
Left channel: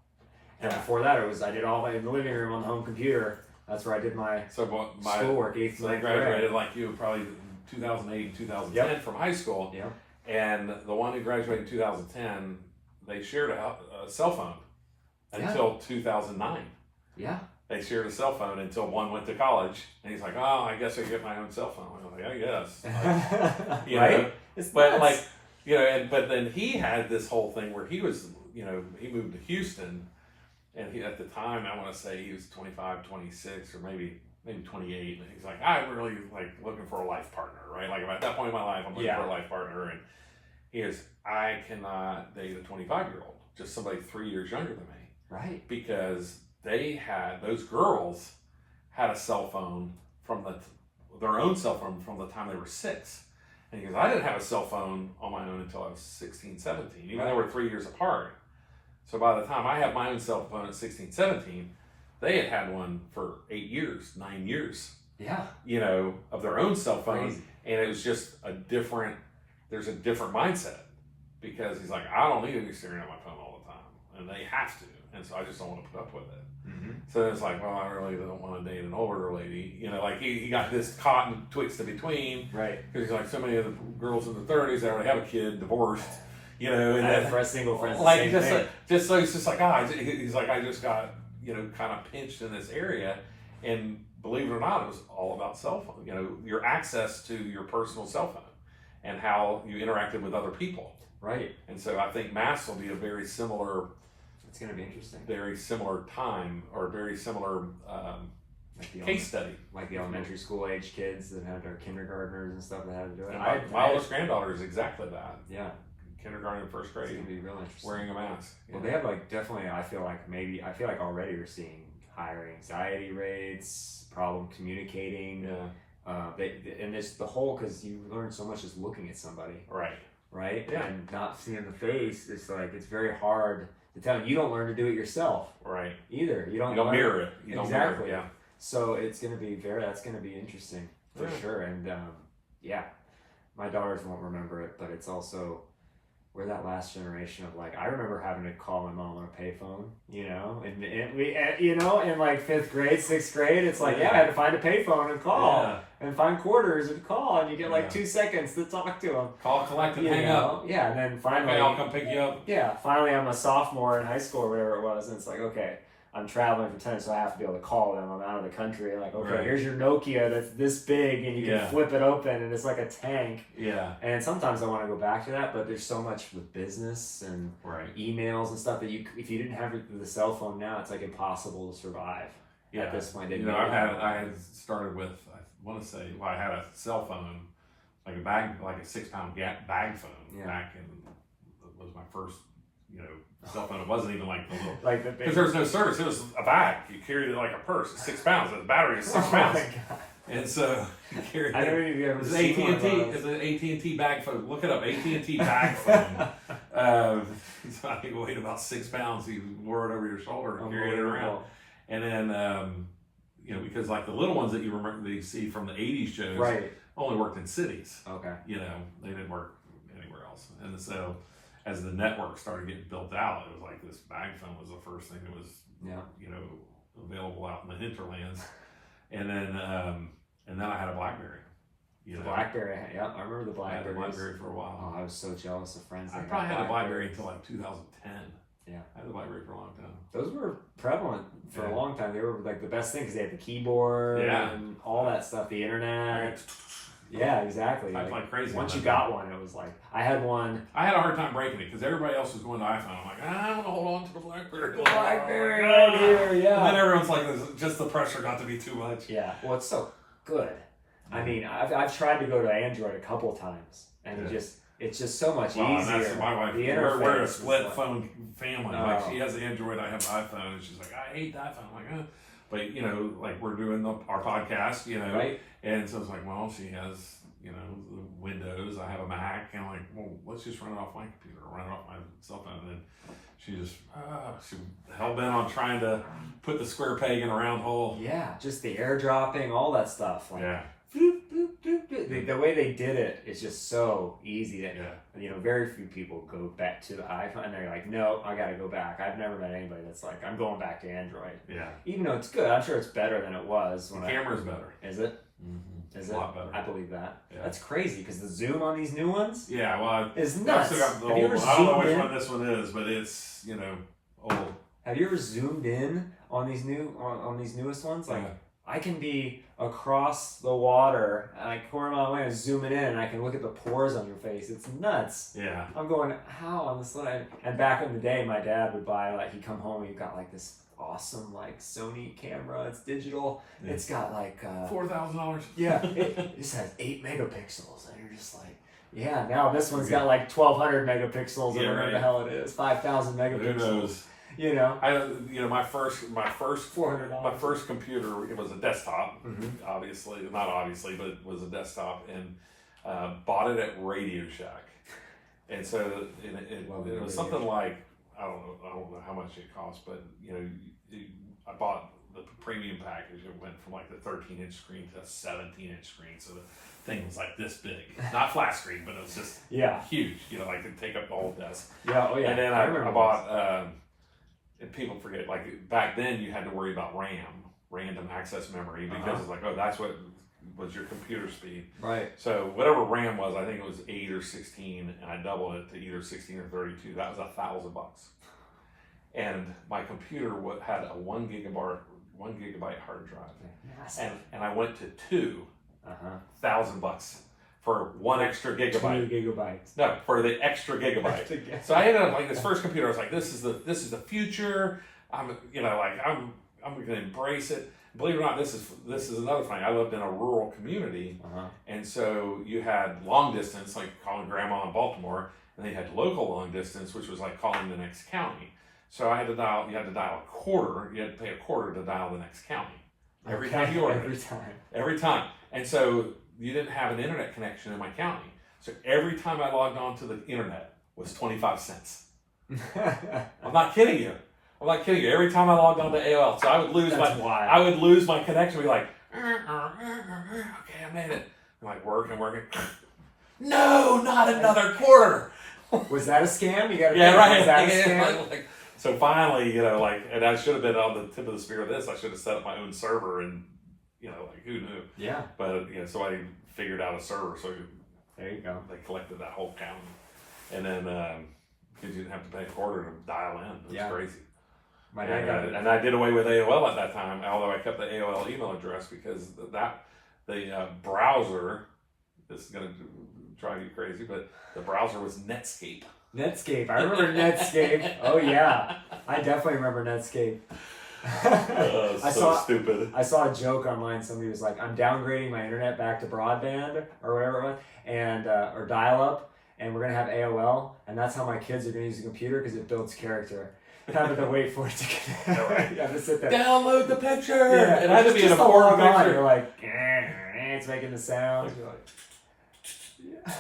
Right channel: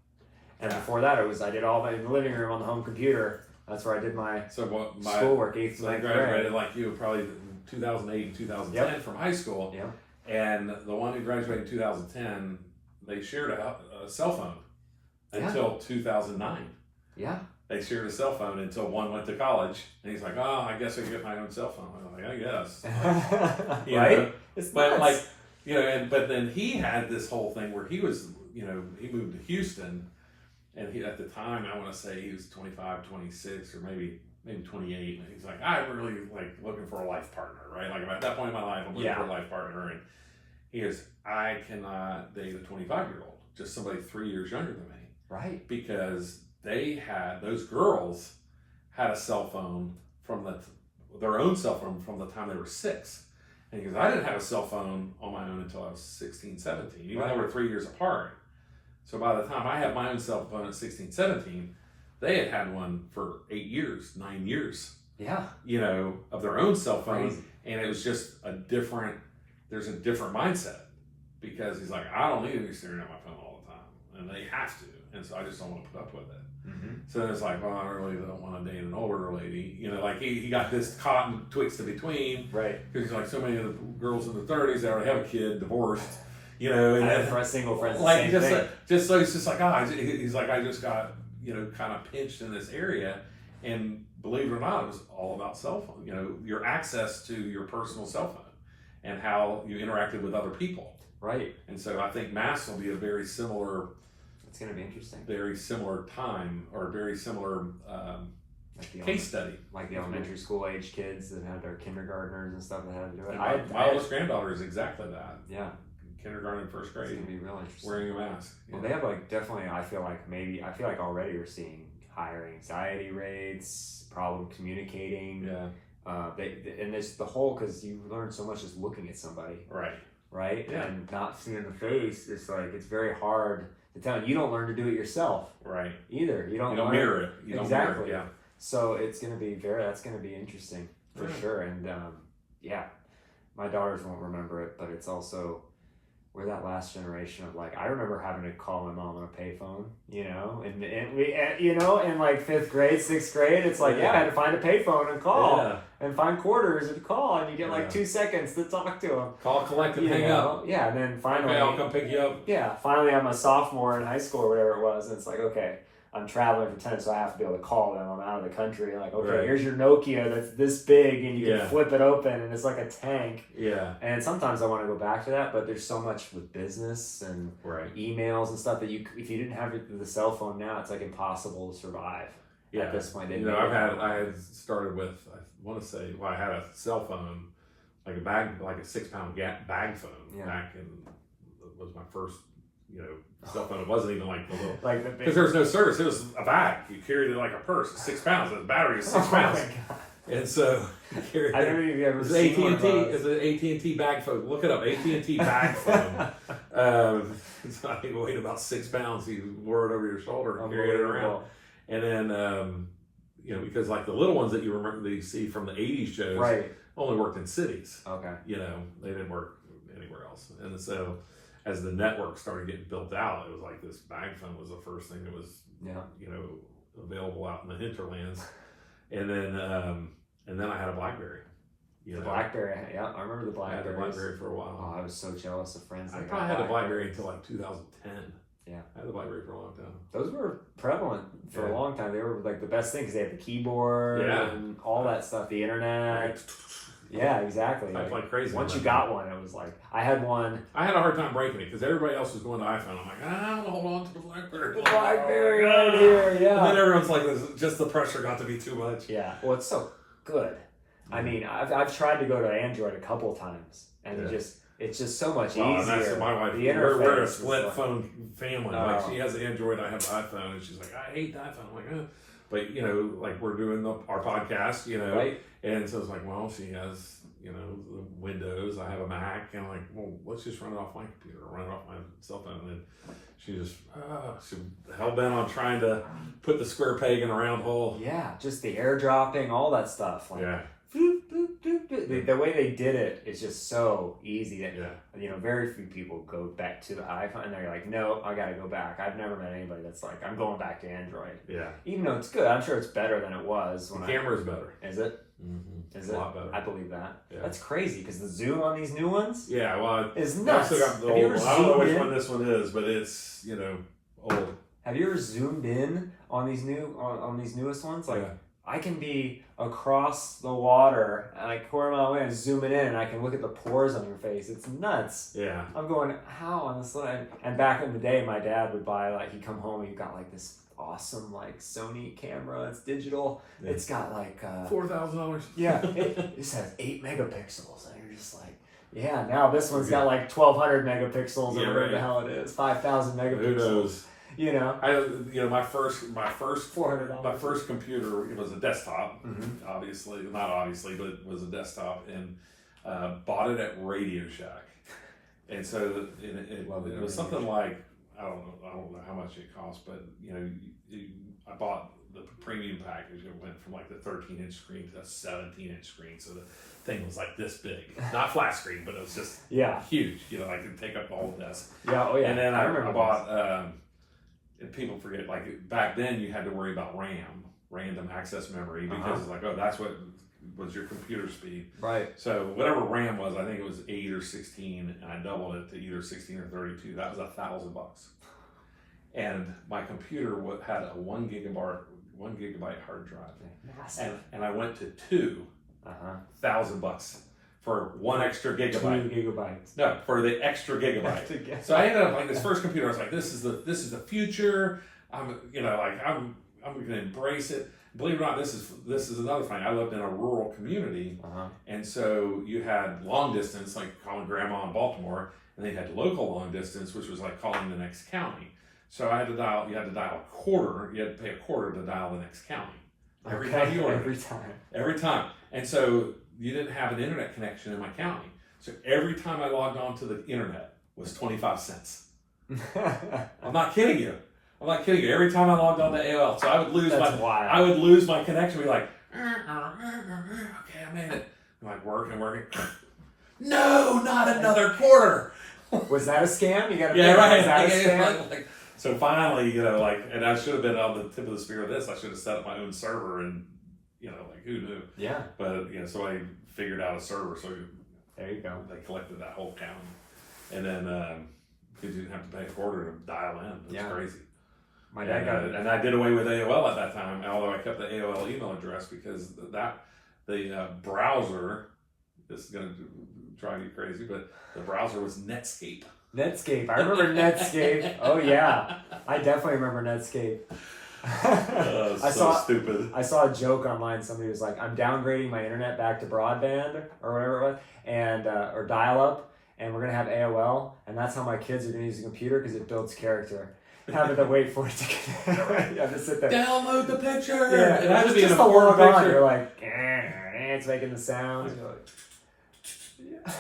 And before that, I did all that in the living room on the home computer. That's where I did my schoolwork, 8th So I and 9th graduated grade. like you, probably in 2008 and 2010 from high school. Yep. And the one who graduated in 2010, they shared a cell phone until 2009. Yeah. They shared a cell phone until one went to college, and he's like, "Oh, I guess I get my own cell phone." I'm like, "I guess." Right? It's But nuts. but then he had this whole thing where he was, he moved to Houston, and he at the time I want to say he was 25, 26, or maybe 28, and he's like, "I'm really like looking for a life partner, right? Like at that point in my life, I'm looking for a life partner." And he goes, "I cannot date a 25-year-old, just somebody 3 years younger than me." Right. Because those girls had a cell phone their own cell phone from the time they were 6. And he goes, "I didn't have a cell phone on my own until I was 16, 17, even though we're 3 years apart. So by the time I had my own cell phone at 16, 17, they had one for 8 years, 9 years, Yeah. of their own cell phone. Crazy. And it was just there's a different mindset, because he's like, "I don't need to be staring at my phone all the time." And they have to. And so I just don't want to put up with it. So then it's like, "Well, I really don't want to date an older lady." Like he got this caught in twixt in between. Right. Because he's like, so many of the girls in the 30s, they already have a kid, divorced, and I then, had for a single friend. like, just so he's just like, he's like, I just got, kind of pinched in this area. And believe it or not, it was all about cell phone, your access to your personal cell phone and how you interacted with other people. Right. And so I think masks will be a very similar It's going to be interesting. time, or a very similar Like the case study. Like the elementary school age kids that had their kindergartners and stuff that had to do it. And my oldest granddaughter is exactly that. Yeah. kindergarten, first It's grade, gonna be real interesting. wearing a mask. Well, they have like definitely. I feel like already we're seeing higher anxiety rates, problem communicating. Yeah. And there's the whole, because you learn so much just looking at somebody, Right. right? Yeah. And not seeing the face. It's like it's very hard to tell. You don't learn to do it yourself Right. either. You don't mirror it. You don't mirror exactly. it, yeah. So it's gonna be that's gonna be interesting for Yeah. sure. And yeah, my daughters won't remember it, but it's also we're that last generation of like I remember having to call my mom on a payphone, and we in like 5th grade, 6th grade, it's like I had to find a payphone and call and find quarters and call, and you get like 2 seconds to talk to them. Call, collect, and hang up. Yeah, and then finally, Okay, I'll come pick you up. Yeah, finally I'm a sophomore in high school or whatever it was, and it's like, okay, I'm traveling for tennis, so I have to be able to call them. I'm out of the country. Like, okay, Right. here's your Nokia that's this big, and you can Yeah. flip it open, and it's like a tank. Yeah. And sometimes I want to go back to that, but there's so much with business and Right. emails and stuff that if you didn't have the cell phone now, it's like impossible to survive at this point. I had started with, I want to say, I had a cell phone, like a 6-pound bag phone back in, it was my first, cell phone. It wasn't even like the little, like because there was no service. It was a bag. You carried it like a purse. It's 6 pounds. The battery is 6 pounds. Oh my God. And so you carried it. I don't know if you've ever It's seen one of AT&T. those. It's an AT&T bag phone. Look it up. AT&T bag phone. So I think it weighed about 6 pounds. You wore it over your shoulder and carried it around. And then, because like the little ones that you remember that you see from the 80s shows Right. only worked in cities. Okay. They didn't work anywhere else. And so as the network started getting built out, it was like this bag phone was the first thing that was, available out in the hinterlands. And then I had a BlackBerry. BlackBerry, yeah, I remember the BlackBerry. I had a BlackBerry for a while. Oh, I was so jealous of friends. I probably had the BlackBerry until like 2010. Yeah. I had the BlackBerry for a long time. Those were prevalent for a long time. They were like the best thing because they had the keyboard and all that stuff, the internet. Yeah, exactly. Like crazy. Once you got one, it was like, I had one. I had a hard time breaking it because everybody else was going to iPhone. I'm like, I want to hold on to the BlackBerry. BlackBerry right here, yeah. And then everyone's like, just the pressure got to be too much. Yeah, well, it's so good. I mean, I've tried to go to Android a couple times, and it's just so much easier. And that's my wife. We're a split phone family. Like she has Android, I have iPhone, and she's like, I hate the iPhone. I'm like, but like we're doing our podcast, right? And so it's like, well, she has the Windows, I have a Mac, and I'm like, well, let's just run it off my computer, run it off my cell phone, and then she just she hell bent on trying to put the square peg in a round hole. Yeah, just the airdropping, all that stuff. Like, yeah. The way they did it is just so easy that very few people go back to the iPhone and they're like, no, I gotta go back. I've never met anybody that's like, I'm going back to Android. Yeah. Even though it's good, I'm sure it's better than it was. The camera's better. Is it? Mm-hmm. Is a it? lot better. I believe that. Yeah. That's crazy because the zoom on these new ones. Yeah, well, is nuts. Have you ever I don't know which one this one is, but it's old. Have you ever zoomed in on these on these newest ones? Like I can be across the water, like a quarter mile away, and zooming in, and I can look at the pores on your face. It's nuts. Yeah. I'm going, how on the slide? And back in the day, my dad would buy he'd come home and he got this awesome Sony camera. It's digital. Yeah. It's got $4,000. Yeah. It just has 8 megapixels, and you're just like, yeah. Now this one's got 1,200 megapixels, or whatever the hell it is, 5,000 megapixels. Who knows? My first $400. My first computer, it was a desktop. Mm-hmm. Not obviously, but it was a desktop, and bought it at Radio Shack. And so it was something like, I don't know how much it cost, but I bought the premium package. It went from the 13-inch screen to a 17-inch screen, so the thing was like this big, not flat screen, but it was just huge. It'd take up the whole desk. Yeah, oh yeah. And then I bought. And people forget, back then you had to worry about random access memory, because it's that's what was your computer speed. Right. So whatever RAM was, I think it was 8 or 16, and I doubled it to either 16 or 32. That was $1,000. And my computer had a 1 gigabyte hard drive. Massive. And I went to $2,000 for 1 extra gigabyte. 2 gigabytes. No, for the extra gigabyte. So I ended up this first computer. I was like, this is the future. I'm going to embrace it. Believe it or not, this is another thing. I lived in a rural community, and so you had long distance, like calling grandma in Baltimore, And then you had local long distance, which was like calling the next county. So you had to dial a quarter, you had to pay a quarter to dial the next county. Every time you ordered. Every time. And so you didn't have an internet connection in my county. So every time I logged on to the internet was 25 cents. I'm not kidding you. Every time I logged on to AOL, so I would lose my connection. Be like, okay, I made it. I'm like working. No, not another quarter. Was that a scam? You got right. Was that a scam? So finally, and I should have been on the tip of the spear of this. I should have set up my own server, and who knew? Yeah. But somebody figured out a server, so there you go. They collected that whole county, and then because you didn't have to pay a quarter to dial in. It was crazy. My dad got it. And I did away with AOL at that time, although I kept the AOL email address because the browser, this is going to drive you crazy, but the browser was Netscape. Netscape. I remember Netscape. Oh, yeah. I definitely remember Netscape. Stupid. I saw a joke online. Somebody was like, I'm downgrading my internet back to broadband or whatever it was, and or dial-up, and we're going to have AOL, and that's how my kids are going to use the computer because it builds character. Having to wait for it to get you have to sit there. Download the picture! Yeah, it had to be just in a form picture. You're like, it's making the sounds. You're like,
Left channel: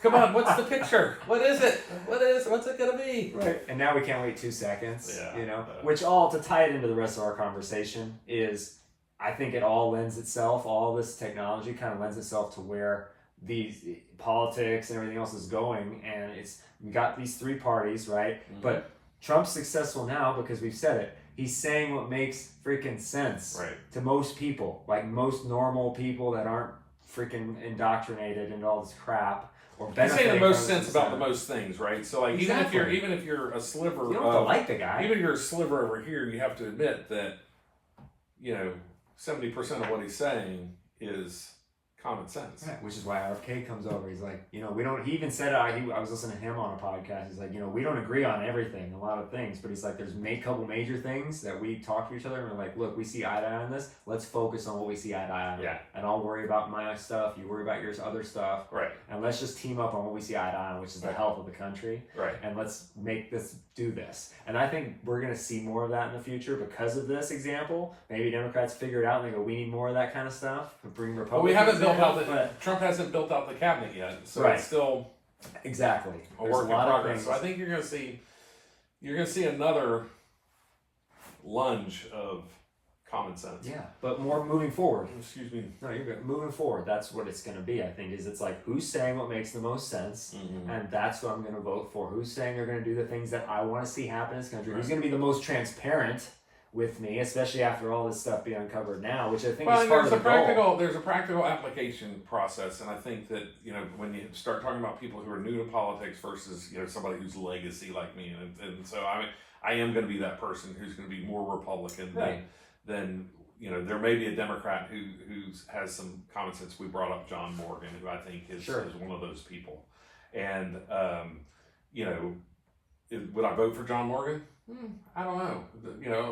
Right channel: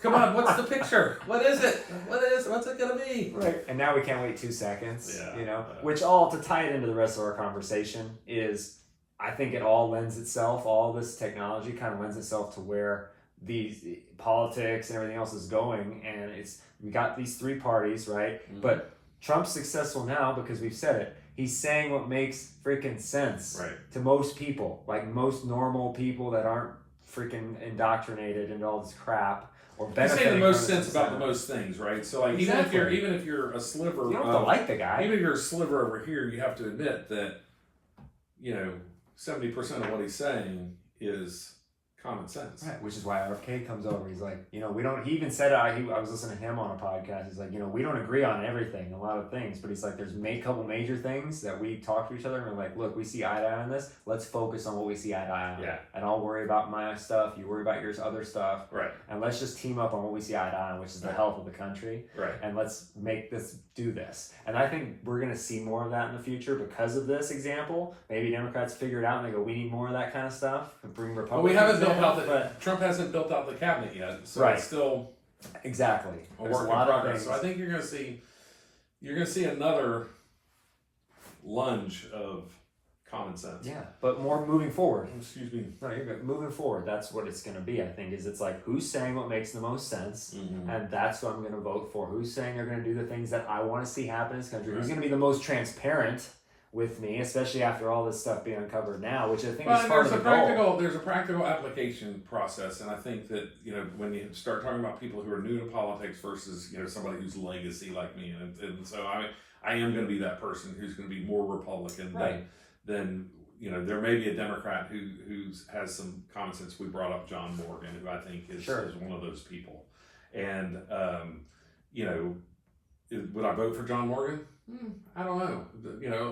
come on, what's the picture? What is it? What's it gonna be? Right. And now we can't wait 2 seconds. Which to tie it into the rest of our conversation is, I think it all lends itself, all this technology kind of lends itself to where these politics and everything else is going, and we got these 3 parties, right? Mm-hmm. But Trump's successful now because we've said it. He's saying what makes freaking sense to most people, like most normal people that aren't freaking indoctrinated into all this crap. Or he's saying the most sense about the most things, right? So like even if you're a sliver, you don't have to like the guy. Even if you're a sliver over here, you have to admit that 70% of what he's saying is common sense. Right, which is why RFK comes over. He's like, he even said, I was listening to him on a podcast. He's like, we don't agree on everything, a lot of things, but he's like, there's a couple major things that we talk to each other and we're like, look, we see eye to eye on this. Let's focus on what we see eye to eye on. Yeah. And I'll worry about my stuff. You worry about your other stuff. Right. And let's just team up on what we see eye to eye on, which is the health of the country. Right. And let's do this. And I think we're going to see more of that in the future because of this example. Maybe Democrats figure it out and they go, we need more of that kind of stuff. Bring Republicans. Well, we haven't built out Trump hasn't built out the cabinet yet, so it's still exactly a work in progress. So I think you're going to see another lunge of common sense. Yeah, but more moving forward. Excuse me. No, you're good. Moving forward, that's what it's going to be. I think it's like who's saying what makes the most sense, and that's what I'm going to vote for. Who's saying they're going to do the things that I want to see happen in this country? Right. Who's going to be the most transparent with me, especially after all this stuff being uncovered now, which I think is part of the goal. There's a practical application process, and I think that when you start talking about people who are new to politics versus somebody who's legacy like me, and so I am going to be that person who's going to be more Republican than there may be a Democrat who has some common sense. We brought up John Morgan, who I think is one of those people, and would I vote for John Morgan? I don't know.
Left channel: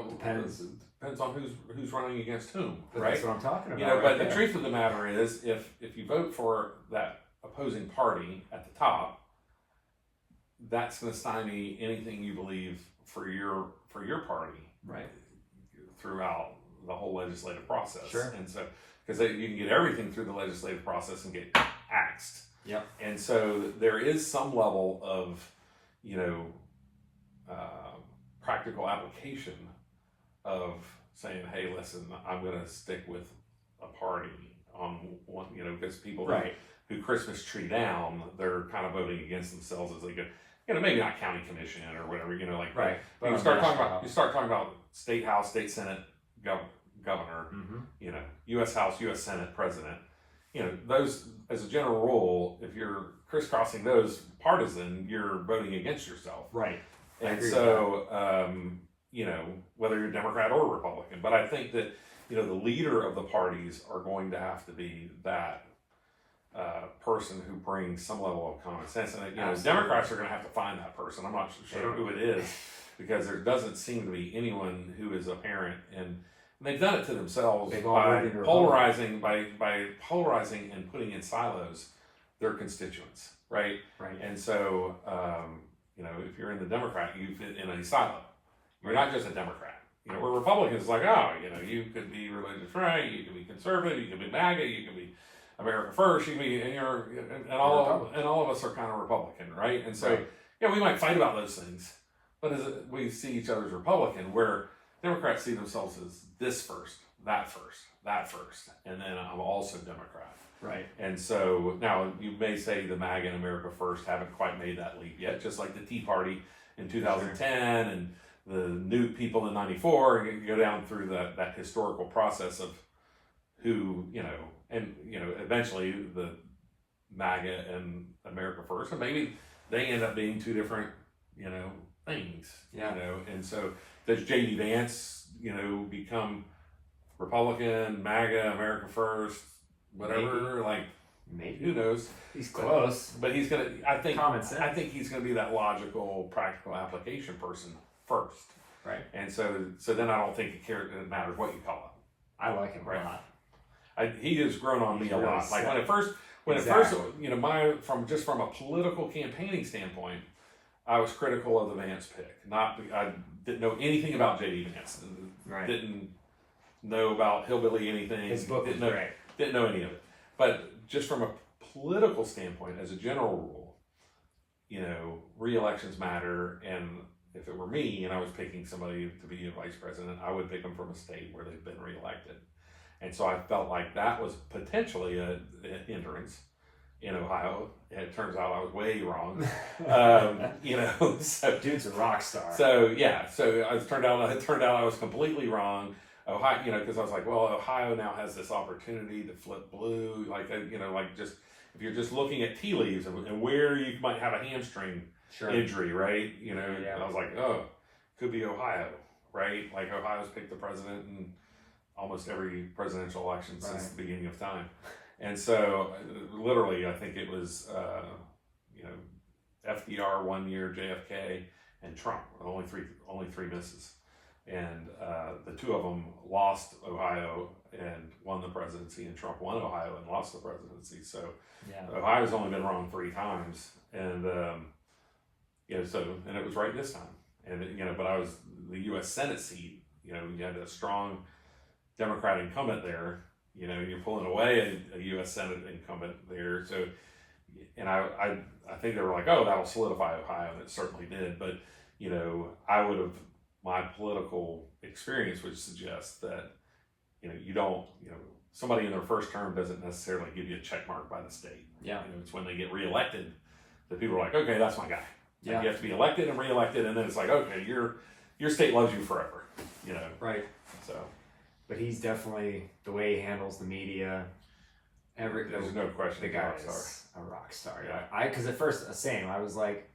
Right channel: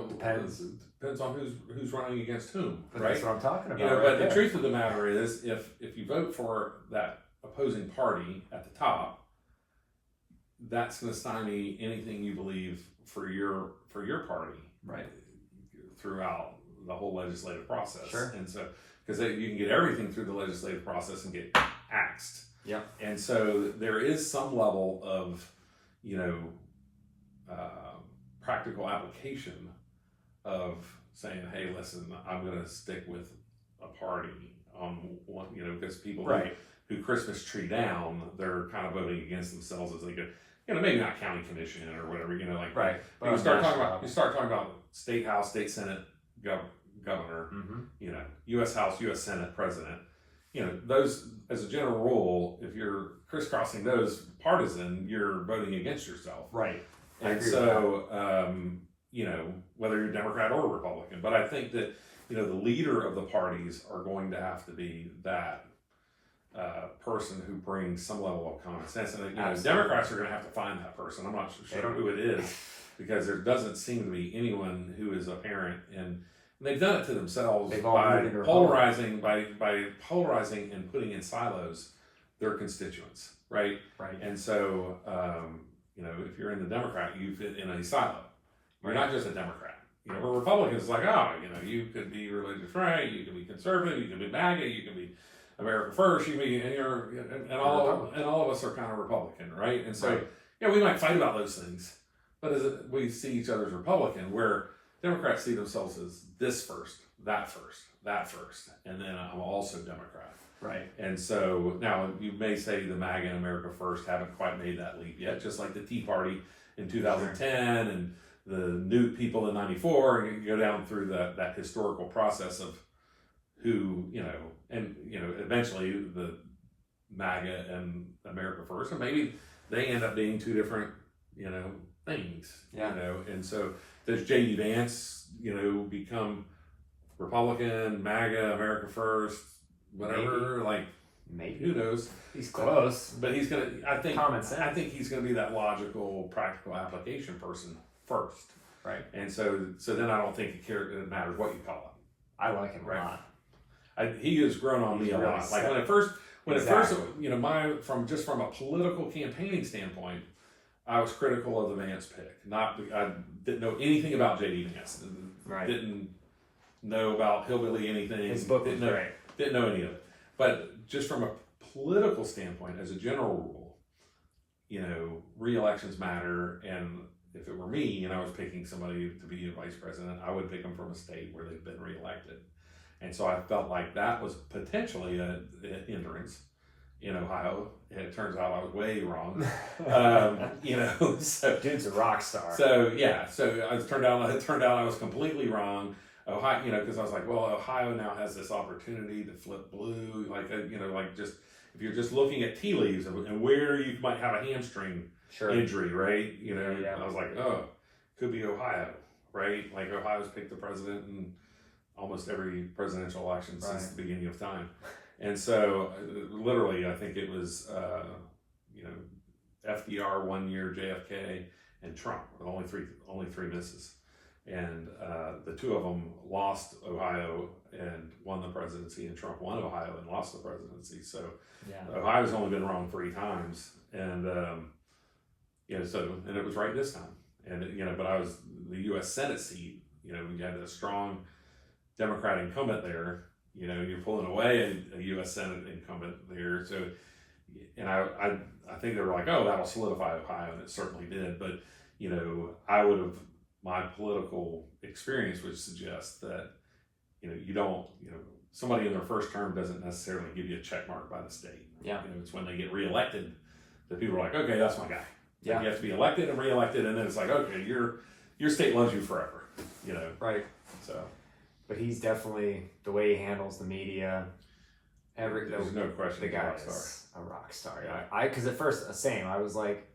Depends on who's running against whom. But right? That's what I'm talking about. But the truth of the matter is, if you vote for that opposing party at the top, that's going to stymie anything you believe for your party, right, throughout the whole legislative process. Sure. And so, because you can get everything through the legislative process and get axed. Yep. And so there is some level of practical application of saying, hey, listen, I'm going to stick with a party on one, because people who Christmas tree down, they're kind of voting against themselves as they go, maybe not county commission or whatever, right. But you start talking about state house, state senate, governor, U.S. House, U.S. Senate, president. Those, as a general rule, if you're crisscrossing those partisan, you're voting against yourself. Right. And so, whether you're Democrat or Republican, but I think that, the leader of the parties are going to have to be that person who brings some level of common sense. And, the Democrats are going to have to find that person. I'm not sure who it is because there doesn't seem to be anyone who is apparent. And they've done it to themselves by polarizing and putting in silos their constituents, right? Right. And so, you know, if you're in the Democrat, you fit in a silo. You're not just a Democrat. You know, where Republicans is like, oh, you know, you could be religious right, you could be conservative, you could be MAGA, you could be America First, you could be, and all of us are kind of Republican, right? And so, Right. yeah, we might fight about those things, but we see each other as Republican, where Democrats see themselves as this first, that first, and then I'm also Democrat. Right. And so now you may say the MAGA and America First haven't quite made that leap yet, just like the Tea Party in 2010 and the new people in 94. You go down through that historical process of who, you know, and, you know, eventually the MAGA and America First, and maybe they end up being two different, you know, things, Yeah. you know. And so does J.D. Vance, you know, become Republican, MAGA, America First, whatever? Like, Maybe. who knows? He's close. But he's gonna. I think. Common sense. I think he's gonna be that logical, practical application person first. Right. And so then I don't think it matters what you call him. I like him a Right. lot. He has grown on me He's a really lot. Like set. when it first, Exactly. you know, from a political campaigning standpoint, I was critical of the Vance pick. I didn't know anything about J.D. Vance. Right. Didn't know about hillbilly anything. His book was great. Didn't know any of it. But just from a political standpoint, as a general rule, you know, re-elections matter. And if it were me and I was picking somebody to be a vice president, I would pick them from a state where they've been re-elected. And so I felt like that was potentially a hindrance in Ohio. And it turns out I was way wrong. You know, so Dude's a rock star. so it turned out I was completely wrong. Ohio, you know, because I was like, well, Ohio now has this opportunity to flip blue, like, you know, like just if you're just looking at tea leaves and where you might have a hamstring injury, right? You know, Yeah. and I was like, oh, could be Ohio, right? Like Ohio's picked the president in almost every presidential election since the beginning of time, and so literally, I think it was, you know, FDR 1 year, JFK, and Trump, only three misses. And the two of them lost Ohio and won the presidency, and Trump won Ohio and lost the presidency. So Ohio's only been wrong 3 times, and you know, and it was right this time. And you know, but I was the U.S. Senate seat. You know, you had a strong Democrat incumbent there. You know, you're pulling away a U.S. Senate incumbent there. So, and I think they were like, oh, that'll solidify Ohio, and it certainly did. But you know, my political experience would suggest that, you know, you know, somebody in their first term doesn't necessarily give you a check mark by the state. Yeah. You know, it's when they get reelected that people are like, okay, that's my guy. Yeah. You have to be elected and reelected, and then it's like, okay, your state loves you forever. You know. Right. So. But he's definitely, the way he handles the media, There's no question. the guy is a rock star. Yeah. Because at first, I was like,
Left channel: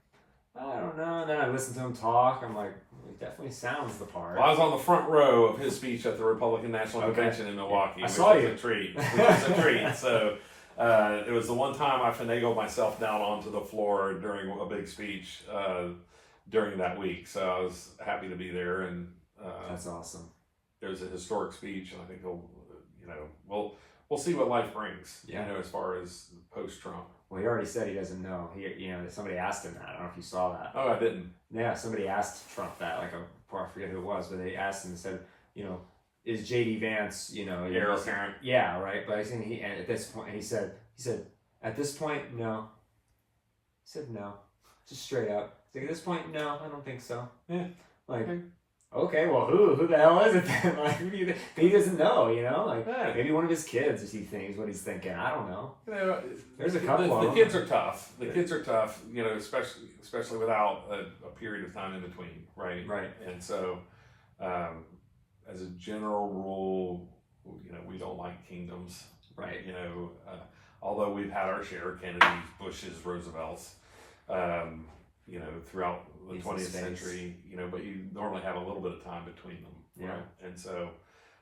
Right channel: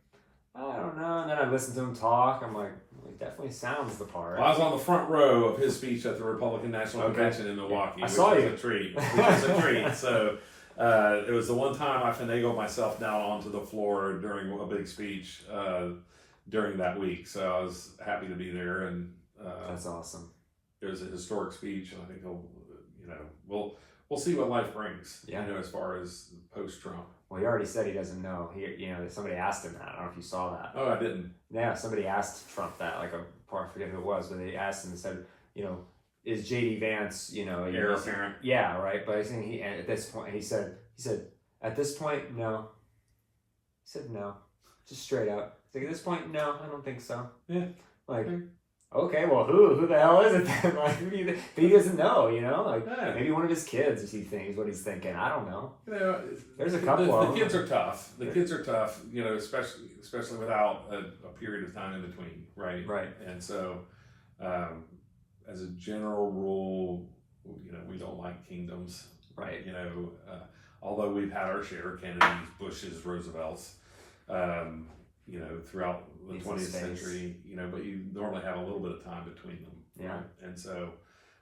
I don't know. And then I listened to him talk. I'm like, well, he definitely sounds the part. Well, I was on the front row of his speech at the Republican National Convention in Milwaukee. I saw you. Which was a treat. So it was the one time I finagled myself down onto the floor during a big speech during that week. So I was happy to be there. And that's awesome. It was a historic speech, and I think he'll, you know, we'll see what life brings. Yeah. You know, as far as post-Trump. Well, he already said he doesn't know. You know, somebody asked him that. I don't know if you saw that. Oh, I didn't. Yeah, somebody asked Trump that. Like, I forget who it was, but they asked him and said, you know, is J.D. Vance, you know, heir apparent? Yeah, right. But I think at this point, he said, at this point, no. He said no, just straight up. He's like, at this point, no, I don't think so. Yeah. Like, okay, well, who the hell is it then? Like, but he doesn't know, you know. Like, maybe one of his kids, is he thinks what he's thinking. I don't know. You know, there's a couple of them. The kids are tough. The kids are tough. You know, especially without a period of time in between, right? Right. And so, as a general rule, you know, we don't like kingdoms, right? You know, although we've had our share of Kennedys, Bushes, Roosevelts. You know, throughout the 20th century, you know, but you normally have a little bit of time between them. Yeah. Right? And so,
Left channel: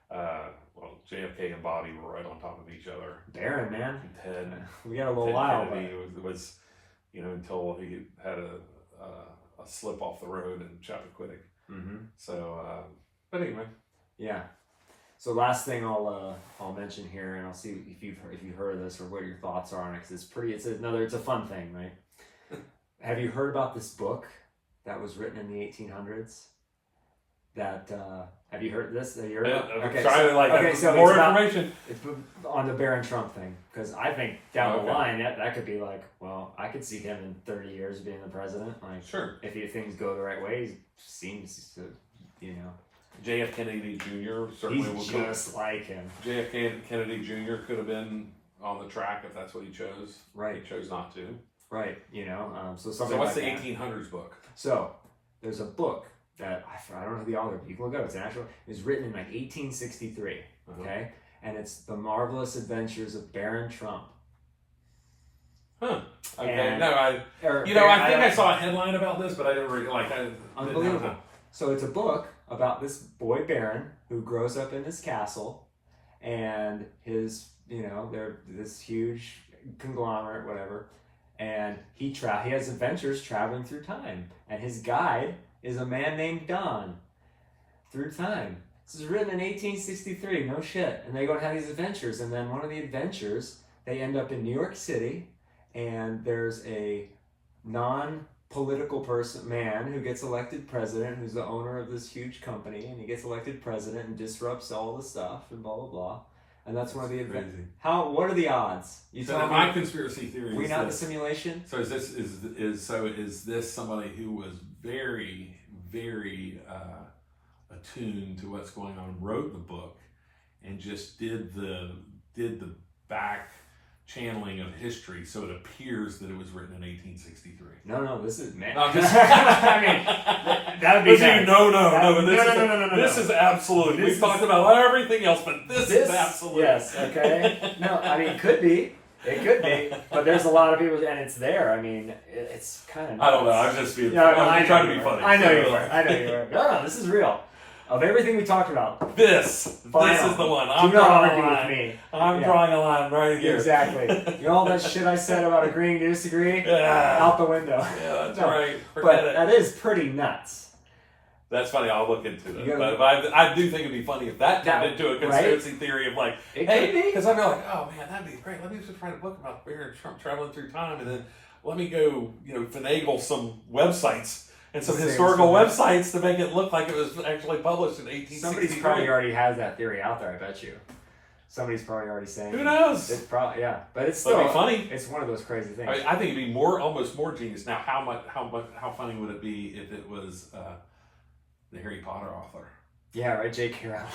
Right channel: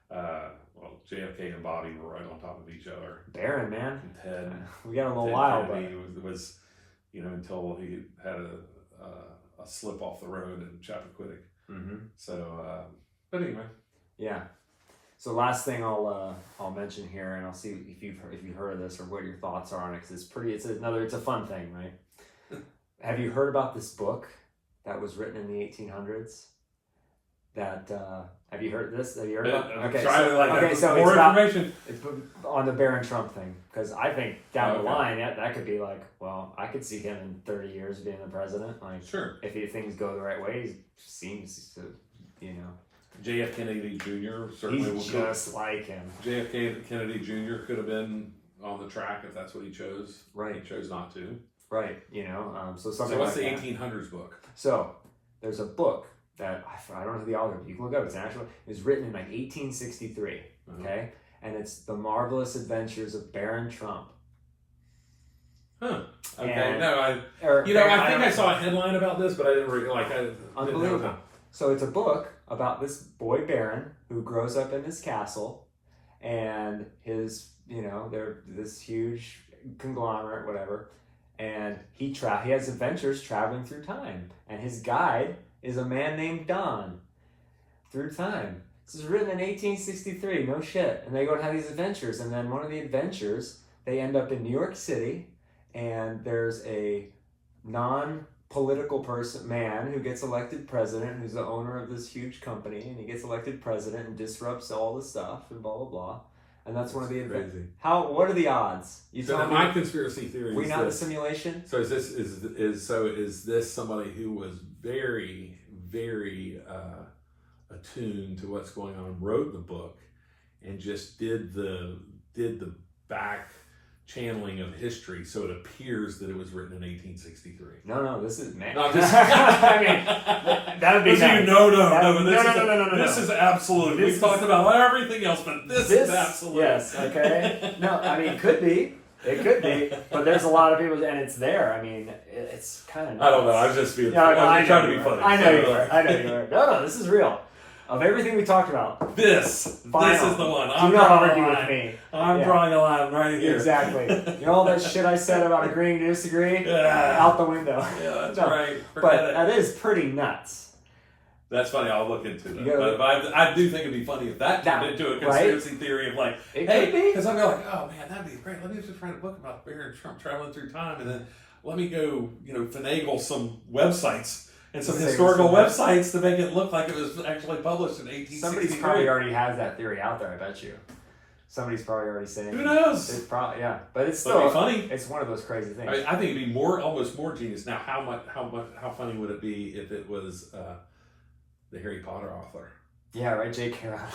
well, JFK and Bobby were right on top of each other. Barron, man. And Ted. We got a little while, but it was, you know, until he had a slip off the road in Chappaquiddick. Mm-hmm. So, but anyway. Yeah. So last thing I'll mention here, and I'll see if you've heard of this or what your thoughts are on it, because it's a fun thing, right? Have you heard about this book that was written in the 1800s? That have you heard this? Have you heard about? So more information. It's on the Barron Trump thing, because I think down the line that could be like, well, I could see him in 30 years being the president. Like, sure, if things go the right way, he seems to, JF Kennedy Jr. certainly he's just like him. JF Kennedy Jr. could have been on the track if that's what he chose. Right. He chose not to. Right. So something. So what's like the that. 1800s book? So there's a book that I don't know who the author is. You can look it up. It's an actual. It was written in like 1863. Okay, and it's The Marvelous Adventures of Barron Trump. Huh. Okay. And, I think I saw a headline about this, but I didn't really unbelievable. So it's a book about this boy Barron who grows up in his castle, and his they're this huge conglomerate, whatever, and he has adventures traveling through time, and his guide is a man named Don through time. This is written in 1863, no shit. And they go and have these adventures, and then one of the adventures, they end up in New York City, and there's a non-political man who gets elected president, who's the owner of this huge company, and he gets elected president and disrupts all the stuff and blah blah blah. And that's one of the crazy. What are the odds? My conspircy theory. We not the simulation. So is this somebody who was very, very attuned to what's going on, wrote the book, and just did the back channeling of history, so it appears that it was written in 1863. No, this is man. No, I mean, that would be nice. No. This is absolute. We've talked about everything else, but this is absolute. Yes. Okay. No, I mean, it could be, but there's a lot of people, and it's there. I mean, it's kind of. I don't know. I'm just being. I'm trying to be funny. I know you are. No, this is real. Of everything we talked about, this is the one. I'm drawing a line. I'm drawing a line right here. Exactly. All that shit I said about agreeing to disagree, out the window. Yeah, that's right. That is pretty nuts. That's funny. I'll look into it. But I do think it'd be funny if that turned into a conspiracy theory of like, hey, because I'd be like, oh man, that'd be great. Let me just write a book about Barron Trump traveling through time, and then let me go, finagle some websites. And some historical websites to make it look like it was actually published in 1863. Somebody's probably already has that theory out there, I bet you. Somebody's probably already saying. Who knows? It's probably, but it's still funny. It's one of those crazy things. I think it'd be almost more genius. Now, how funny would it be if it was the Harry Potter author? Yeah, right, J.K. Rowling.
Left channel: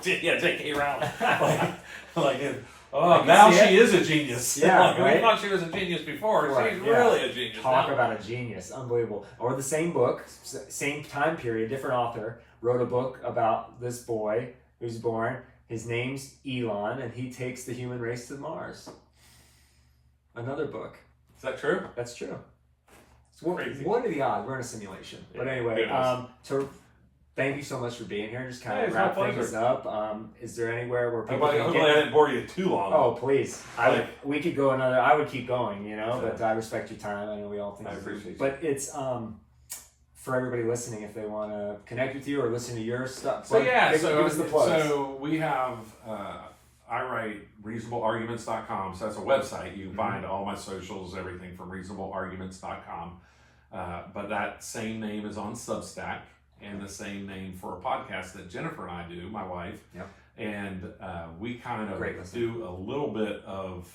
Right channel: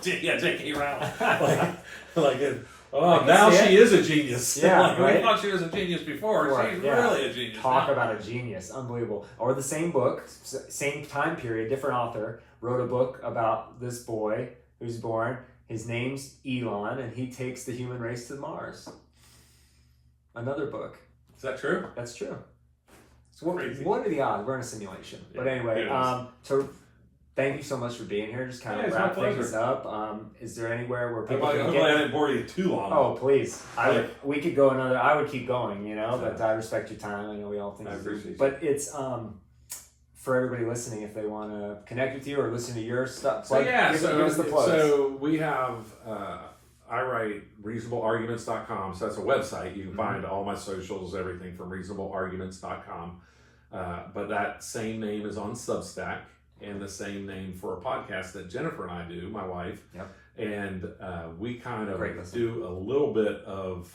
J.K. Rowling. Now she is a genius. Yeah, we thought she was a genius before. She's really a genius. Talk about a genius. Unbelievable. Or the same book, same time period, different author, wrote a book about this boy who's born. His name's Elon, and he takes the human race to Mars. Another book. Is that true? That's true. So what are the odds? We're in a simulation. Yeah, but anyway, thank you so much for being here. Just kind of wrap things up. Is there anywhere where people can get... I didn't bore you too long. Oh, please. We could go another... I would keep going, but I respect your time. I know we all think... I appreciate it. But it's... for everybody listening, if they want to connect with you or listen to your stuff, give us the plugs. So we have... I write reasonablearguments.com. So that's a website. You can find all my socials, everything from reasonablearguments.com. But that same name is on Substack. And the same name for a podcast that Jennifer and I do, my wife. Yep. And we kind of do a little bit of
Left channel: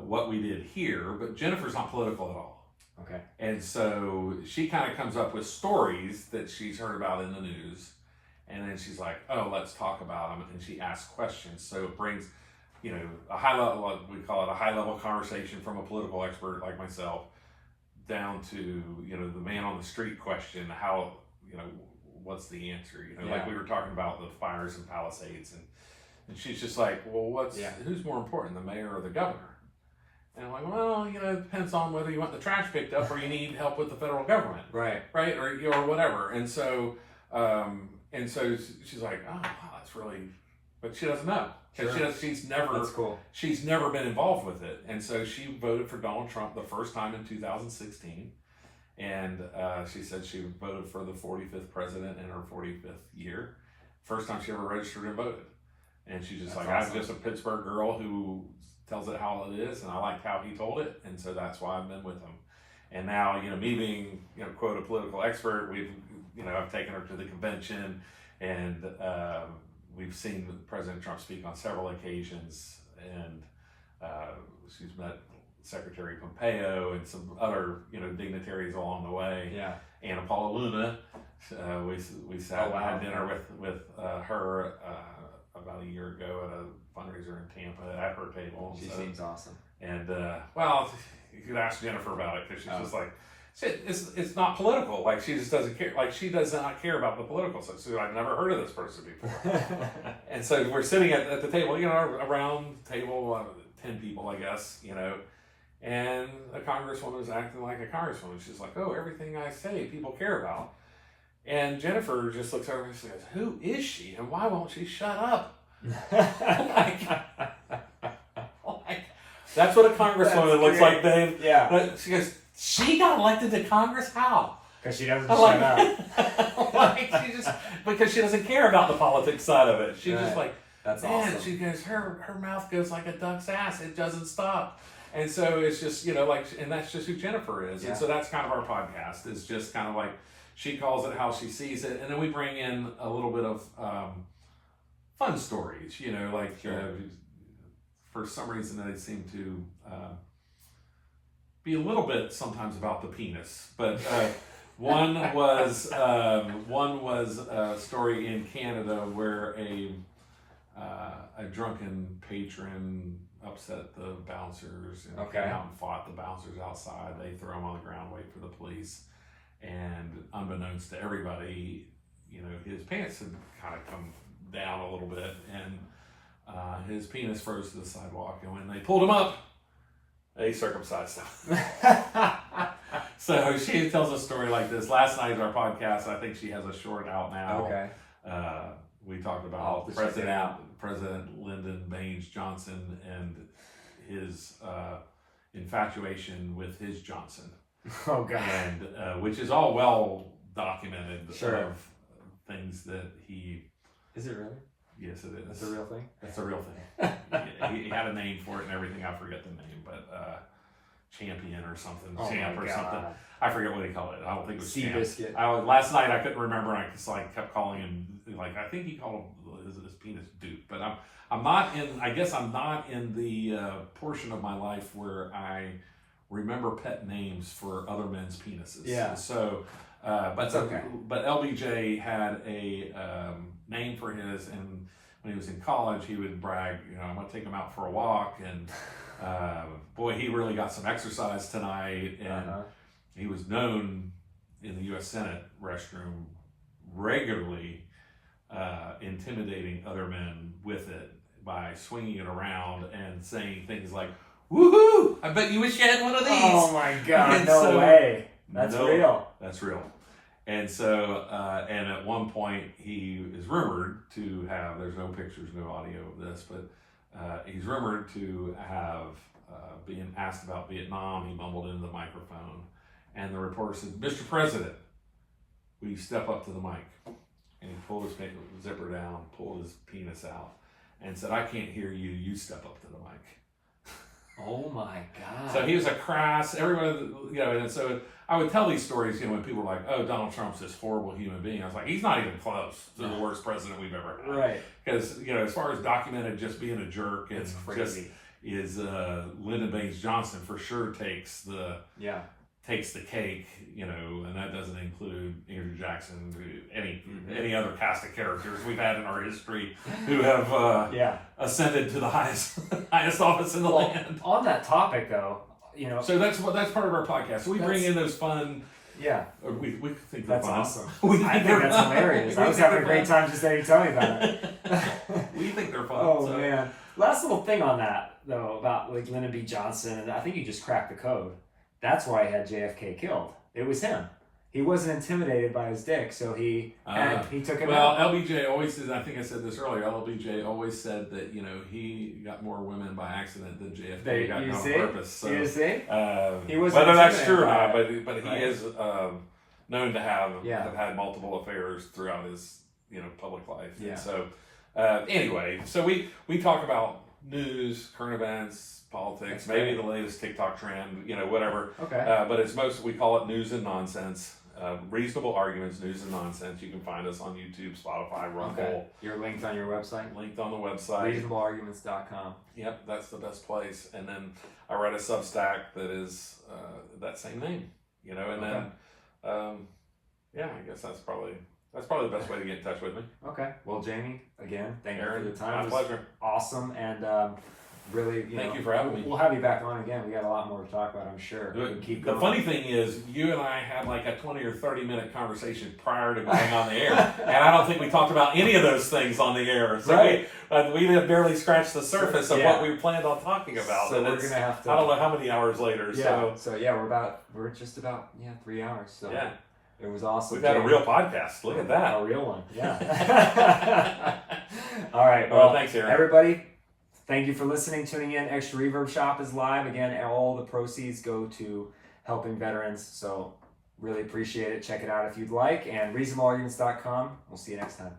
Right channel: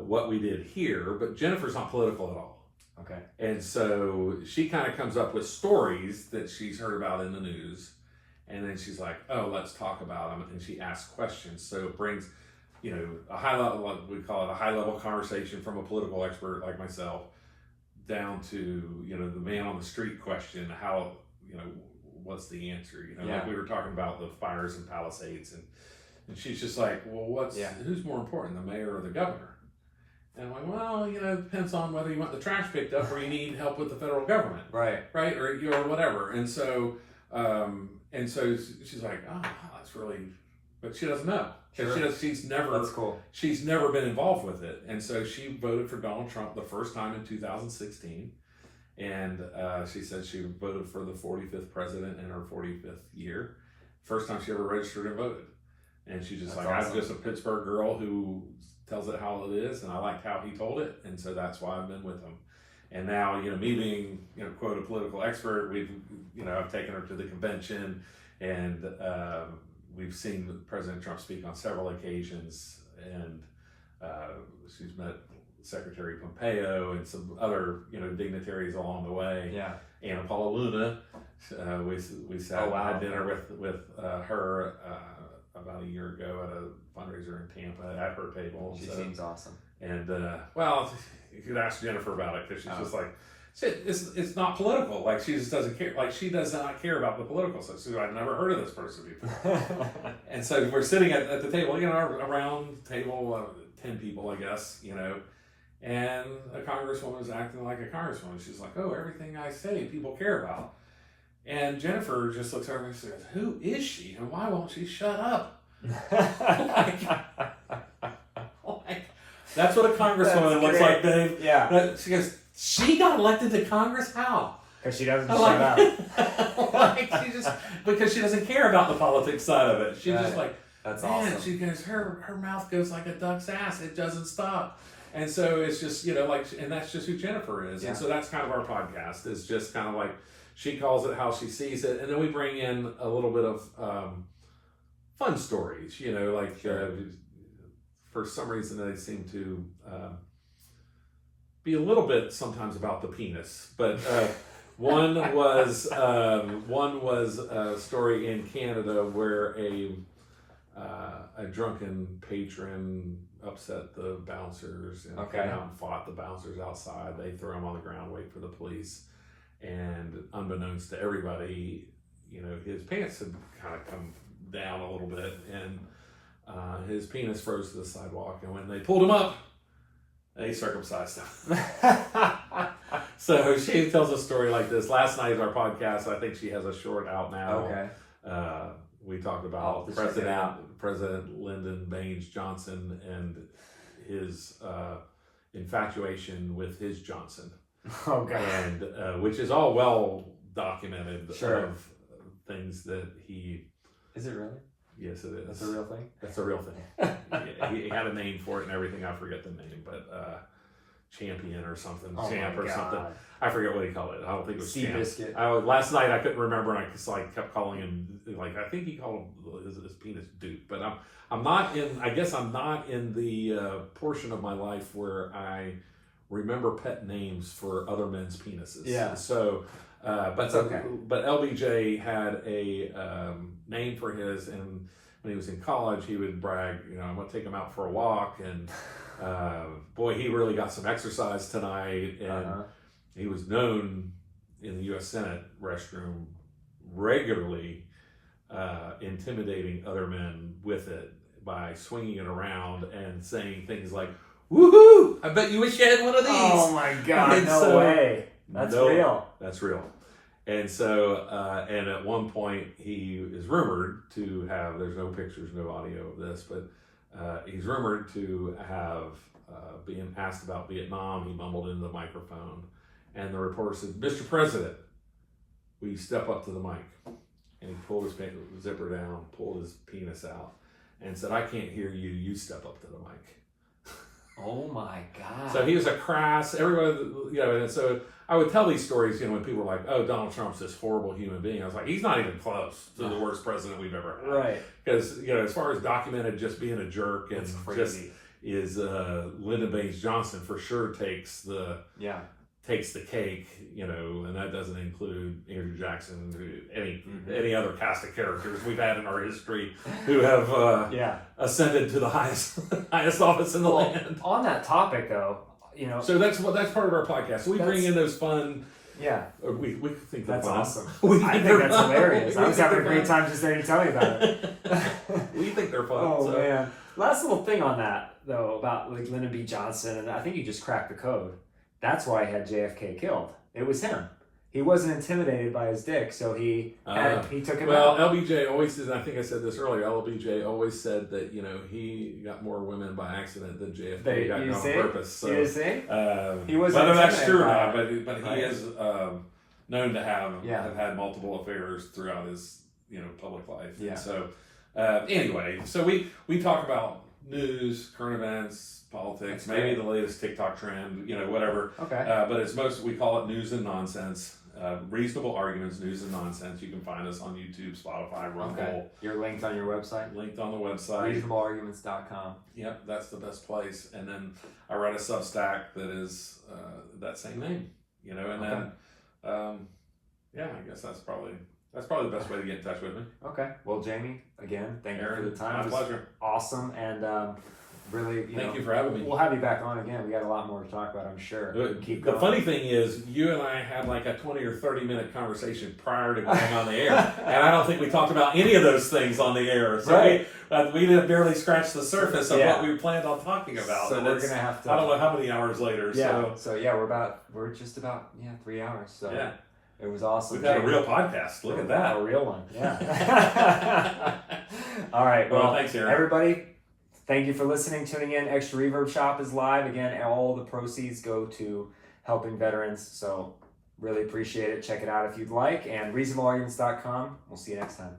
what we did here, but Jennifer's not political at all. Okay. And so she kind of comes up with stories that she's heard about in the news, and then she's like, oh, let's talk about them, and she asks questions. So it brings, a high level, we call it a high level conversation from a political expert like myself, down to, the man on the street question, how, what's the answer? Like we were talking about the fires in Palisades, and she's just like, well, who's more important, the mayor or the governor? And I'm like, well, it depends on whether you want the trash picked up or you need help with the federal government, right, or whatever. And so she's like, oh, wow, that's really, but she doesn't know. Sure. She's never been involved with it, and so she voted for Donald Trump the first time in 2016. And she said she voted for the 45th president in her 45th year first time she ever registered and voted. And she's just That's like, awesome. I'm just a Pittsburgh girl who tells it how it is, and I liked how he told it, and so that's why I've been with him. And now, me being, quote, a political expert, I've taken her to the convention, and we've seen President Trump speak on several occasions, and she's met Secretary Pompeo and some other, dignitaries along the way. Yeah. Anna Paula Luna, we sat had dinner with her about a year ago at a fundraiser in Tampa at her table. She seems awesome. And well, you could ask Jennifer about it, because she's just like, it's not political. Like, she just doesn't care. Like, she does not care about the political stuff. So I've never heard of this person before. And so we're sitting at the table, around the table, 10 people, I guess, and a congresswoman was acting like a congresswoman. She's like, oh, everything I say, people care about. And Jennifer just looks over and says, who is she, and why won't she shut up? That's what a congresswoman looks like, Dave. Yeah. She goes, she got elected to Congress? How? Because she doesn't shut up. Because she doesn't care about the politics side of it. She's Right. just like, That's man, awesome. she goes, her mouth goes like a duck's ass. It doesn't stop. And so it's just, and that's just who Jennifer is. Yeah. And so that's kind of our podcast. It's just kind of like, she calls it how she sees it. And then we bring in a little bit of fun stories, Sure. For some reason they seem to be a little bit sometimes about the penis. But one was a story in Canada where a drunken patron upset the bouncers and Okay. came out and fought the bouncers outside. They throw him on the ground, wait for the police, and unbeknownst to everybody, his pants had kind of come down a little bit, and his penis froze to the sidewalk. And when they pulled him up, they circumcised him. So she tells a story like this. Last night in our podcast, I think she has a short out now. Okay. We talked about President Lyndon Baines Johnson and his infatuation with his Johnson. Oh, God. And which is all well documented. Sure. Of things that he. Is it really? Yes, it is. That's a real thing? That's a real thing. he had a name for it and everything. I forget the name, but Champion or something. Oh, Champ my or God. something. I forget what he called it. I don't think it was Sea Champ. biscuit. Last night I couldn't remember, and I just kept calling him, I think he called him his penis Duke. But I'm not in. I guess I'm not in the portion of my life where I remember pet names for other men's penises. Yeah. So, but okay. But LBJ had a name for his, and when he was in college, he would brag, I'm going to take him out for a walk, and boy, he really got some exercise tonight. And he was known in the U.S. Senate restroom regularly intimidating other men with it by swinging it around and saying things like, woohoo, I bet you wish you had one of these. Oh, my God. And No so- way. That's real. That's real. And so, and at one point, he is rumored to have, there's no pictures, no audio of this, but he's rumored to have being asked about Vietnam. He mumbled into the microphone, and the reporter said, Mr. President, will you step up to the mic? And he pulled his zipper down, pulled his penis out, and said, I can't hear you, you step up to the mic. Oh, my God. So he was a crass, everybody, and so I would tell these stories, when people were like, oh, Donald Trump's this horrible human being. I was like, he's not even close to the worst president we've ever had. Right. Because, as far as documented just being a jerk and It's just crazy. is Lyndon Baines Johnson for sure takes the cake, and that doesn't include Andrew Jackson, any other cast of characters we've had in our history who have ascended to the highest office in the land. On that topic, though, So that's part of our podcast. So we bring in those fun. Yeah. We think they're That's fun. awesome. I I think that's hilarious. I was having a great time just hearing you tell me about it. We think they're fun. Oh, man. Last little thing on that, though, about Lyndon B. Johnson, and I think you just cracked the code. That's why he had JFK killed. It was him. He wasn't intimidated by his dick, so he took him out. Well, LBJ always did. I think I said this earlier. LBJ always said that he got more women by accident than JFK got on purpose. So you see? he wasn't whether that's true or not, but he is known to have had multiple affairs throughout his public life. Yeah. And so anyway, so we talk about news, current events, politics, That's maybe great. the latest TikTok trend, whatever. Okay. But it's we call it news and nonsense. Reasonable arguments, news and nonsense. You can find us on YouTube, Spotify, Rumble. Okay. You're linked on your website? Linked on the website. ReasonableArguments.com. Yep, that's the best place. And then I write a Substack that is that same name, and Okay. then I guess that's probably the best way to get in touch with me. Okay. Well, Jamie, again, thank you Aaron, for the time. my It was pleasure. awesome, and really, Thank you for having me. We'll have you back on again. We got a lot more to talk about, I'm sure. Good. Keep The going. funny thing is, you and I had like a 20 or 30 minute conversation prior to going on the air, and I don't think we talked about any of those things on the air. So Right. we did barely scratch the surface of Yeah. what we planned on talking about. So And we're gonna have to. I don't know how many hours later. Yeah. So yeah, we're just about 3 hours. So Yeah. it was awesome. We've got a Jamie. real podcast. Look at that. A real one. Yeah. All right. Well, thanks, Aaron. everybody. Thank you for listening, tuning in. Extra Reverb Shop is live. Again, all the proceeds go to helping veterans. So really appreciate it. Check it out if you'd like. And reasonablearguments.com. We'll see you next time.